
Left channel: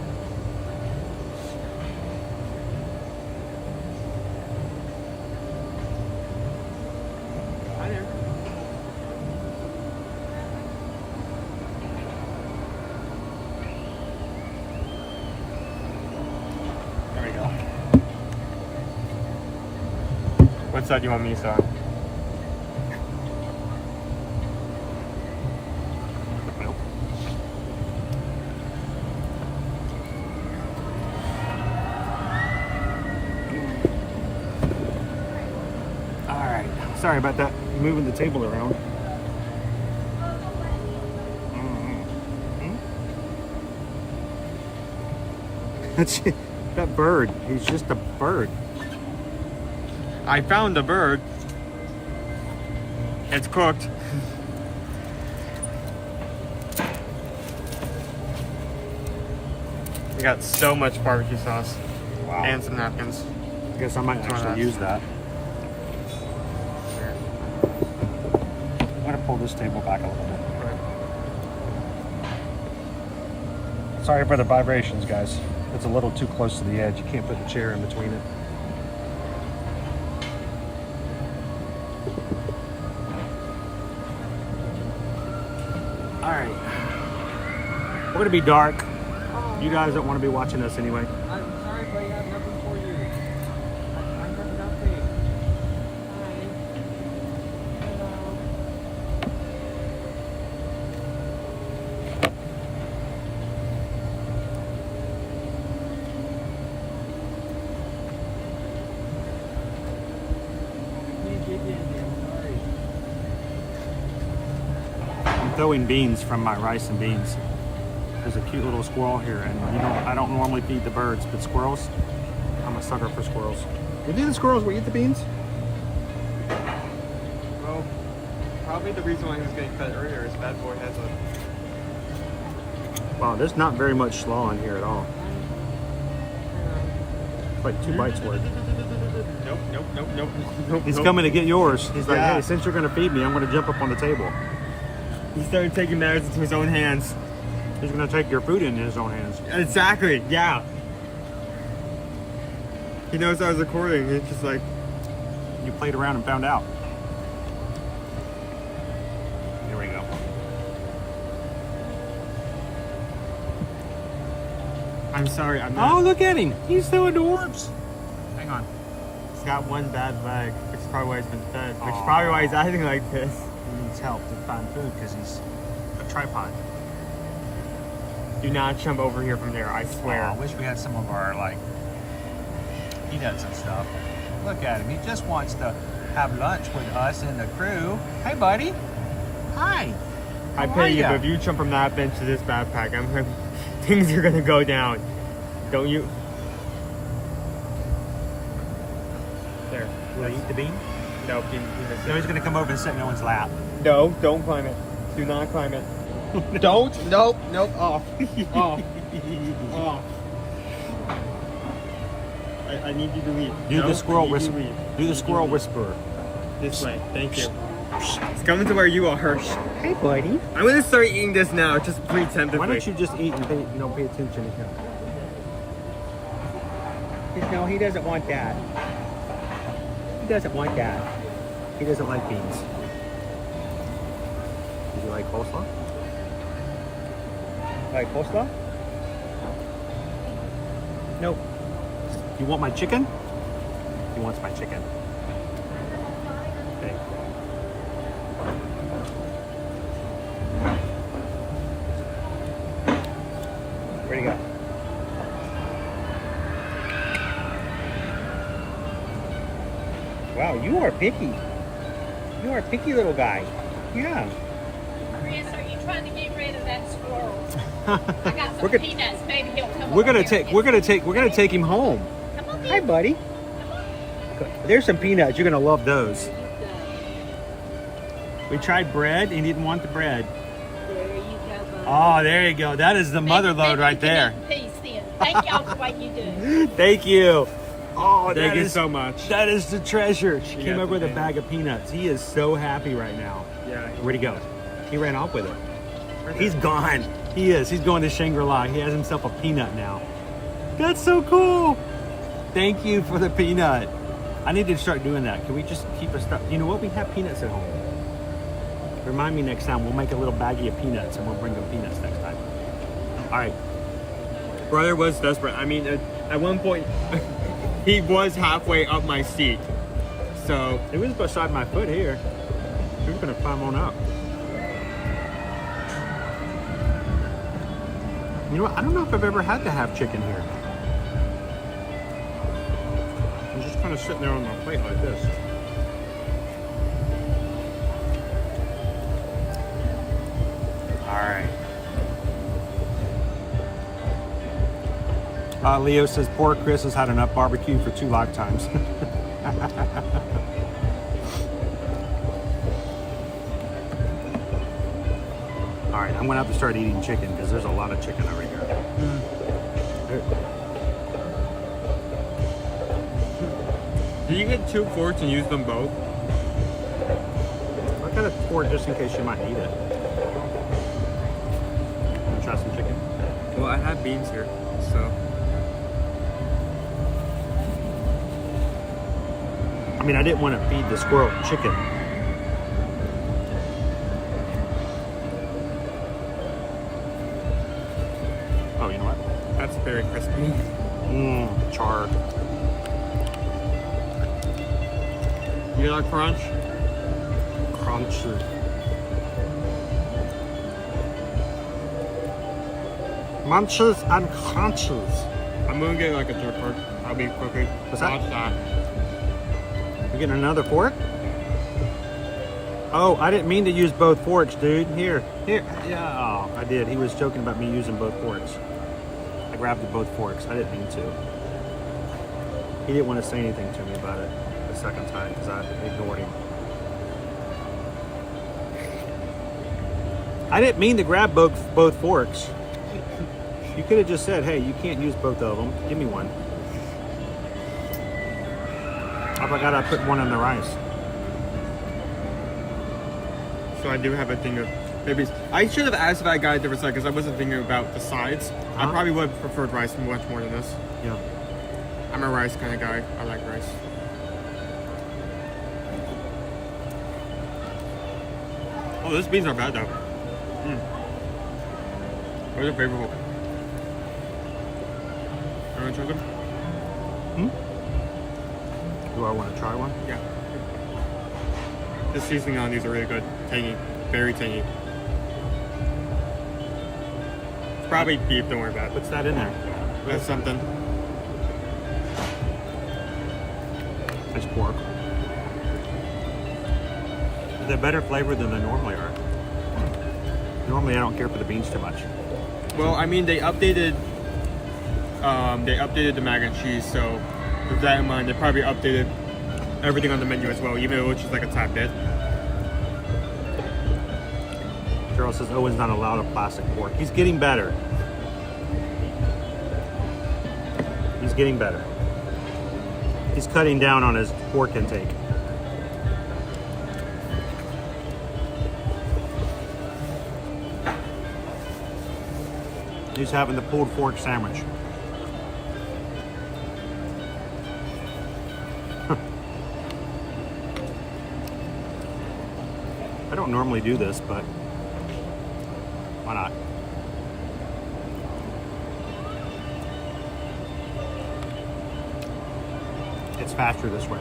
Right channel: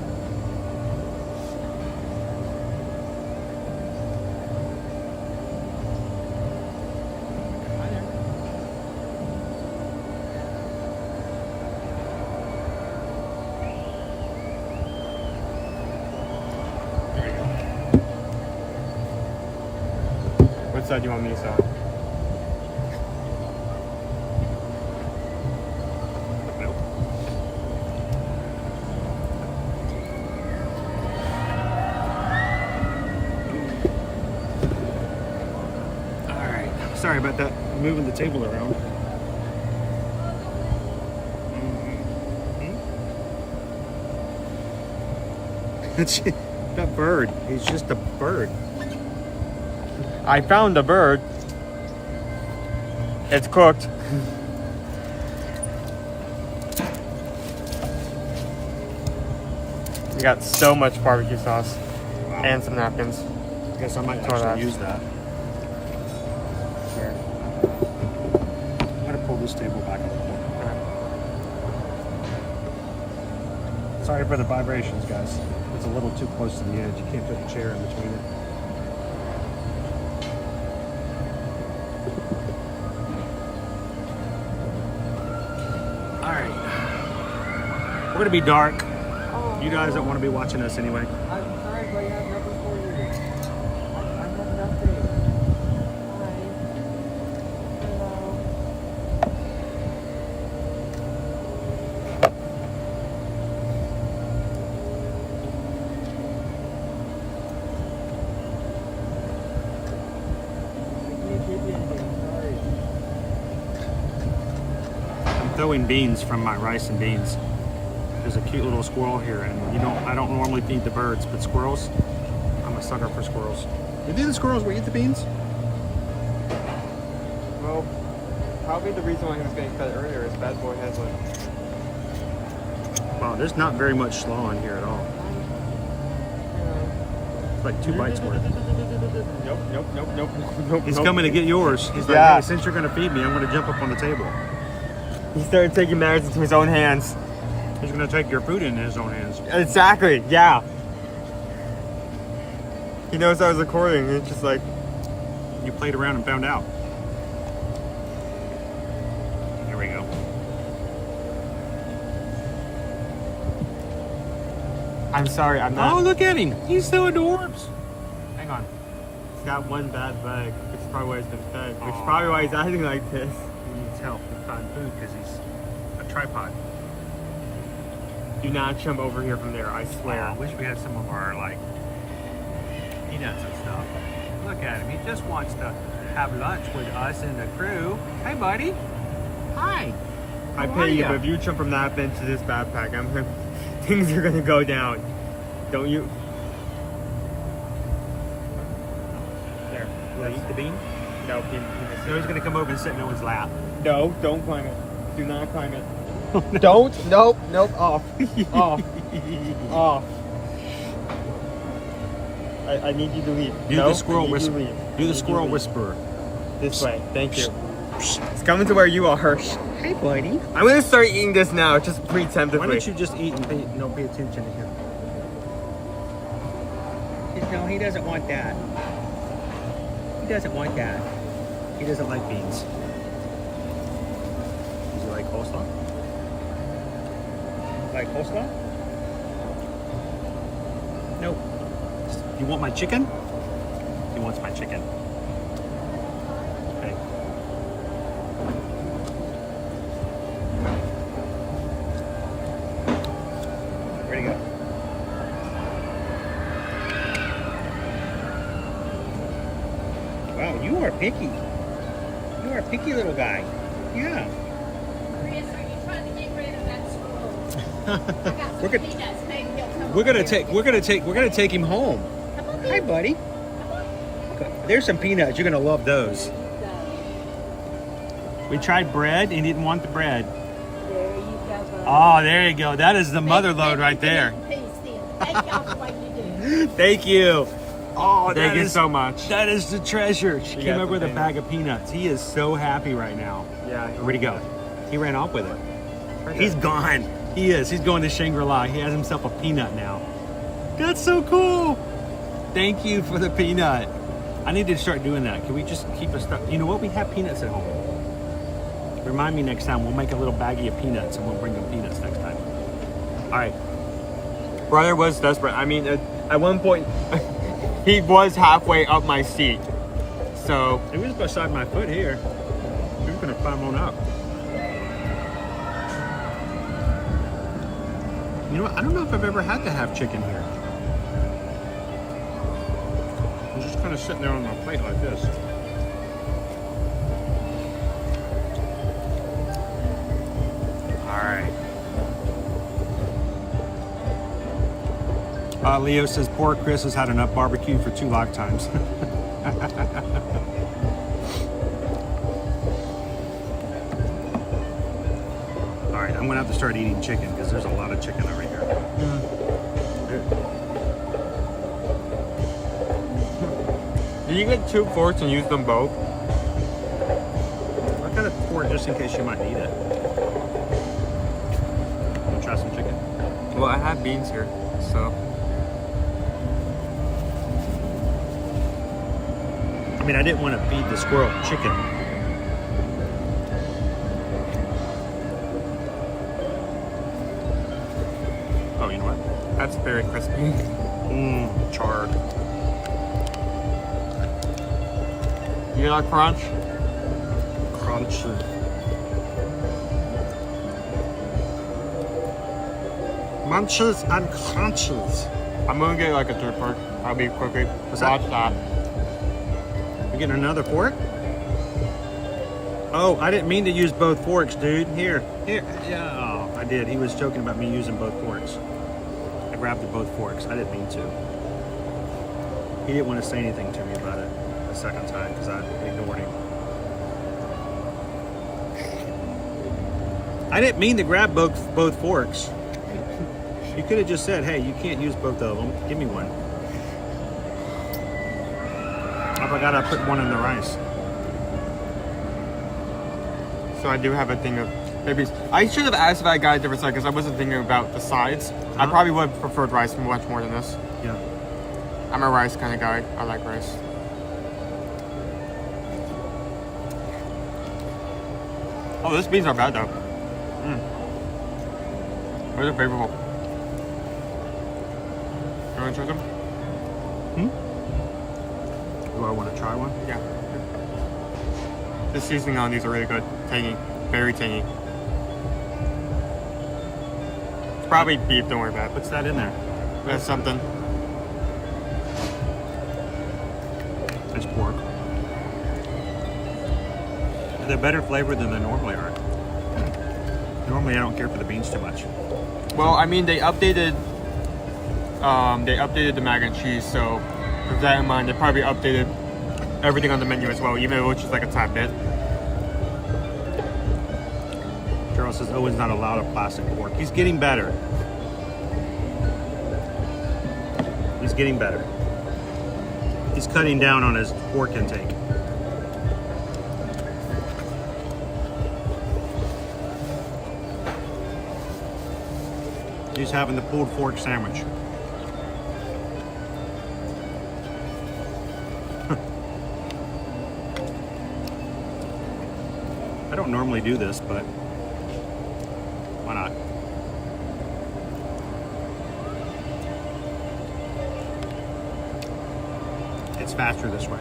What side do you want me to sit on? Alright. Sorry about that. Moving the table around. That's that bird. He's just a bird. I found the bird. It's cooked. We got so much barbecue sauce. Wow. And some napkins. I guess I might actually use that. Here. I'm gonna pull this table back a little bit. Sorry for the vibrations, guys. It's a little too close to the edge. You can't put the chair in between it. All right. We're going to be dark. You guys don't want to be watching us anyway. Throwing beans from my rice and beans. There's a cute little squirrel here, and I don't normally feed the birds, but squirrels, I'm a sucker for squirrels. You think the squirrels will eat the beans? Well, probably the reason why he was getting fed earlier is bad boy has a... Wow, there's not very much slaw in here at all. It's like 2 bites worth. Nope. He's coming to get yours. He's like, Yeah. hey, since you're gonna feed me, I'm gonna jump up on the table. He started taking matters into his own hands. He's gonna take your food in his own hands. Exactly, yeah. He knows I was recording. It's just like... You played around and found out. Here we go. I'm sorry, I'm not... Oh, look at him. He's so adorbs. Hang on. He's got one bad leg, which is probably why he's been fed. Which is probably why he's acting like this. He needs help to find food because he's a tripod. Do not jump over here from there, I swear. I wish we had some of our, like, peanuts and stuff. Look at him. He just wants to have lunch with us and the crew. Hey, buddy. Hi. I How pay are you, ya? but if you jump from that bench to this backpack, things are gonna go down. Don't you? There. You gonna eat the bean? No, No, he's gonna come over and sit in Owen's lap. No, don't climb it. Do not climb it. Don't. Nope. Off. Off. Off. I need you to leave. Do the squirrel whisperer. Do the squirrel whisperer. This way. Thank you. It's coming to where you are. Hey, buddy. I'm gonna start eating this now, just preemptively. Why don't you just eat and pay attention to him? No, he doesn't want that. He doesn't want that. He doesn't like beans. Does he like coleslaw? Like coleslaw? Nope. You want my chicken? He wants my chicken. Okay. Where'd he go? Wow, you are picky. You are a picky little guy. Yeah. Chris, are you trying to get rid of that squirrel? I got some We're peanuts. Maybe he'll come We're over gonna here take. and We're get gonna take him home. Hi, buddy. There's some peanuts. You're gonna love those. We tried bread. He didn't want the bread. There you go. Oh, there you go. That is the mother load right there. Peace then. Thank y'all for what you do. Thank you. Oh, Thank you so much. That is the treasure. She came Yeah, over with a bag of peanuts. He is so happy right now. Yeah. Where'd he go? He ran off with it. He's gone. He is. He's going to Shangri-La. He has himself a peanut now. That's so cool. Thank you for the peanut. I need to start doing that. Can we just keep a stuff? You know what? We have peanuts at home. Remind me next time. We'll make a little baggie of peanuts and we'll bring them peanuts next time. All right. Brother was desperate. I mean, at one point, he was halfway up my seat. So he was beside my foot here. He was gonna climb on up. You know what? I don't know if I've ever had to have chicken here. I'm just kind of sitting there on my plate like this. All right. Leo says, poor Chris has had enough barbecue for 2 lifetimes. All right, I'm gonna have to start eating chicken because there's a lot of chicken over here. Did you get 2 forks and use them both? I got a fork just in case you might eat it. Wanna try some chicken? Well, I had beans here, so. I mean, I didn't want to feed the squirrel chicken. Oh, you know what? That's very crispy. Charred. You like crunch? Crunchy. Munches and crunches. I'm gonna get like a two fork. I'll be quickly. What's that? Watch that. You're getting another fork? Oh, I didn't mean to use both forks, dude. Here. Yeah, oh, I did. He was joking about me using both forks. I grabbed both forks. I didn't mean to. He didn't want to say anything to me about it the second time because I ignored him. I didn't mean to grab both forks. You could have just said, hey, you can't use both of them. Give me one. I forgot I put one in the rice. So I do have a thing of maybe. I should have asked if I got a different side because I wasn't thinking about the sides. I probably would have preferred rice much more than this. Yeah. I'm a rice kind of guy. I like rice. Oh, those beans are bad though. They're favorable. You want to try them? Do I want to try one? Yeah. The seasoning on these are really good. Tangy. Very tangy. It's probably beef, don't worry about it. What's that in there? There's something. It's pork. They're better flavored than they normally are. Normally I don't care for the beans too much. Well, I mean, they updated the mac and cheese, so with that in mind, they probably updated everything on the menu as well, even though it's just like a tad bit. Charles says Owen's not allowed a plastic fork. He's getting better. He's getting better. He's cutting down on his pork intake. He's having the pulled fork sandwich. I don't normally do this, but why not? It's faster this way.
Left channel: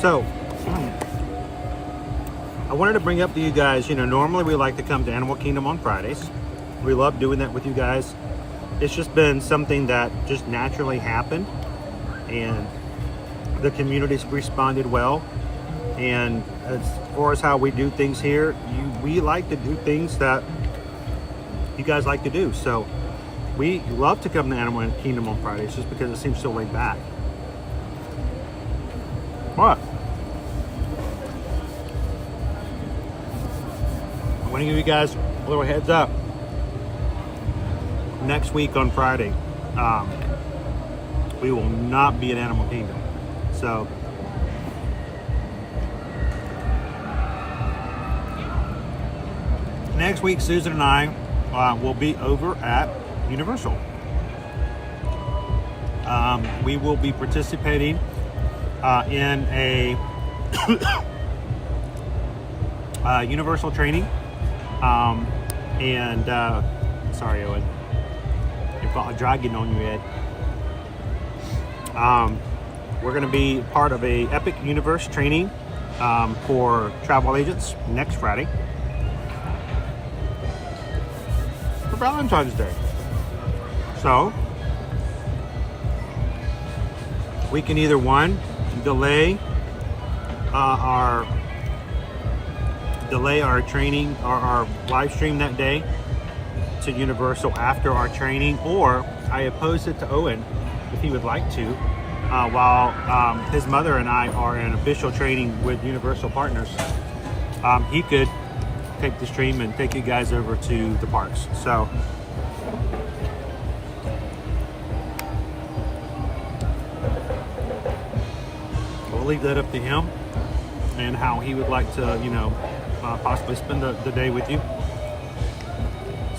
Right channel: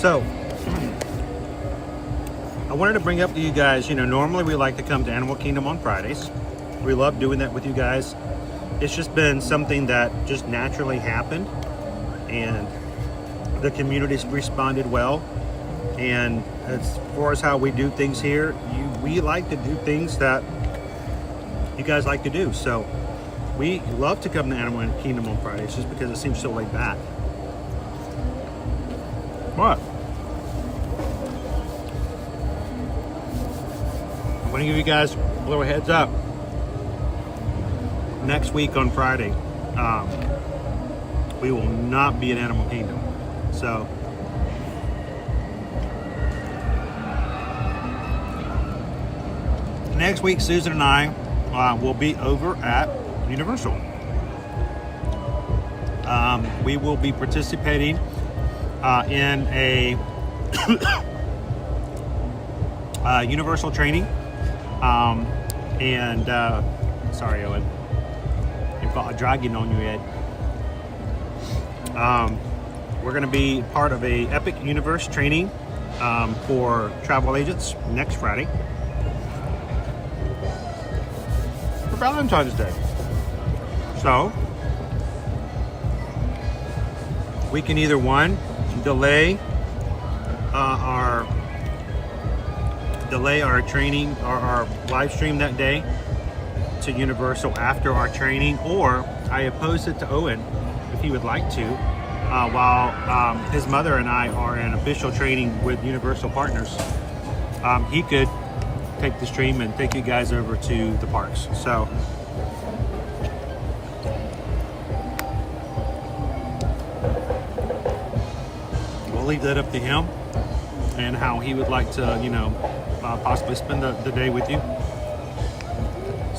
So, I wanted to bring up to you guys, you know, normally we like to come to Animal Kingdom on Fridays. We love doing that with you guys. It's just been something that just naturally happened, and the community's responded well. And as far as how we do things here, we like to do things that you guys like to do. So we love to come to Animal Kingdom on Fridays just because it seems so laid back. What? I want to give you guys a little heads up. Next week on Friday, we will not be at Animal Kingdom. So next week, Susan and I will be over at Universal. We will be participating in a Universal training. Sorry, Owen, you've got a dragon on your head. We're going to be part of a Epic Universe training for travel agents next Friday for Valentine's Day. So we can either delay our training or our live stream that day to Universal after our training, or I opposed it to Owen if he would like to, while his mother and I are in official training with Universal Partners, he could take the stream and take you guys over to the parks. So we'll leave that up to him and how he would like to, you know, possibly spend the day with you.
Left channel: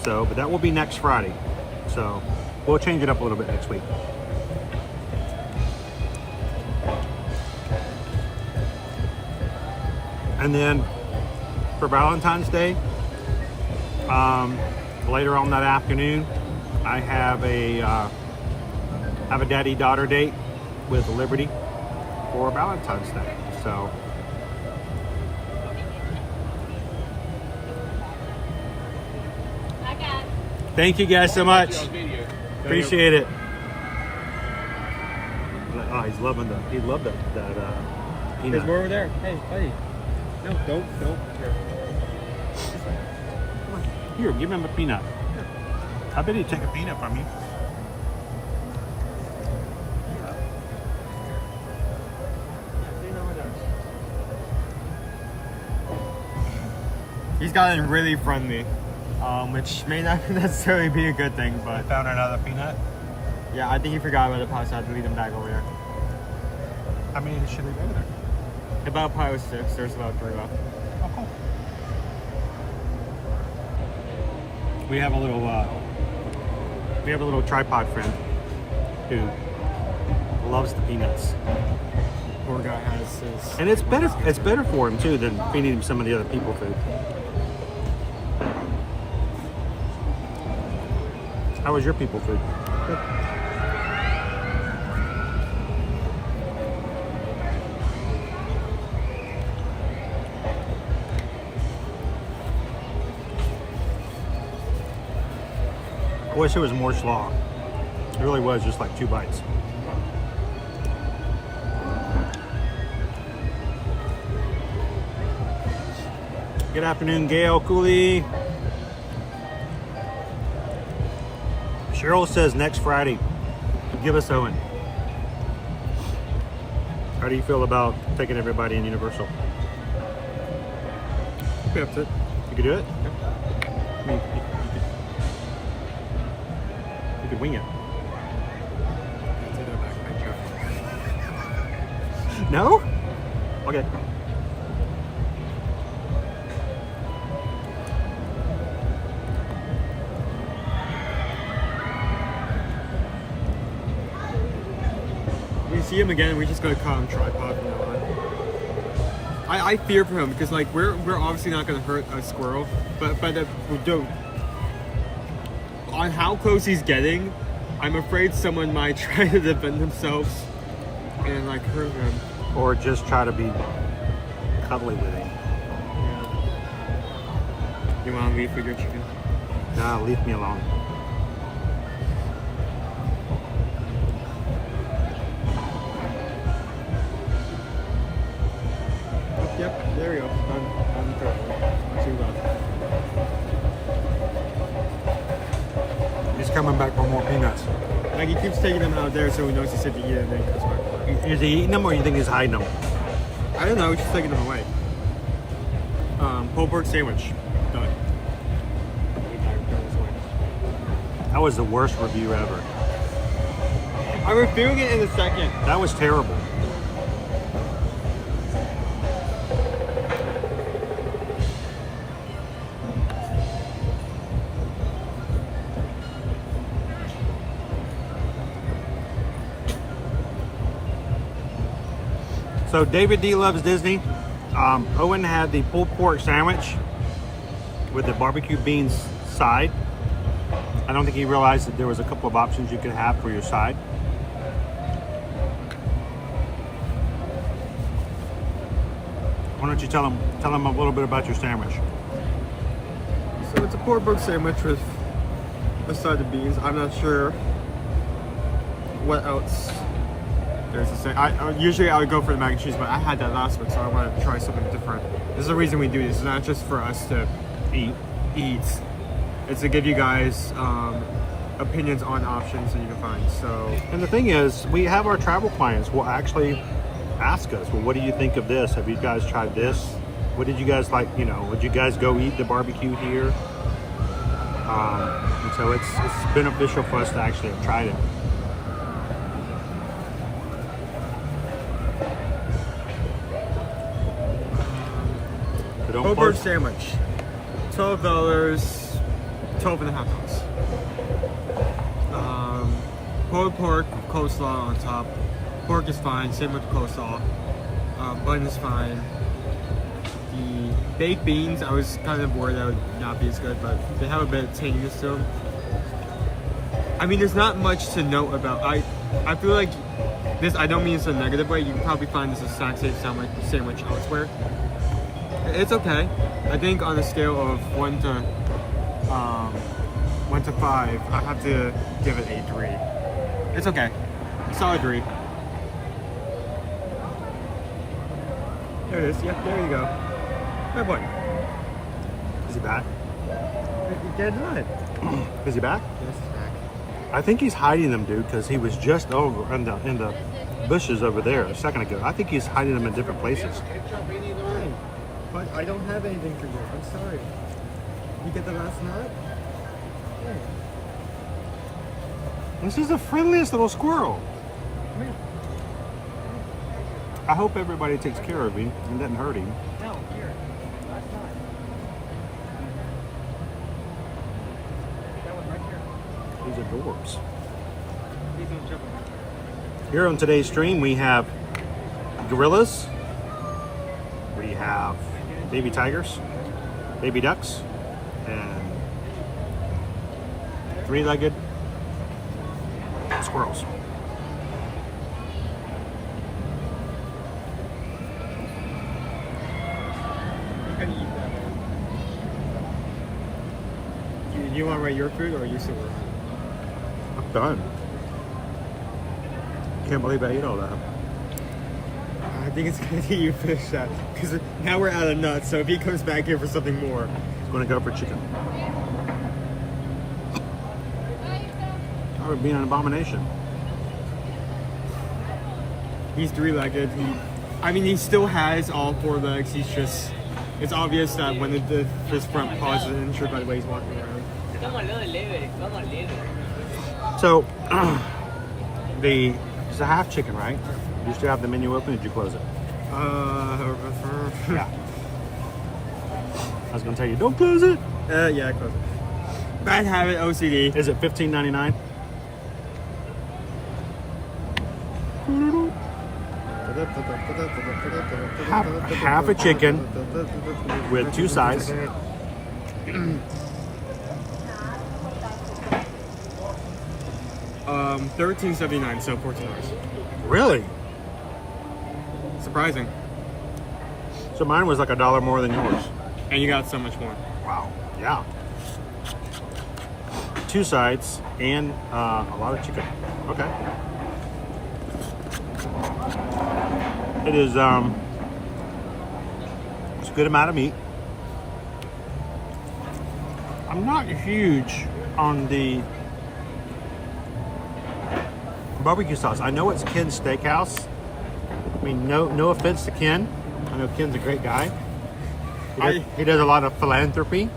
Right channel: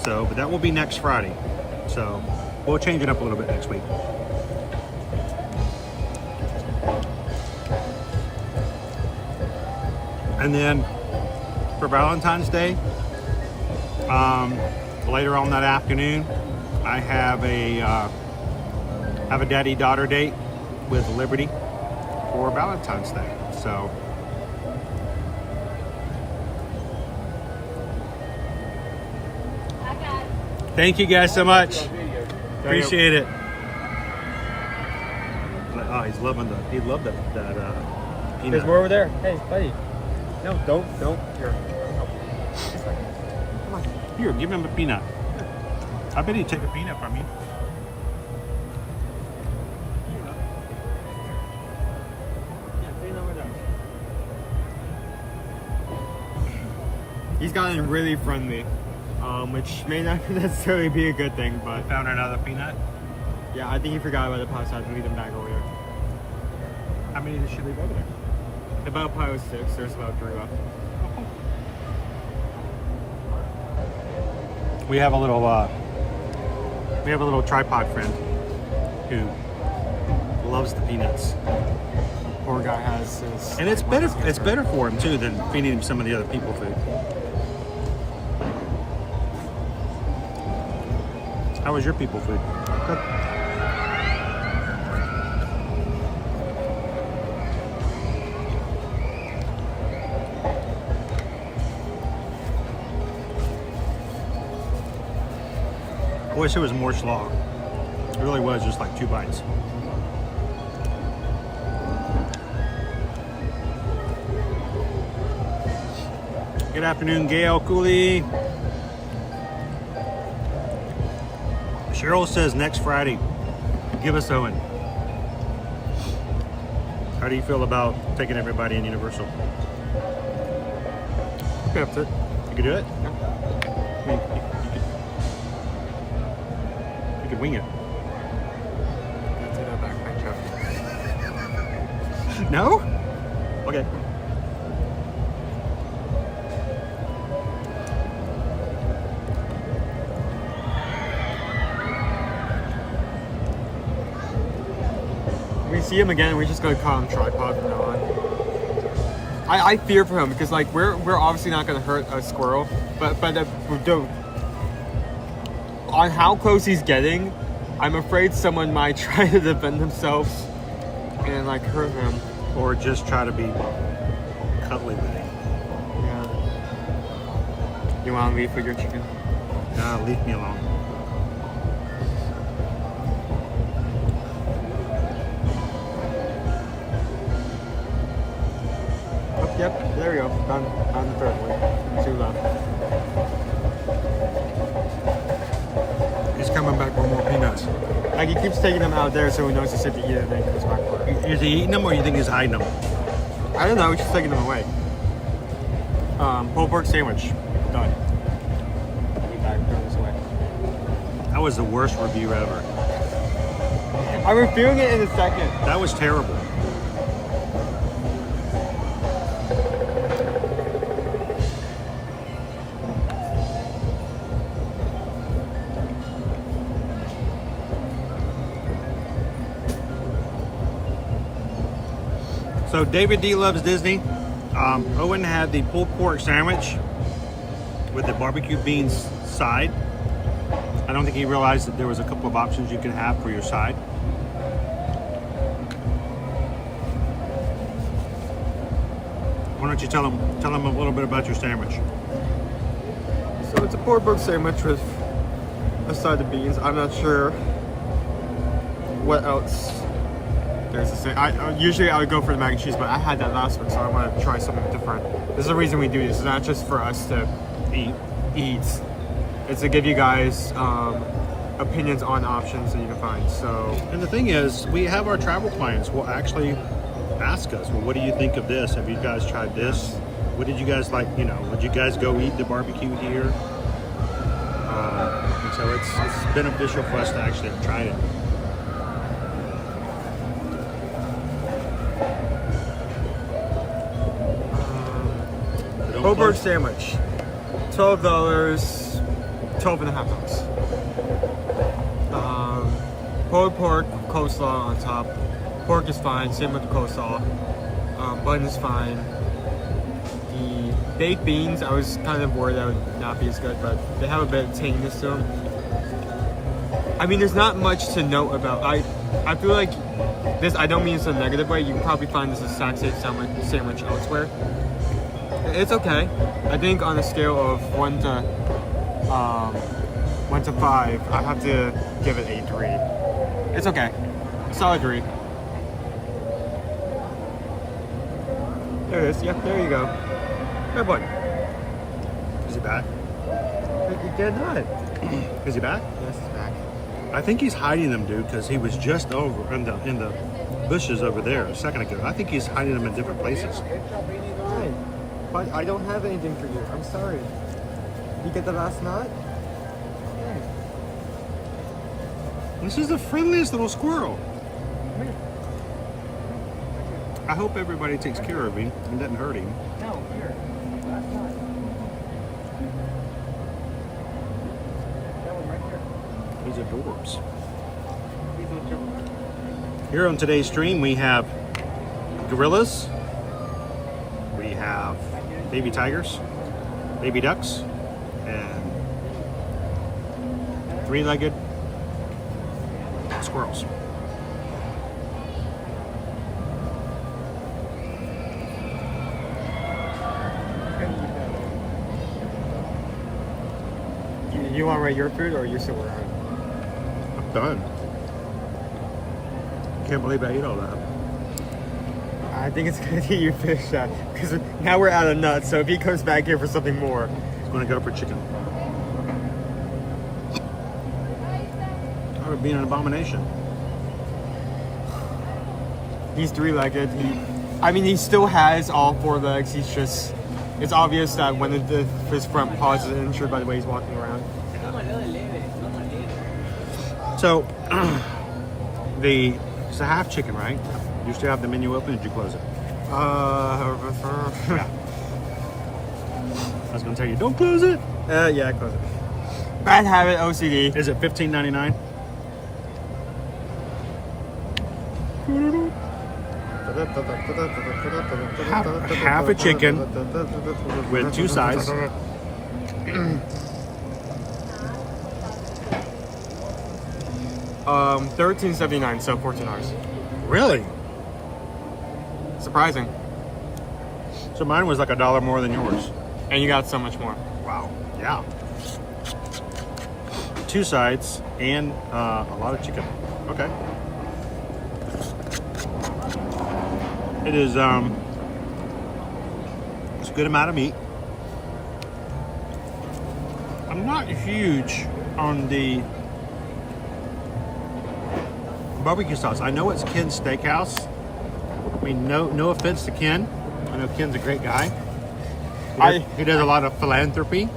So, but that will be next Friday. So we'll change it up a little bit next week. And then for Valentine's Day, later on that afternoon, I have a daddy-daughter date with Liberty for Valentine's Day. So thank you guys so much. Appreciate it. Oh, he's loving he loved that peanut. There's more over there. Hey, buddy. No, don't. Here, give him a peanut. I bet he'd take a peanut from you. He's gotten really friendly, which may not necessarily be a good thing, but... Found another peanut? Yeah, I think he forgot about the pouch. I had to leave them back over there. How many should we put? About probably 6. There's about 3 left. We have a little tripod friend who loves the peanuts. Poor guy has his... And it's better for him too than feeding him some of the other people food. How was your people food? I wish there was more slaw. It really was just like 2 bites. Good afternoon, Gail Cooley. Cheryl says next Friday, give us Owen. How do you feel about taking everybody in Universal? You could do it? I mean, you could wing it. No? Okay. We see him again, we just go call him tripod from now on. I fear for him because like we're obviously not gonna hurt a squirrel, but on how close he's getting, I'm afraid someone might try to defend themselves and like hurt him. Or just try to be cuddly with him. Yeah. You wanna leave for your chicken? No, leave me alone. Yep, there we go. Done the third one. 2 left. He's coming back for more peanuts. Like he keeps taking them out there so he knows to sit to eat it and then he comes back for it. Is he eating them or you think he's hiding them? I don't know, he's just taking them away. Pulled pork sandwich. Done. That was the worst review ever. I'm reviewing it in a second. That was terrible. So David D loves Disney. Owen had the pulled pork sandwich with the barbecue beans side. I don't think he realized that there was a couple of options you could have for your side. Why don't you tell him a little bit about your sandwich? So it's a pulled pork sandwich with a side of beans. I'm not sure what else there's a thing. Usually I would go for the mac and cheese, but I had that last one, so I want to try something different. There's a reason we do this. It's not just for us to eat. It's to give you guys opinions on options that you can find. So, and the thing is, we have our travel clients will actually ask us, well, what do you think of this? Have you guys tried this? What did you guys like? You know, would you guys go eat the barbecue here? And so it's beneficial for us to actually have tried it. Hobart sandwich, $12, 12 and a half ounce. Pulled pork, coleslaw on top. Pork is fine, same with the coleslaw. Bun is fine. The baked beans, I was kind of worried that would not be as good, but they have a bit of tanginess to them. I mean, there's not much to note about. I feel like this, I don't mean this in a negative way, you can probably find this exact same sandwich elsewhere. It's okay. I think on a scale of 1 to 5, I have to give it a 3. It's okay. Solid 3. There it is. Yep, there you go. Good boy. Is he back? He did not. Is he back? Yes, he's back. I think he's hiding them, dude, because he was just over in the bushes over there a second ago. I think he's hiding them in different places. But I don't have anything for you. I'm sorry. Did you get the last knot? This is the friendliest little squirrel. I hope everybody takes care of him and doesn't hurt him. He's adorbs. Here on today's stream, we have gorillas. We have baby tigers, baby ducks, and 3-legged squirrels. You want to rate your food, or are you still around? I'm done. Can't believe I ate all that. I think it's going to be you finish that, because now we're out of nuts, so if he comes back here for something more. I'm going to go for chicken. That would be an abomination. He's 3-legged. He still has all 4 legs. He's just, it's obvious that when his front paws is injured by the way he's walking around. So, it's a half chicken, right? You still have the menu open, or did you close it? Yeah. I was going to tell you, don't close it. Yeah, I closed it. Bad habit, OCD. Is it $15.99? Half a chicken with 2 sides. $13.79, so $14. Really? Surprising. So mine was like $1 more than yours. And you got so much more. Wow. Yeah. 2 sides and a lot of chicken. Okay. It is it's a good amount of meat. I'm not huge on the barbecue sauce. I know it's Ken's Steakhouse. I mean, no offense to Ken. I know Ken's a great guy. He does a lot of philanthropy. He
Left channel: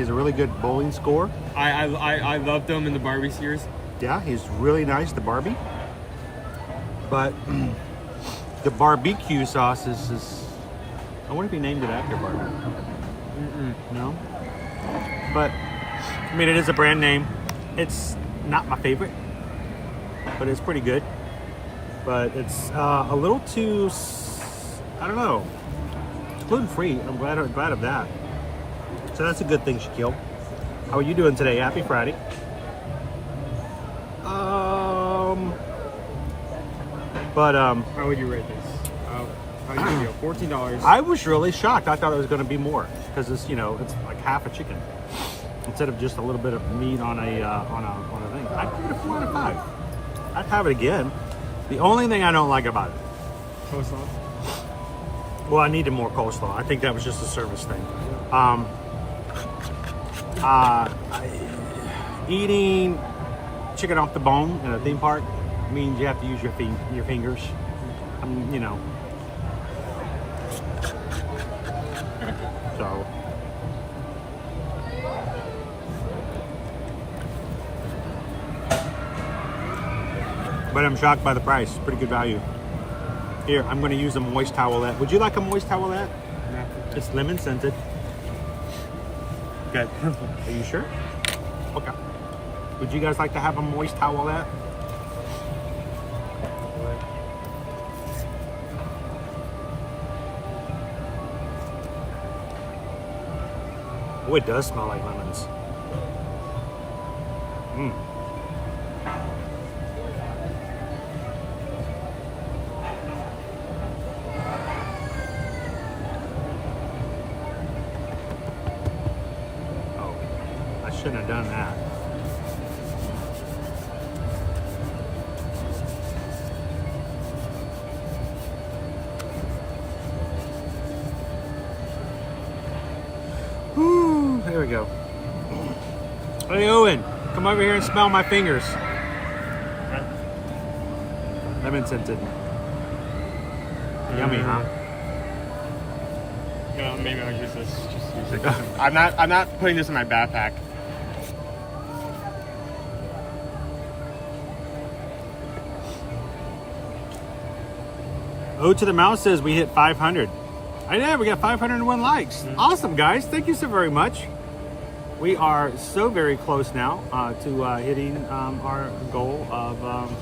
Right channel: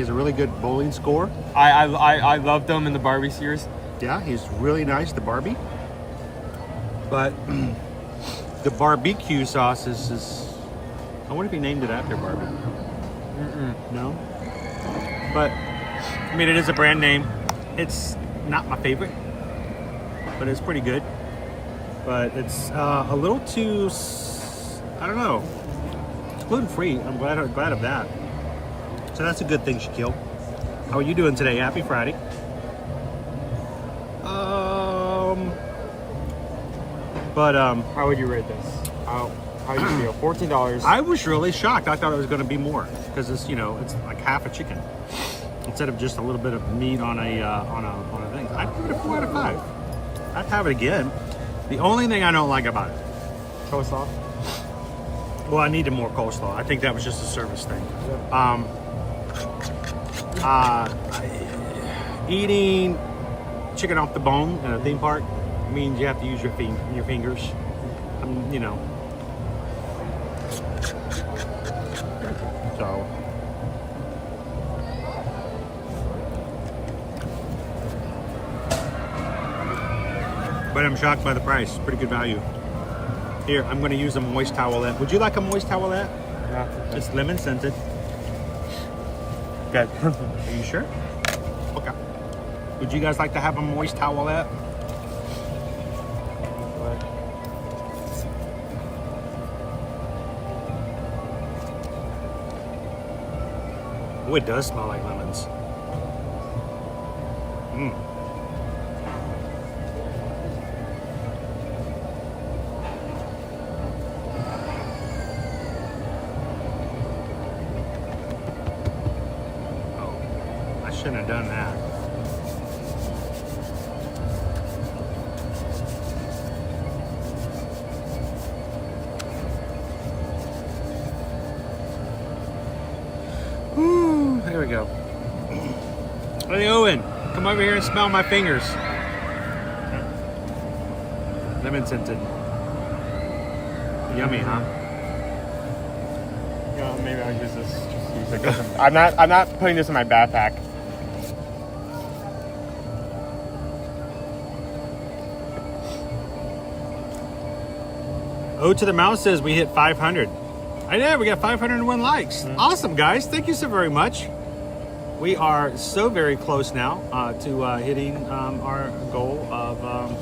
has a really good bowling score. I love them in the Barbie series. Yeah, he's really nice, the Barbie. But the barbecue sauce is I wonder if he named it after Barbie. No? But, I mean, it is a brand name. It's not my favorite, but it's pretty good. But it's a little too, I don't know. It's gluten-free. I'm glad of that. So that's a good thing, Shaquille. How are you doing today? Happy Friday. How would you rate this? How do you feel? $14. I was really shocked. I thought it was going to be more because it's, you know, it's like half a chicken instead of just a little bit of meat on a thing. I'd give it a 4 out of 5. I'd have it again. The only thing I don't like about it, coleslaw. Well, I needed more coleslaw. I think that was just a service thing. Eating chicken off the bone in a theme park means you have to use your fingers. You know. So. But I'm shocked by the price. Pretty good value. Here, I'm going to use a moist towelette. Would you like a moist towelette? No. It's lemon scented. Good. Are you sure? Okay. Would you guys like to have a moist towelette? Oh, it does smell like lemons. Mmm. Shouldn't have done that. Woo, there we go. Hey Owen, come over here and smell my fingers. Lemon scented. Yummy, huh? No, maybe I'll use this. Just use it. I'm not putting this in my backpack. O to the Mouse says we hit 500. I know, we got 501 likes. Awesome, guys. Thank you so very much. We are so very close now to hitting our goal of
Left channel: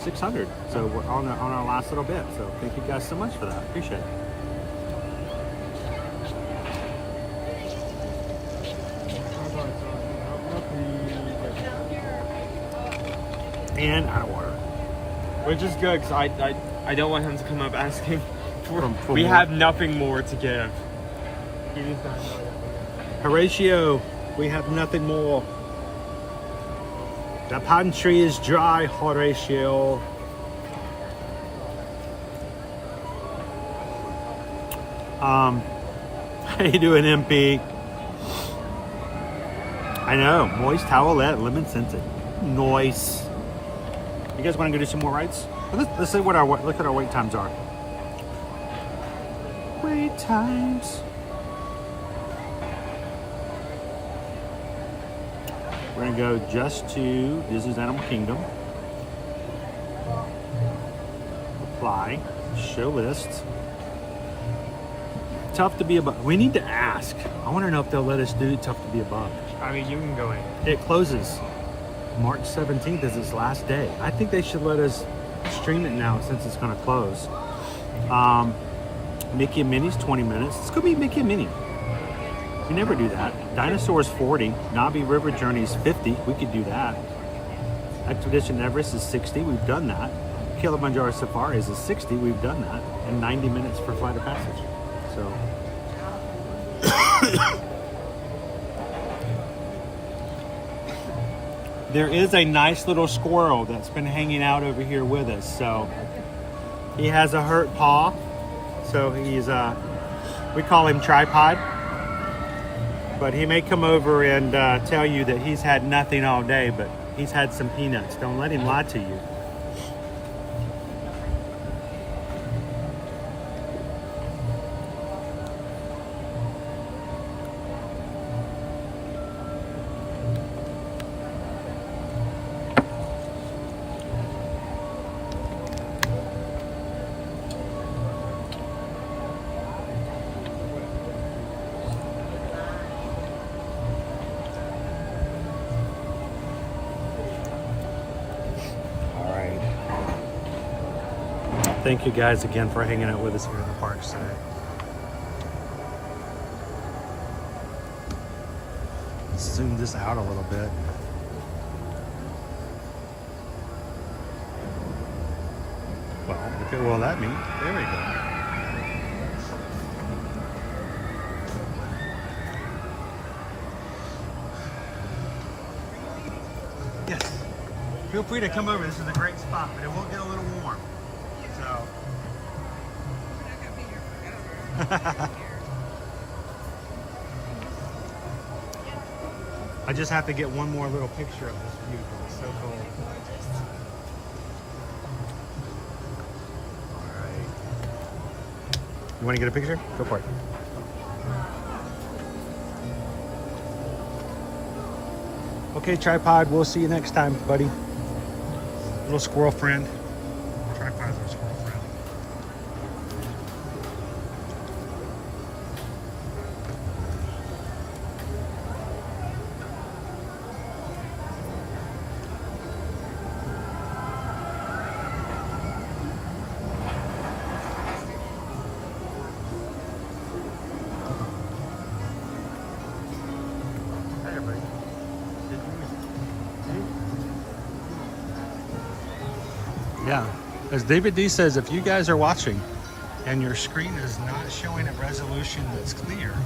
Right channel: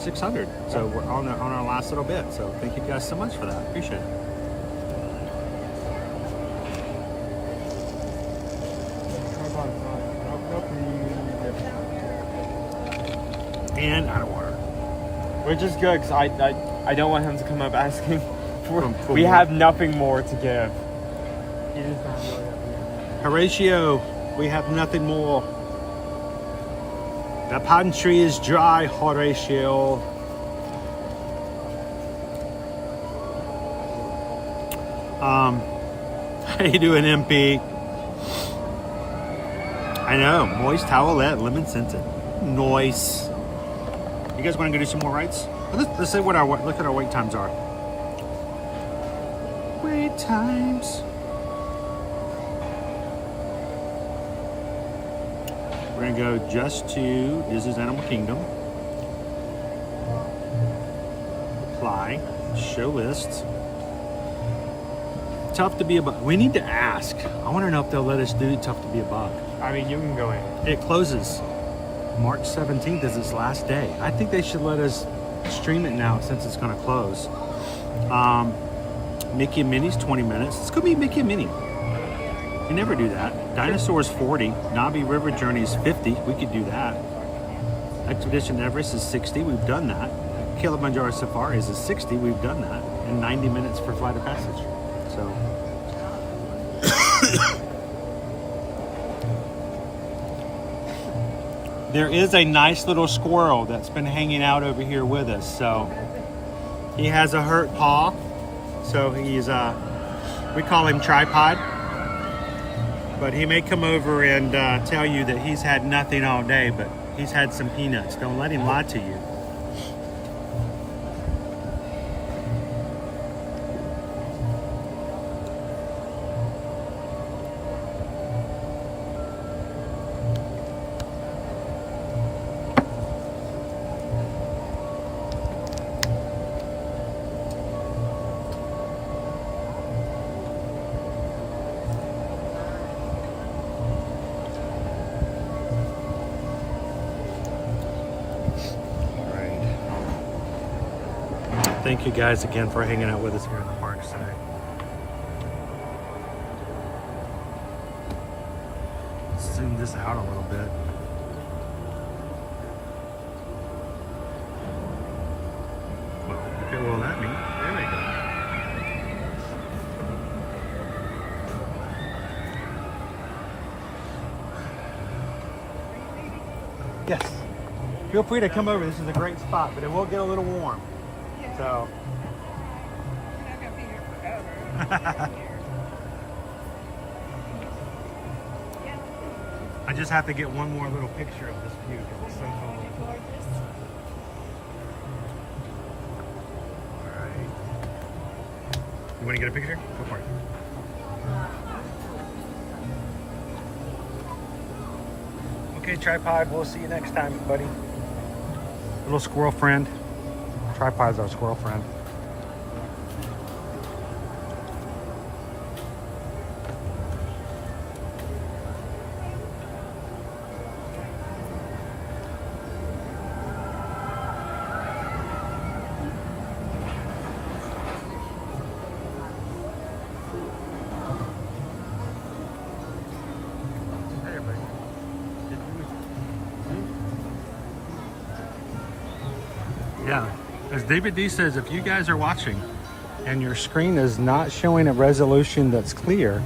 600. So we're on our last little bit. So thank you guys so much for that. Appreciate it. And out of water. Which is good, because I don't want him to come up asking for we more. Have nothing more to give. Horatio, we have nothing more. The pine tree is dry, Horatio. How you doing, MP? I know, moist towelette, lemon scented. Nice. You guys want to go do some more rides? Let's see what look at our wait times are. Wait times. We're gonna go just to Disney's Animal Kingdom. Apply, show list. Tough to be a bug. We need to ask. I want to know if they'll let us do Tough to be a Bug. I mean, you can go in. It closes March 17th is its last day. I think they should let us stream it now since it's going to close. Mickey and Minnie's 20 minutes. It's going to be Mickey and Minnie. We never do that. Dinosaurs 40. Navi River Journey's 50. We could do that. Expedition Everest is 60. We've done that. Kilimanjaro Safaris is 60. We've done that. And 90 minutes for Flight of Passage. So. There is a nice little squirrel that's been hanging out over here with us. So he has a hurt paw. So he's, we call him Tripod. But he may come over and tell you that he's had nothing all day, but he's had some peanuts. Don't let him lie to you. Thank you guys again for hanging out with us here in the parks today. Zoom this out a little bit. Well, if it will let me. There we go. Yes. Feel free to come over. This is a great spot, but it will get a little warm. So I just have to get one more little picture of this view because it's so cool. You want to get a picture? Go for it. Okay, tripod. We'll see you next time, buddy. Little squirrel friend. Tripod's our squirrel friend. Yeah, as David D says, if you guys are watching and your screen is not showing a resolution that's clear,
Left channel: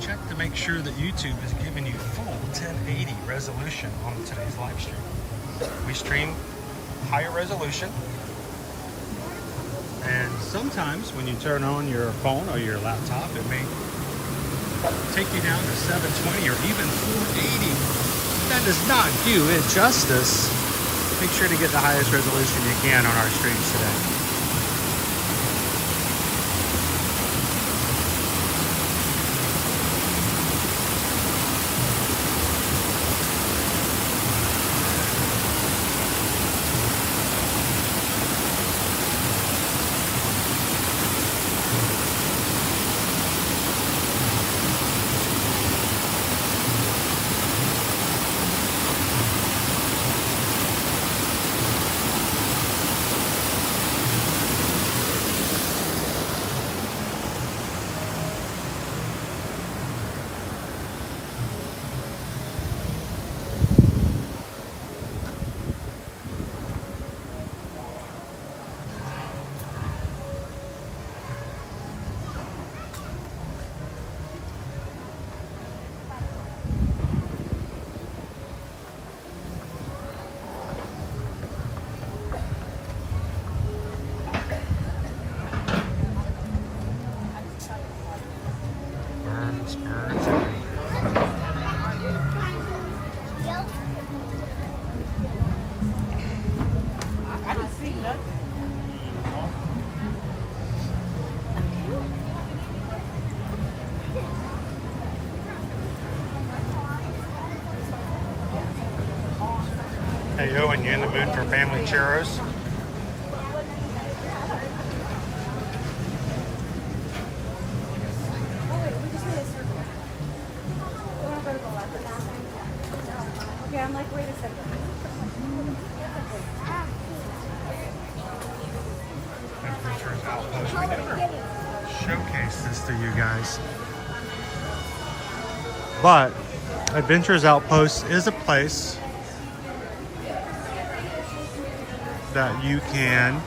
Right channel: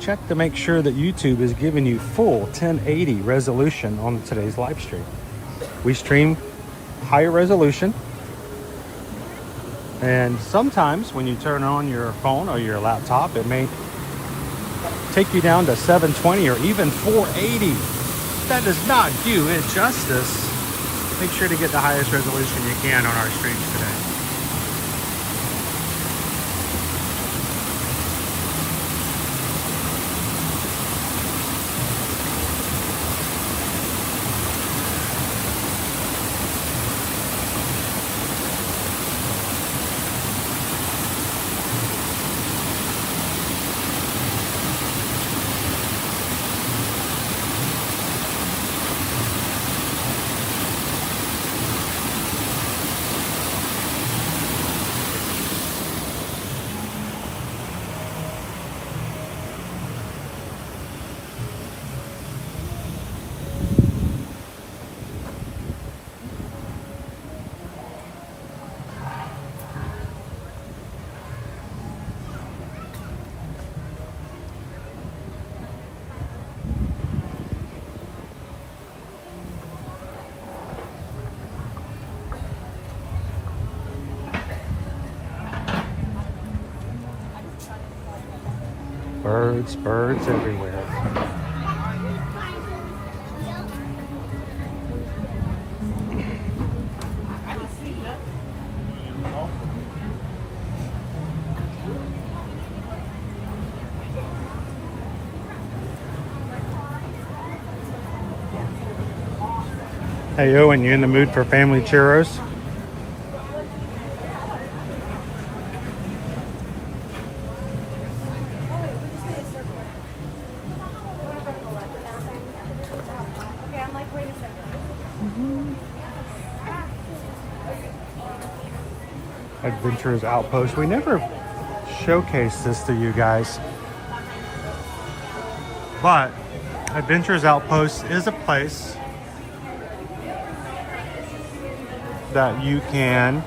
check to make sure that YouTube is giving you full 1080 resolution on today's live stream. We stream higher resolution, and sometimes when you turn on your phone or your laptop, it may take you down to 720 or even 480. That does not do it justice. Make sure to get the highest resolution you can on our streams today. Birds everywhere. Hey Owen, you in the mood for family churros? Adventures Outpost. We never showcased this to you guys, but Adventures Outpost is a place that you can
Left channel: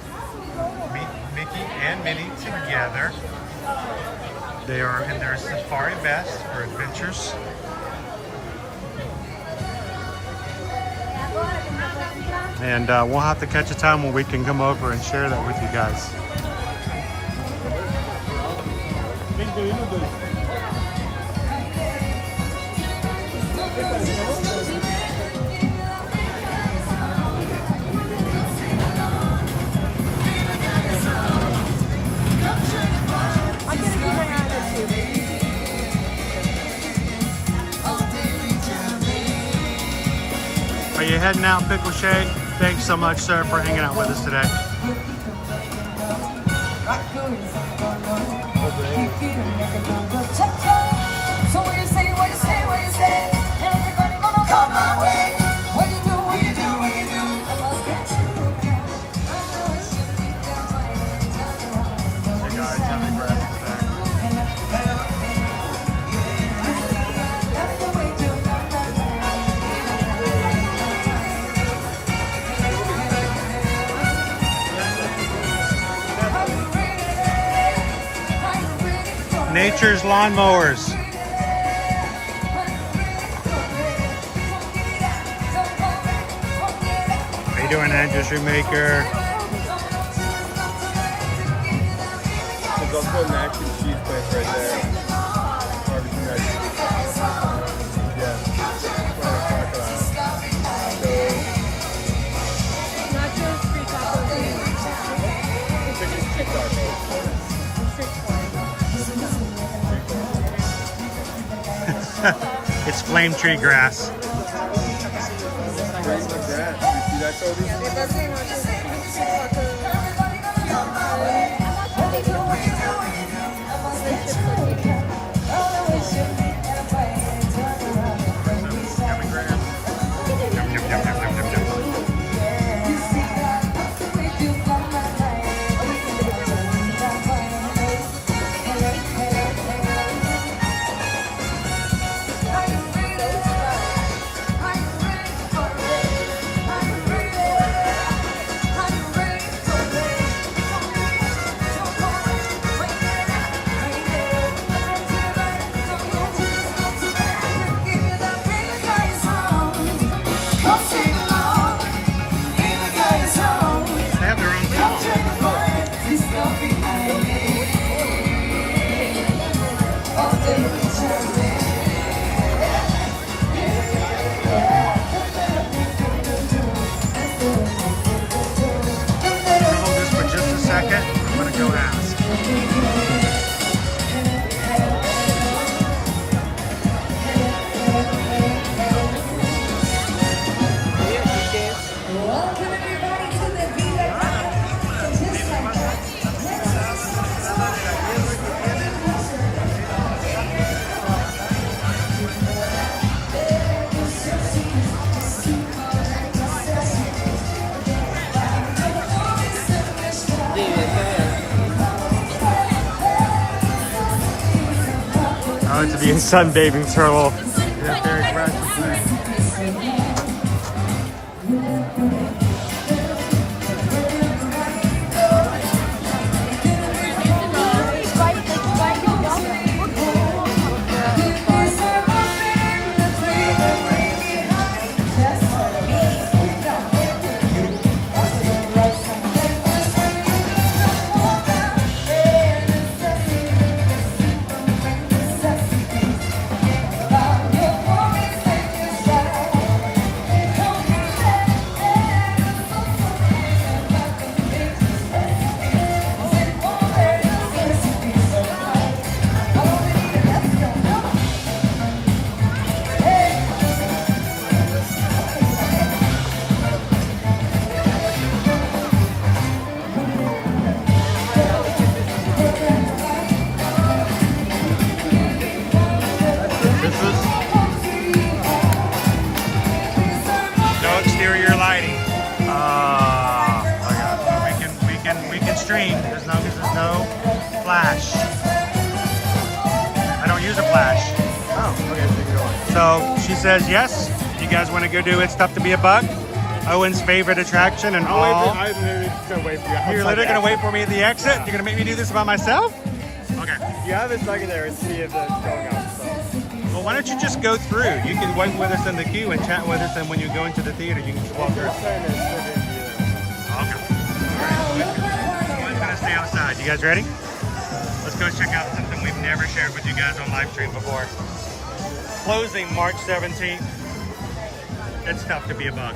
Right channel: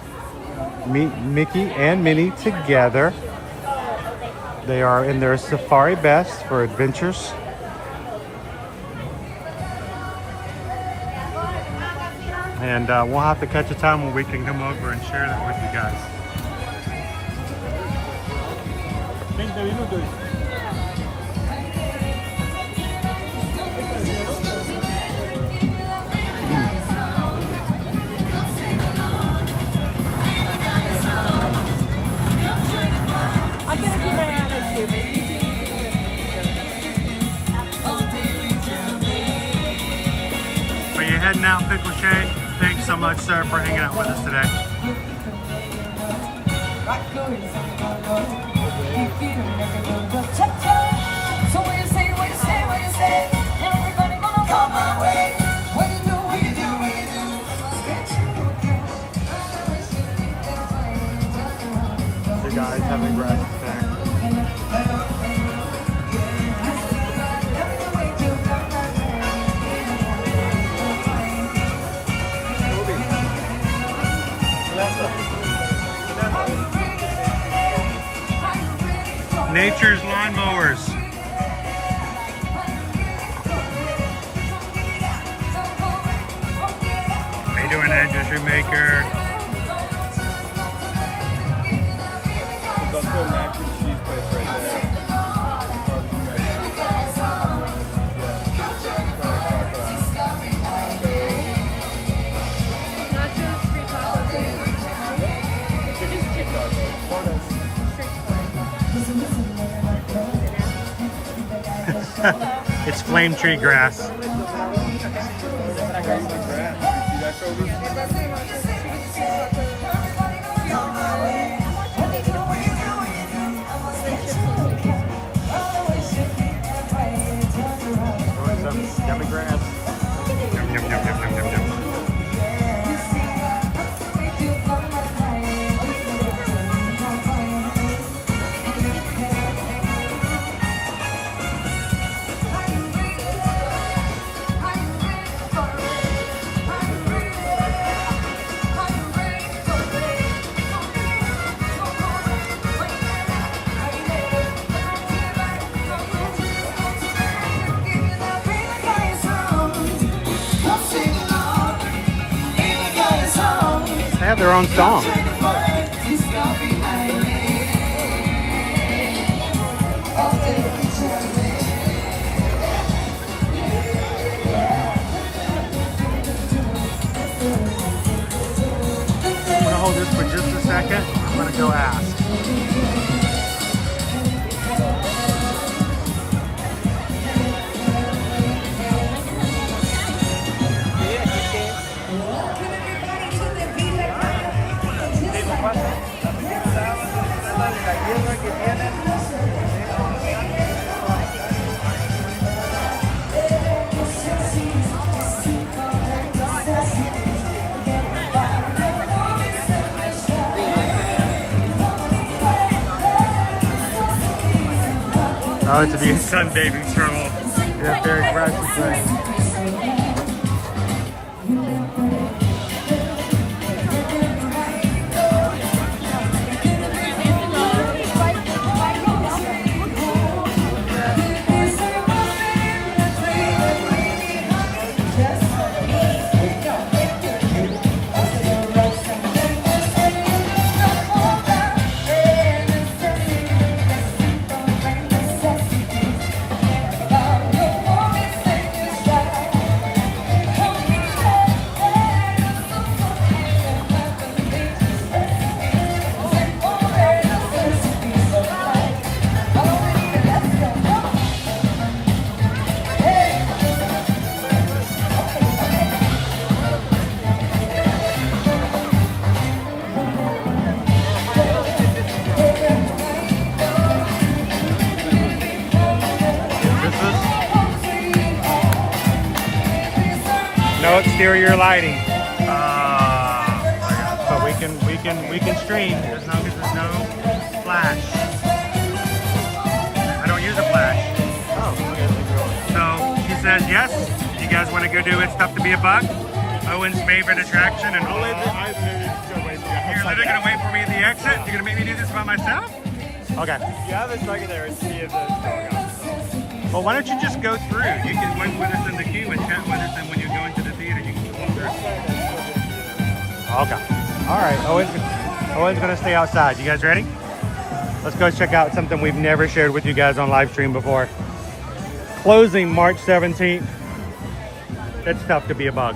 meet Mickey and Minnie together. They are in their safari best for adventures. And we'll have to catch a time when we can come over and share that with you guys. Are you heading out, Pickle Shade? Thanks so much, sir, for hanging out with us today. So what you say, what you say, what you say? Everybody gonna come my way. What you do, what you do, what you do? Nature's Lawnmowers. How you doing, Andrew Shoemaker? There's also a mac and cheese place right there. Barbecue mac and cheese. Nachos, free tacos, chicken taco. Street It's flame tree grass. Yum, yum, yum, yum, yum, yum, yum. They have their own song. I'm gonna hold this for just a second. I'm gonna go ask. Oh, to be a sunbathing turtle in that very grassy place. Stream as long as there's no flash. I don't use a flash. So she says yes. You guys want to go do It's Tough to Be a Bug? Owen's favorite attraction and all. You're literally gonna wait for me at the exit? You're gonna make me do this by myself? Okay. Yeah, there's like there is see if Well, why don't you just go through? You can wait with us in the queue and chat with us, and when you go into the theater, you can just walk through. Okay. All right. Owen's gonna stay outside. You guys ready? Let's go check out something we've never shared with you guys on live stream before. Closing March 17th. It's Tough to Be a Bug.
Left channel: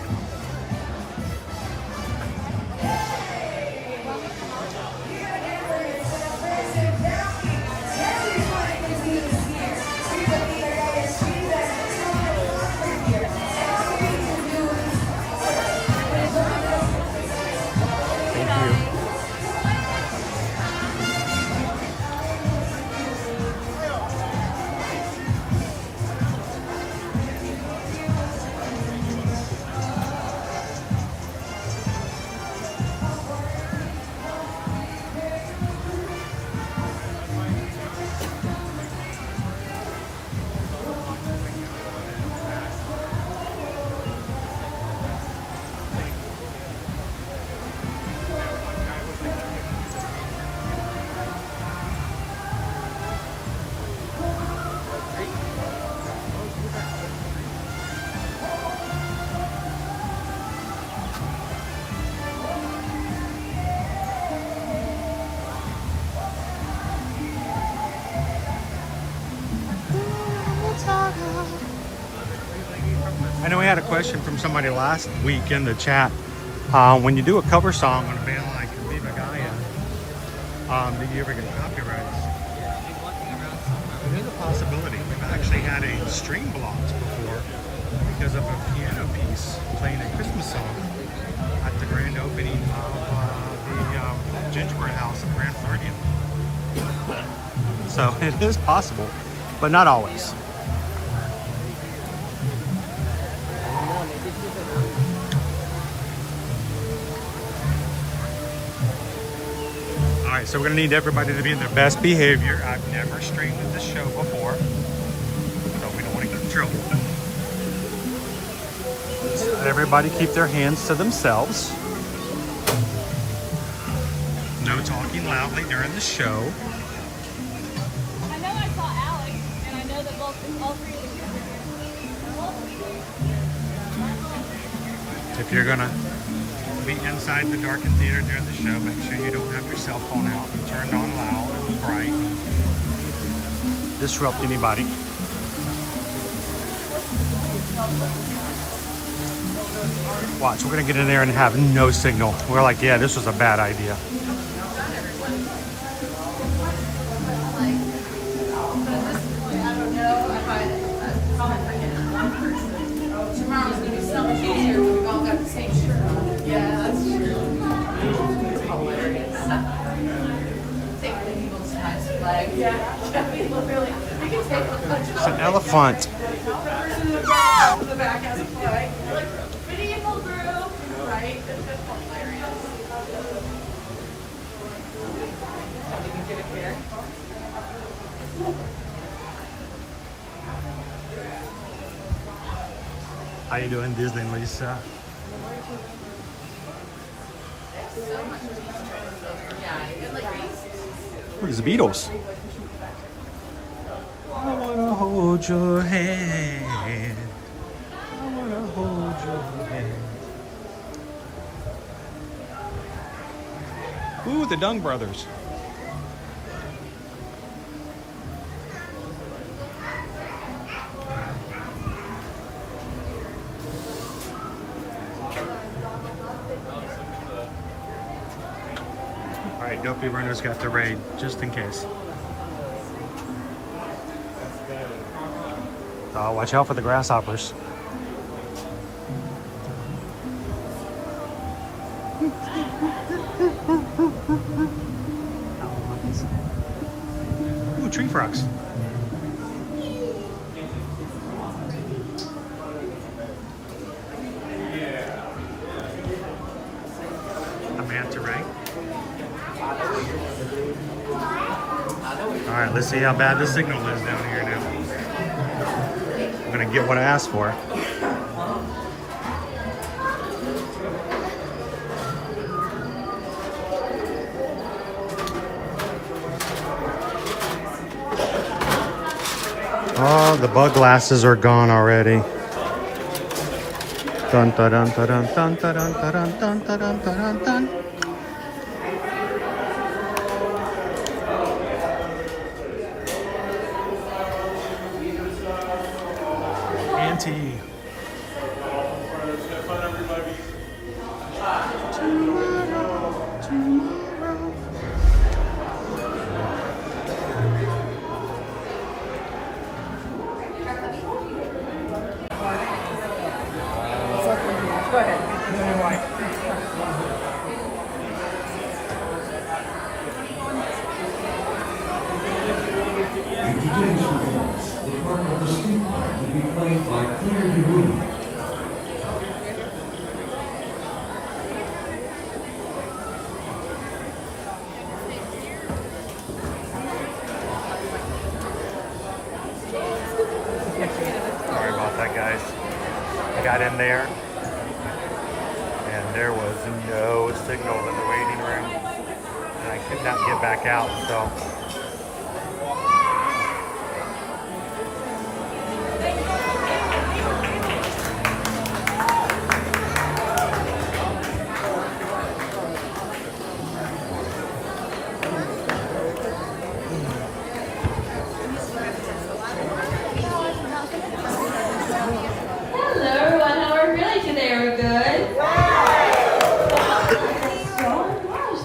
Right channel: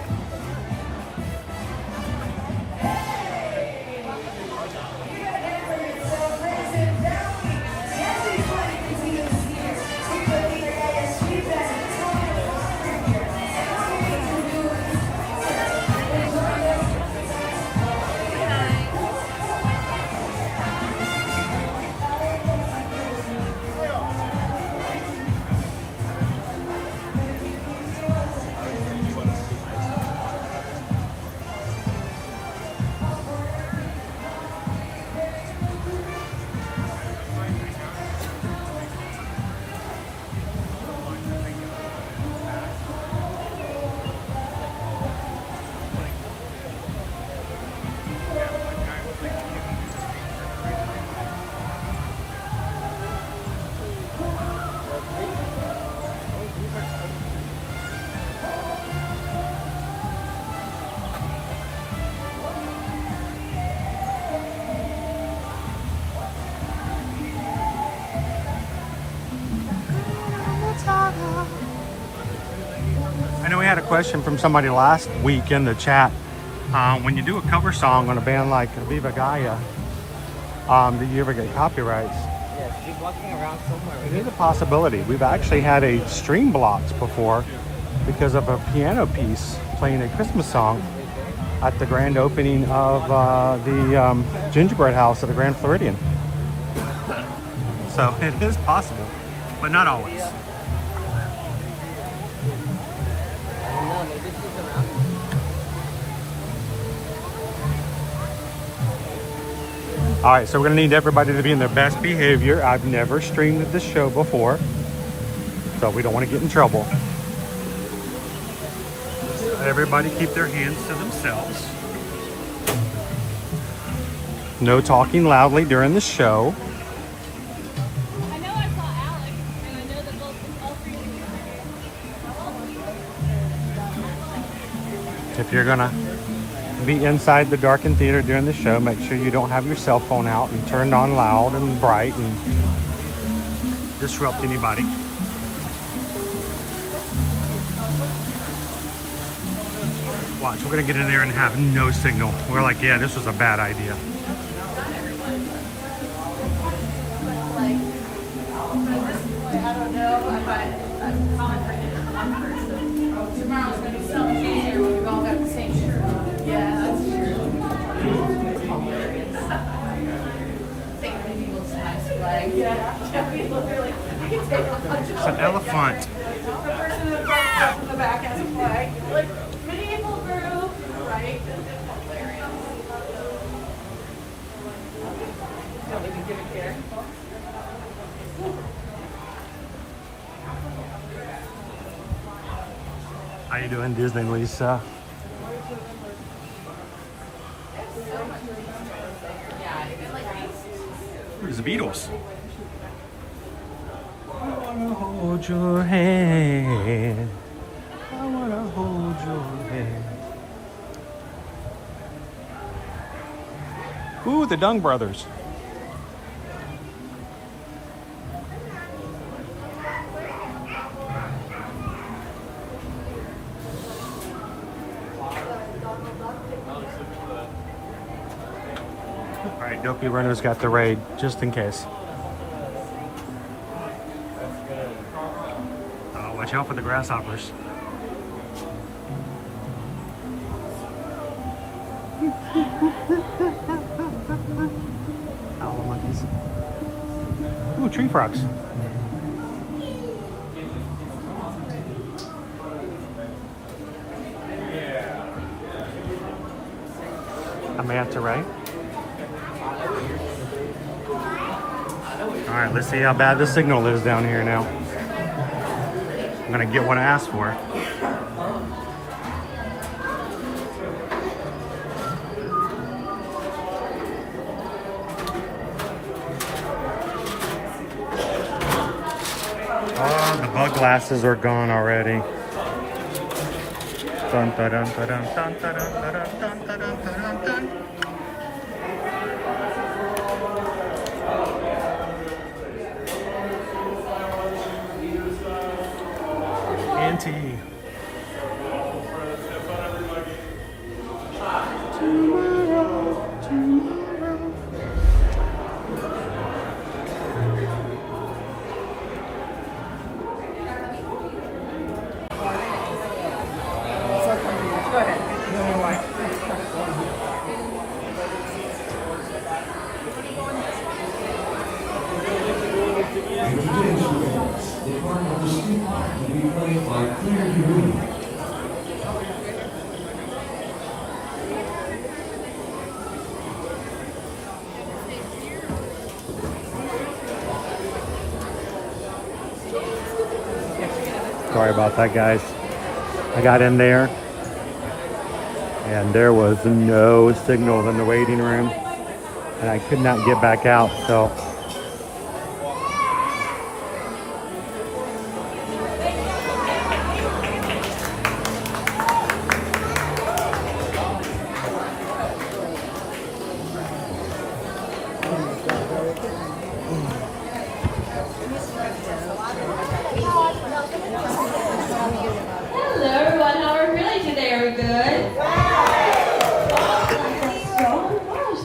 I know we had a question from somebody last week in the chat. When you do a cover song on a band like Viva Gaia, do you ever get copyrights? It is a possibility. We've actually had a stream blocked before because of a piano piece playing a Christmas song at the grand opening of the gingerbread house at the Grand Floridian. So it is possible, but not always. All right, so we're gonna need everybody to be in their best behavior. I've never streamed this show before, so we don't want to get in trouble. So everybody keep their hands to themselves. No talking loudly during the show. I know I saw Alex, and I know that all three of you are here. If you're gonna be inside the darkened theater during the show, make sure you don't have your cell phone out and turned on loud and bright and disrupt anybody. Watch, we're gonna get in there and have no signal. We're like, yeah, this was a bad idea. It's an elephant. How you doing, Disney, Lisa? Where's the Beatles? I wanna hold your hand. I wanna hold your hand. Ooh, the Dung Brothers. All right, Dopey Runner's got the raid, just in case. Oh, watch out for the grasshoppers. Owl monkeys. Ooh, tree frogs. A manta ray. All right, let's see how bad the signal is down here now. I'm gonna get what I asked for. Oh, the bug glasses are gone already. Dun, dun, dun, dun, dun, dun, dun, dun, dun, dun, dun, dun, dun. Auntie. Tomorrow, tomorrow. Go ahead. The part of the street part will be played by Clear Degree. Sorry about that, guys. I got in there and there was no signal in the waiting room and I could not get back out, so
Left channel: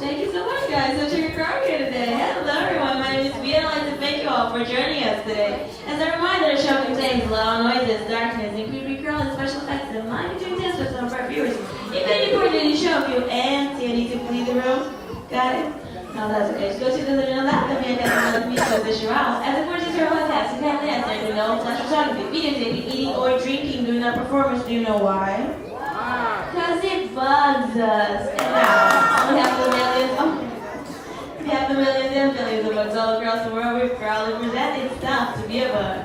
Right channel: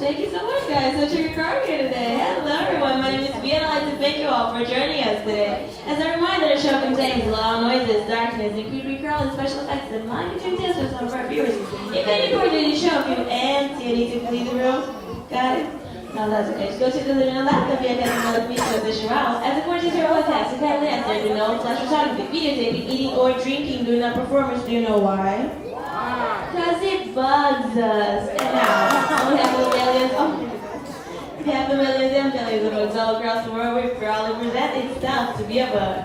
Thank you so much, guys. Such a great crowd here today. Hello, everyone. any part that you show you and see any to leave the room? Got it? No, that's okay. Just go to the living room left of me and then me to position around. As a course, your whole task, you kindly answer. You know, flash photography, videotaping, eating, or drinking during that performance. Do you know why? Because it bugs us. And now, we have the millions. We have the millions and millions of bugs all across the world. We're proudly present itself to be a bug.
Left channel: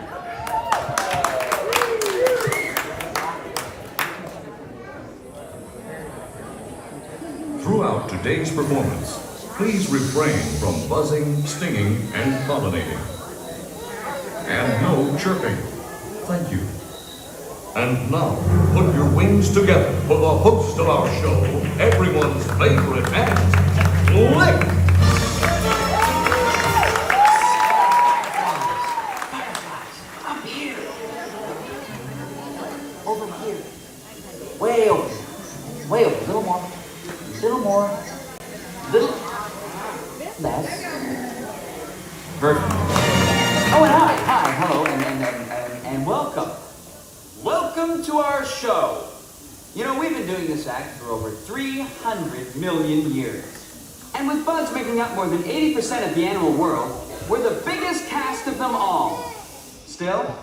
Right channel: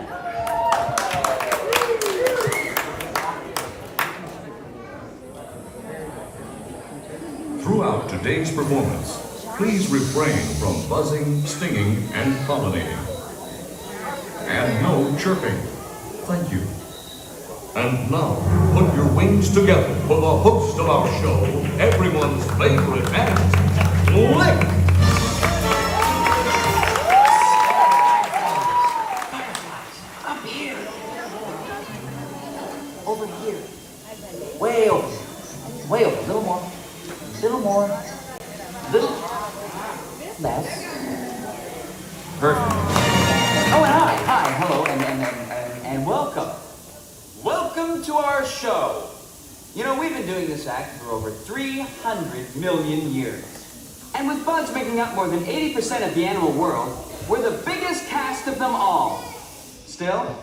Throughout today's performance, please refrain from buzzing, stinging, and pollinating. And no chirping. Thank you. And now, put your wings together for the host of our show, everyone's favorite ant, Lick! Up here. Over here. Way over. Way over. Little more. Little more. Little less. Perfect. Oh, and hi, hello, and welcome. Welcome to our show. You know, we've been doing this act for over 300 million years. And with bugs making up more than 80% of the animal world, we're the biggest cast of them all. Still,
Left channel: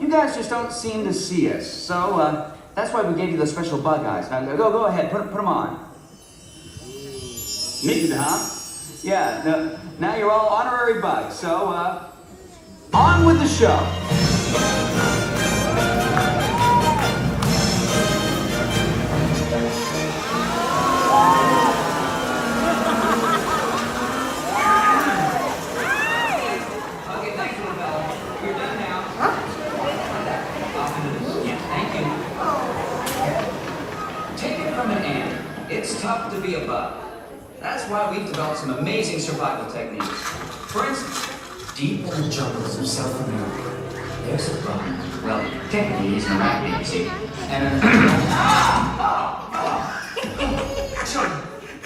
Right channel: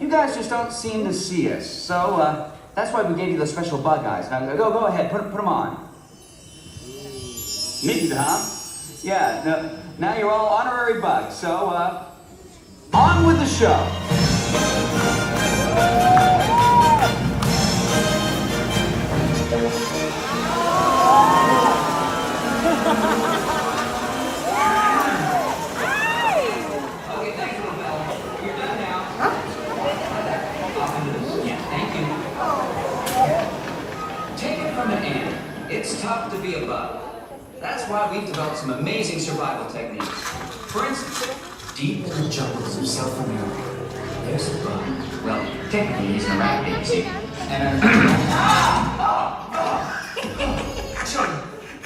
you guys just don't seem to see us. So, that's why we gave you those special bug eyes. Now, go ahead, put them on. Neat, huh? Yeah, no, now you're all honorary bugs, so, on with the show. Okay, thanks, little fella. You're done now. Yeah, thank you. Take it from an ant. It's tough to be a bug. That's why we've developed some amazing survival techniques. For instance, deep in the jungles of South America, there's a bug. Well, technically he's an arachnid, you see. And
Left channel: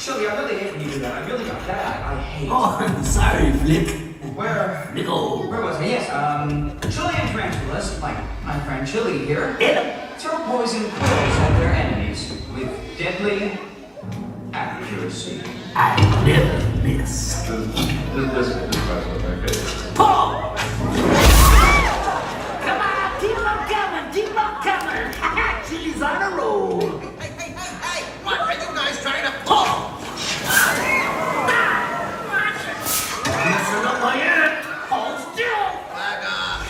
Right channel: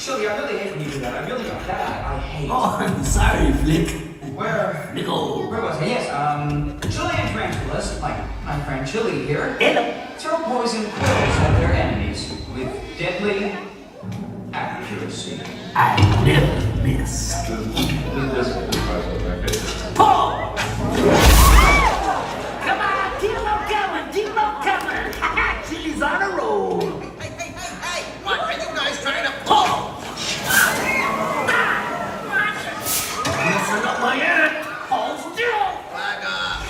Shelby, I really hate when you do that. I really don't. That I hate. Oh, I'm sorry, Flick. Where was I? Yes, Chilean tarantulas, like my friend Chili here, throw poison quills at their enemies with deadly accuracy. I never miss. This Paul! Come on, keep on coming. Chili's on a roll. Hey! What are you guys trying to Paul! Messing up my ant. Hold still. Back off.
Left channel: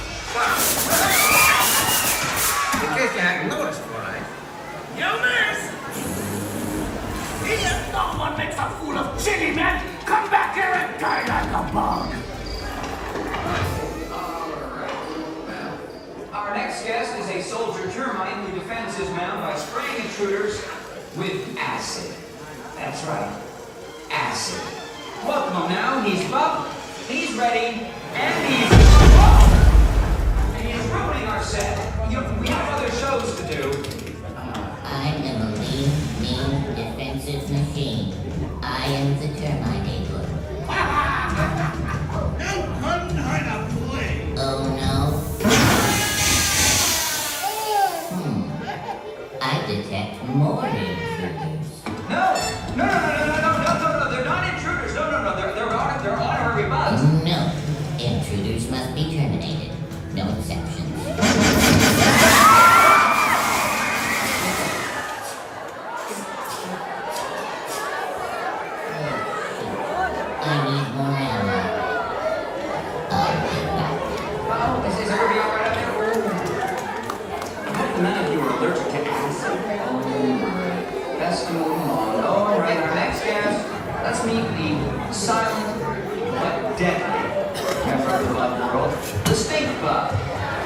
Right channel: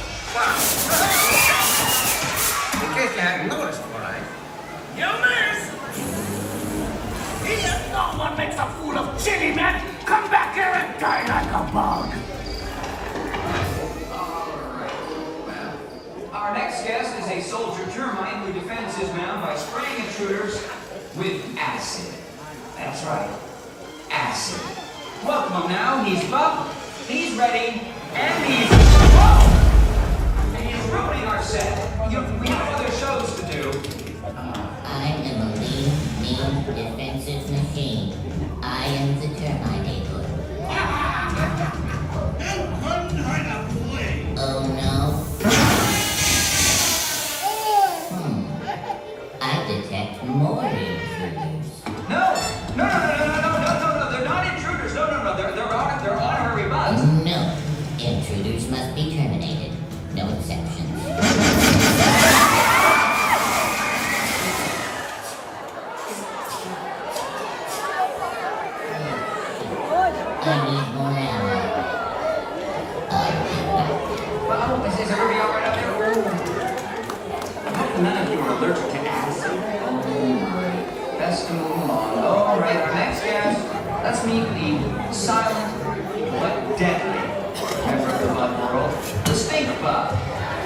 In case you hadn't noticed, all right? You miss. Here, no one makes a fool of Chili, man. Come back here and die like a bug. Our next guest is a soldier termite who defends his mound by spraying intruders with acid. That's right, acid. Welcome him now. He's buff, he's ready, and he's ruining our set. You know, we have other shows to do. I am a mean defensive machine. I am the termite neighbor. And couldn't hide a play. Oh no. I detect more intruders. No, they're not intruders. No, they're honorary bugs. No, intruders must be terminated. No exceptions. I need more ammo. Oh, is everybody all right up there? I hope none of you are allergic to acid. Oh my. Best to move along. All right, our next guest. Let's meet the silent but deadly member of the bug world, the stink bug.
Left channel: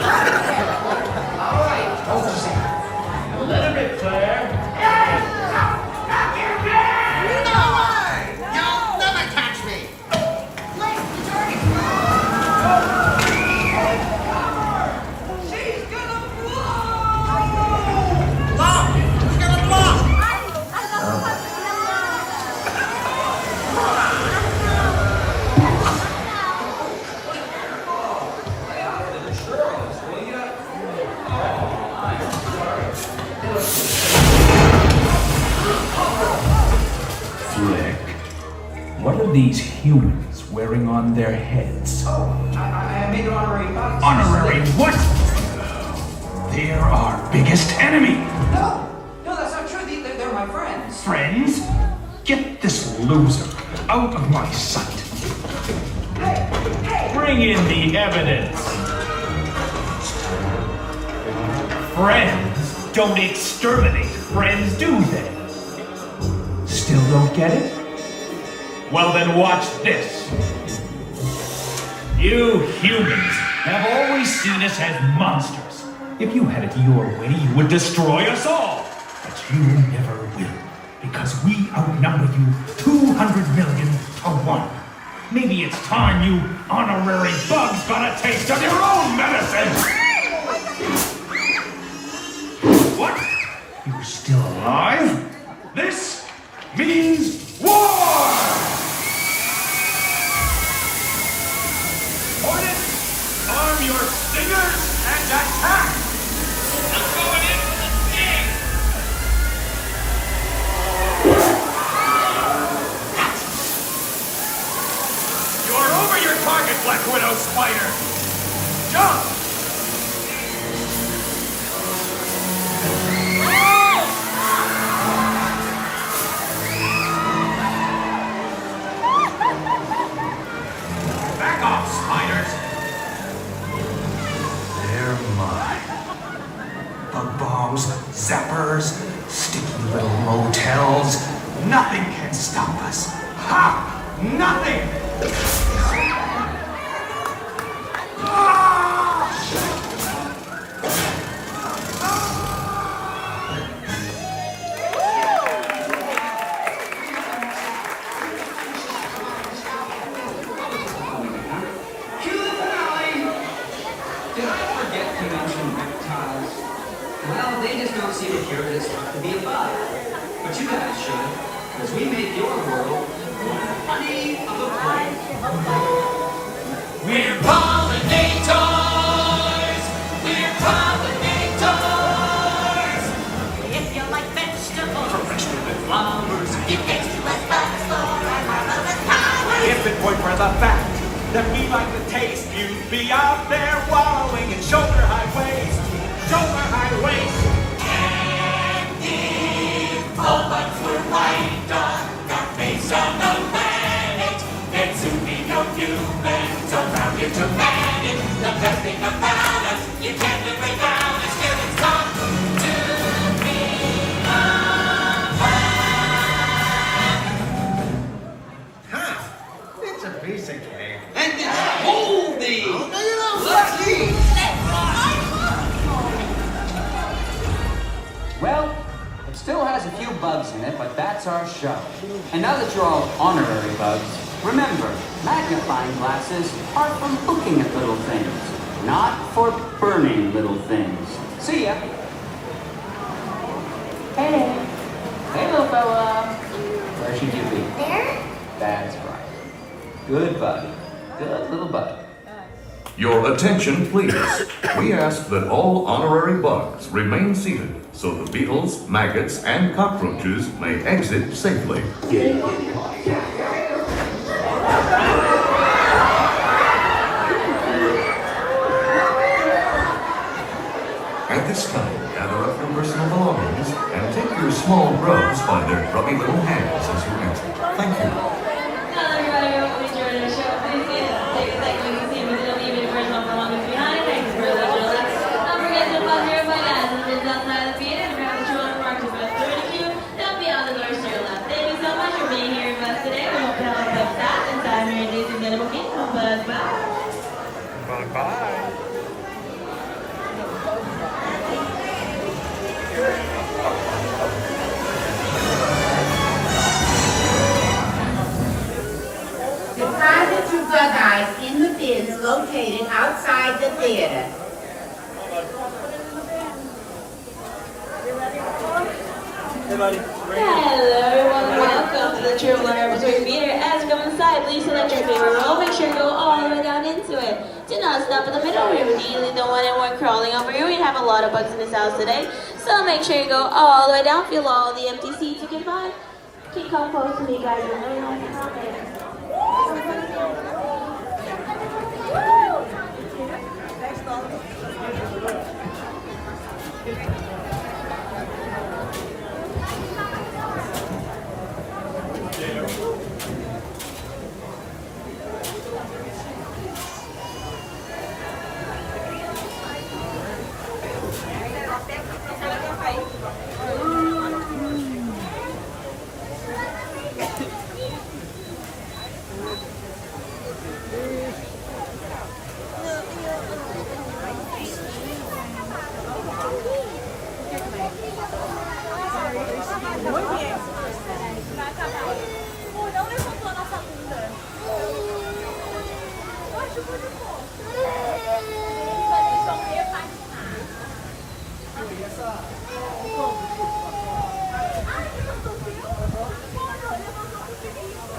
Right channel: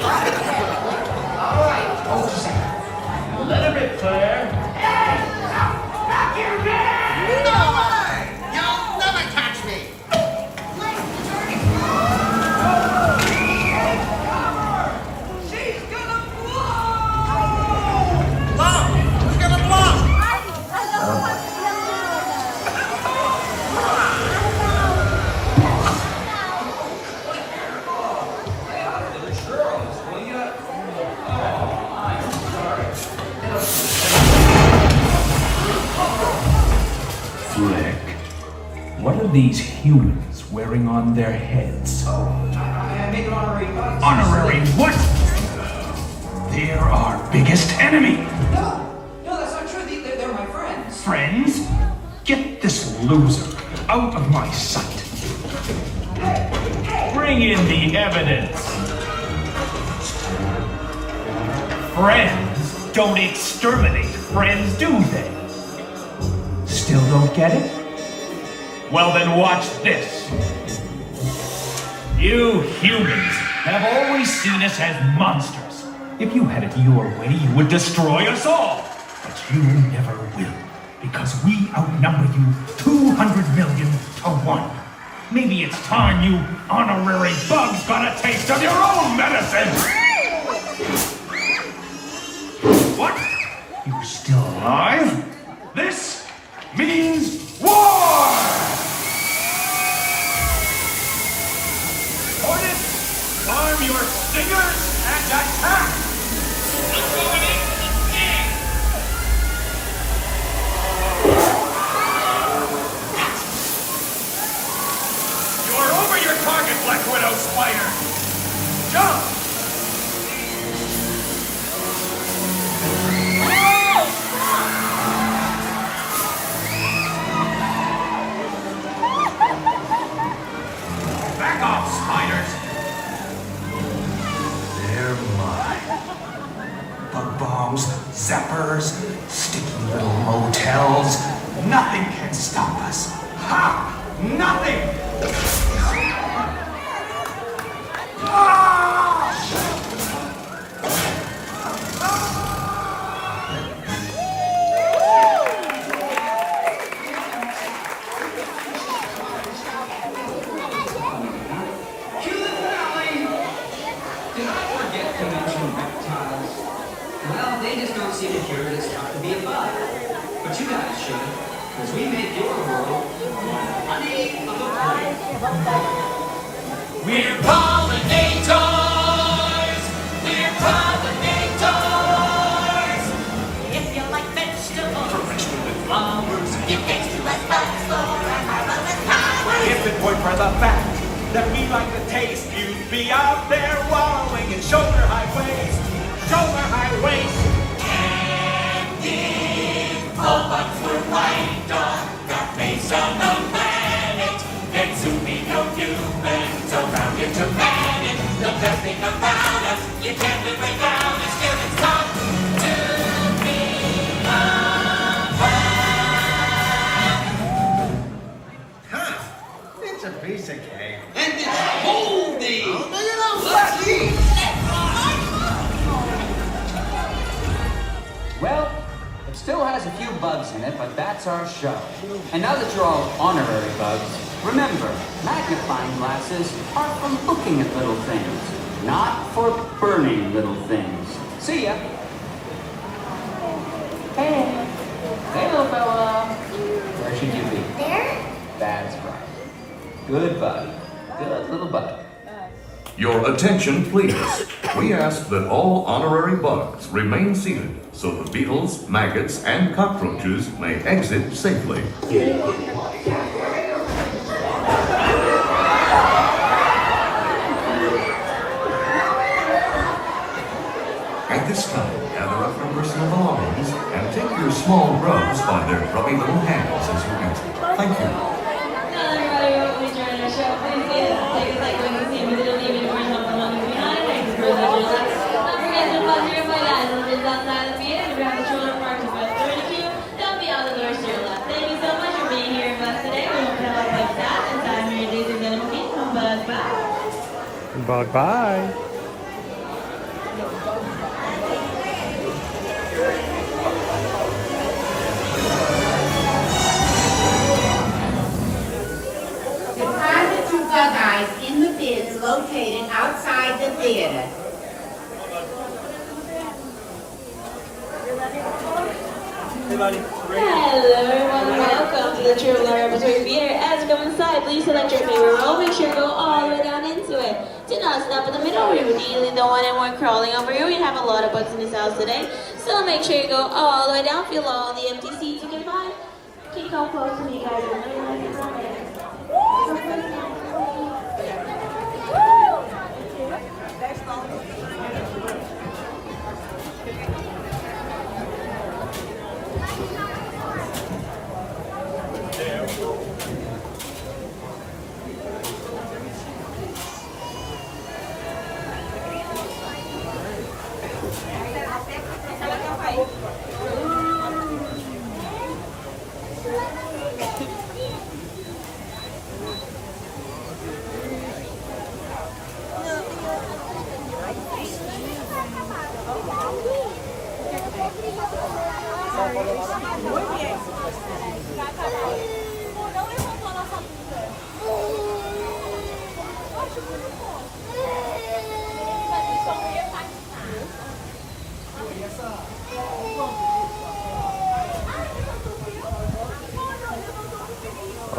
All right, hold a second. Let him rip, Claire. No way! You'll never catch me! She's gonna Blow! Who's gonna blow? Oh, I'm sorry. these humans wearing on their heads? Oh, I made an honorary bug. Honorary what? They're our biggest enemy. No, that's not true. They're my friends. Friends? Get this loser out of my sight. Bring in the evidence. Friends don't exterminate friends, do they? Still don't get it? Well then watch this. You humans have always seen us as monsters. If you had it your way, you would destroy us all. But you never will, because we outnumber you 200 million to 1. Maybe it's time you honorary bugs got a taste of your own medicine! What? You're still alive? This means war! Hornets, arm your stingers and attack! I'm going in for the sting! You're over your target, Black Widow Spider! Jump! Back off, spiders! They're mine. Bug bombs, zappers, sticky little motels. Nothing can stop us. Ha! Nothing! Well, they just don't seem to care that it's tough to be a bug. But you guys should, because we make your world one honey of a place. We're pollinators! We're pollinators! If you like vegetables, Professional with flowers, you get to us bugs for our marvelous powers. If it weren't for the fact that we like the taste, you'd be out there wallowing in shoulder-high waste. Shoulder-high waste. And if all bugs were white on the face of the planet, then soon be no humans around here to manage. The best thing about us, you can't live without us till it's time to be a bug. It's a piece of cake. And it's moldy! Oh, no, you don't. Let's eat! Well, it still has a few bugs in it, but that's our show. And now that you're all honorary bugs, remember, magnifying glasses are for looking at little things, not for burning little things. See ya! Hey! Hey, little fella! Where should you be? There? That's right. Good buddy. Good little buddy. Your attention, please. We ask that all honorary bugs remain seated so the beetles, maggots, and cockroaches may exit safely. At this time, gather up your personal belongings and take your small grubs by their grubby little hands as you exit. Thank you. Outside the theater and grab the children parked to bus 32. They'll be on the doors to your left. Thank you so much for being here with us today. We hope to have a bug stop inside Mary Days and Animal Kingdom. Bug bye. Bye bye. Deposit your bug eyes in the bins located outside the theater. Hello everyone, welcome to the True Love Ambersweet Theater. As you come inside, please select your favorite row. Make sure to go all the way down into it. Do not stop in the middle. We would easily don't want anyone crawling over you. We have a lot of bugs in this house today. So make sure you go all the way down. Feel all the empty seats you can find. Keep composed to me, guys.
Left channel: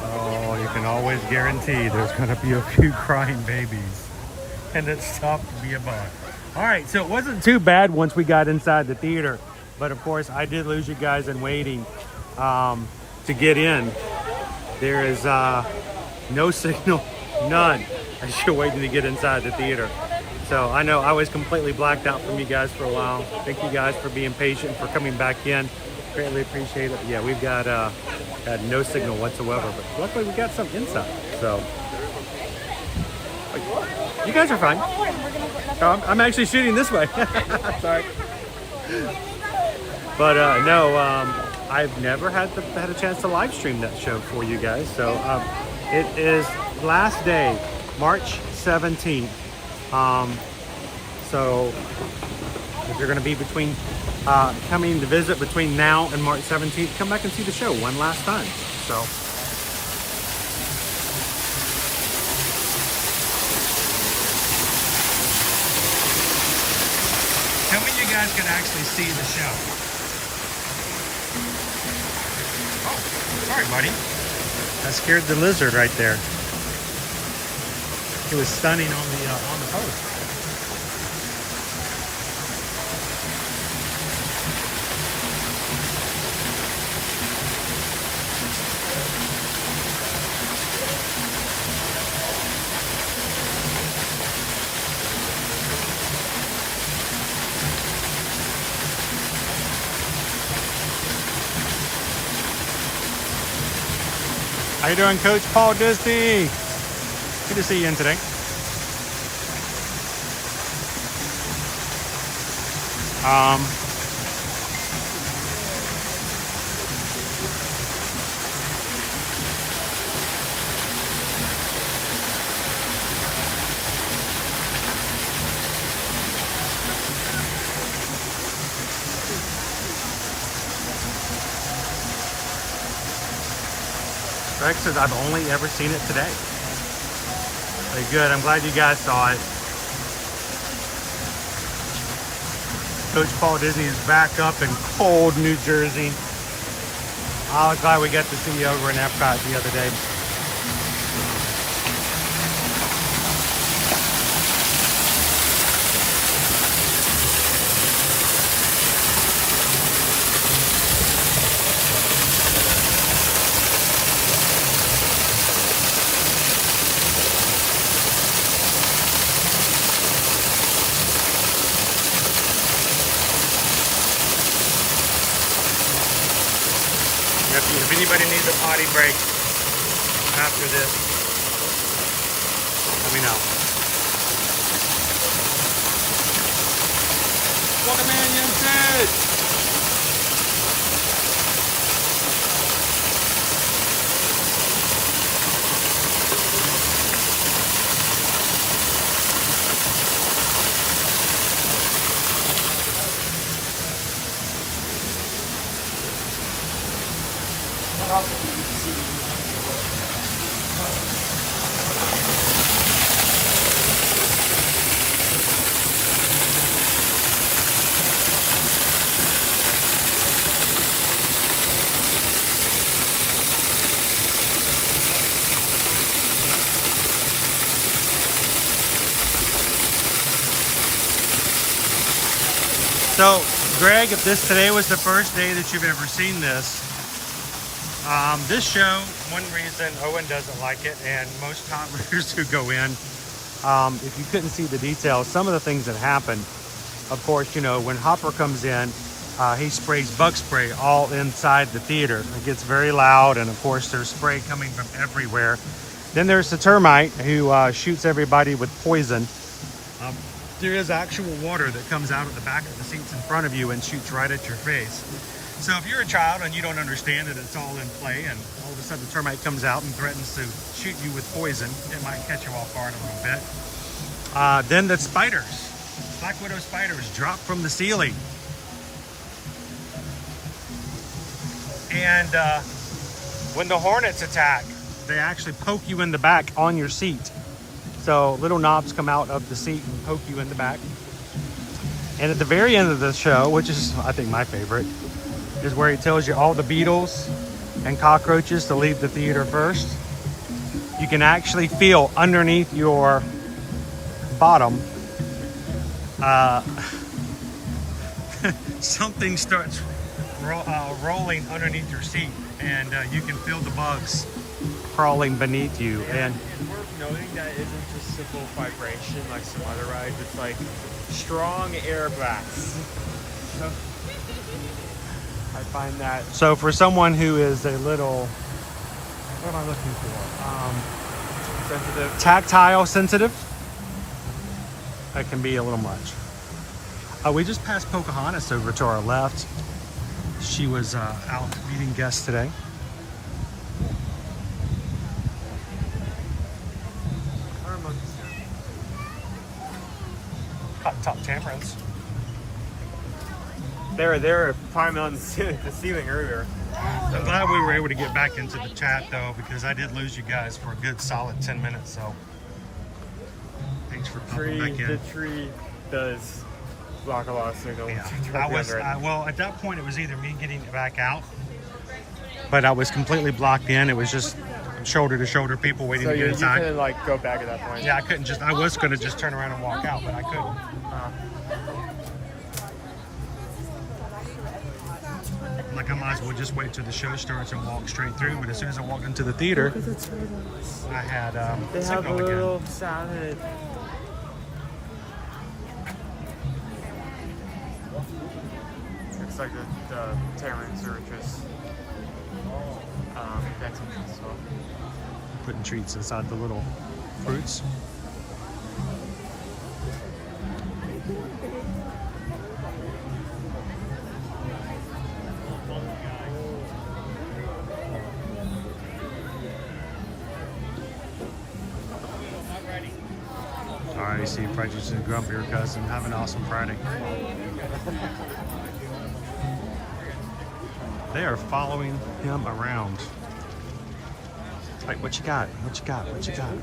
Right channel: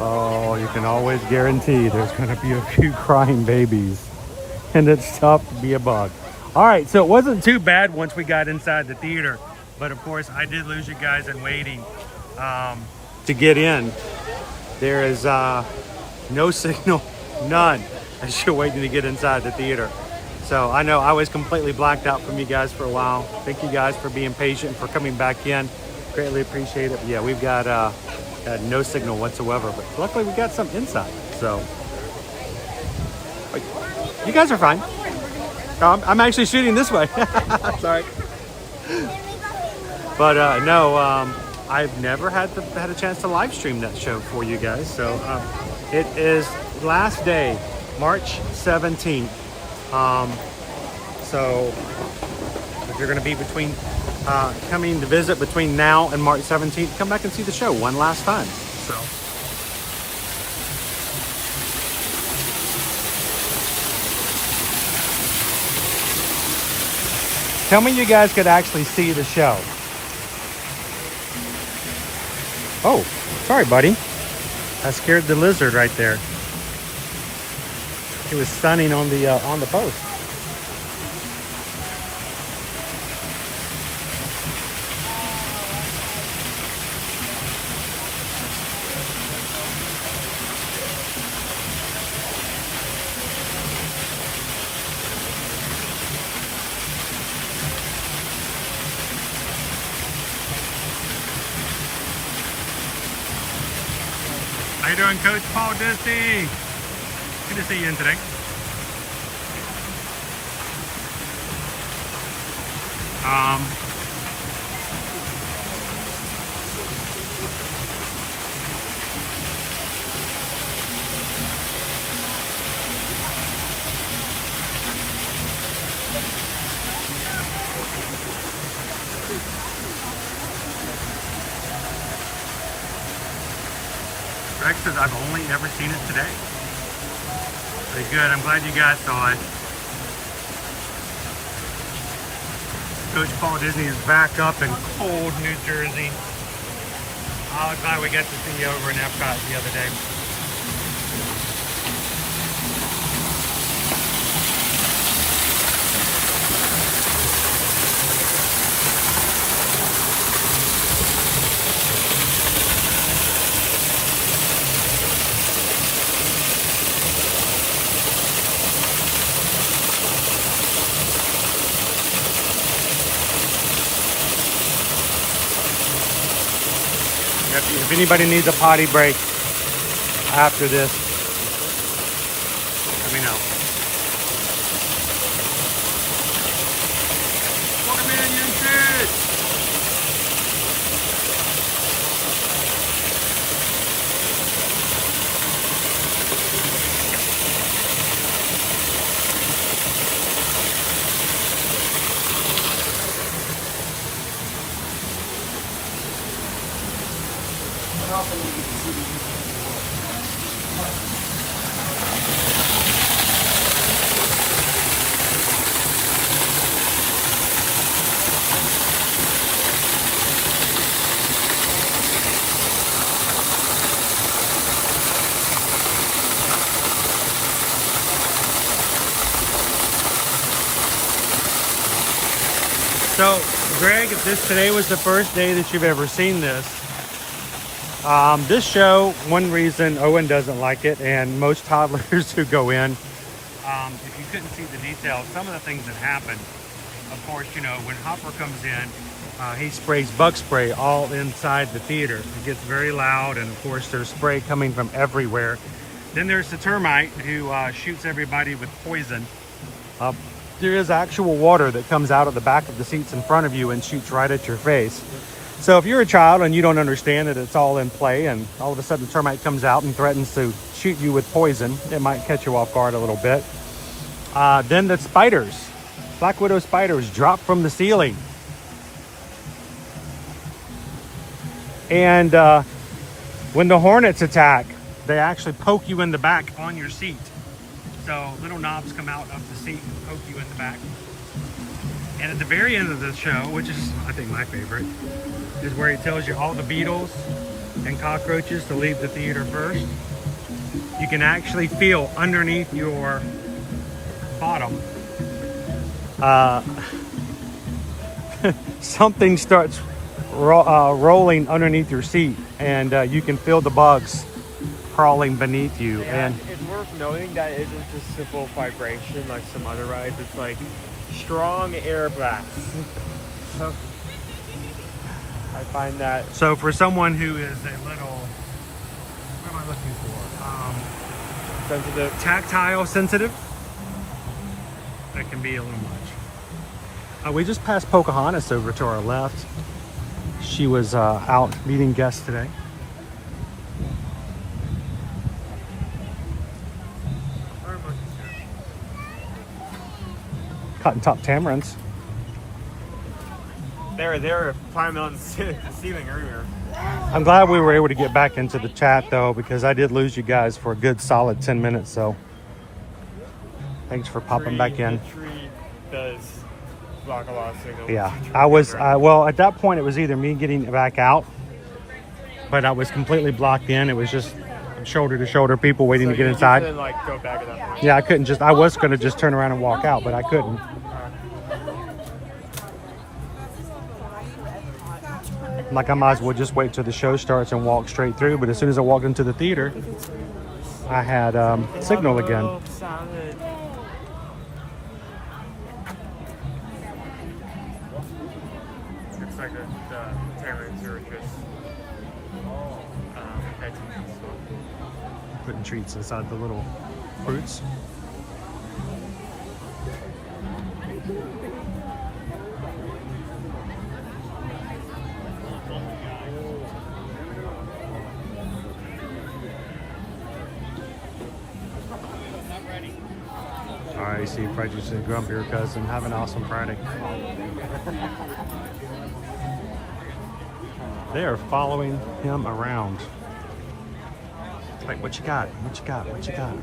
Oh, you can always guarantee there's going to be a few crying babies. And it's tough to be a bug. All right, so it wasn't too bad once we got inside the theater. But of course, I did lose you guys in waiting to get in. There is no signal, none, as you're waiting to get inside the theater. So I know I was completely blacked out from you guys for a while. Thank you guys for being patient, for coming back in. Greatly appreciate it. But yeah, we've got no signal whatsoever, but luckily we got some inside. So you guys are fine. I'm actually shooting this way. Sorry. But no, I've never had a chance to live stream that show for you guys. So it is last day, March 17th. So if you're going to be between coming to visit between now and March 17th, come back and see the show one last time. So tell me you guys could actually see the show. Oh, sorry, buddy. I scared the lizard right there. He was stunning on the post. How you doing, Coach Paul Disney? Good to see you in today. Greg says, I've only ever seen it today. Very good. I'm glad you guys saw it. Coach Paul Disney is back up in cold New Jersey. I was glad we got to see you over in Epcot the other day. If anybody needs a potty break after this, let me know. Welcome in, young kids. So, Greg, if today was the first day that you've ever seen this, This show, one reason Owen doesn't like it, and most toddlers who go in, if you couldn't see the details, some of the things that happen, of course, you know, when Hopper comes in, he sprays bug spray all inside the theater. It gets very loud, and of course there's spray coming from everywhere. Then there's the termite who shoots everybody with poison. There is actual water that comes out of the back of the seats in front of you and shoots right at your face. So if you're a child and you don't understand that it's all in play, and all of a sudden the termite comes out and threatens to shoot you with poison, it might catch you off guard a little bit. Then the spiders, black widow spiders, drop from the ceiling. And when the hornets attack, they actually poke you in the back on your seat. So little knobs come out of the seat and poke you in the back. And at the very end of the show, which is, I think, my favorite, is where he tells you all the beetles and cockroaches to leave the theater first. You can actually feel underneath your bottom, something starts rolling underneath your seat, and you can feel the bugs crawling beneath you. And it's worth noting that it isn't just simple vibration like some other rides. It's like strong air blasts. I find that. So for someone who is a little, what am I looking for? Sensitive. Tactile sensitive. That can be a little much. We just passed Pocahontas over to our left. She was out meeting guests today. Cotton top tamarins. They're climbing on the ceiling earlier. I'm glad we were able to get back into the chat though, because I did lose you guys for a good solid 10 minutes. So thanks for popping back in. The tree does block a lot of signals. Yeah, I was, well, at that point it was either me getting back out, but I was completely blocked in. It was just shoulder to shoulder people waiting to get inside. You couldn't, like, go back at that point. Yeah, I couldn't just, I was going to just turn around and walk out, but I couldn't. Like, I might as well just wait till the show starts and walk straight through, but as soon as I walked into the theater, I had signal again. It's like the tamarins are just Putting treats inside the little fruits. All right, see Prejudice and Grumpier Cousin. Have an awesome Friday. They are following him around. Like, what you got? What you got? What you got?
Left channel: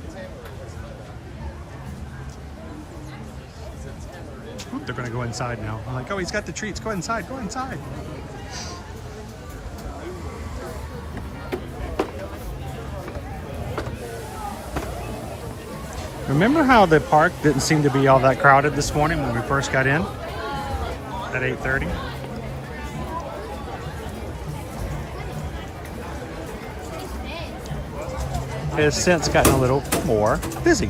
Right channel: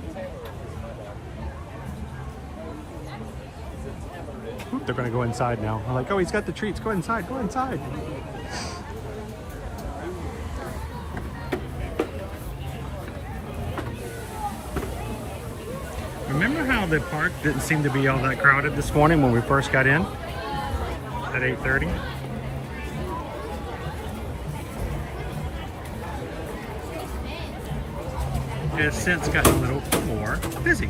Oop, they're gonna go inside now. I'm like, oh, he's got the treats. Go inside. Go inside. Remember how the park didn't seem to be all that crowded this morning when we first got in at 8:30? It has since gotten a little more busy.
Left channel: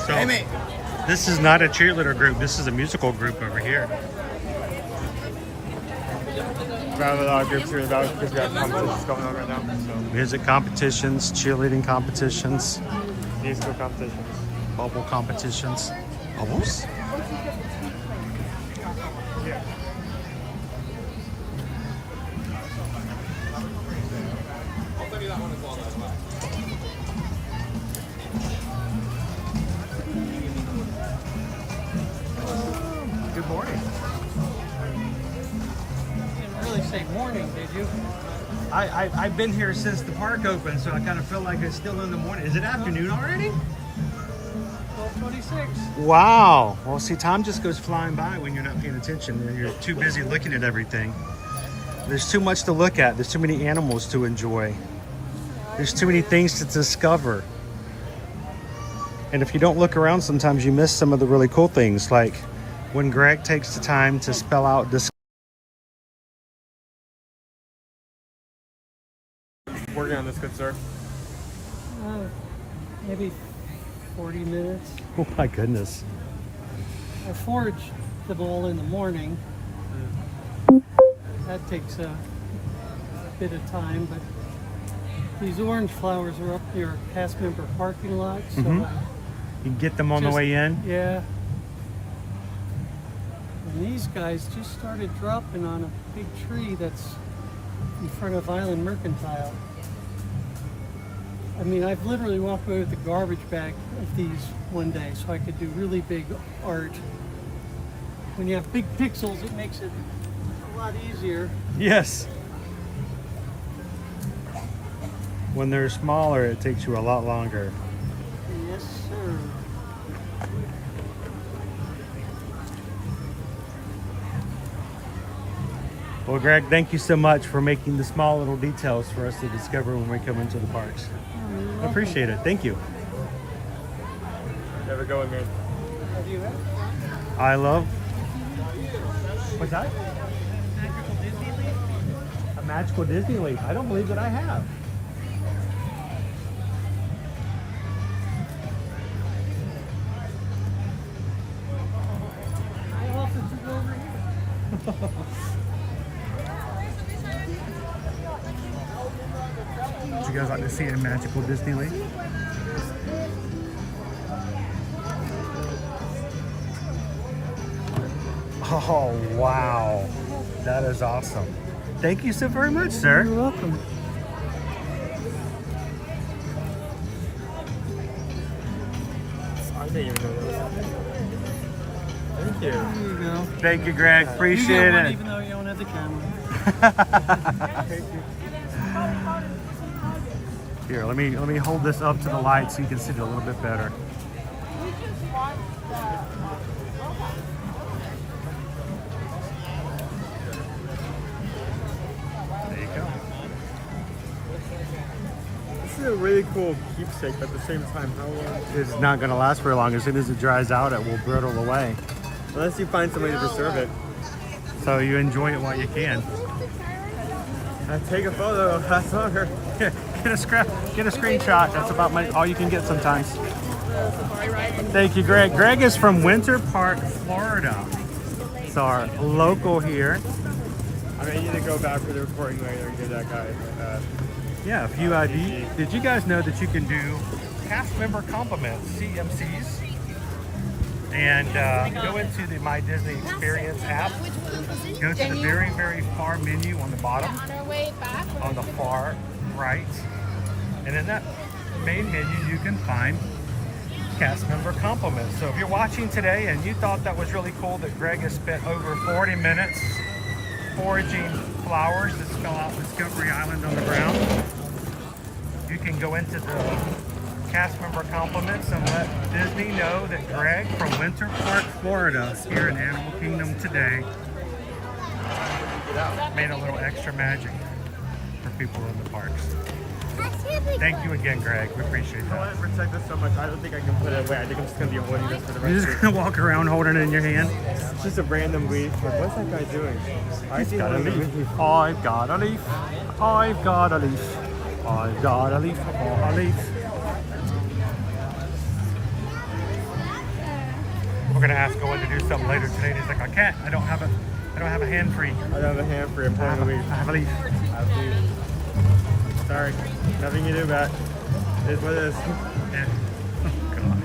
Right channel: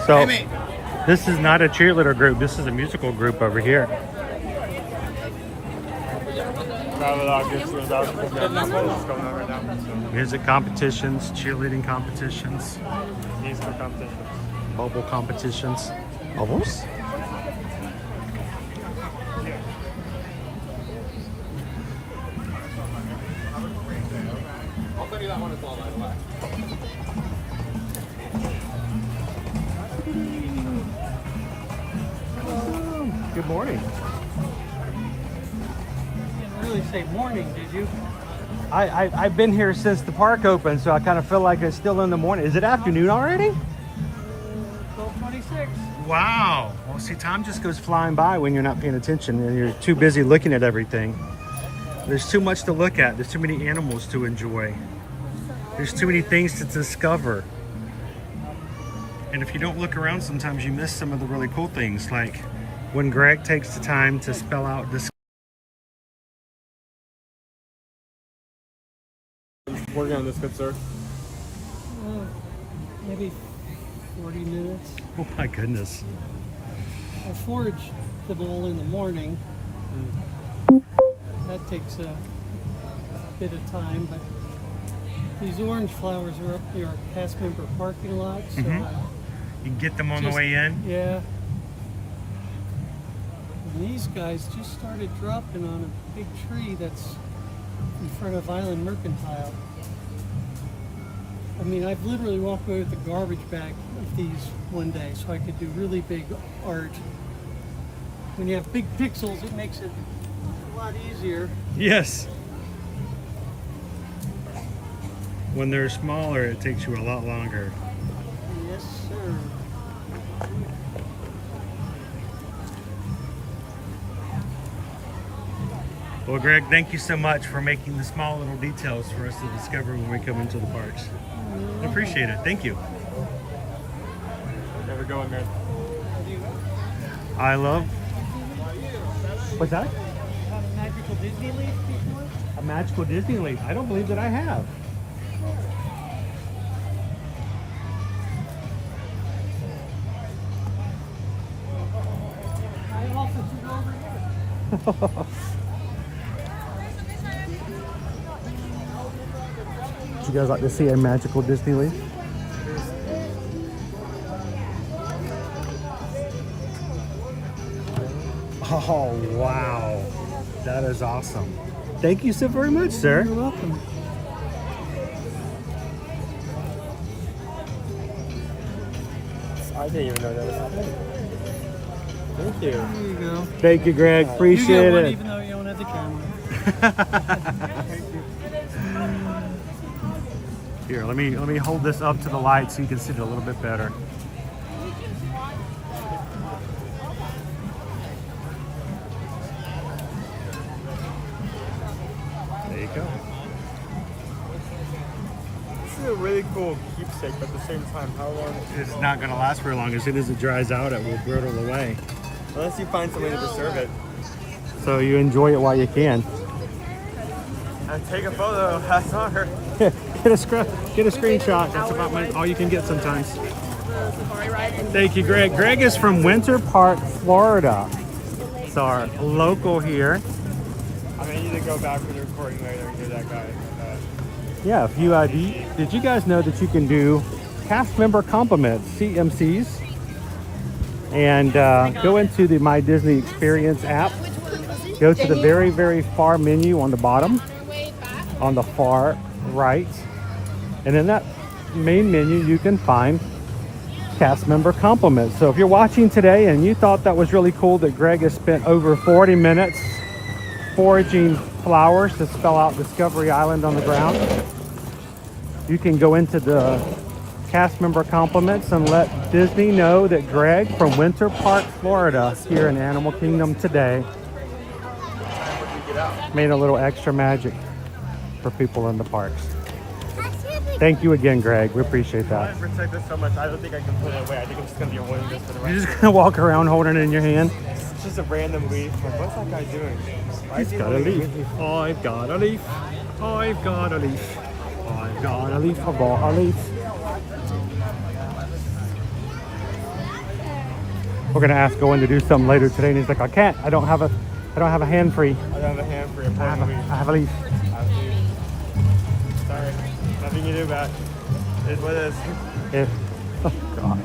So, this is not a cheerleader group. This is a musical group over here. Music competitions, cheerleading competitions, bubble competitions. Bubbles? Good morning. I really say morning, did you? I've been here since the park opened, so I kind of feel like it's still in the morning. Is it afternoon already? 12:26. Wow. Well, see, time just goes flying by when you're not paying attention and you're too busy looking at everything. There's too much to look at. There's too many animals to enjoy. There's too many things to discover. And if you don't look around, sometimes you miss some of the really cool things, like when Greg takes the time to spell out this. Working on this, good sir. Maybe 40 minutes. Oh my goodness. I forge the bowl in the morning. That takes a bit of time, but these orange flowers are up near a cast member parking lot, so You can get them on the way in? Yeah. And these guys just started dropping on a big tree that's in front of Island Mercantile. I mean, I've literally walked away with a garbage bag of these one day so I could do really big art. When you have big pixels, it makes it a lot easier. Yes. When they're smaller, it takes you a lot longer. Yes, sir. Well, Greg, thank you so much for making the small little details for us to discover when we come into the parks. I appreciate it. Thank you. Never going, man. I love. What's that? Magical Disney leaf? A magical Disney leaf. I don't believe that I have. I offered to go over here. Would you guys like to see a magical Disney leaf? Oh, wow. That is awesome. Thank you so very much, sir. You're welcome. I didn't even know that was happening. Thank you. There you go. Thank you, Greg. Appreciate You get one it. even though you don't have the camera. Here, let me hold this up to the light so you can see it a little bit better. There you go. This is a really cool keepsake, but at the same time, how long? It's not going to last very long. As soon as it dries out, it will brittle away. Unless you find somebody to preserve it. So you enjoy it while you can. Take a photo of that sucker. Get a screenshot. That's about all you can get sometimes. Thank you, Greg. Greg is from Winter Park, Florida. It's our local here. I mean, I need to go back for the recording later and get that guy. Yeah, if you did you guys know that you can do cast member compliments, CMCs, and go into the My Disney Experience app. Go to the very, very far menu on the bottom, on the far right, and in that main menu you can find cast member compliments. So if you're watching today and you thought that was really cool that Greg has spent over 40 minutes foraging flowers to spell out Discovery Island on the ground, you can go into the cast member compliments and let Disney know that Greg from Winter Park, Florida, here in Animal Kingdom today, made a little extra magic for people in the parks. Thank you again, Greg. We appreciate that. I protect this so much. I don't think I can put it away. I think it's just gonna be one. You're just gonna walk around holding it in your hand? It's just a random leaf. What's that guy doing? He's got a leaf. I've got a leaf. I've got a leaf. I've got a leaf. I bought a leaf. We're gonna ask Owen to do something later today, and he's like, I can't. I don't have a hand free. I don't have a hand for you. I have a leaf. Sorry. Nothing you do, Matt. It's what it is. Oh gosh.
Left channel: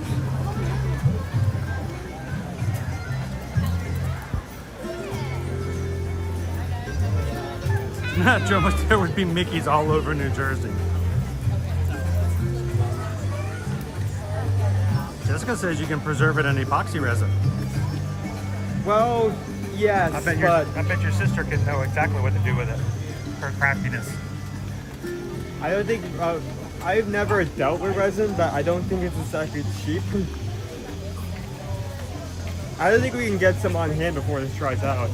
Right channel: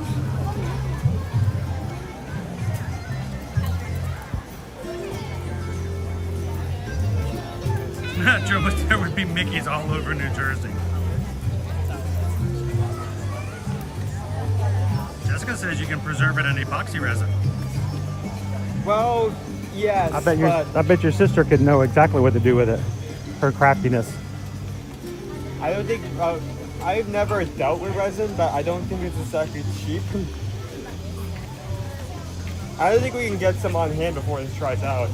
Joe, there would be Mickeys all over New Jersey. Jessica says you can preserve it in epoxy resin. Well, yes. I bet your sister could know exactly what to do with it. Her craftiness. I don't think I've never dealt with resin, but I don't think it's exactly cheap. I don't think we can get some on hand before this dries out.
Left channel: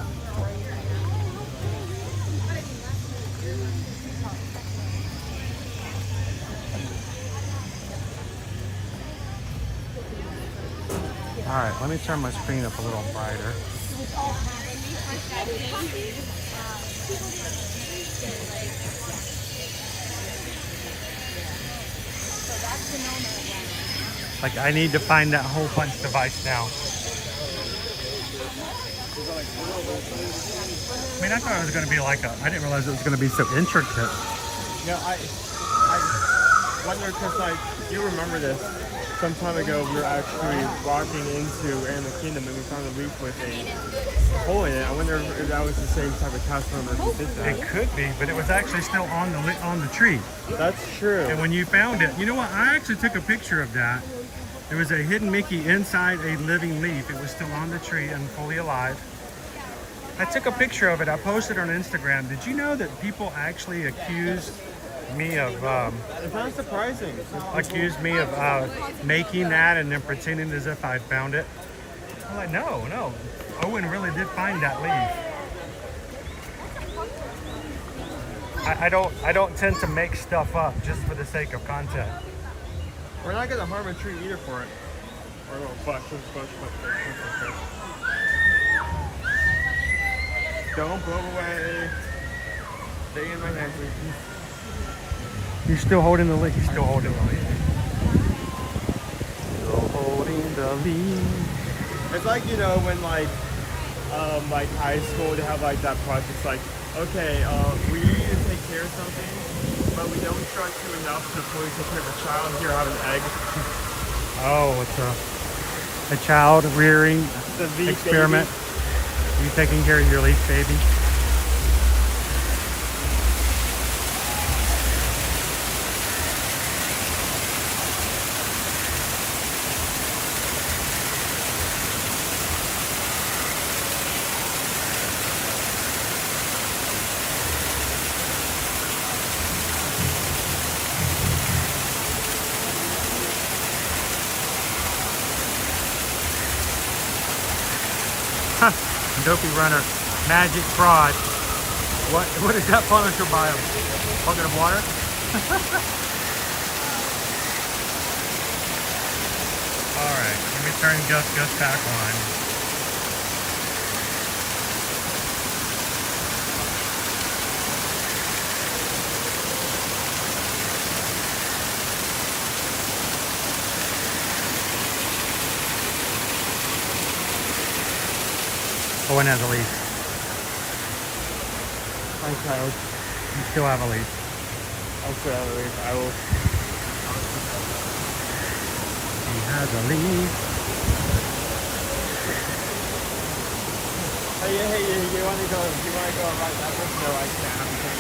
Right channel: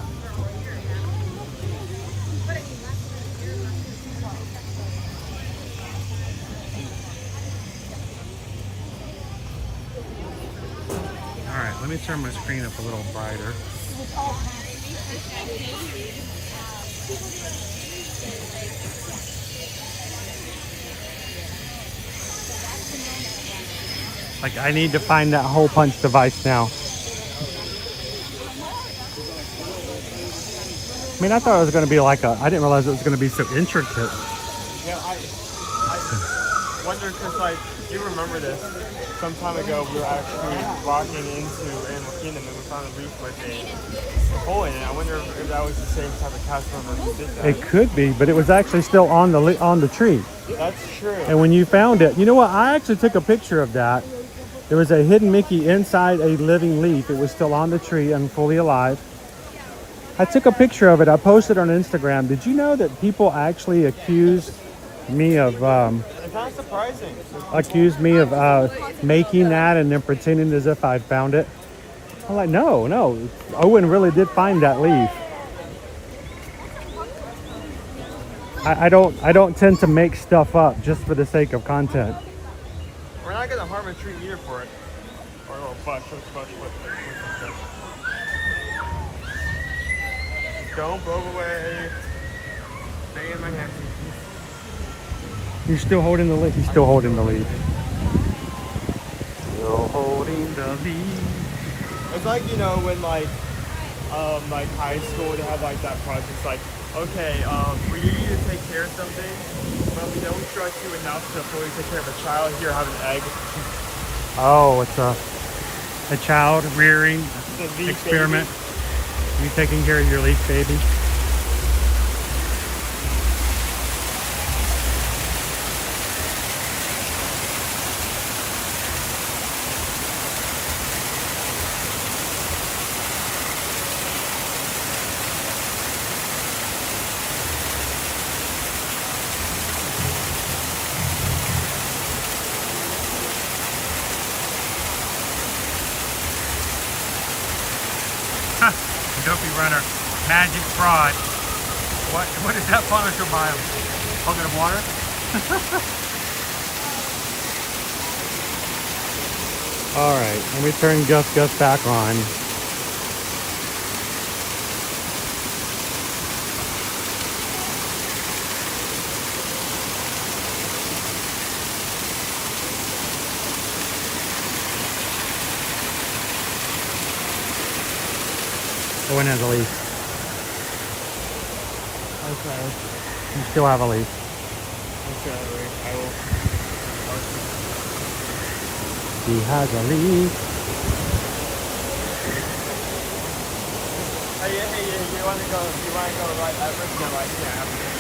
All right, let me turn my screen up a little brighter. Like, I need to find that hole punch device now. I mean, I thought it was going to be like a, I didn't realize it was going to be so intricate. You know, I wonder because, like, you remember this, some time ago we were actually walking into Animal Kingdom and we found a leaf with a hole in it. I wonder if that was the same type of cast member. It could be, but it was actually still on the tree. That's true. And when you found it, you know what? I actually took a picture of that. There was a hidden Mickey inside a living leaf. It was still on the tree and fully alive. I took a picture of it. I posted on Instagram. Did you know that people actually accused me of making that and then pretending as if I found it? I'm like, no. Owen really did find that leaf. I don't tend to make stuff up just for the sake of content. We're not gonna harm a tree either for it. Or a little bush. Don't go away. Stay in my neck. You're still holding the leaf. He's still holding the leaf. Still holding the leaf. It's like, you know, when like high school, they have like that process, like, okay, we need to take care of something, but we don't trust you enough to fully take care of a child. Here on an egg. Oh, it's a child rearing experiment. You taking care of your leaf baby? Dopey runner, magic fraud. What is that punisher by him? Bucket of water? All right, let me turn Gus back on. Owen has a leaf. Okay. You still have a leaf. I still have a leaf. I will. He has a leaf.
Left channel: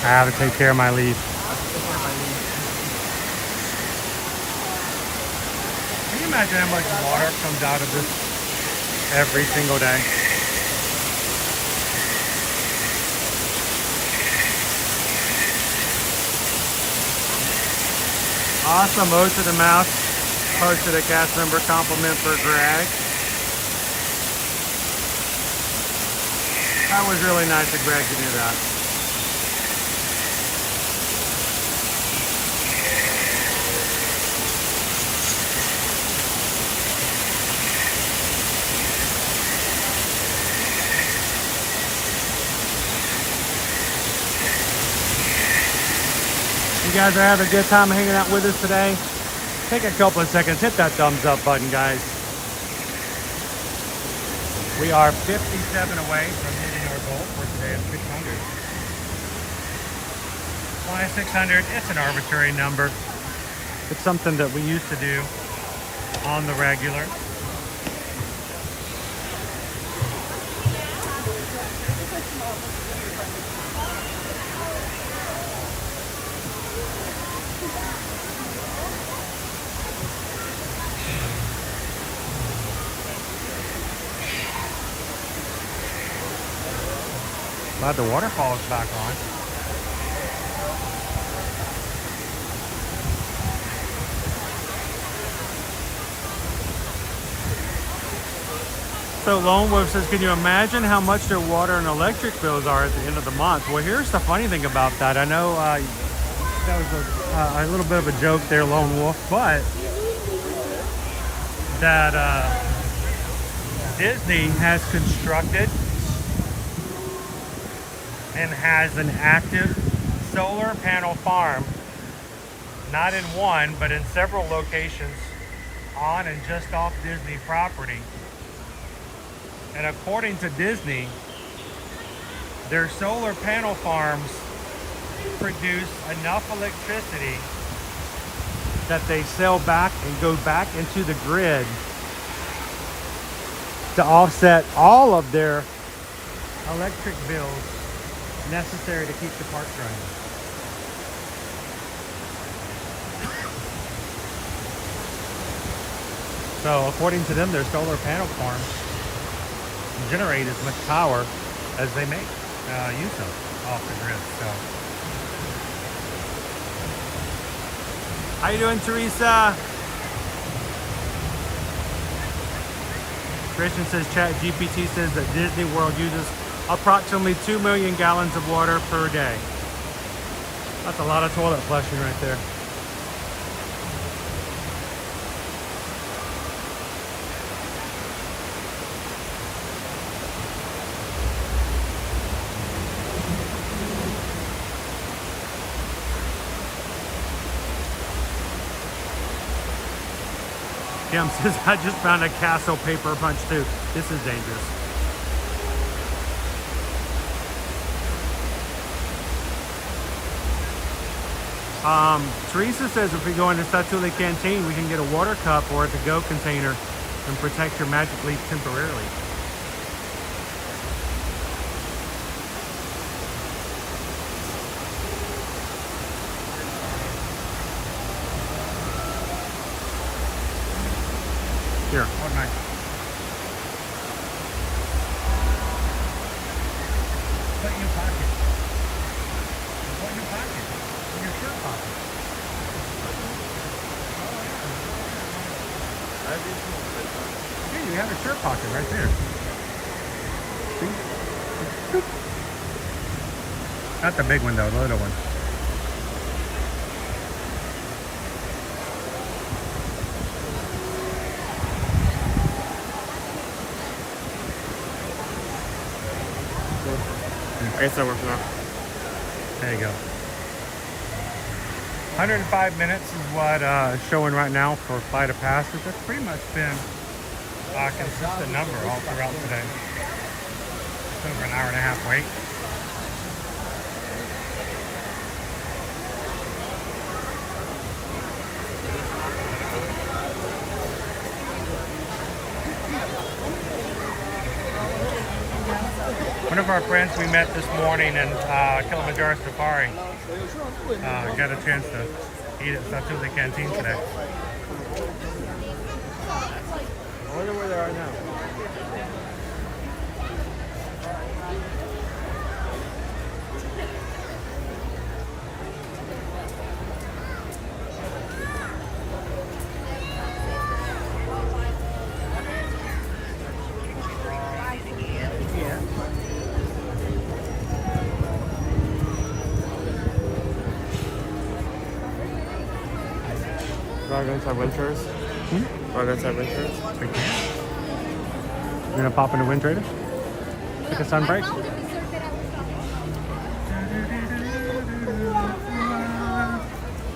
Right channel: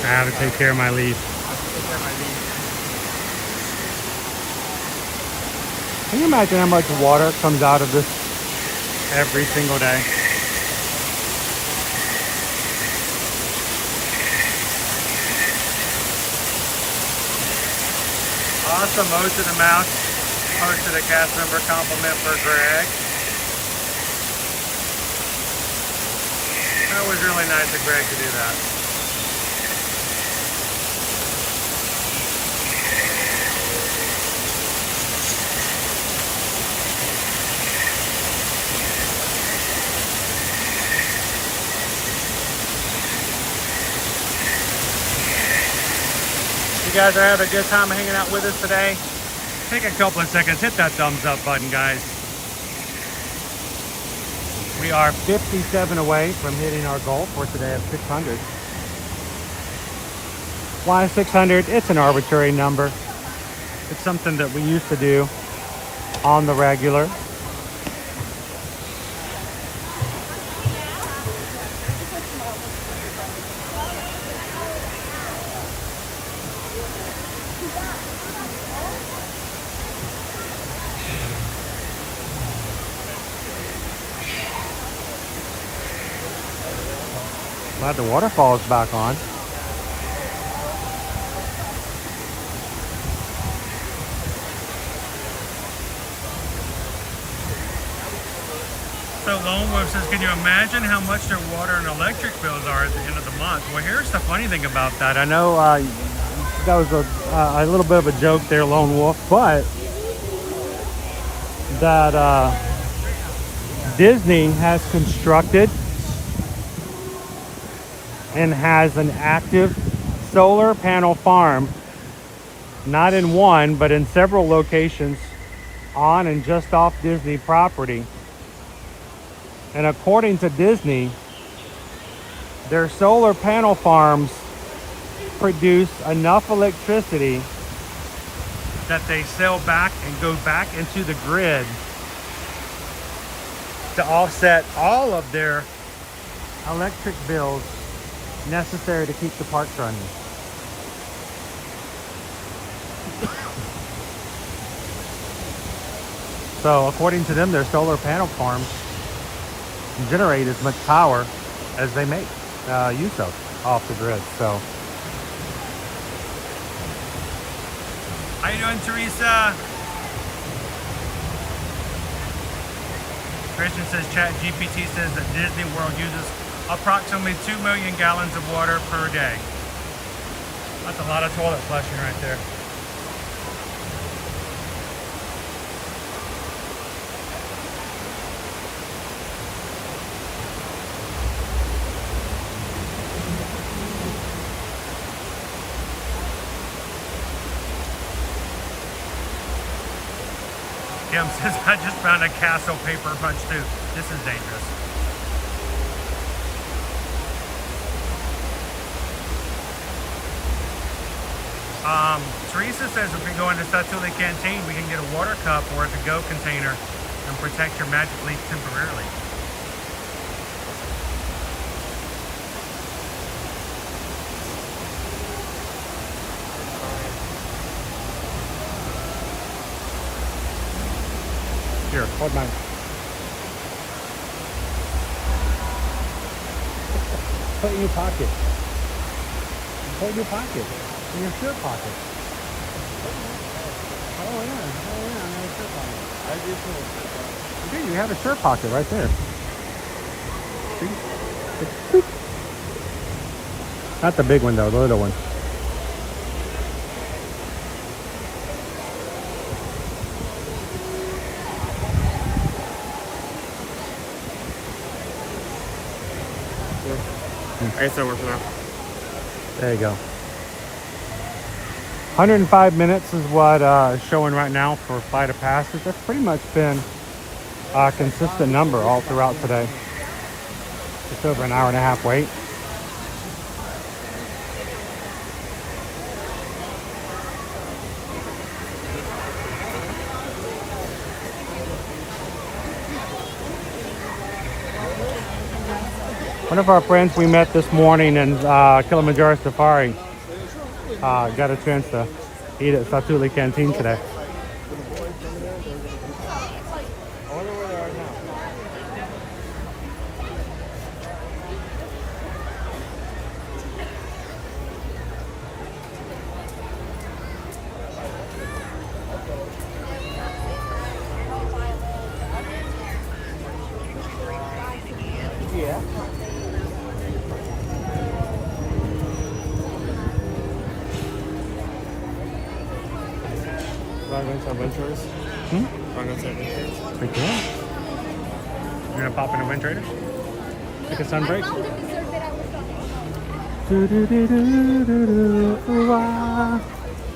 I have to take care of my leaf. Can you imagine how much water comes out of this every single day? Awesome, most of the mouse posted a cast member compliment for Greg. That was really nice of Greg to do that. You guys are having a good time hanging out with us today. Take a couple of seconds, hit that thumbs up button, guys. We are 57 away from hitting our goal for today of 600. Why 600? It's an arbitrary number. It's something that we used to do on the regular. Glad the waterfall is back on. So Lone Wolf says, can you imagine how much their water and electric bills are at the end of the month? Well, here's the funny thing about that. I know that was a little bit of a joke there, Lone Wolf, but that Disney has constructed and has an active solar panel farm, not in one, but in several locations on and just off Disney property. And according to Disney, their solar panel farms produce enough electricity that they sell back and go back into the grid to offset all of their electric bills necessary to keep the parks running. So according to them, their solar panel farms generate as much power as they make use of off the grid. So, how you doing, Teresa? Christian says ChatGPT says that Disney World uses approximately 2 million gallons of water per day. That's a lot of toilet flushing right there. Kim says, I just found a castle paper punch too. This is dangerous. Teresa says if we go into Satuli Canteen, we can get a water cup or a to-go container and protect your magic leaf temporarily. Here, hold mine. Put it in your pocket. Put it in your pocket. In your shirt pocket. Oh yeah. Okay, you have a shirt pocket right there. See? Not the big one though, the little one. I guess that works now. There you go. 105 minutes is what is showing right now for Flight of Passage. That's pretty much been a consistent number all throughout today. Just over an hour and a half wait. One of our friends we met this morning in Kilimanjaro Safari got a chance to eat at Satuli Canteen today. Are we going to have wind traders? Are we going to have wind traders? We can. You're gonna pop into Wind Traders? Take a sunbreak?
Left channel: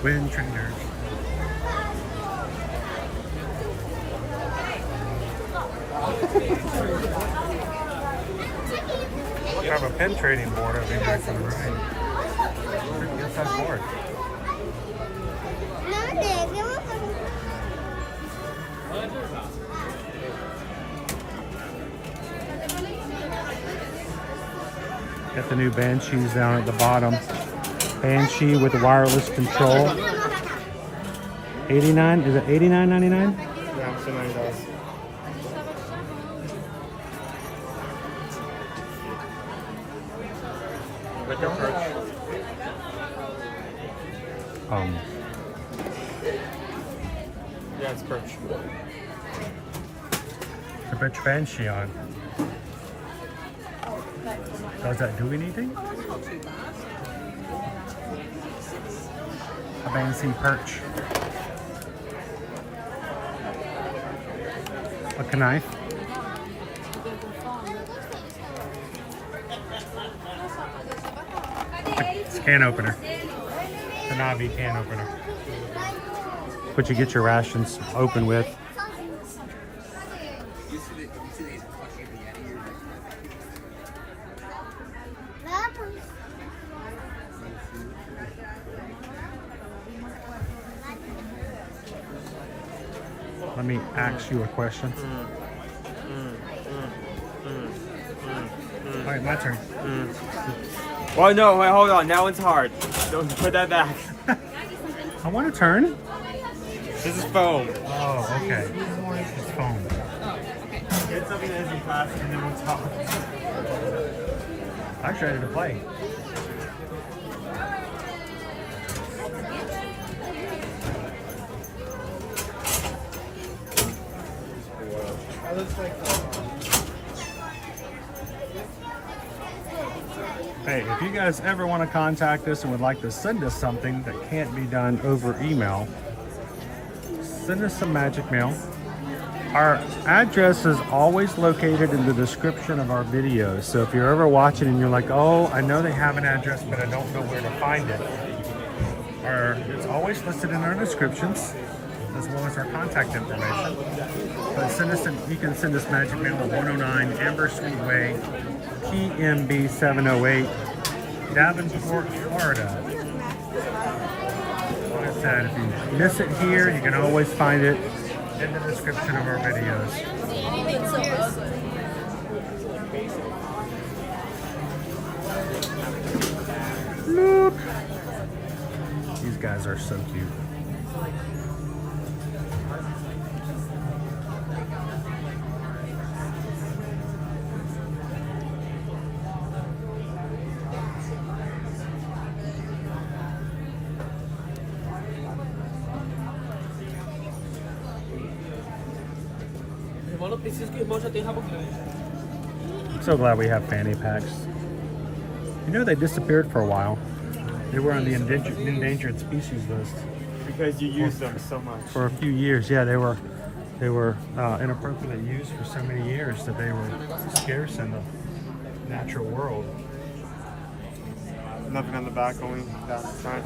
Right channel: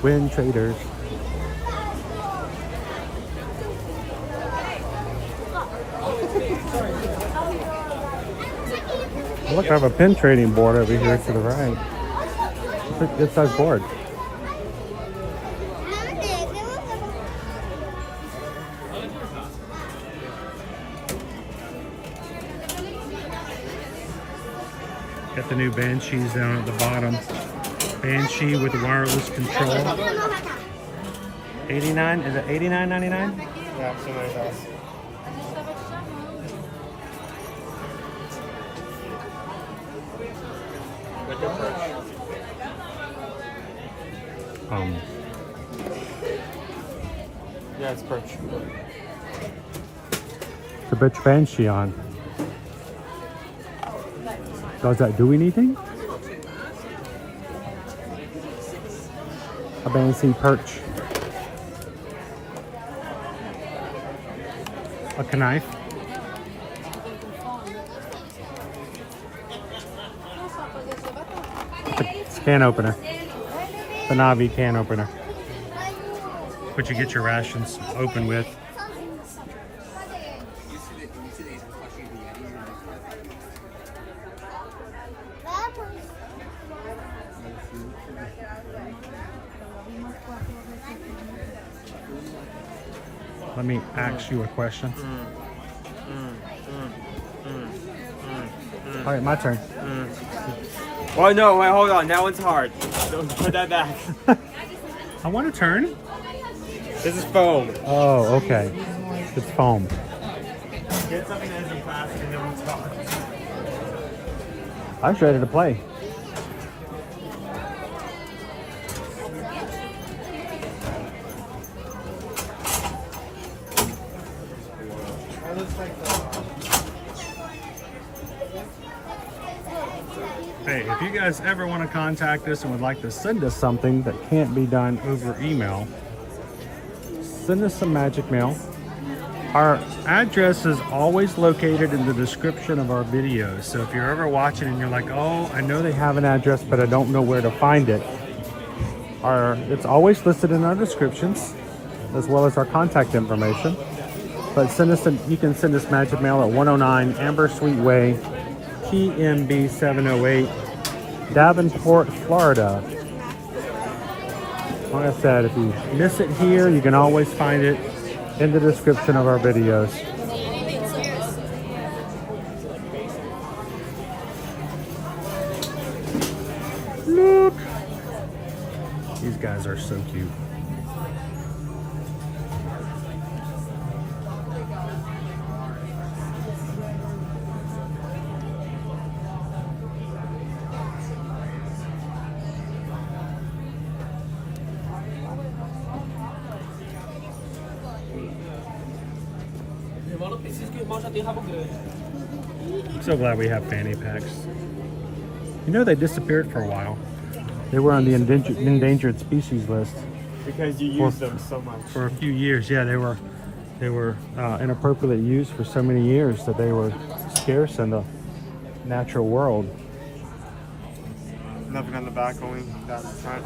Wind Traders. Look, I have a pin trading board over here to the right. It's our board. Got the new Banshees down at the bottom. Banshee with wireless control. 89, is it 89.99? Yeah, so many costs. Yeah, it's perch. The bitch Banshee on. Does that do anything? A Banshee perch. A knife. can opener. The Navi can opener. But you get your rations open with. Let me ask you a question. All right, my turn. Well, no, wait, hold on. That one's hard. Don't put that back. I want to turn. This is foam. Oh, okay. It's foam. Get something that isn't fast and then we'll talk. I was ready to play. Hey, if you guys ever want to contact us and would like to send us something that can't be done over email, send us some magic mail. Our address is always located in the description of our videos. So if you're ever watching and you're like, oh, I know they have an address, but I don't know where to find it. It's always listed in our descriptions, as well as our contact information. But you can send us magic mail at 109 Ambersweet Way, TMB 708, Davenport, Florida. Like I said, if you miss it here, you can always find it in the description of our videos. Look! These guys are so cute. I'm so glad we have fanny packs. You know, they disappeared for a while. They were on the endangered species list. Because you use them so much. For a few years, yeah, they were inappropriately used for so many years that they were scarce in the natural world. Nothing on the back, only down the front.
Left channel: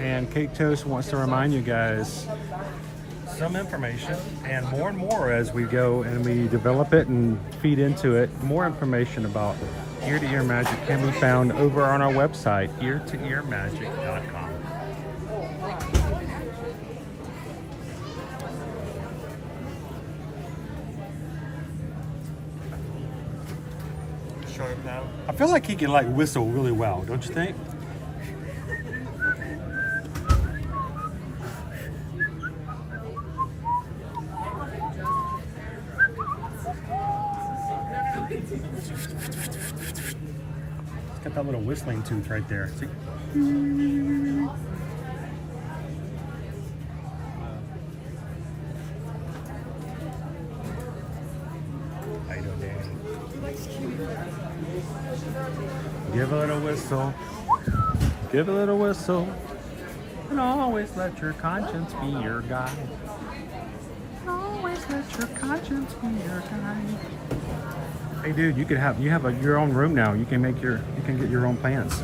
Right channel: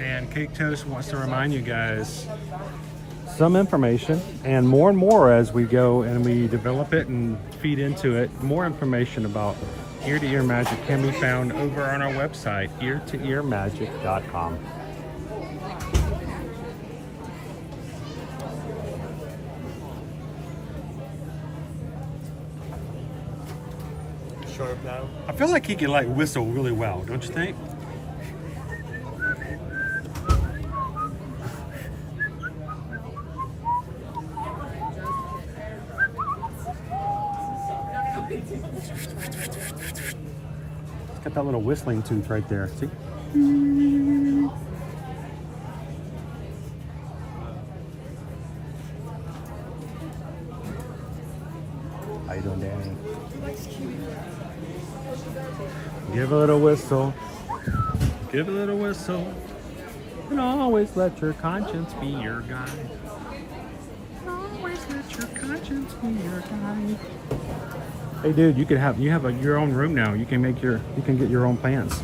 And Cake Toast wants to remind you guys some information and more as we go and we develop it and feed into it. More information about Ear to Ear Magic can be found over on our website, eartoearmagic.com. Sharp now. I feel like he can like whistle really well, don't you think? Got that little whistling tooth right there. See? How you doing, man? Give a little whistle. Give a little whistle. And always let your conscience be your guide. Always let your conscience be your guide. Hey dude, you have your own room now. You can get your own plants.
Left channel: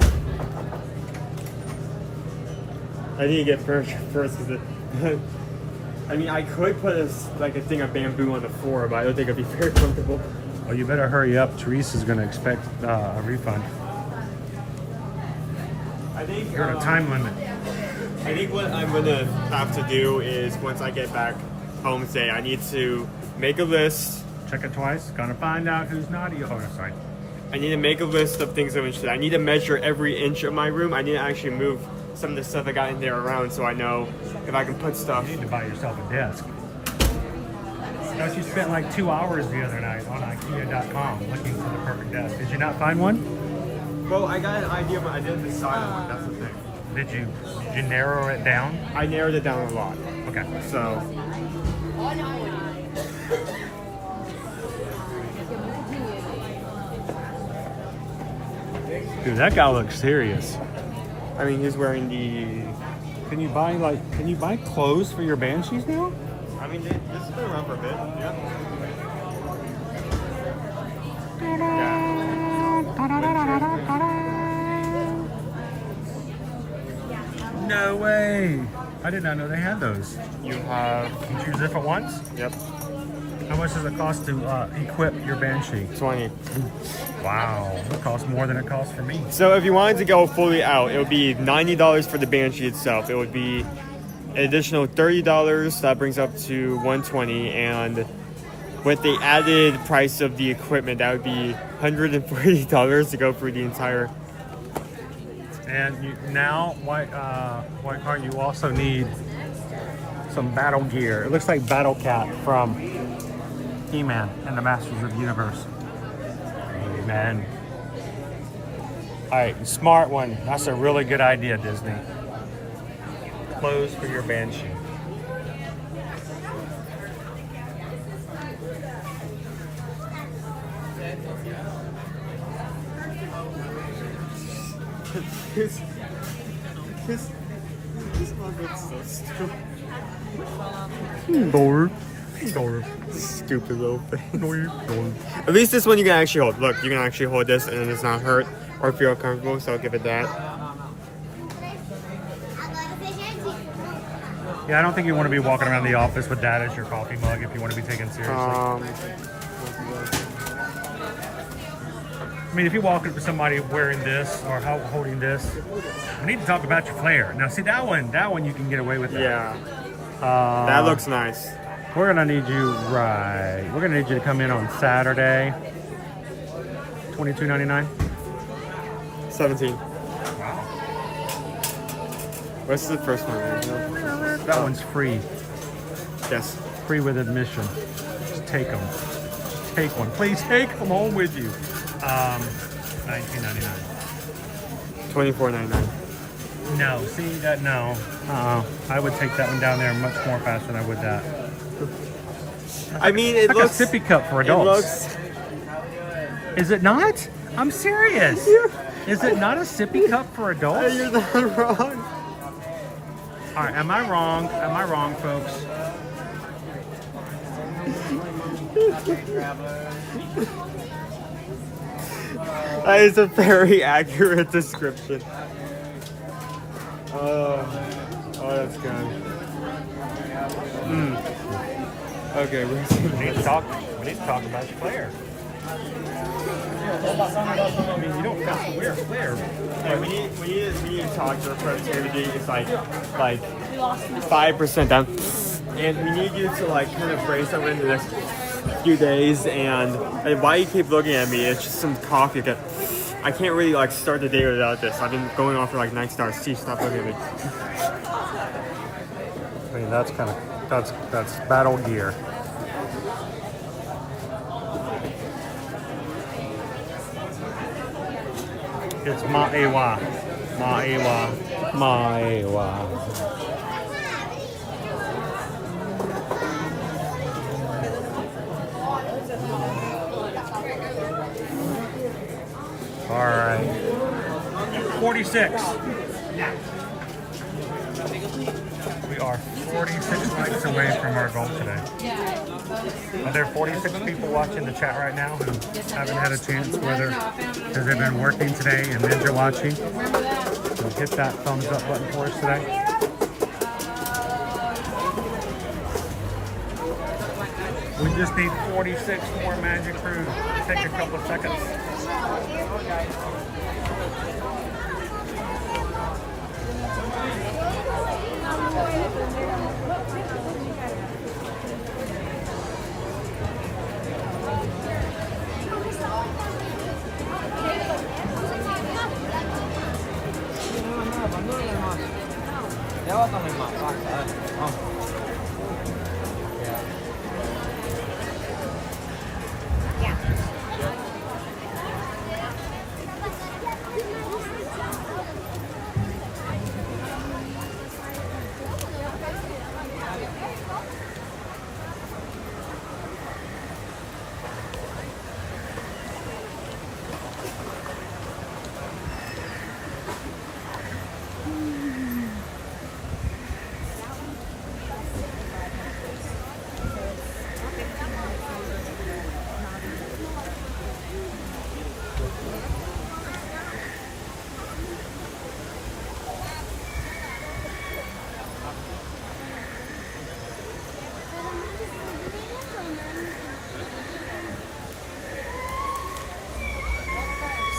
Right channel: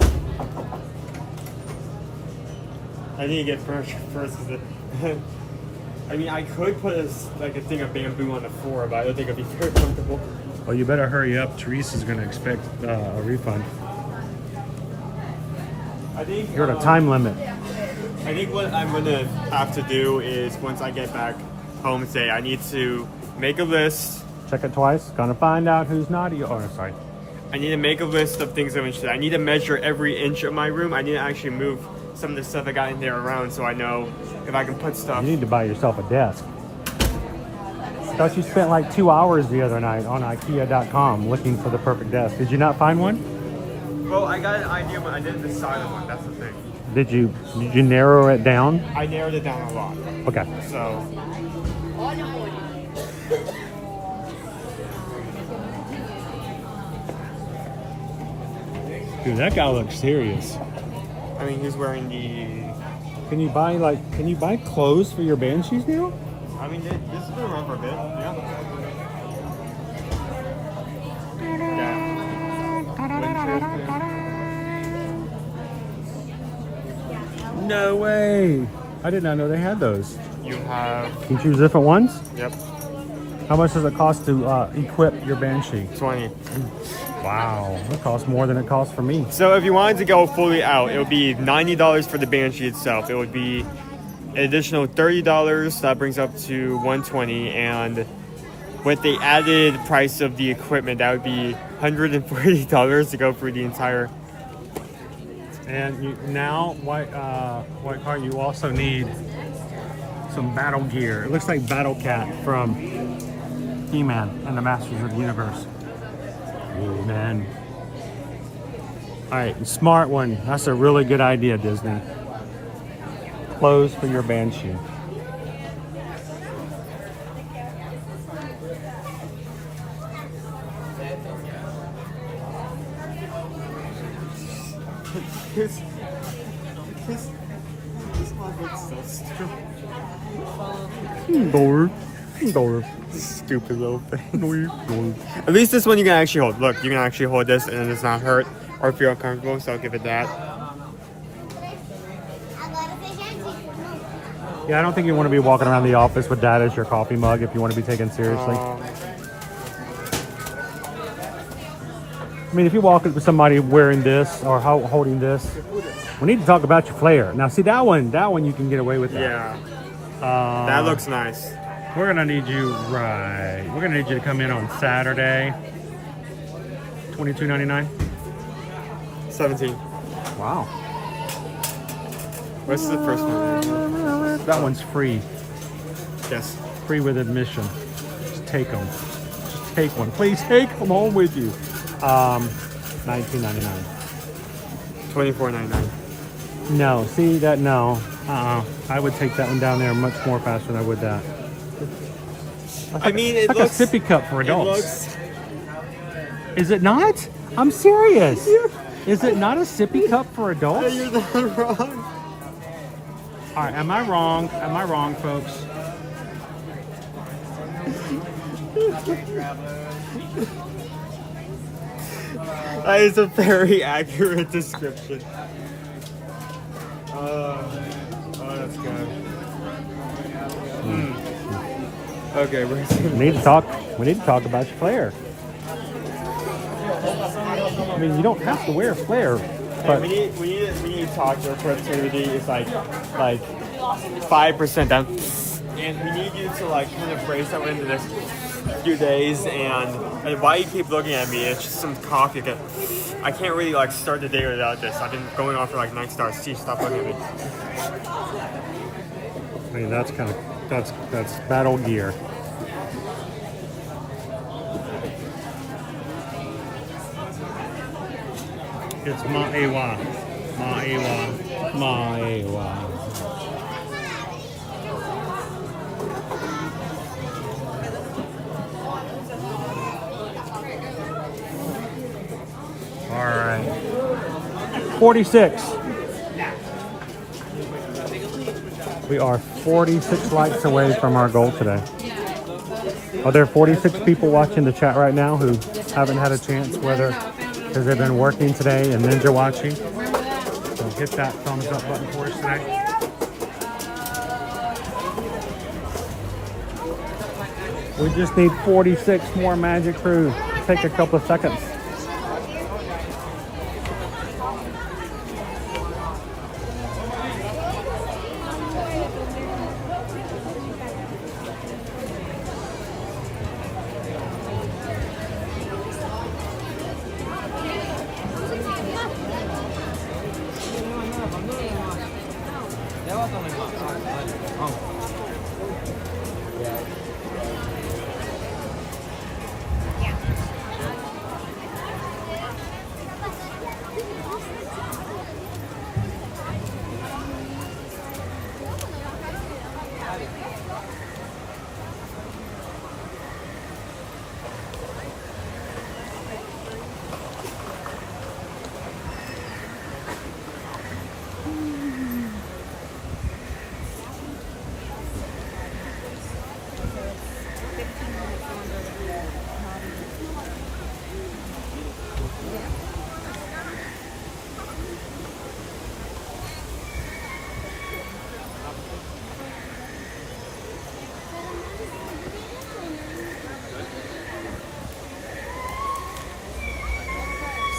I need to get furniture first because I mean, I could put a thing of bamboo on the floor, but I don't think it'd be very comfortable. Well, you better hurry up. Teresa's going to expect a refund. I think you're at a time limit. I think what I'm going to have to do is once I get back home today, I need to make a list. Check it twice. Gonna find out who's naughty. Oh, no, sorry. I need to make a list of things I'm interested in. I need to measure every inch of my room. I need to actually move some of the stuff I got in there around so I know if I can put stuff. You need to buy yourself a desk. Thought you spent like 2 hours the other night on IKEA.com looking for the perfect desk. Did you not find one? Well, I got an idea, but I didn't decide on it. That's the thing. Did you narrow it down? I narrowed it down a lot. Okay. So. Dude, that guy looks serious. I mean, he's wearing the Can you buy clothes for your banshees now? I mean, this has been around for a bit. No way! I did not know they had those. You have. Can you choose different ones? Yep. How much does it cost to equip your Banshee? 20. Wow, it costs more than it costs for me. So if you wanted to go fully out, it would be $90 for the Banshee itself. It would be an additional $30. That brings up to $120, and with the added price of the equipment, that would be $140 to go through the entire. And White Car, you also need some battle gear. It looks like Battle Cat from He-Man and the Masters of the Universe. Amen. All right, smart one. That's a really good idea, Disney. Clothes for your Banshee. This one looks so stupid. Door. Stupid little thing. At least this one you can actually hold. Look, you can actually hold this and it's not hurt or feel uncomfortable, so I'll give it that. Yeah, I don't think you want to be walking around the office with that as your coffee mug if you want to be taken seriously. I mean, if you walk with somebody wearing this or holding this, we need to talk about your flare. Now, see that one you can get away with that. Yeah. That looks nice. We're gonna need you, right? We're gonna need you to come in on Saturday. $22.99. 17. Wow. What's the first one? That one's free. Yes. Free with admission. Just take them. Just take one. Please take them home with you. $19.99. $24.99. No, see that? No. I would take that one down there much more faster than I would that. I mean, it like looks a sippy cup for adults. Is it not? I'm serious. Is it not a sippy cup for adults? You're not wrong. All right, am I wrong? Am I wrong, folks? That is a very accurate description. Oh, that's good. Okay, we need to talk about your flare. I mean, you don't have to wear a flare. Yeah, we need to talk to productivity. It's like 5% down, and we need you to kind of phrase something in the next few days. And why you keep looking at me? It's just some coffee. I can't really start the day without this. I've been going on for 9 stars. See, stop looking at me. I mean, that's battle gear. It's Ma'ewa. Ma'ewa. Ma'ewa. All right. 46. We are 46 likes away from our goal today. Are there 46 people watching the chat right now who haven't had a chance, whether because they've been working today and ninja watching? So hit that thumbs up button for us today. We just need 46 more Magic Crew. Take a couple of seconds.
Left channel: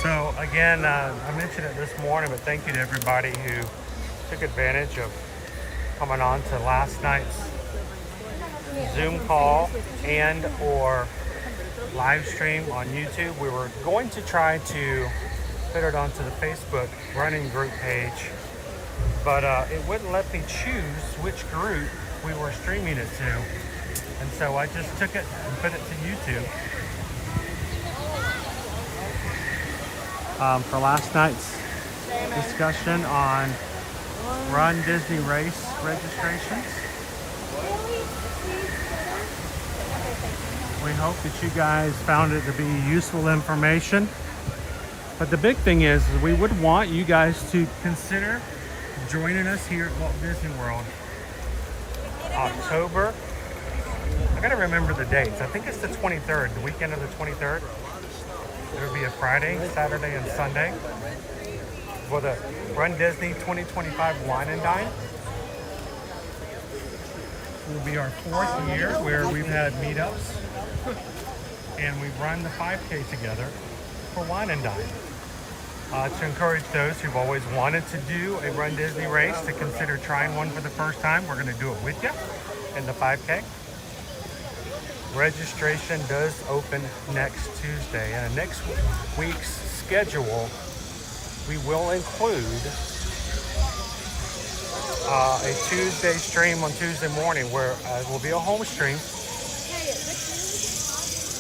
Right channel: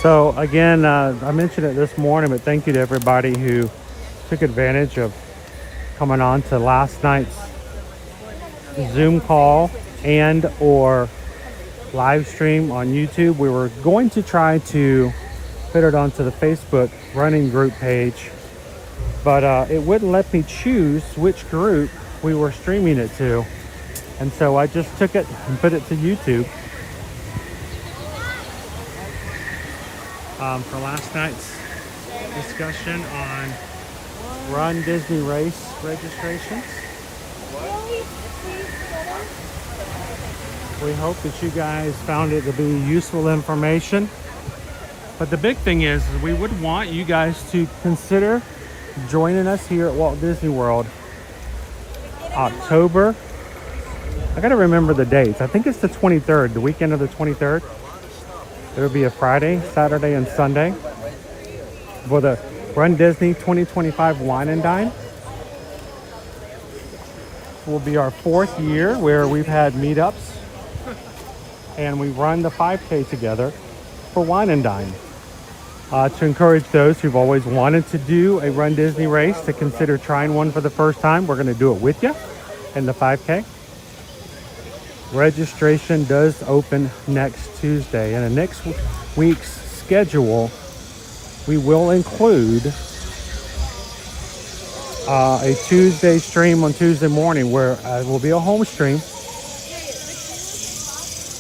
So again, I mentioned it this morning, but thank you to everybody who took advantage of coming on to last night's Zoom call and or live stream on YouTube. We were going to try to put it onto the Facebook running group page, but it wouldn't let me choose which group we were streaming it to. And so I just took it and put it to YouTube. For last night's discussion on Run Disney Race registrations. We hope that you guys found it to be useful information. But the big thing is we would want you guys to consider joining us here at Walt Disney World. October, I gotta remember the dates. I think it's the 23rd, the weekend of the 23rd. It'll be a Friday, Saturday, and Sunday for the Run Disney 2025 Wine and Dine. Will be our 4th year where we've had meetups and we run the 5K together for Wine and Dine. To encourage those who've always wanted to do a Run Disney race to consider trying one for the first time, we're going to do it with you in the 5K. Registration does open next Tuesday, and in next week's schedule we will include a Tuesday stream on Tuesday morning where it will be a home stream,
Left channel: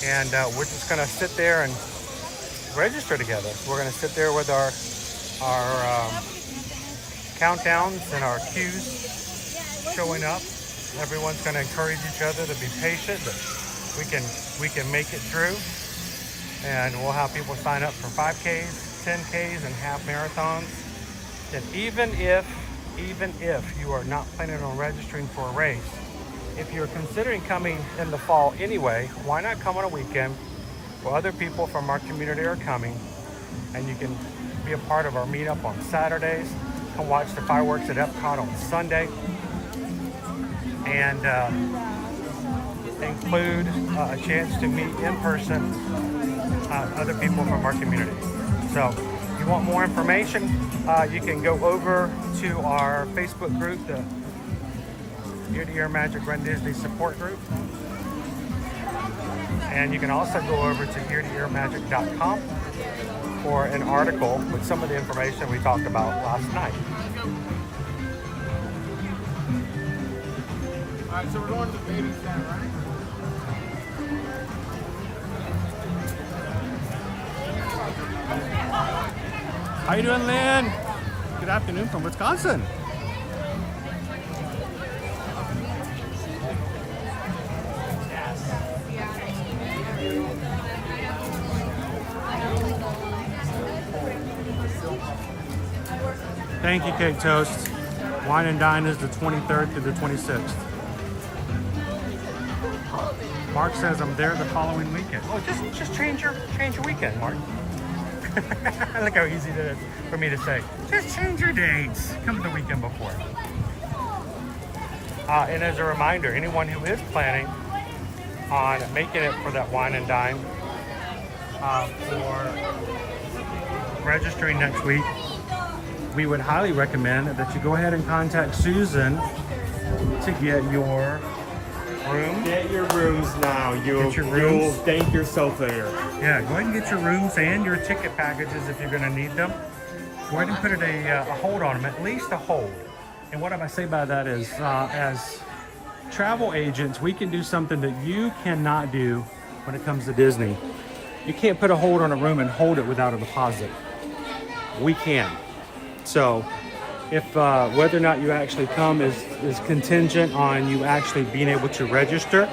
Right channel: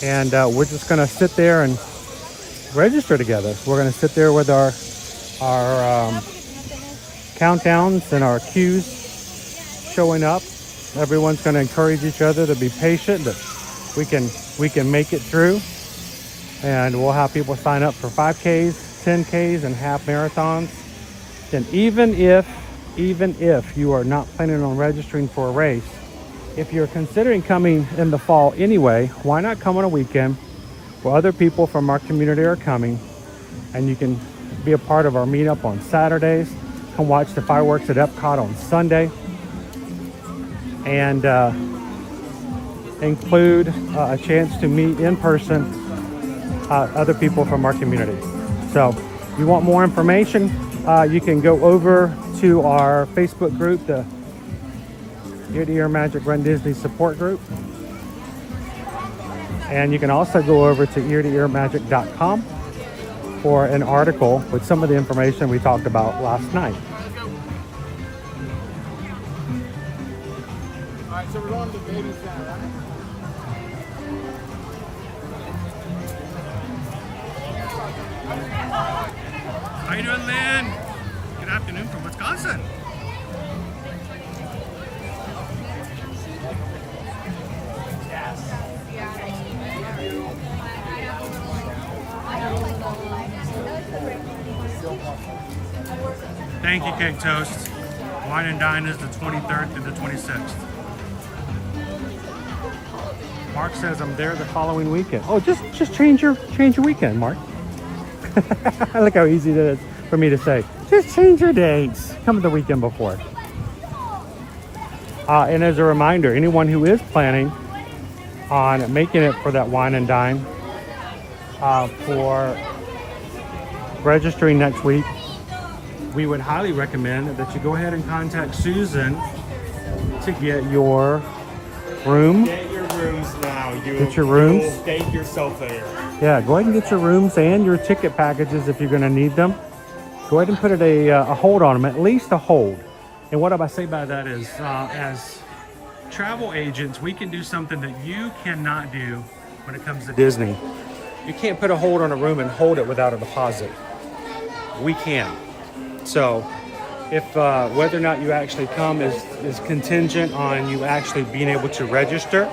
and we're just going to sit there and register together. We're going to sit there with our countdowns and our queues showing up. Everyone's going to encourage each other to be patient, that we can make it through, and we'll have people sign up for 5Ks, 10Ks, and half marathons. And even if you are not planning on registering for a race, if you're considering coming in the fall anyway, why not come on a weekend where other people from our community are coming, and you can be a part of our meetup on Saturdays, and watch the fireworks at Epcot on Sunday, and include a chance to meet in person other people from our community. So if you want more information, you can go over to our Facebook group, the Ear to Ear Magic Run Disney support group. And you can also go over to eartoearmagic.com for an article with some of the information we talked about last night. Alright, so we're going to the baby center, right? How you doing, Lynn? Good afternoon from Wisconsin. Thank you, Cake Toast. Wine and Dine is the 23rd through the 26th. Mark says I'm there the following weekend. Oh, just change your weekend, Mark. Look how easy it is for me to say. Just change your dates. Come the weekend before. And as a reminder, anyone who is planning on making it for that Wine and Dine, for registering next week, we would highly recommend that you go ahead and contact Susan to get your room. Get your rooms now. Get your rooms. You will thank yourself later. Yeah, go ahead and get your rooms and your ticket packages if you're going to need them. Go ahead and put a hold on them, at least a hold. And what I say by that is, as travel agents, we can do something that you cannot do when it comes to Disney. You can't put a hold on a room and hold it without a deposit. We can. So if whether or not you actually come is contingent on you actually being able to register,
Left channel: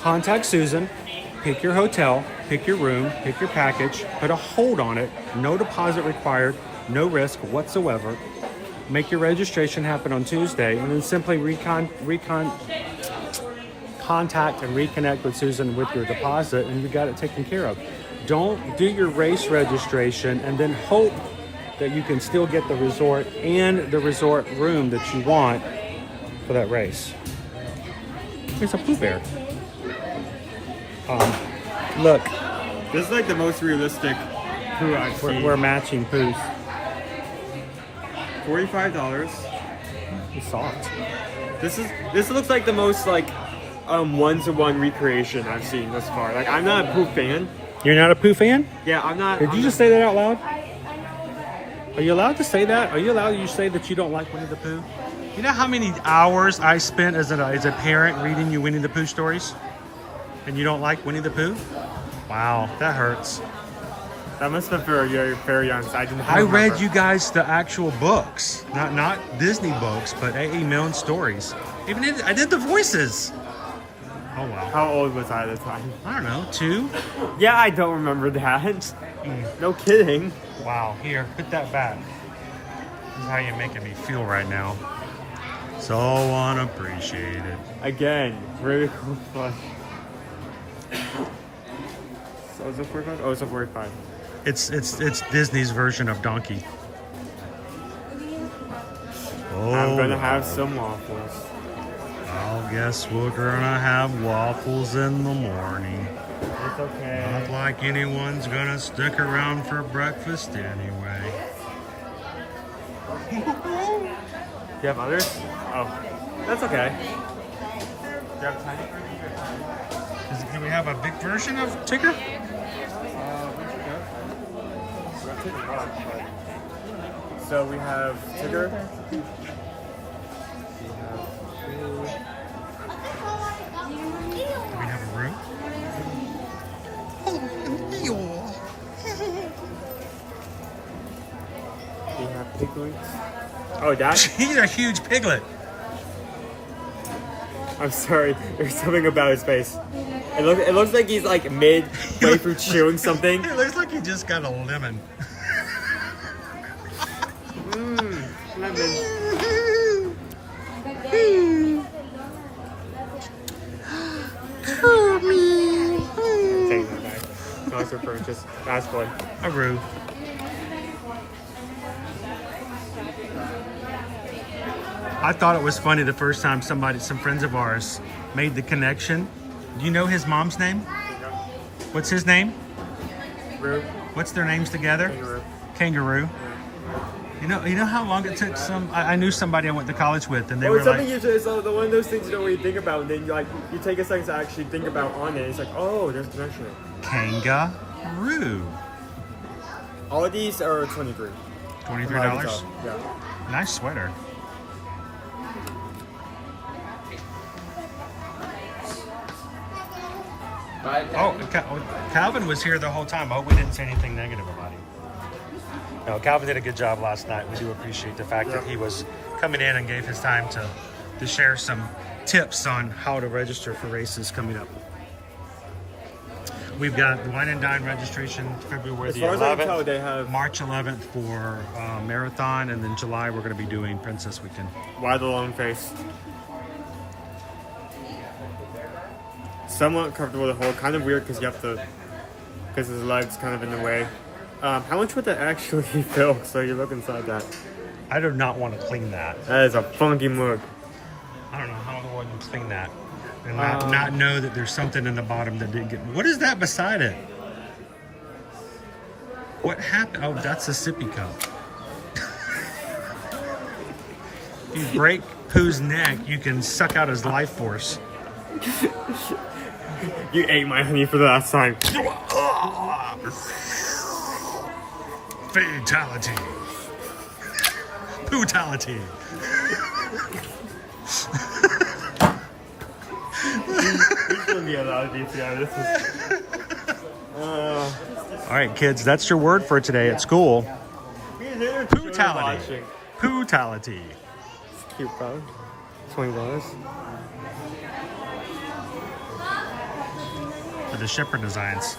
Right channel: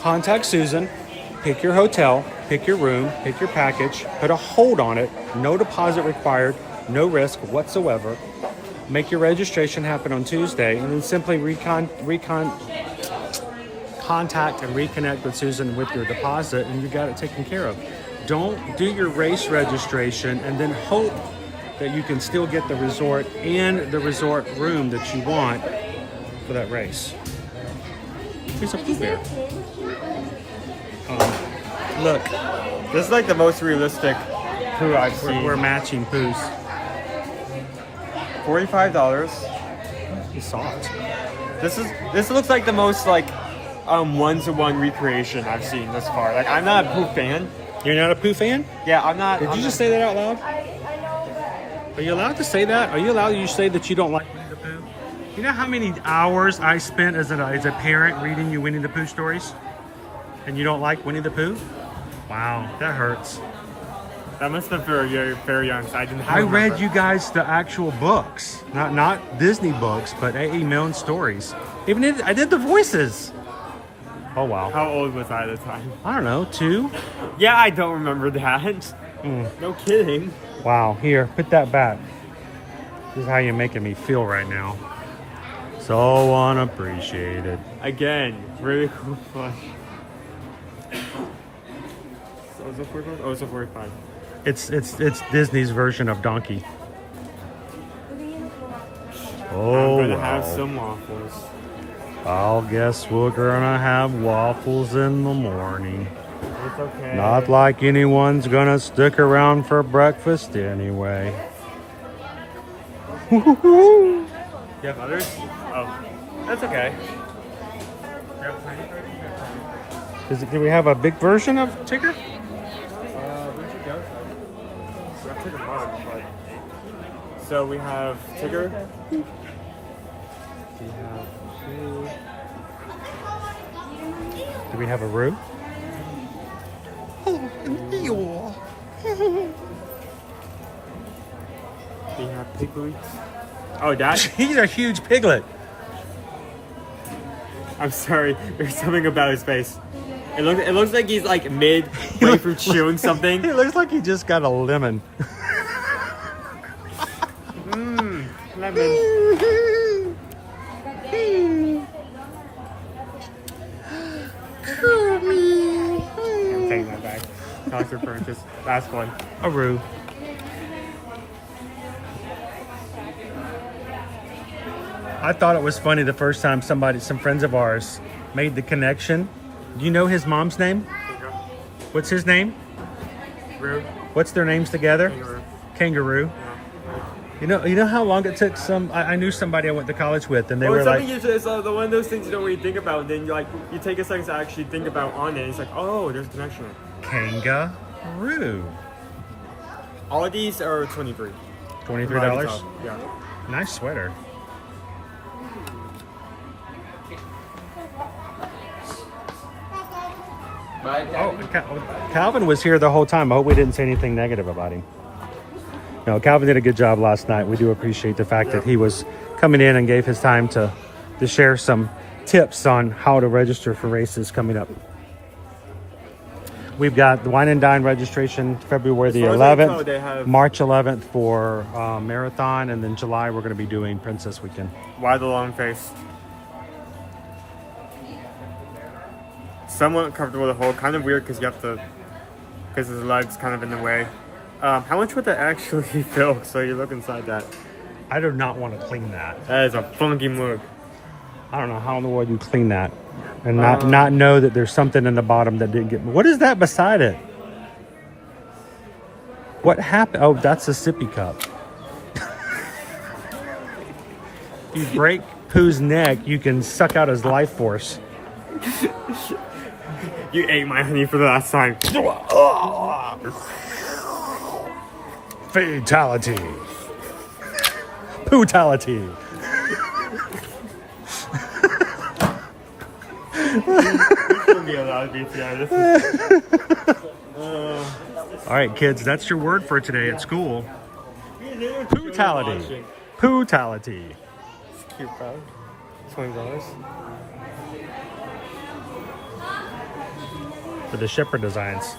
contact Susan, pick your hotel, pick your room, pick your package, put a hold on it, no deposit required, no risk whatsoever. Make your registration happen on Tuesday, and then simply contact and reconnect with Susan with your deposit, and you got it taken care of. Don't do your race registration and then hope that you can still get the resort and the resort room that you want for that race. There's a Pooh Bear. Look, this is like the most realistic poo I've seen. We're matching poos. $45. It's soft. This looks like the most like one-to-one recreation I've seen thus far. Like I'm not a poo fan. You're not a poo fan? Yeah, I'm not. Did you just say that out loud? Are you allowed to say that? Are you allowed to say that you don't like Winnie the Pooh? You know how many hours I spent as a parent reading you Winnie the Pooh stories? And you don't like Winnie the Pooh? Wow, that hurts. That must have been very young. So I didn't. I read you guys the actual books, not Disney books, but A.E. Milne stories. I did the voices. Oh wow. How old was I at the time? I don't know, 2? Yeah, I don't remember that. No kidding. Wow, here, put that back. This is how you're making me feel right now. So unappreciated. Again, really cool fun. So is it 45? Oh, it's a 45. It's Disney's version of Donkey. Oh, I'm gonna have some waffles. I'll guess we're gonna have waffles in the morning. It's okay. Not like anyone's gonna stick around for breakfast anyway. You have others? Oh, that's okay. Do we have a big version of Tigger? So we have Tigger. Do we have a Roo? Oh, Eeyore. We have Piglets. Oh, that? He's a huge piglet. I'm sorry. There's something about his face. It looks like he's like way through chewing something. It looks like he just got a lemon. Lemon. Just ask one. A Roo. I thought it was funny the first time some friends of ours made the connection. Do you know his mom's name? What's his name? Roo. What's their names together? Kangaroo. You know how long it took I knew somebody I went to college with, and they were like, it's one of those things you don't really think about, and then you take a second to actually think about on it. It's like, oh, there's a connection. Kangaroo. All of these are $23. $23? Yeah. Nice sweater. Oh, Calvin was here the whole time. I hope we didn't say anything negative about him. No, Calvin did a good job last night. We do appreciate the fact that he was coming in and gave his time to share some tips on how to register for races coming up. We've got the Wine and Dine registration February the 11th, March 11th for Marathon, and then July we're going to be doing Princess Weekend. Why the long face? Somewhat comfortable with the hole. Kind of weird because his leg's kind of in the way. How much would that actually fill? So you look inside that. I do not want to clean that. That is a funky mug. I don't know how in the world you clean that and not know that there's something in the bottom that didn't get. What is that beside it? What happened? Oh, that's a sippy cup. If you break Pooh's neck, you can suck out his life force. You ate my honey for the last time. Fatality. Pootality. Be allowed to be today. All right, kids, that's your word for today at school. Pootality. Pootality. It's cute, bro. $20. For the Shepherd designs.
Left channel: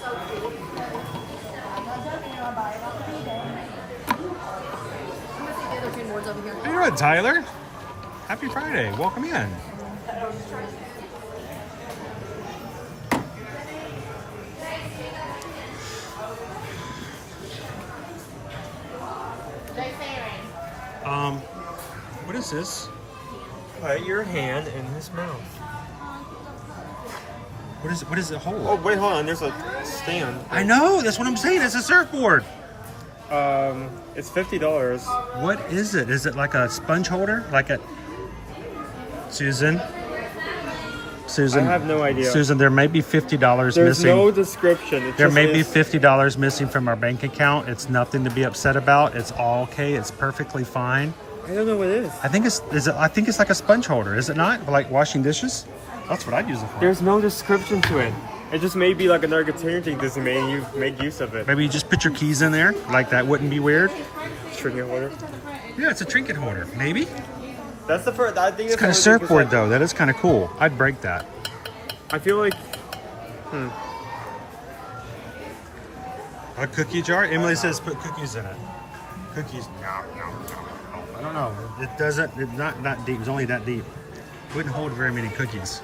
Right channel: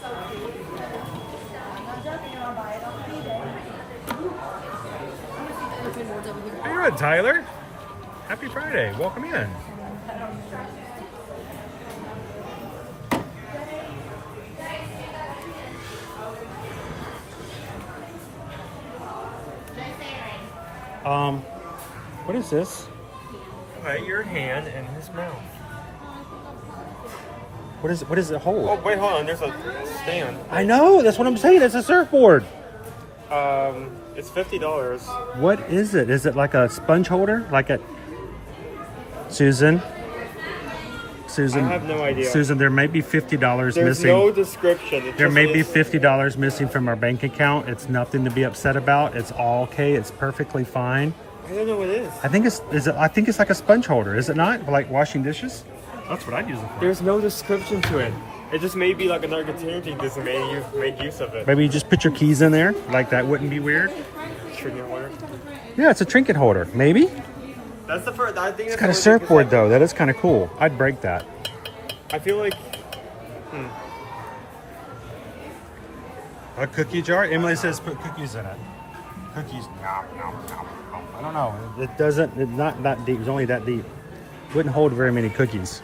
How you doing, Tyler? Happy Friday. Welcome in. What is this? Put your hand in his mouth. What does it hold? Oh, wait, hold on. There's a stand. I know. That's what I'm saying. It's a surfboard. It's $50. What is it? Is it like a sponge holder? Like a Susan? Susan, I have no idea. Susan, there may be $50 There's missing. no description. It There just may be is- $50 missing from our bank account. It's nothing to be upset about. It's all okay. It's perfectly fine. I don't know what it is. I think it's like a sponge holder, is it not? Like washing dishes? That's what I'd use it for. There's no description to it. It just may be like another container thing just made you make use of it. Maybe you just put your keys in there. Like that wouldn't be weird. Trinket holder. Yeah, it's a trinket holder. Maybe. That's the first. I think It's got a surfboard though. That is kind of cool. I'd break that. I feel like. A cookie jar? Emily says put cookies in it. Cookies? No. I don't know. It doesn't. It's not that deep. It's only that deep. Wouldn't hold very many cookies.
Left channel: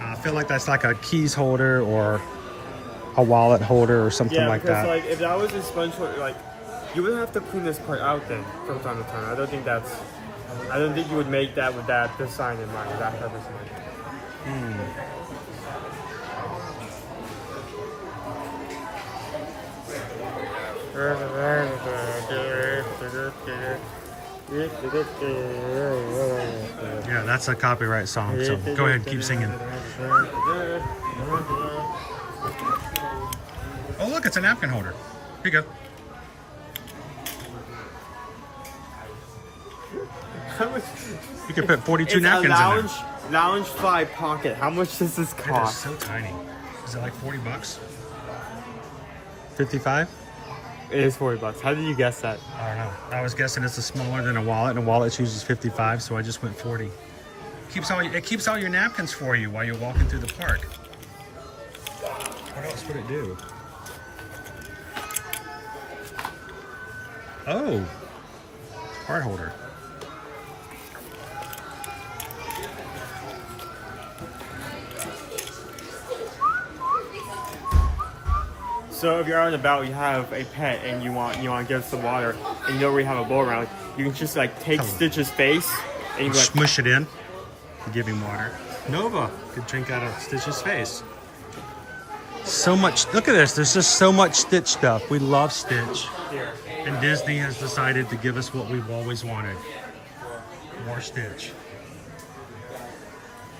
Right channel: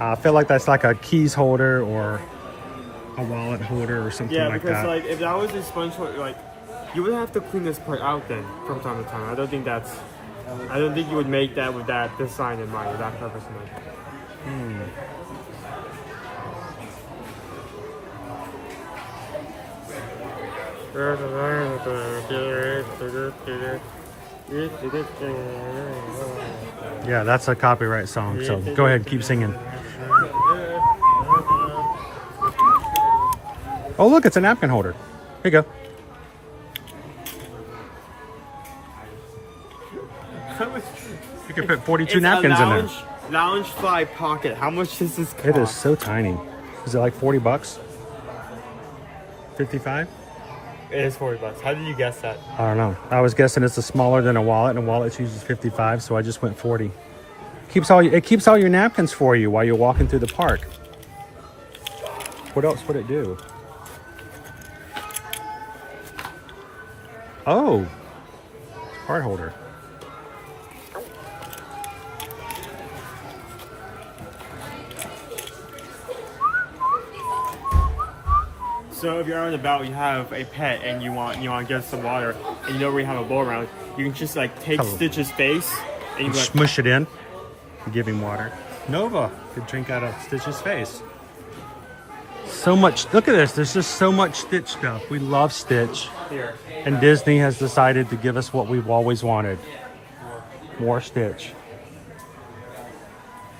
I feel like that's like a keys holder or a wallet holder or something like that. Yeah, because like if that was a sponge holder, like you would have to clean this part out then from time to time. I don't think you would make that with this sign in mind, with that purpose in mind. Yeah, that's a copyright song. So go ahead, keep singing. Oh, look, it's a napkin holder. Here you go. You can put 42 It's napkins a in there. Lounge 5 pocket. How much does this cost? It is so tiny. Is it like 40 bucks? 55? It is 40 bucks. How did you guess that? I don't know. I was guessing it's smaller than a wallet, and a wallet uses 55, so I just went 40. It keeps all your napkins for you while you're walking through the park. What else would it do? Oh, card holder. So if you're out and about, you have a pet and you want to get some water, and you know where you have a bowl around, you can just like take Stitch's face and you like Smush it in. Give him water. Nova could drink out of Stitch's face. So much. Look at this. There's just so much Stitch stuff. We love Stitch. And Disney has decided to give us what we've always wanted. More Stitch.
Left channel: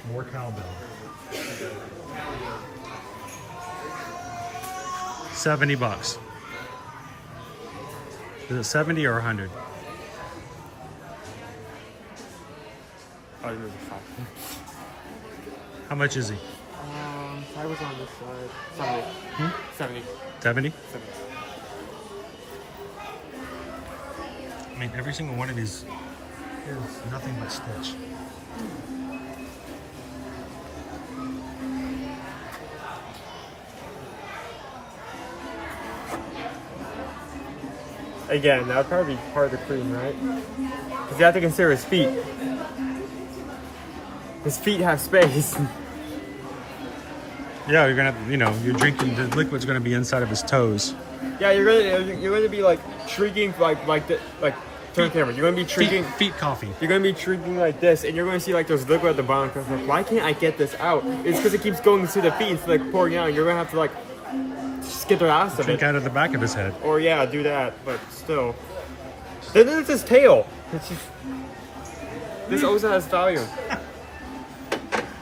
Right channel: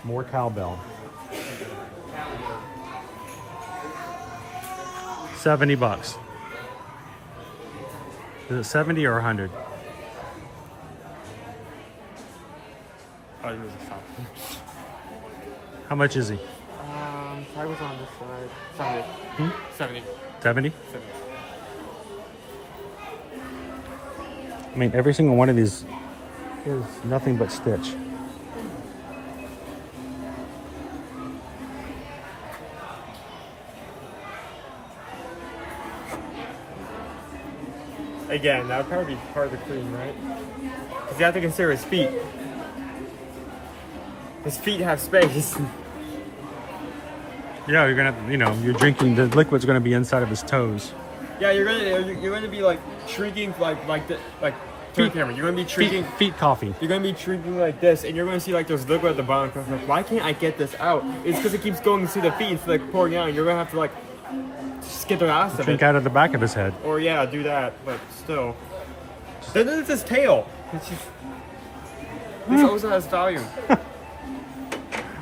More cowbell. 70 bucks. Is it 70 or 100? Oh, it was a 5. How much is he? I was on this side. 70. 70? I mean, every single one of these is nothing but Stitch. Again, that would probably be part of the cream, right? Because you have to consider his feet. His feet have space. Yeah, you're gonna, you're drinking, the liquid's gonna be inside of his toes. Yeah, you're gonna be like shrinking like turn the camera. You're gonna be shrinking feet coffee. You're gonna be shrinking like this, and you're gonna see like there's liquid at the bottom. Cause like, why can't I get this out? It's because it keeps going to the feet. It's like pouring out. And you're gonna have to like just get the ass of Drink it. out of the back of his head. Or yeah, do that. But still, then it's his tail. It's just this also has volume.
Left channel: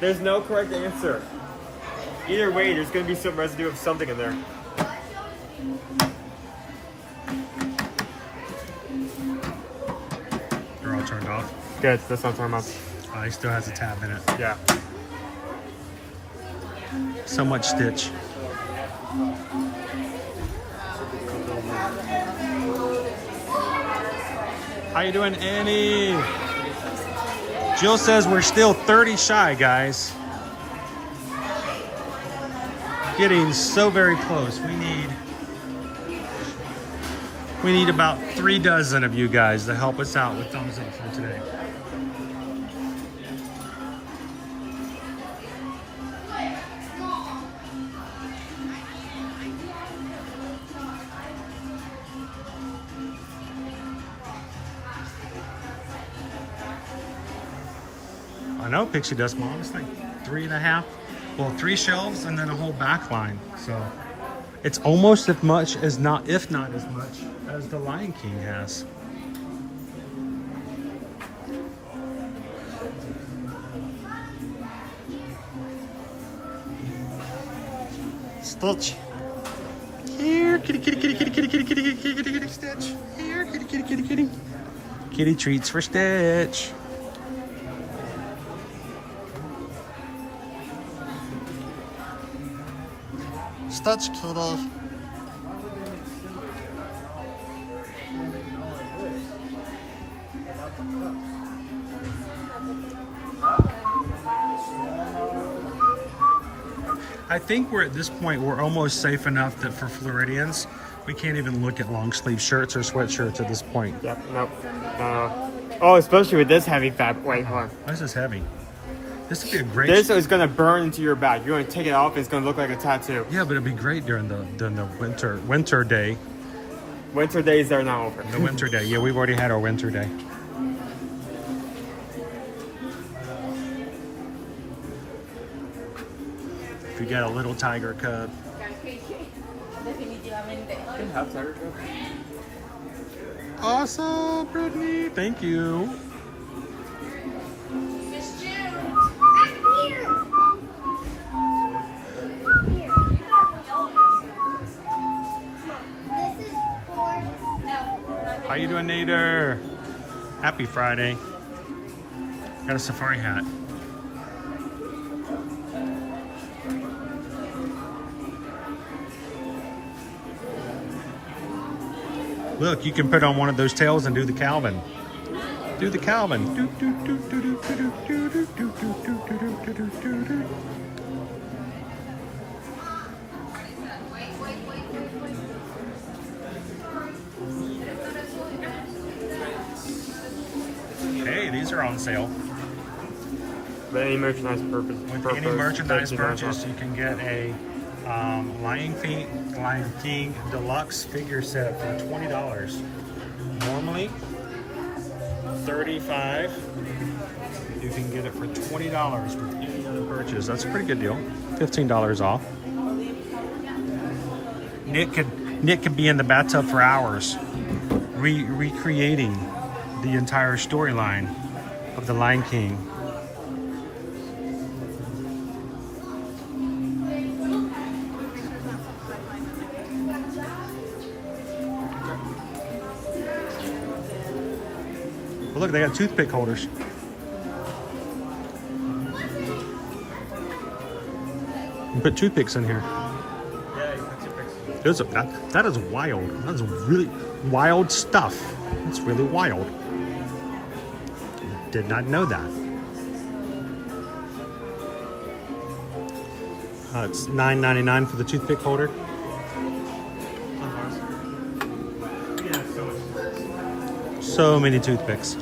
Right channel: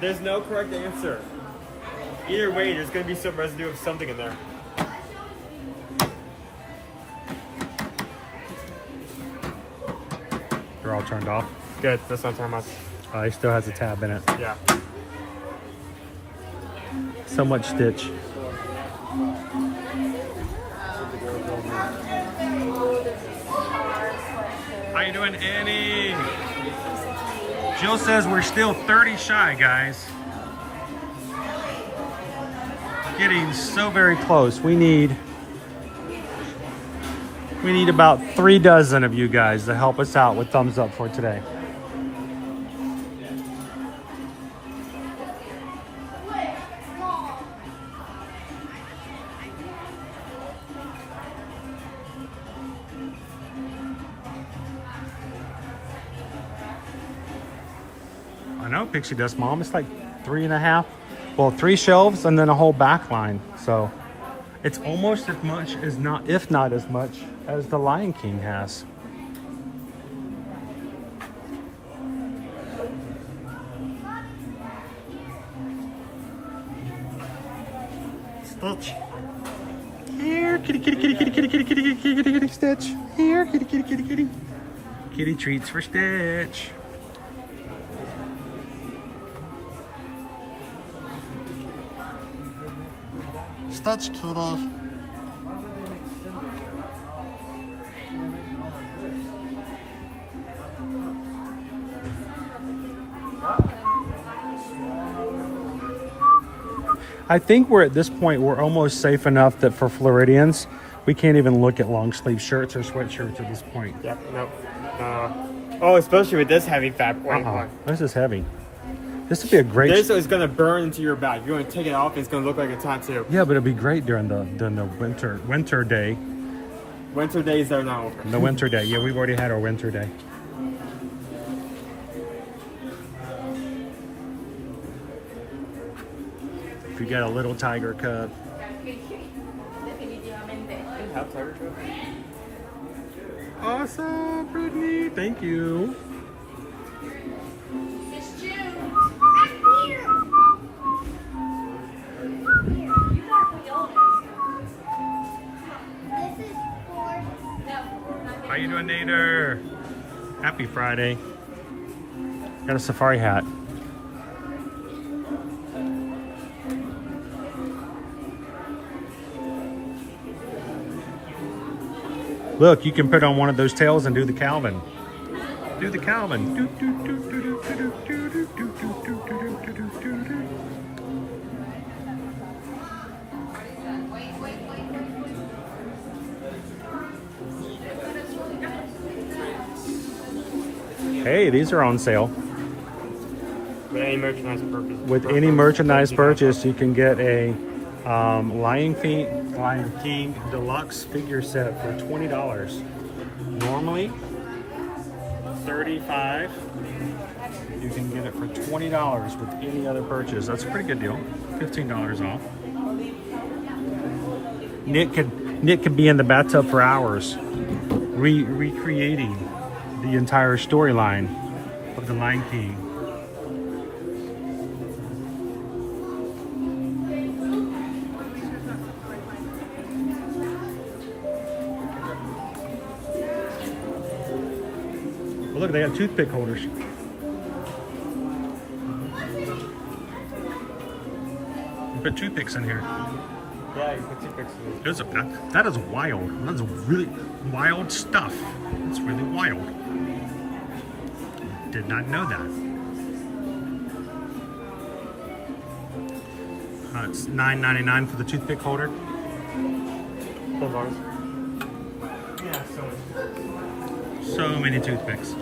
There's no correct answer. Either way, there's gonna be some residue of something in there. They're all turned off. Good, that's not turned off. He still has a tab in it. Yeah. So much Stitch. How you doing, Annie? Jill says we're still 30 shy, guys. Getting so very close. We need about 3 dozen of you guys to help us out with thumbs up for today. I know, Pixie Dust Mom. It's like 3.5. Well, 3 shelves and then a whole back line. So It's almost as much as not, if not as much as the Lion King has. Stitch. Here, kitty, kitty, kitty, kitty, kitty, kitty, kitty, kitty, kitty, kitty, kitty, Stitch. Here, kitty, kitty, kitty, kitty. Kitty treats for Stitch. Stitch, kitty. I think we're at this point, we're almost safe enough that for Floridians, we can't even look at long sleeve shirts or sweatshirts at this point. Yeah, nope. Oh, especially with this heavy fabric. This is heavy. This would be a great... This is going to burn into your back. You're going to take it off, it's going to look like a tattoo. Yeah, but it'd be great during the winter day. Winter days are now over. The winter day. Yeah, we've already had our winter day. If you got a little tiger cub. Awesome, Brittany. Thank you. How you doing, Nader? Happy Friday. Got a safari hat. Look, you can put on one of those tails and do the Calvin. Do the Calvin. Do, do, do, do, do, do, do, do, do, do, do, do, do, do. Hey, these are on sale. With any merchandise purchase. With any merchandise purchase, you can get a Lion King deluxe figure set for $20. Normally $35. You can get it for $20 with any other purchase. That's a pretty good deal. $15 off. Nick could be in the bathtub for hours recreating the entire storyline of the Lion King. Well, look, they got toothpick holders. You put toothpicks in here. That is wild. That's really wild stuff. It's really wild. Did not know that. It's $9.99 for the toothpick holder. So many toothpicks.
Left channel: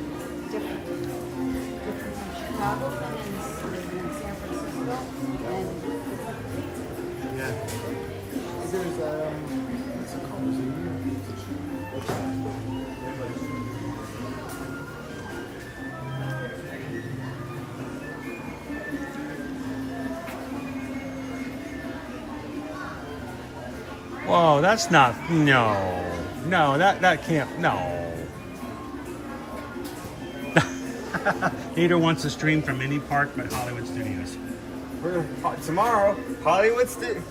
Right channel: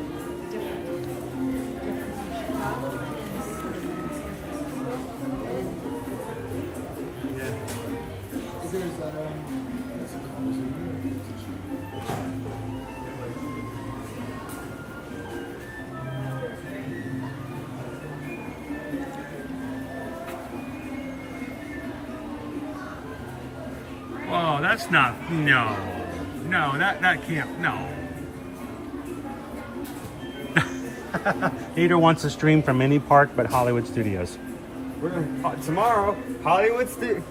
Whoa, that's not, no, that can't, no. Peter wants to stream from any park but Hollywood Studios. We're gonna, tomorrow, Hollywood Studios.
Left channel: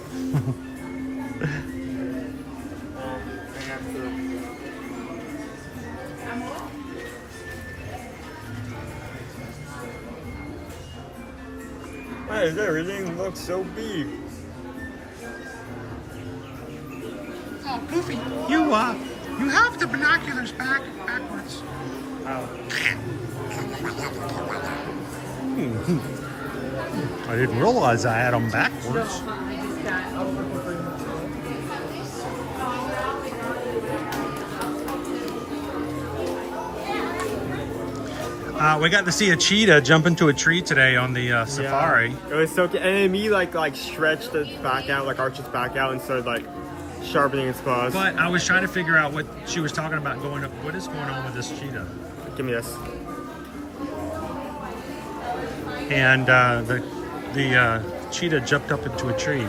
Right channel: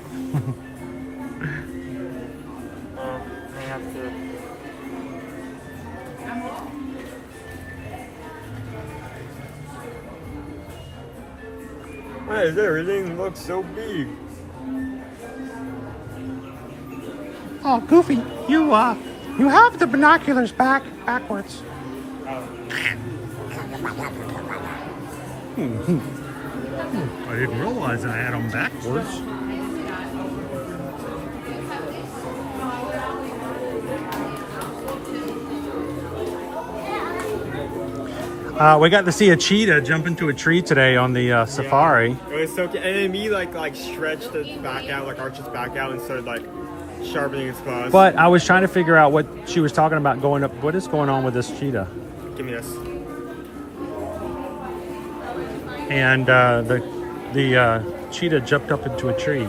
Why does everything look so big? Oh, Goofy, you have the binoculars backwards. I didn't realize I had them backwards. We got to see a cheetah jump into a tree today on the safari. It was so cute. And then me like stretched its back out, like arched its back out instead of like sharpening its claws. But I was trying to figure out what she was talking about going up. What is going on with this cheetah? Give me this. And the cheetah jumped up into a tree.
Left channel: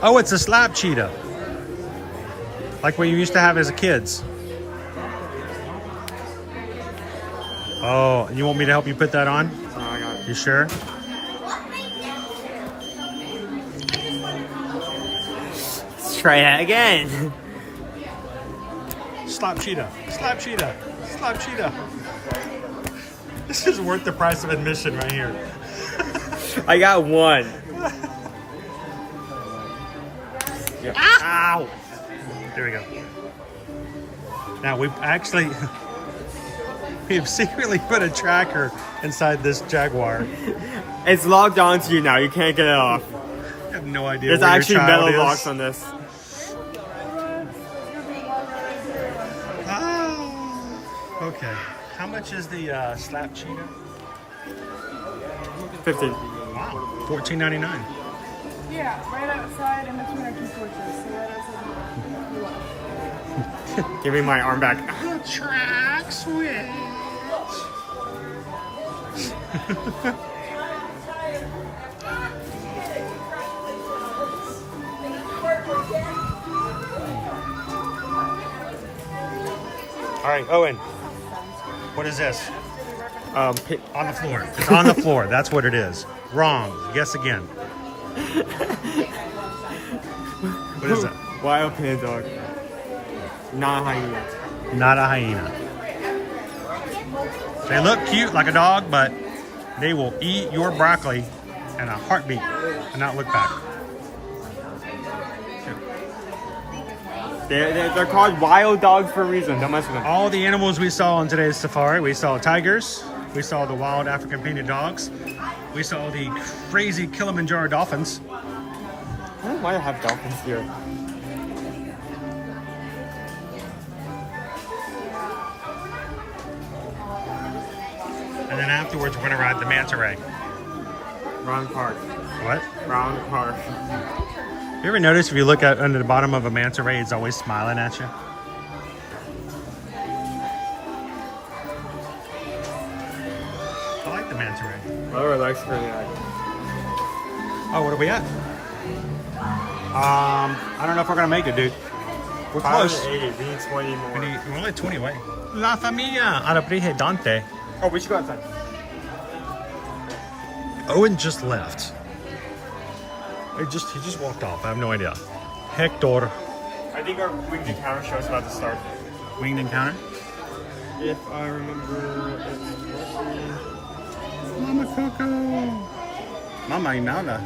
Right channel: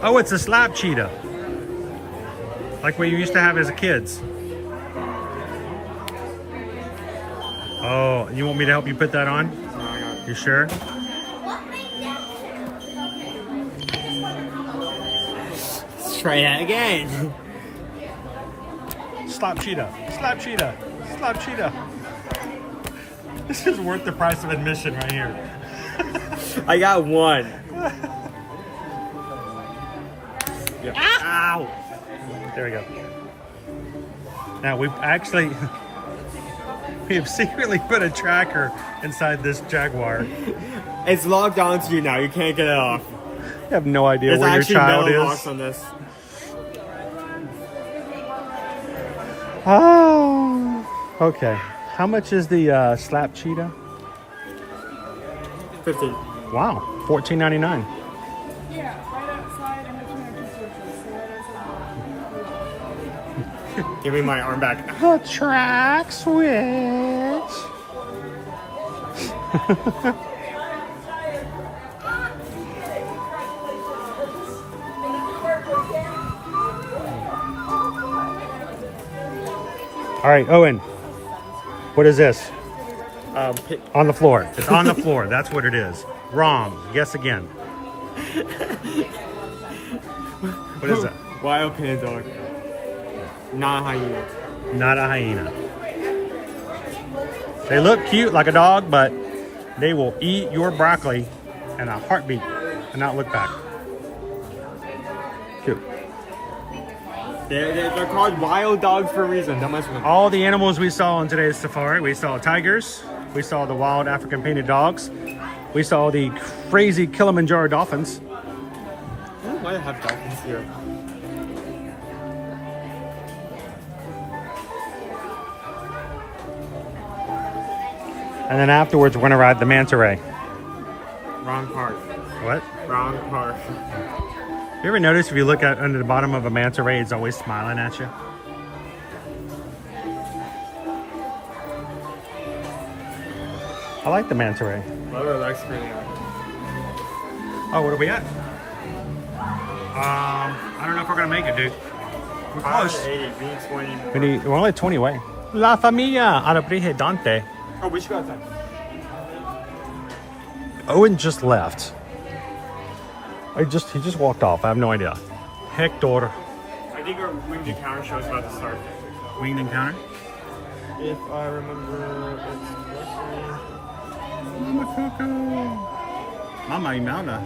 Oh, it's a slap cheetah. Like we used to have as kids. Oh, you want me to help you put that on? No, I got it. You sure? Let's try that again. Slap cheetah. Slap cheetah. Slap cheetah. This is worth the price of admission right here. I got one. Yep. Ow! There we go. Now we have secretly put a tracker inside this Jaguar. It's logged onto you now. You can't get it off. I have no idea There's where your actually child metal is. locks on this. Oh. Okay. How much is the slap cheetah? 15. Wow. $14.99. Yeah, right outside in between our two porches. So that is Give me my arm back. The track switch. All right, Owen. What is this? On the floor. It's on the floor. That's what it is. Wrong. Guess again. What is that? Wild panda dog. Not a hyena. Not a hyena. They look cute like a dog, but they will eat your broccoli in a heartbeat and not look back. They're called wild dogs for a reason. Don't mess with them. All the animals we saw on today's safari, we saw tigers, we saw the wild African painted dogs, we saw the crazy Kilimanjaro dolphins. I might have dolphins here. And then afterwards, we're gonna ride the manta ray. Wrong park. What? Wrong park. You ever notice if you look at under the bottom of a manta ray, it's always smiling at you? I like the manta ray. Mother likes me. Oh, what are we at? I don't know if we're gonna make it, dude. We're close. We're only 20 away. La familia Dante. Oh, we should go outside. Owen just left. He just walked off. I have no idea. Hector. I think our winged encounter show is about to start. Winged encounter? If I remember. Mama Coco. Mama Imelda.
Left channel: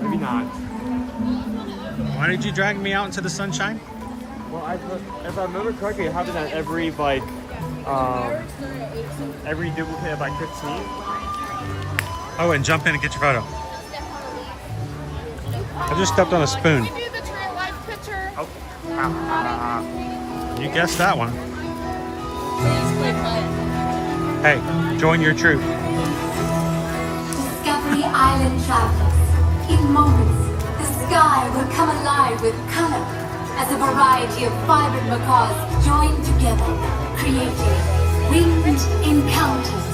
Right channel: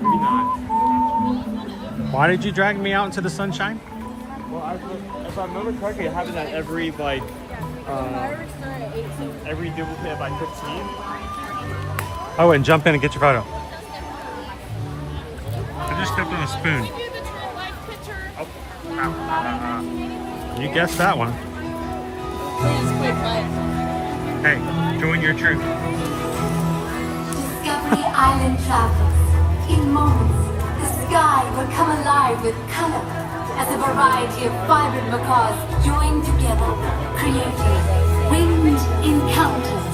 Maybe not. Why did you drag me out into the sunshine? Well, if I remember correctly, it happened at every duplicate of like 15. Oh, and jump in and get your photo. I just stepped on a spoon. You guessed that one. Hey, join your troop. Discovery Island travelers. In moments, the sky will come alive with color as a variety of vibrant macaws join together, creating winged encounters.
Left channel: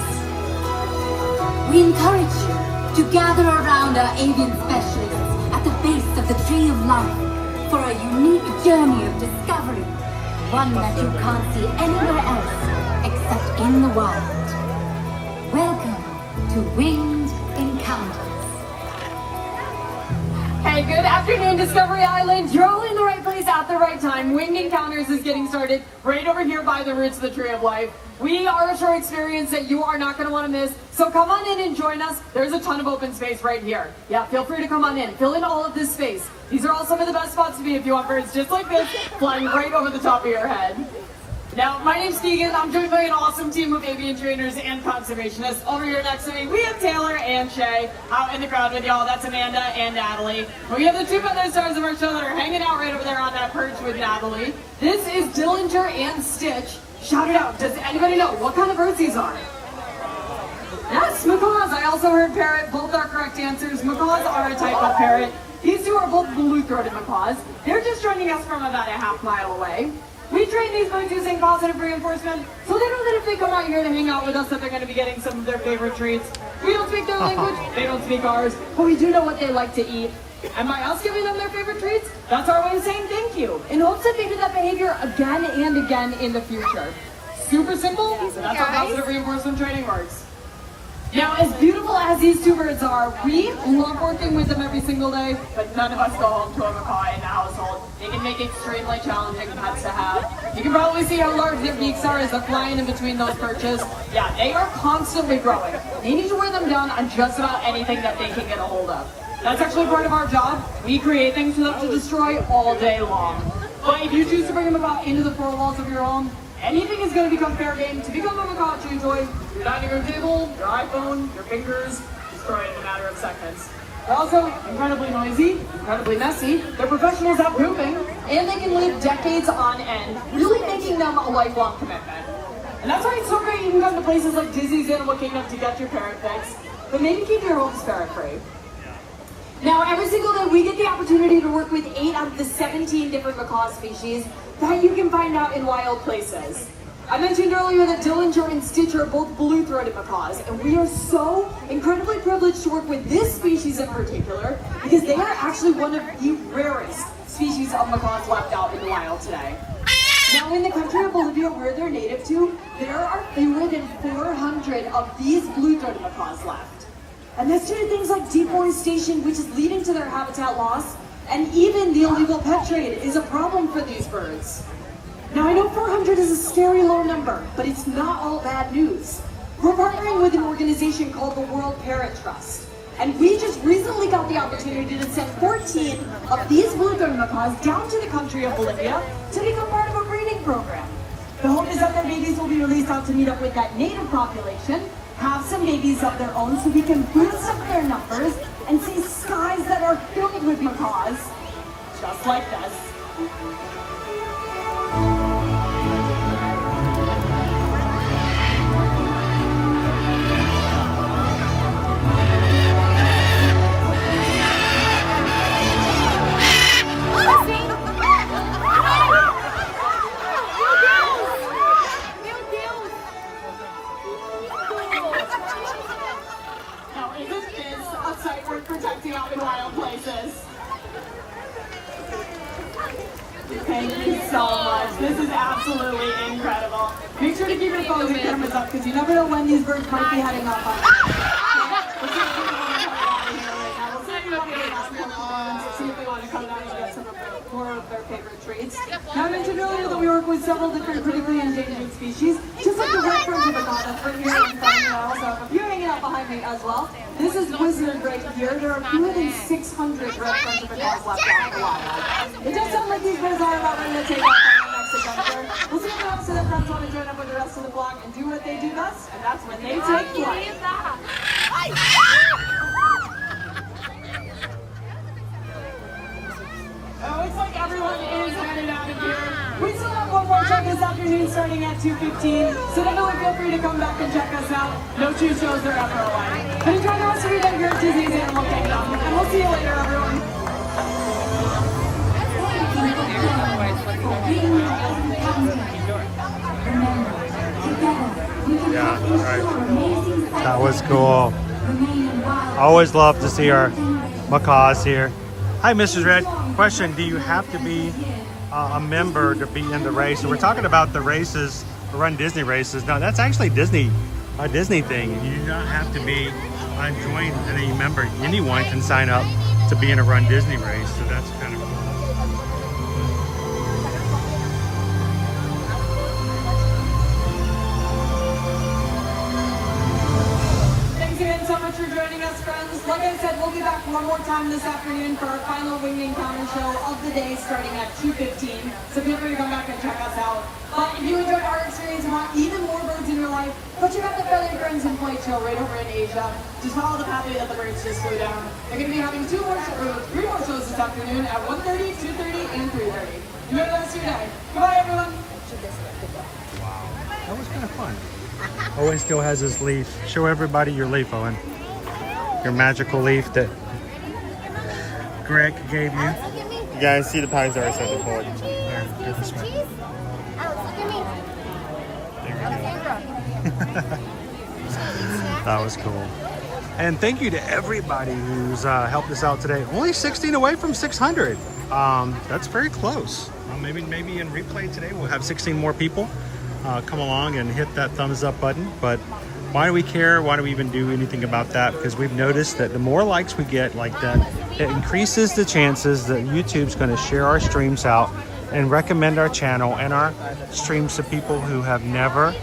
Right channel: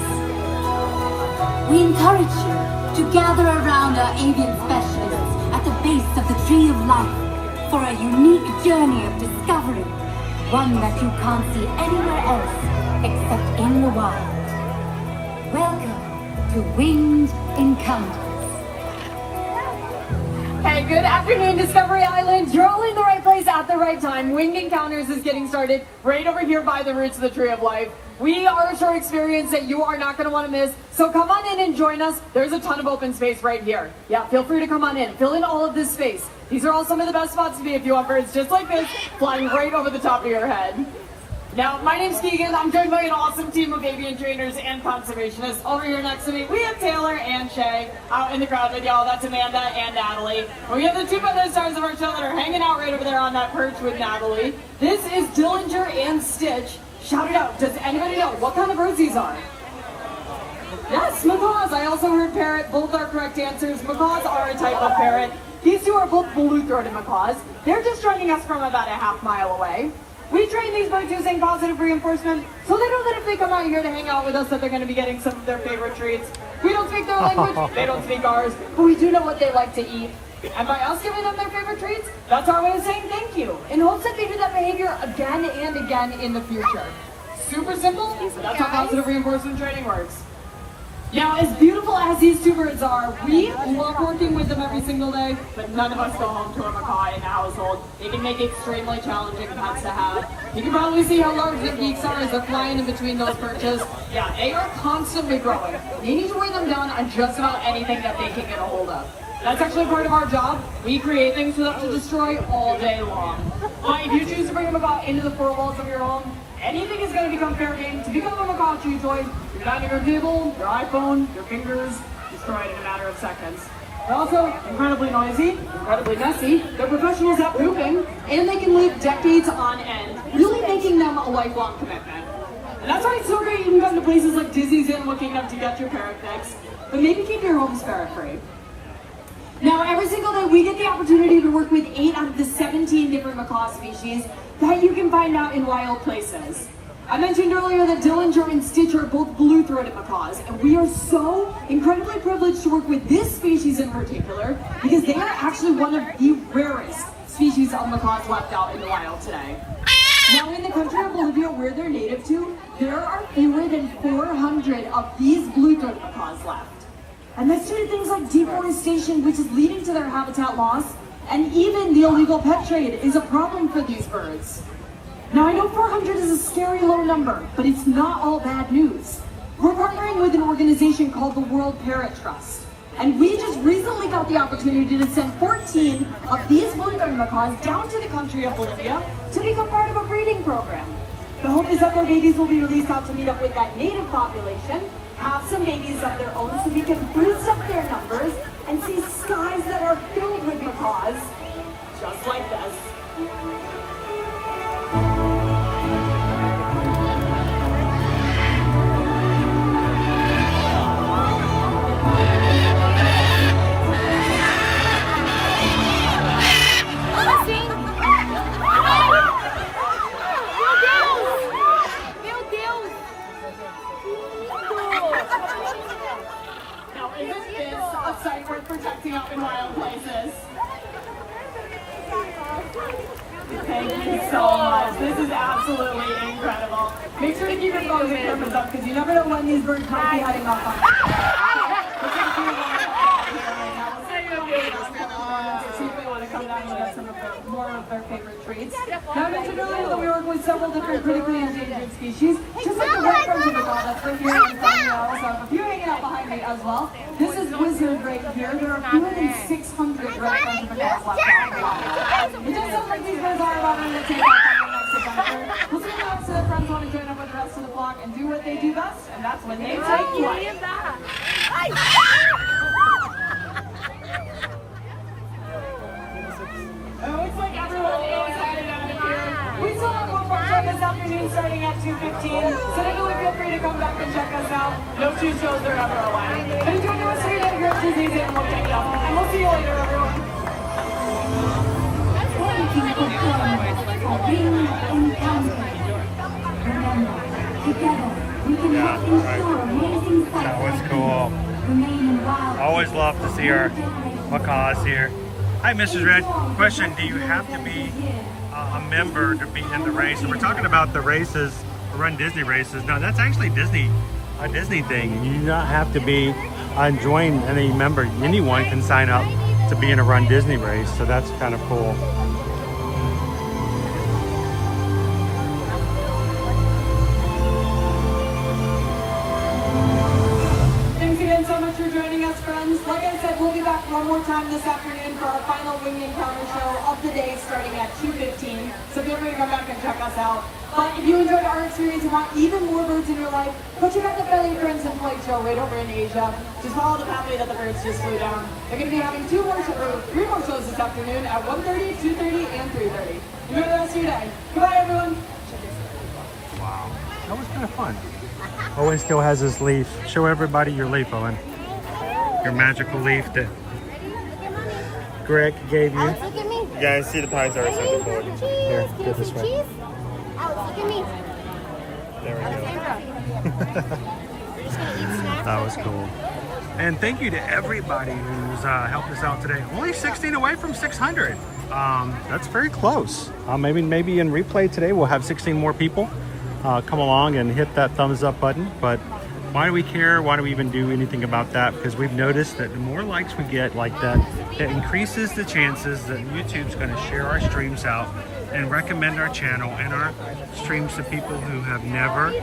We encourage you to gather around our avian specialists at the base of the Tree of Life for a unique journey of discovery, one that you can't see anywhere else except in the wild. Welcome to Winged Encounters. Hey, good afternoon, Discovery Island. You're all in the right place at the right time. Winged Encounters is getting started right over here by the roots of the Tree of Life. We are a show experience that you are not going to want to miss, so come on in and join us. There's a ton of open space right here. Yeah, feel free to come on in. Fill in all of this space. These are all some of the best spots to be if you want birds just like this, flying right over the top of your head. Now, my name's Keegan. I'm joined by an awesome team of avian trainers and conservationists. Over here next to me, we have Taylor and Shay out in the crowd with y'all. That's Amanda and Natalie. We have the two other stars of our show that are hanging out right over there on that perch with Natalie. This is Dillinger and Stitch. Shout it out. Does anybody know what kind of birds these are? Yes, macaws. I also heard parrot. Both are correct answers. Macaws are a type of parrot. These two are both blue-throated macaws. They're just joining us from about a half-mile away. We train these birds using positive reinforcement, so they know that if they come out here to hang out with us, that they're going to be getting some of their favorite treats. We don't speak their language, they don't speak ours, but we do know what they like to eat. And by us giving them their favorite treats, that's our way of saying thank you. It hopes that they do that behavior again and again in the future. Super simple, that's how positive reinforcement training works. Now, as beautiful as these two birds are, we love working with them every single day, but none of us go home to a macaw in the household. They can make extremely challenging pets to have. You can probably see how large their beaks are as they're flying in between those perches. Yeah, they are constantly growing. They need to weigh them down on just about anything that they can get a hold of. That's actually part of our job. We create things for them to destroy all day long. But if you choose to bring them about into the four walls of your home, anything is going to become fair game. To become a macaw chew toy, your dining room table, your iPhone, your pictures, destroyed in a matter of seconds. They're also incredibly noisy, incredibly messy. They're professionals at pooping, and they can live decades on end, really making them a lifelong commitment. And that's why it's so great you can come to places like Disney's Animal Kingdom to get your ferret fix, but maybe keep your homes ferret free. Now, every single day we get the opportunity to work with 8 out of the 17 different macaw species that you can find out in wild places. I mentioned earlier that Dillinger and Stitch are both blue-throated macaws, and we are so incredibly privileged to work with this species in particular because they are actually one of the rarest species of macaws left out in the wild today. Now, in the country of Bolivia, where they're native to, there are fewer than 400 of these blue-throated macaws left. And that's due to things like deforestation, which is leading to their habitat loss, and even the illegal pet trade is a problem for these birds. Now, I know 400 is a scary low number, but it's not all bad news. We're partnering with an organization called the World Parrot Trust, and we just recently got the opportunity to send 14 of these blue-throated macaws down to the country of Bolivia to become part of a breeding program. The hope is that their babies will be released out to meet up with that native population, have some babies of their own so we can boost up their numbers and see skies that are filled with macaws, just like this. Make sure to keep your phone and cameras up because you never know when these birds might be heading off on. See if they want to come down and get some of more of their favorite treats. Now, I mentioned earlier that we work with several different critically endangered species, just like the red-fronted macaw that's right here in the I also have a few hanging out behind me as well. This is wizard right here. There are fewer than 600 red-fronted macaws left out. It just sounds like these birds are about ready to take off. We'll see what else the friends want to join up with the rest of the vlog and do what they do best, and that's when they take flight. It looks like everyone is heading out of here. We still have one more show this afternoon starting at 2:15, so definitely feel free to come back and check us out. No show shows are out of line. And enjoy the rest of your day here at Disney's Animal Kingdom. And we'll see you later, everyone. That was cool. I always love to see our macaws here. Hi, Mrs. Red. Question, do you have to be a member to be in the race? So we're talking about the races, Run Disney races. No, that's actually a Disney thing. You do not have to be join any member. Anyone can sign up to be in a Run Disney race. So that's kind of cool. So much for joining us, friends. Like I said, we'll be back one more time this afternoon for our final winged encounter show of the day starting at 2:15. So feel free to come back and check us out. But if you enjoyed our experience and want even more birds in your life, go check out the Philly Friends and Flight show right over in Asia. Just follow the pathway that the birds just flew down. They're going to be having 3 more shows this afternoon at 1:30, 2:30, and 3:30. Enjoy the rest of your day. Goodbye, everyone. Wow, that was kind of fun. Owen still has his leaf. Show everybody your leaf, Owen. Your magical leaf that Greg gave you. Alex, look at me. You guys see the pines there? Ready? Cheese. Here, get this way. Cheese. Alex, look at me. There we go. That was cool. And thank you to everybody who's helped us out today. Only 16 away from 600. That's very close. Maybe in replay today we'll have 16 more people come along and hit that thumbs up button. But why do we care? Why do we even do anything about that? Because we've noticed that the more likes we get like that, it increases the chances that YouTube's going to share our streams out and recommend our channel and our streams to people who have never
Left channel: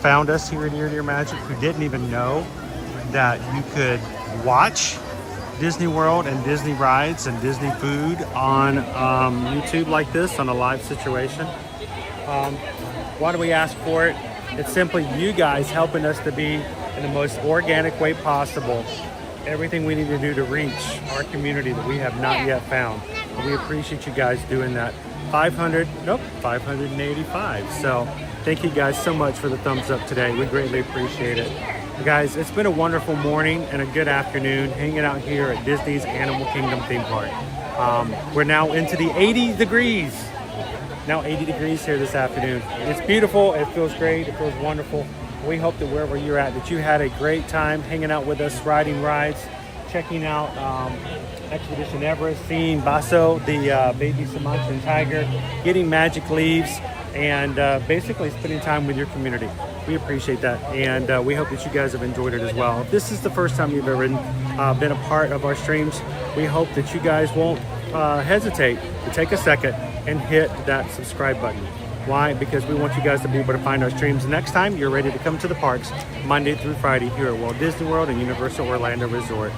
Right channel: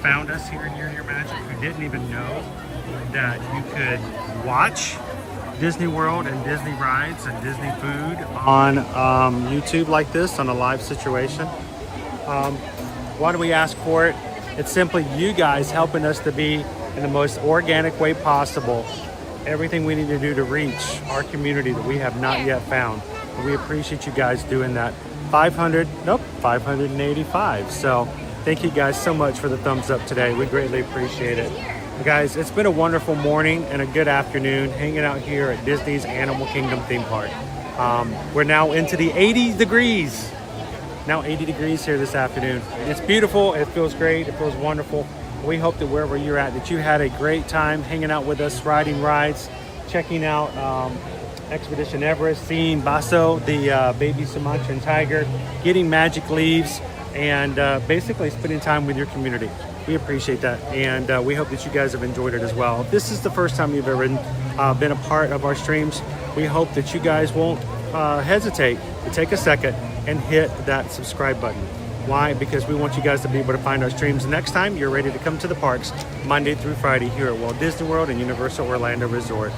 found us here at Ear to Ear Magic, who didn't even know that you could watch Disney World and Disney rides and Disney food on YouTube like this on a live situation. Why do we ask for it? It's simply you guys helping us to be in the most organic way possible everything we need to do to reach our community that we have not yet found. And we appreciate you guys doing that. 585. So thank you guys so much for the thumbs up today. We greatly appreciate it. But guys, it's been a wonderful morning and a good afternoon hanging out here at Disney's Animal Kingdom theme park. We're now into the 80 degrees. Now 80 degrees here this afternoon. It's beautiful. It feels great. It feels wonderful. We hope that wherever you're at, that you had a great time hanging out with us, riding rides, checking out Expedition Everest, seeing Basso, the baby Sumatran tiger, getting magic leaves, and basically spending time with your community. We appreciate that, and we hope that you guys have enjoyed it as well. If this is the first time you've ever been a part of our streams, we hope that you guys won't hesitate to take a second and hit that subscribe button. Why? Because we want you guys to be able to find our streams next time you're ready to come to the parks Monday through Friday here at Walt Disney World and Universal Orlando Resort.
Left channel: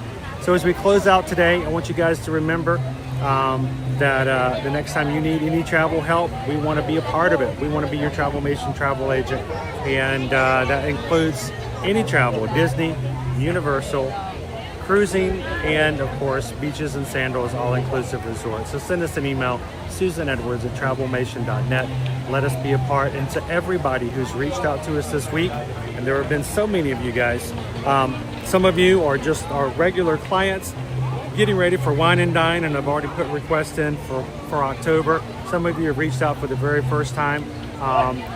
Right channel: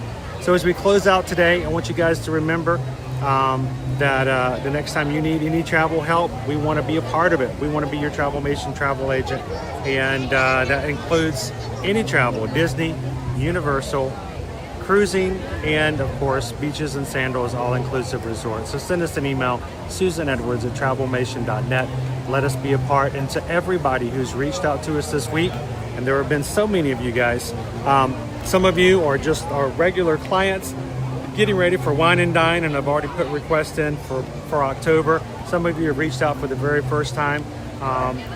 So as we close out today, I want you guys to remember that the next time you need any travel help, we want to be a part of it. We want to be your Travelmation travel agent, and that includes any travel, Disney, Universal, cruising, and of course beaches and sandals, all-inclusive resorts. So send us an email, susanedwards@travelmation.net. Let us be a part. And to everybody who's reached out to us this week, and there have been so many of you guys, some of you are just our regular clients getting ready for Wine and Dine, and I've already put requests in for October. Some of you have reached out for the very first time.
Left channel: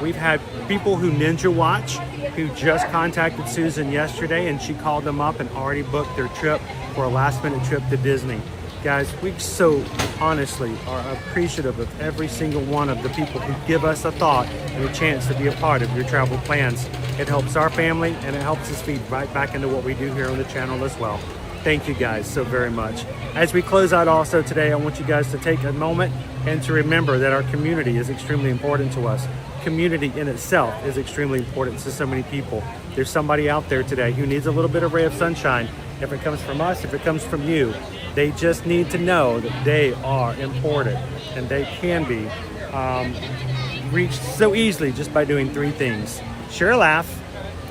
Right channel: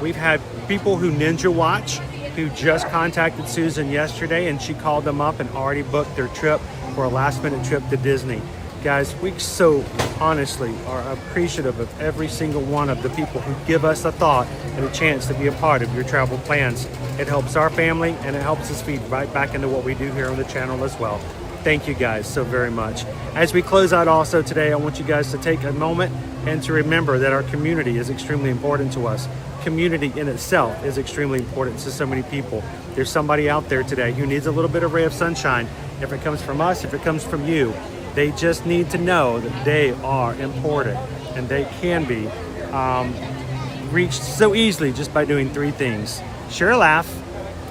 We've had people who Ninja Watch who just contacted Susan yesterday, and she called them up and already booked their trip for a last-minute trip to Disney. Guys, we so honestly are appreciative of every single one of the people who give us a thought and a chance to be a part of your travel plans. It helps our family, and it helps us feed right back into what we do here on the channel as well. Thank you guys so very much. As we close out also today, I want you guys to take a moment and to remember that our community is extremely important to us. Community in itself is extremely important to so many people. There's somebody out there today who needs a little bit of ray of sunshine. If it comes from us, if it comes from you, they just need to know that they are important, and they can be reached so easily just by doing three things: share a laugh,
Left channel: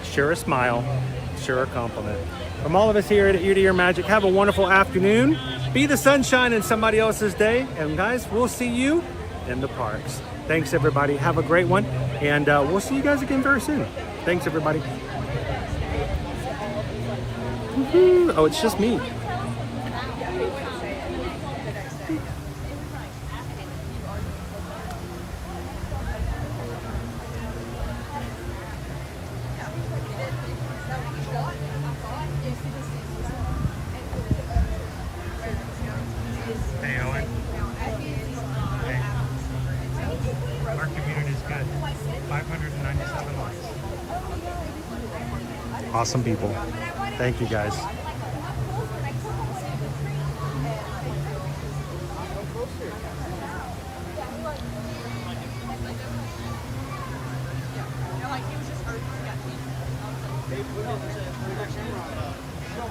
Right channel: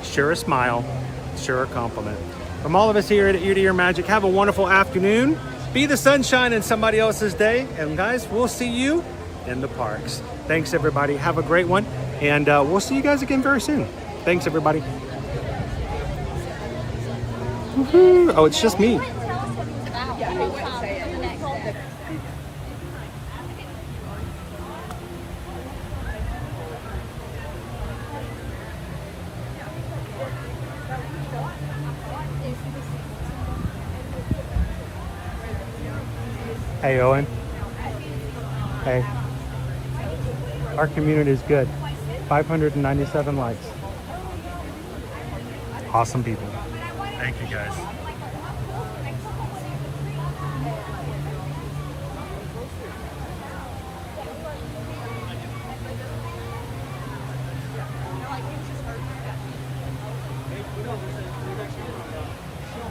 share a smile, share a compliment. From all of us here at Ear to Ear Magic, have a wonderful afternoon. Be the sunshine in somebody else's day. And guys, we'll see you in the parks. Thanks, everybody. Have a great one. And we'll see you guys again very soon. Thanks, everybody. Woohoo. Oh, it's just me. Hey, Owen. Hey. Our community is good. 597 likes. Awesome people. Thank you, guys. There's actually a show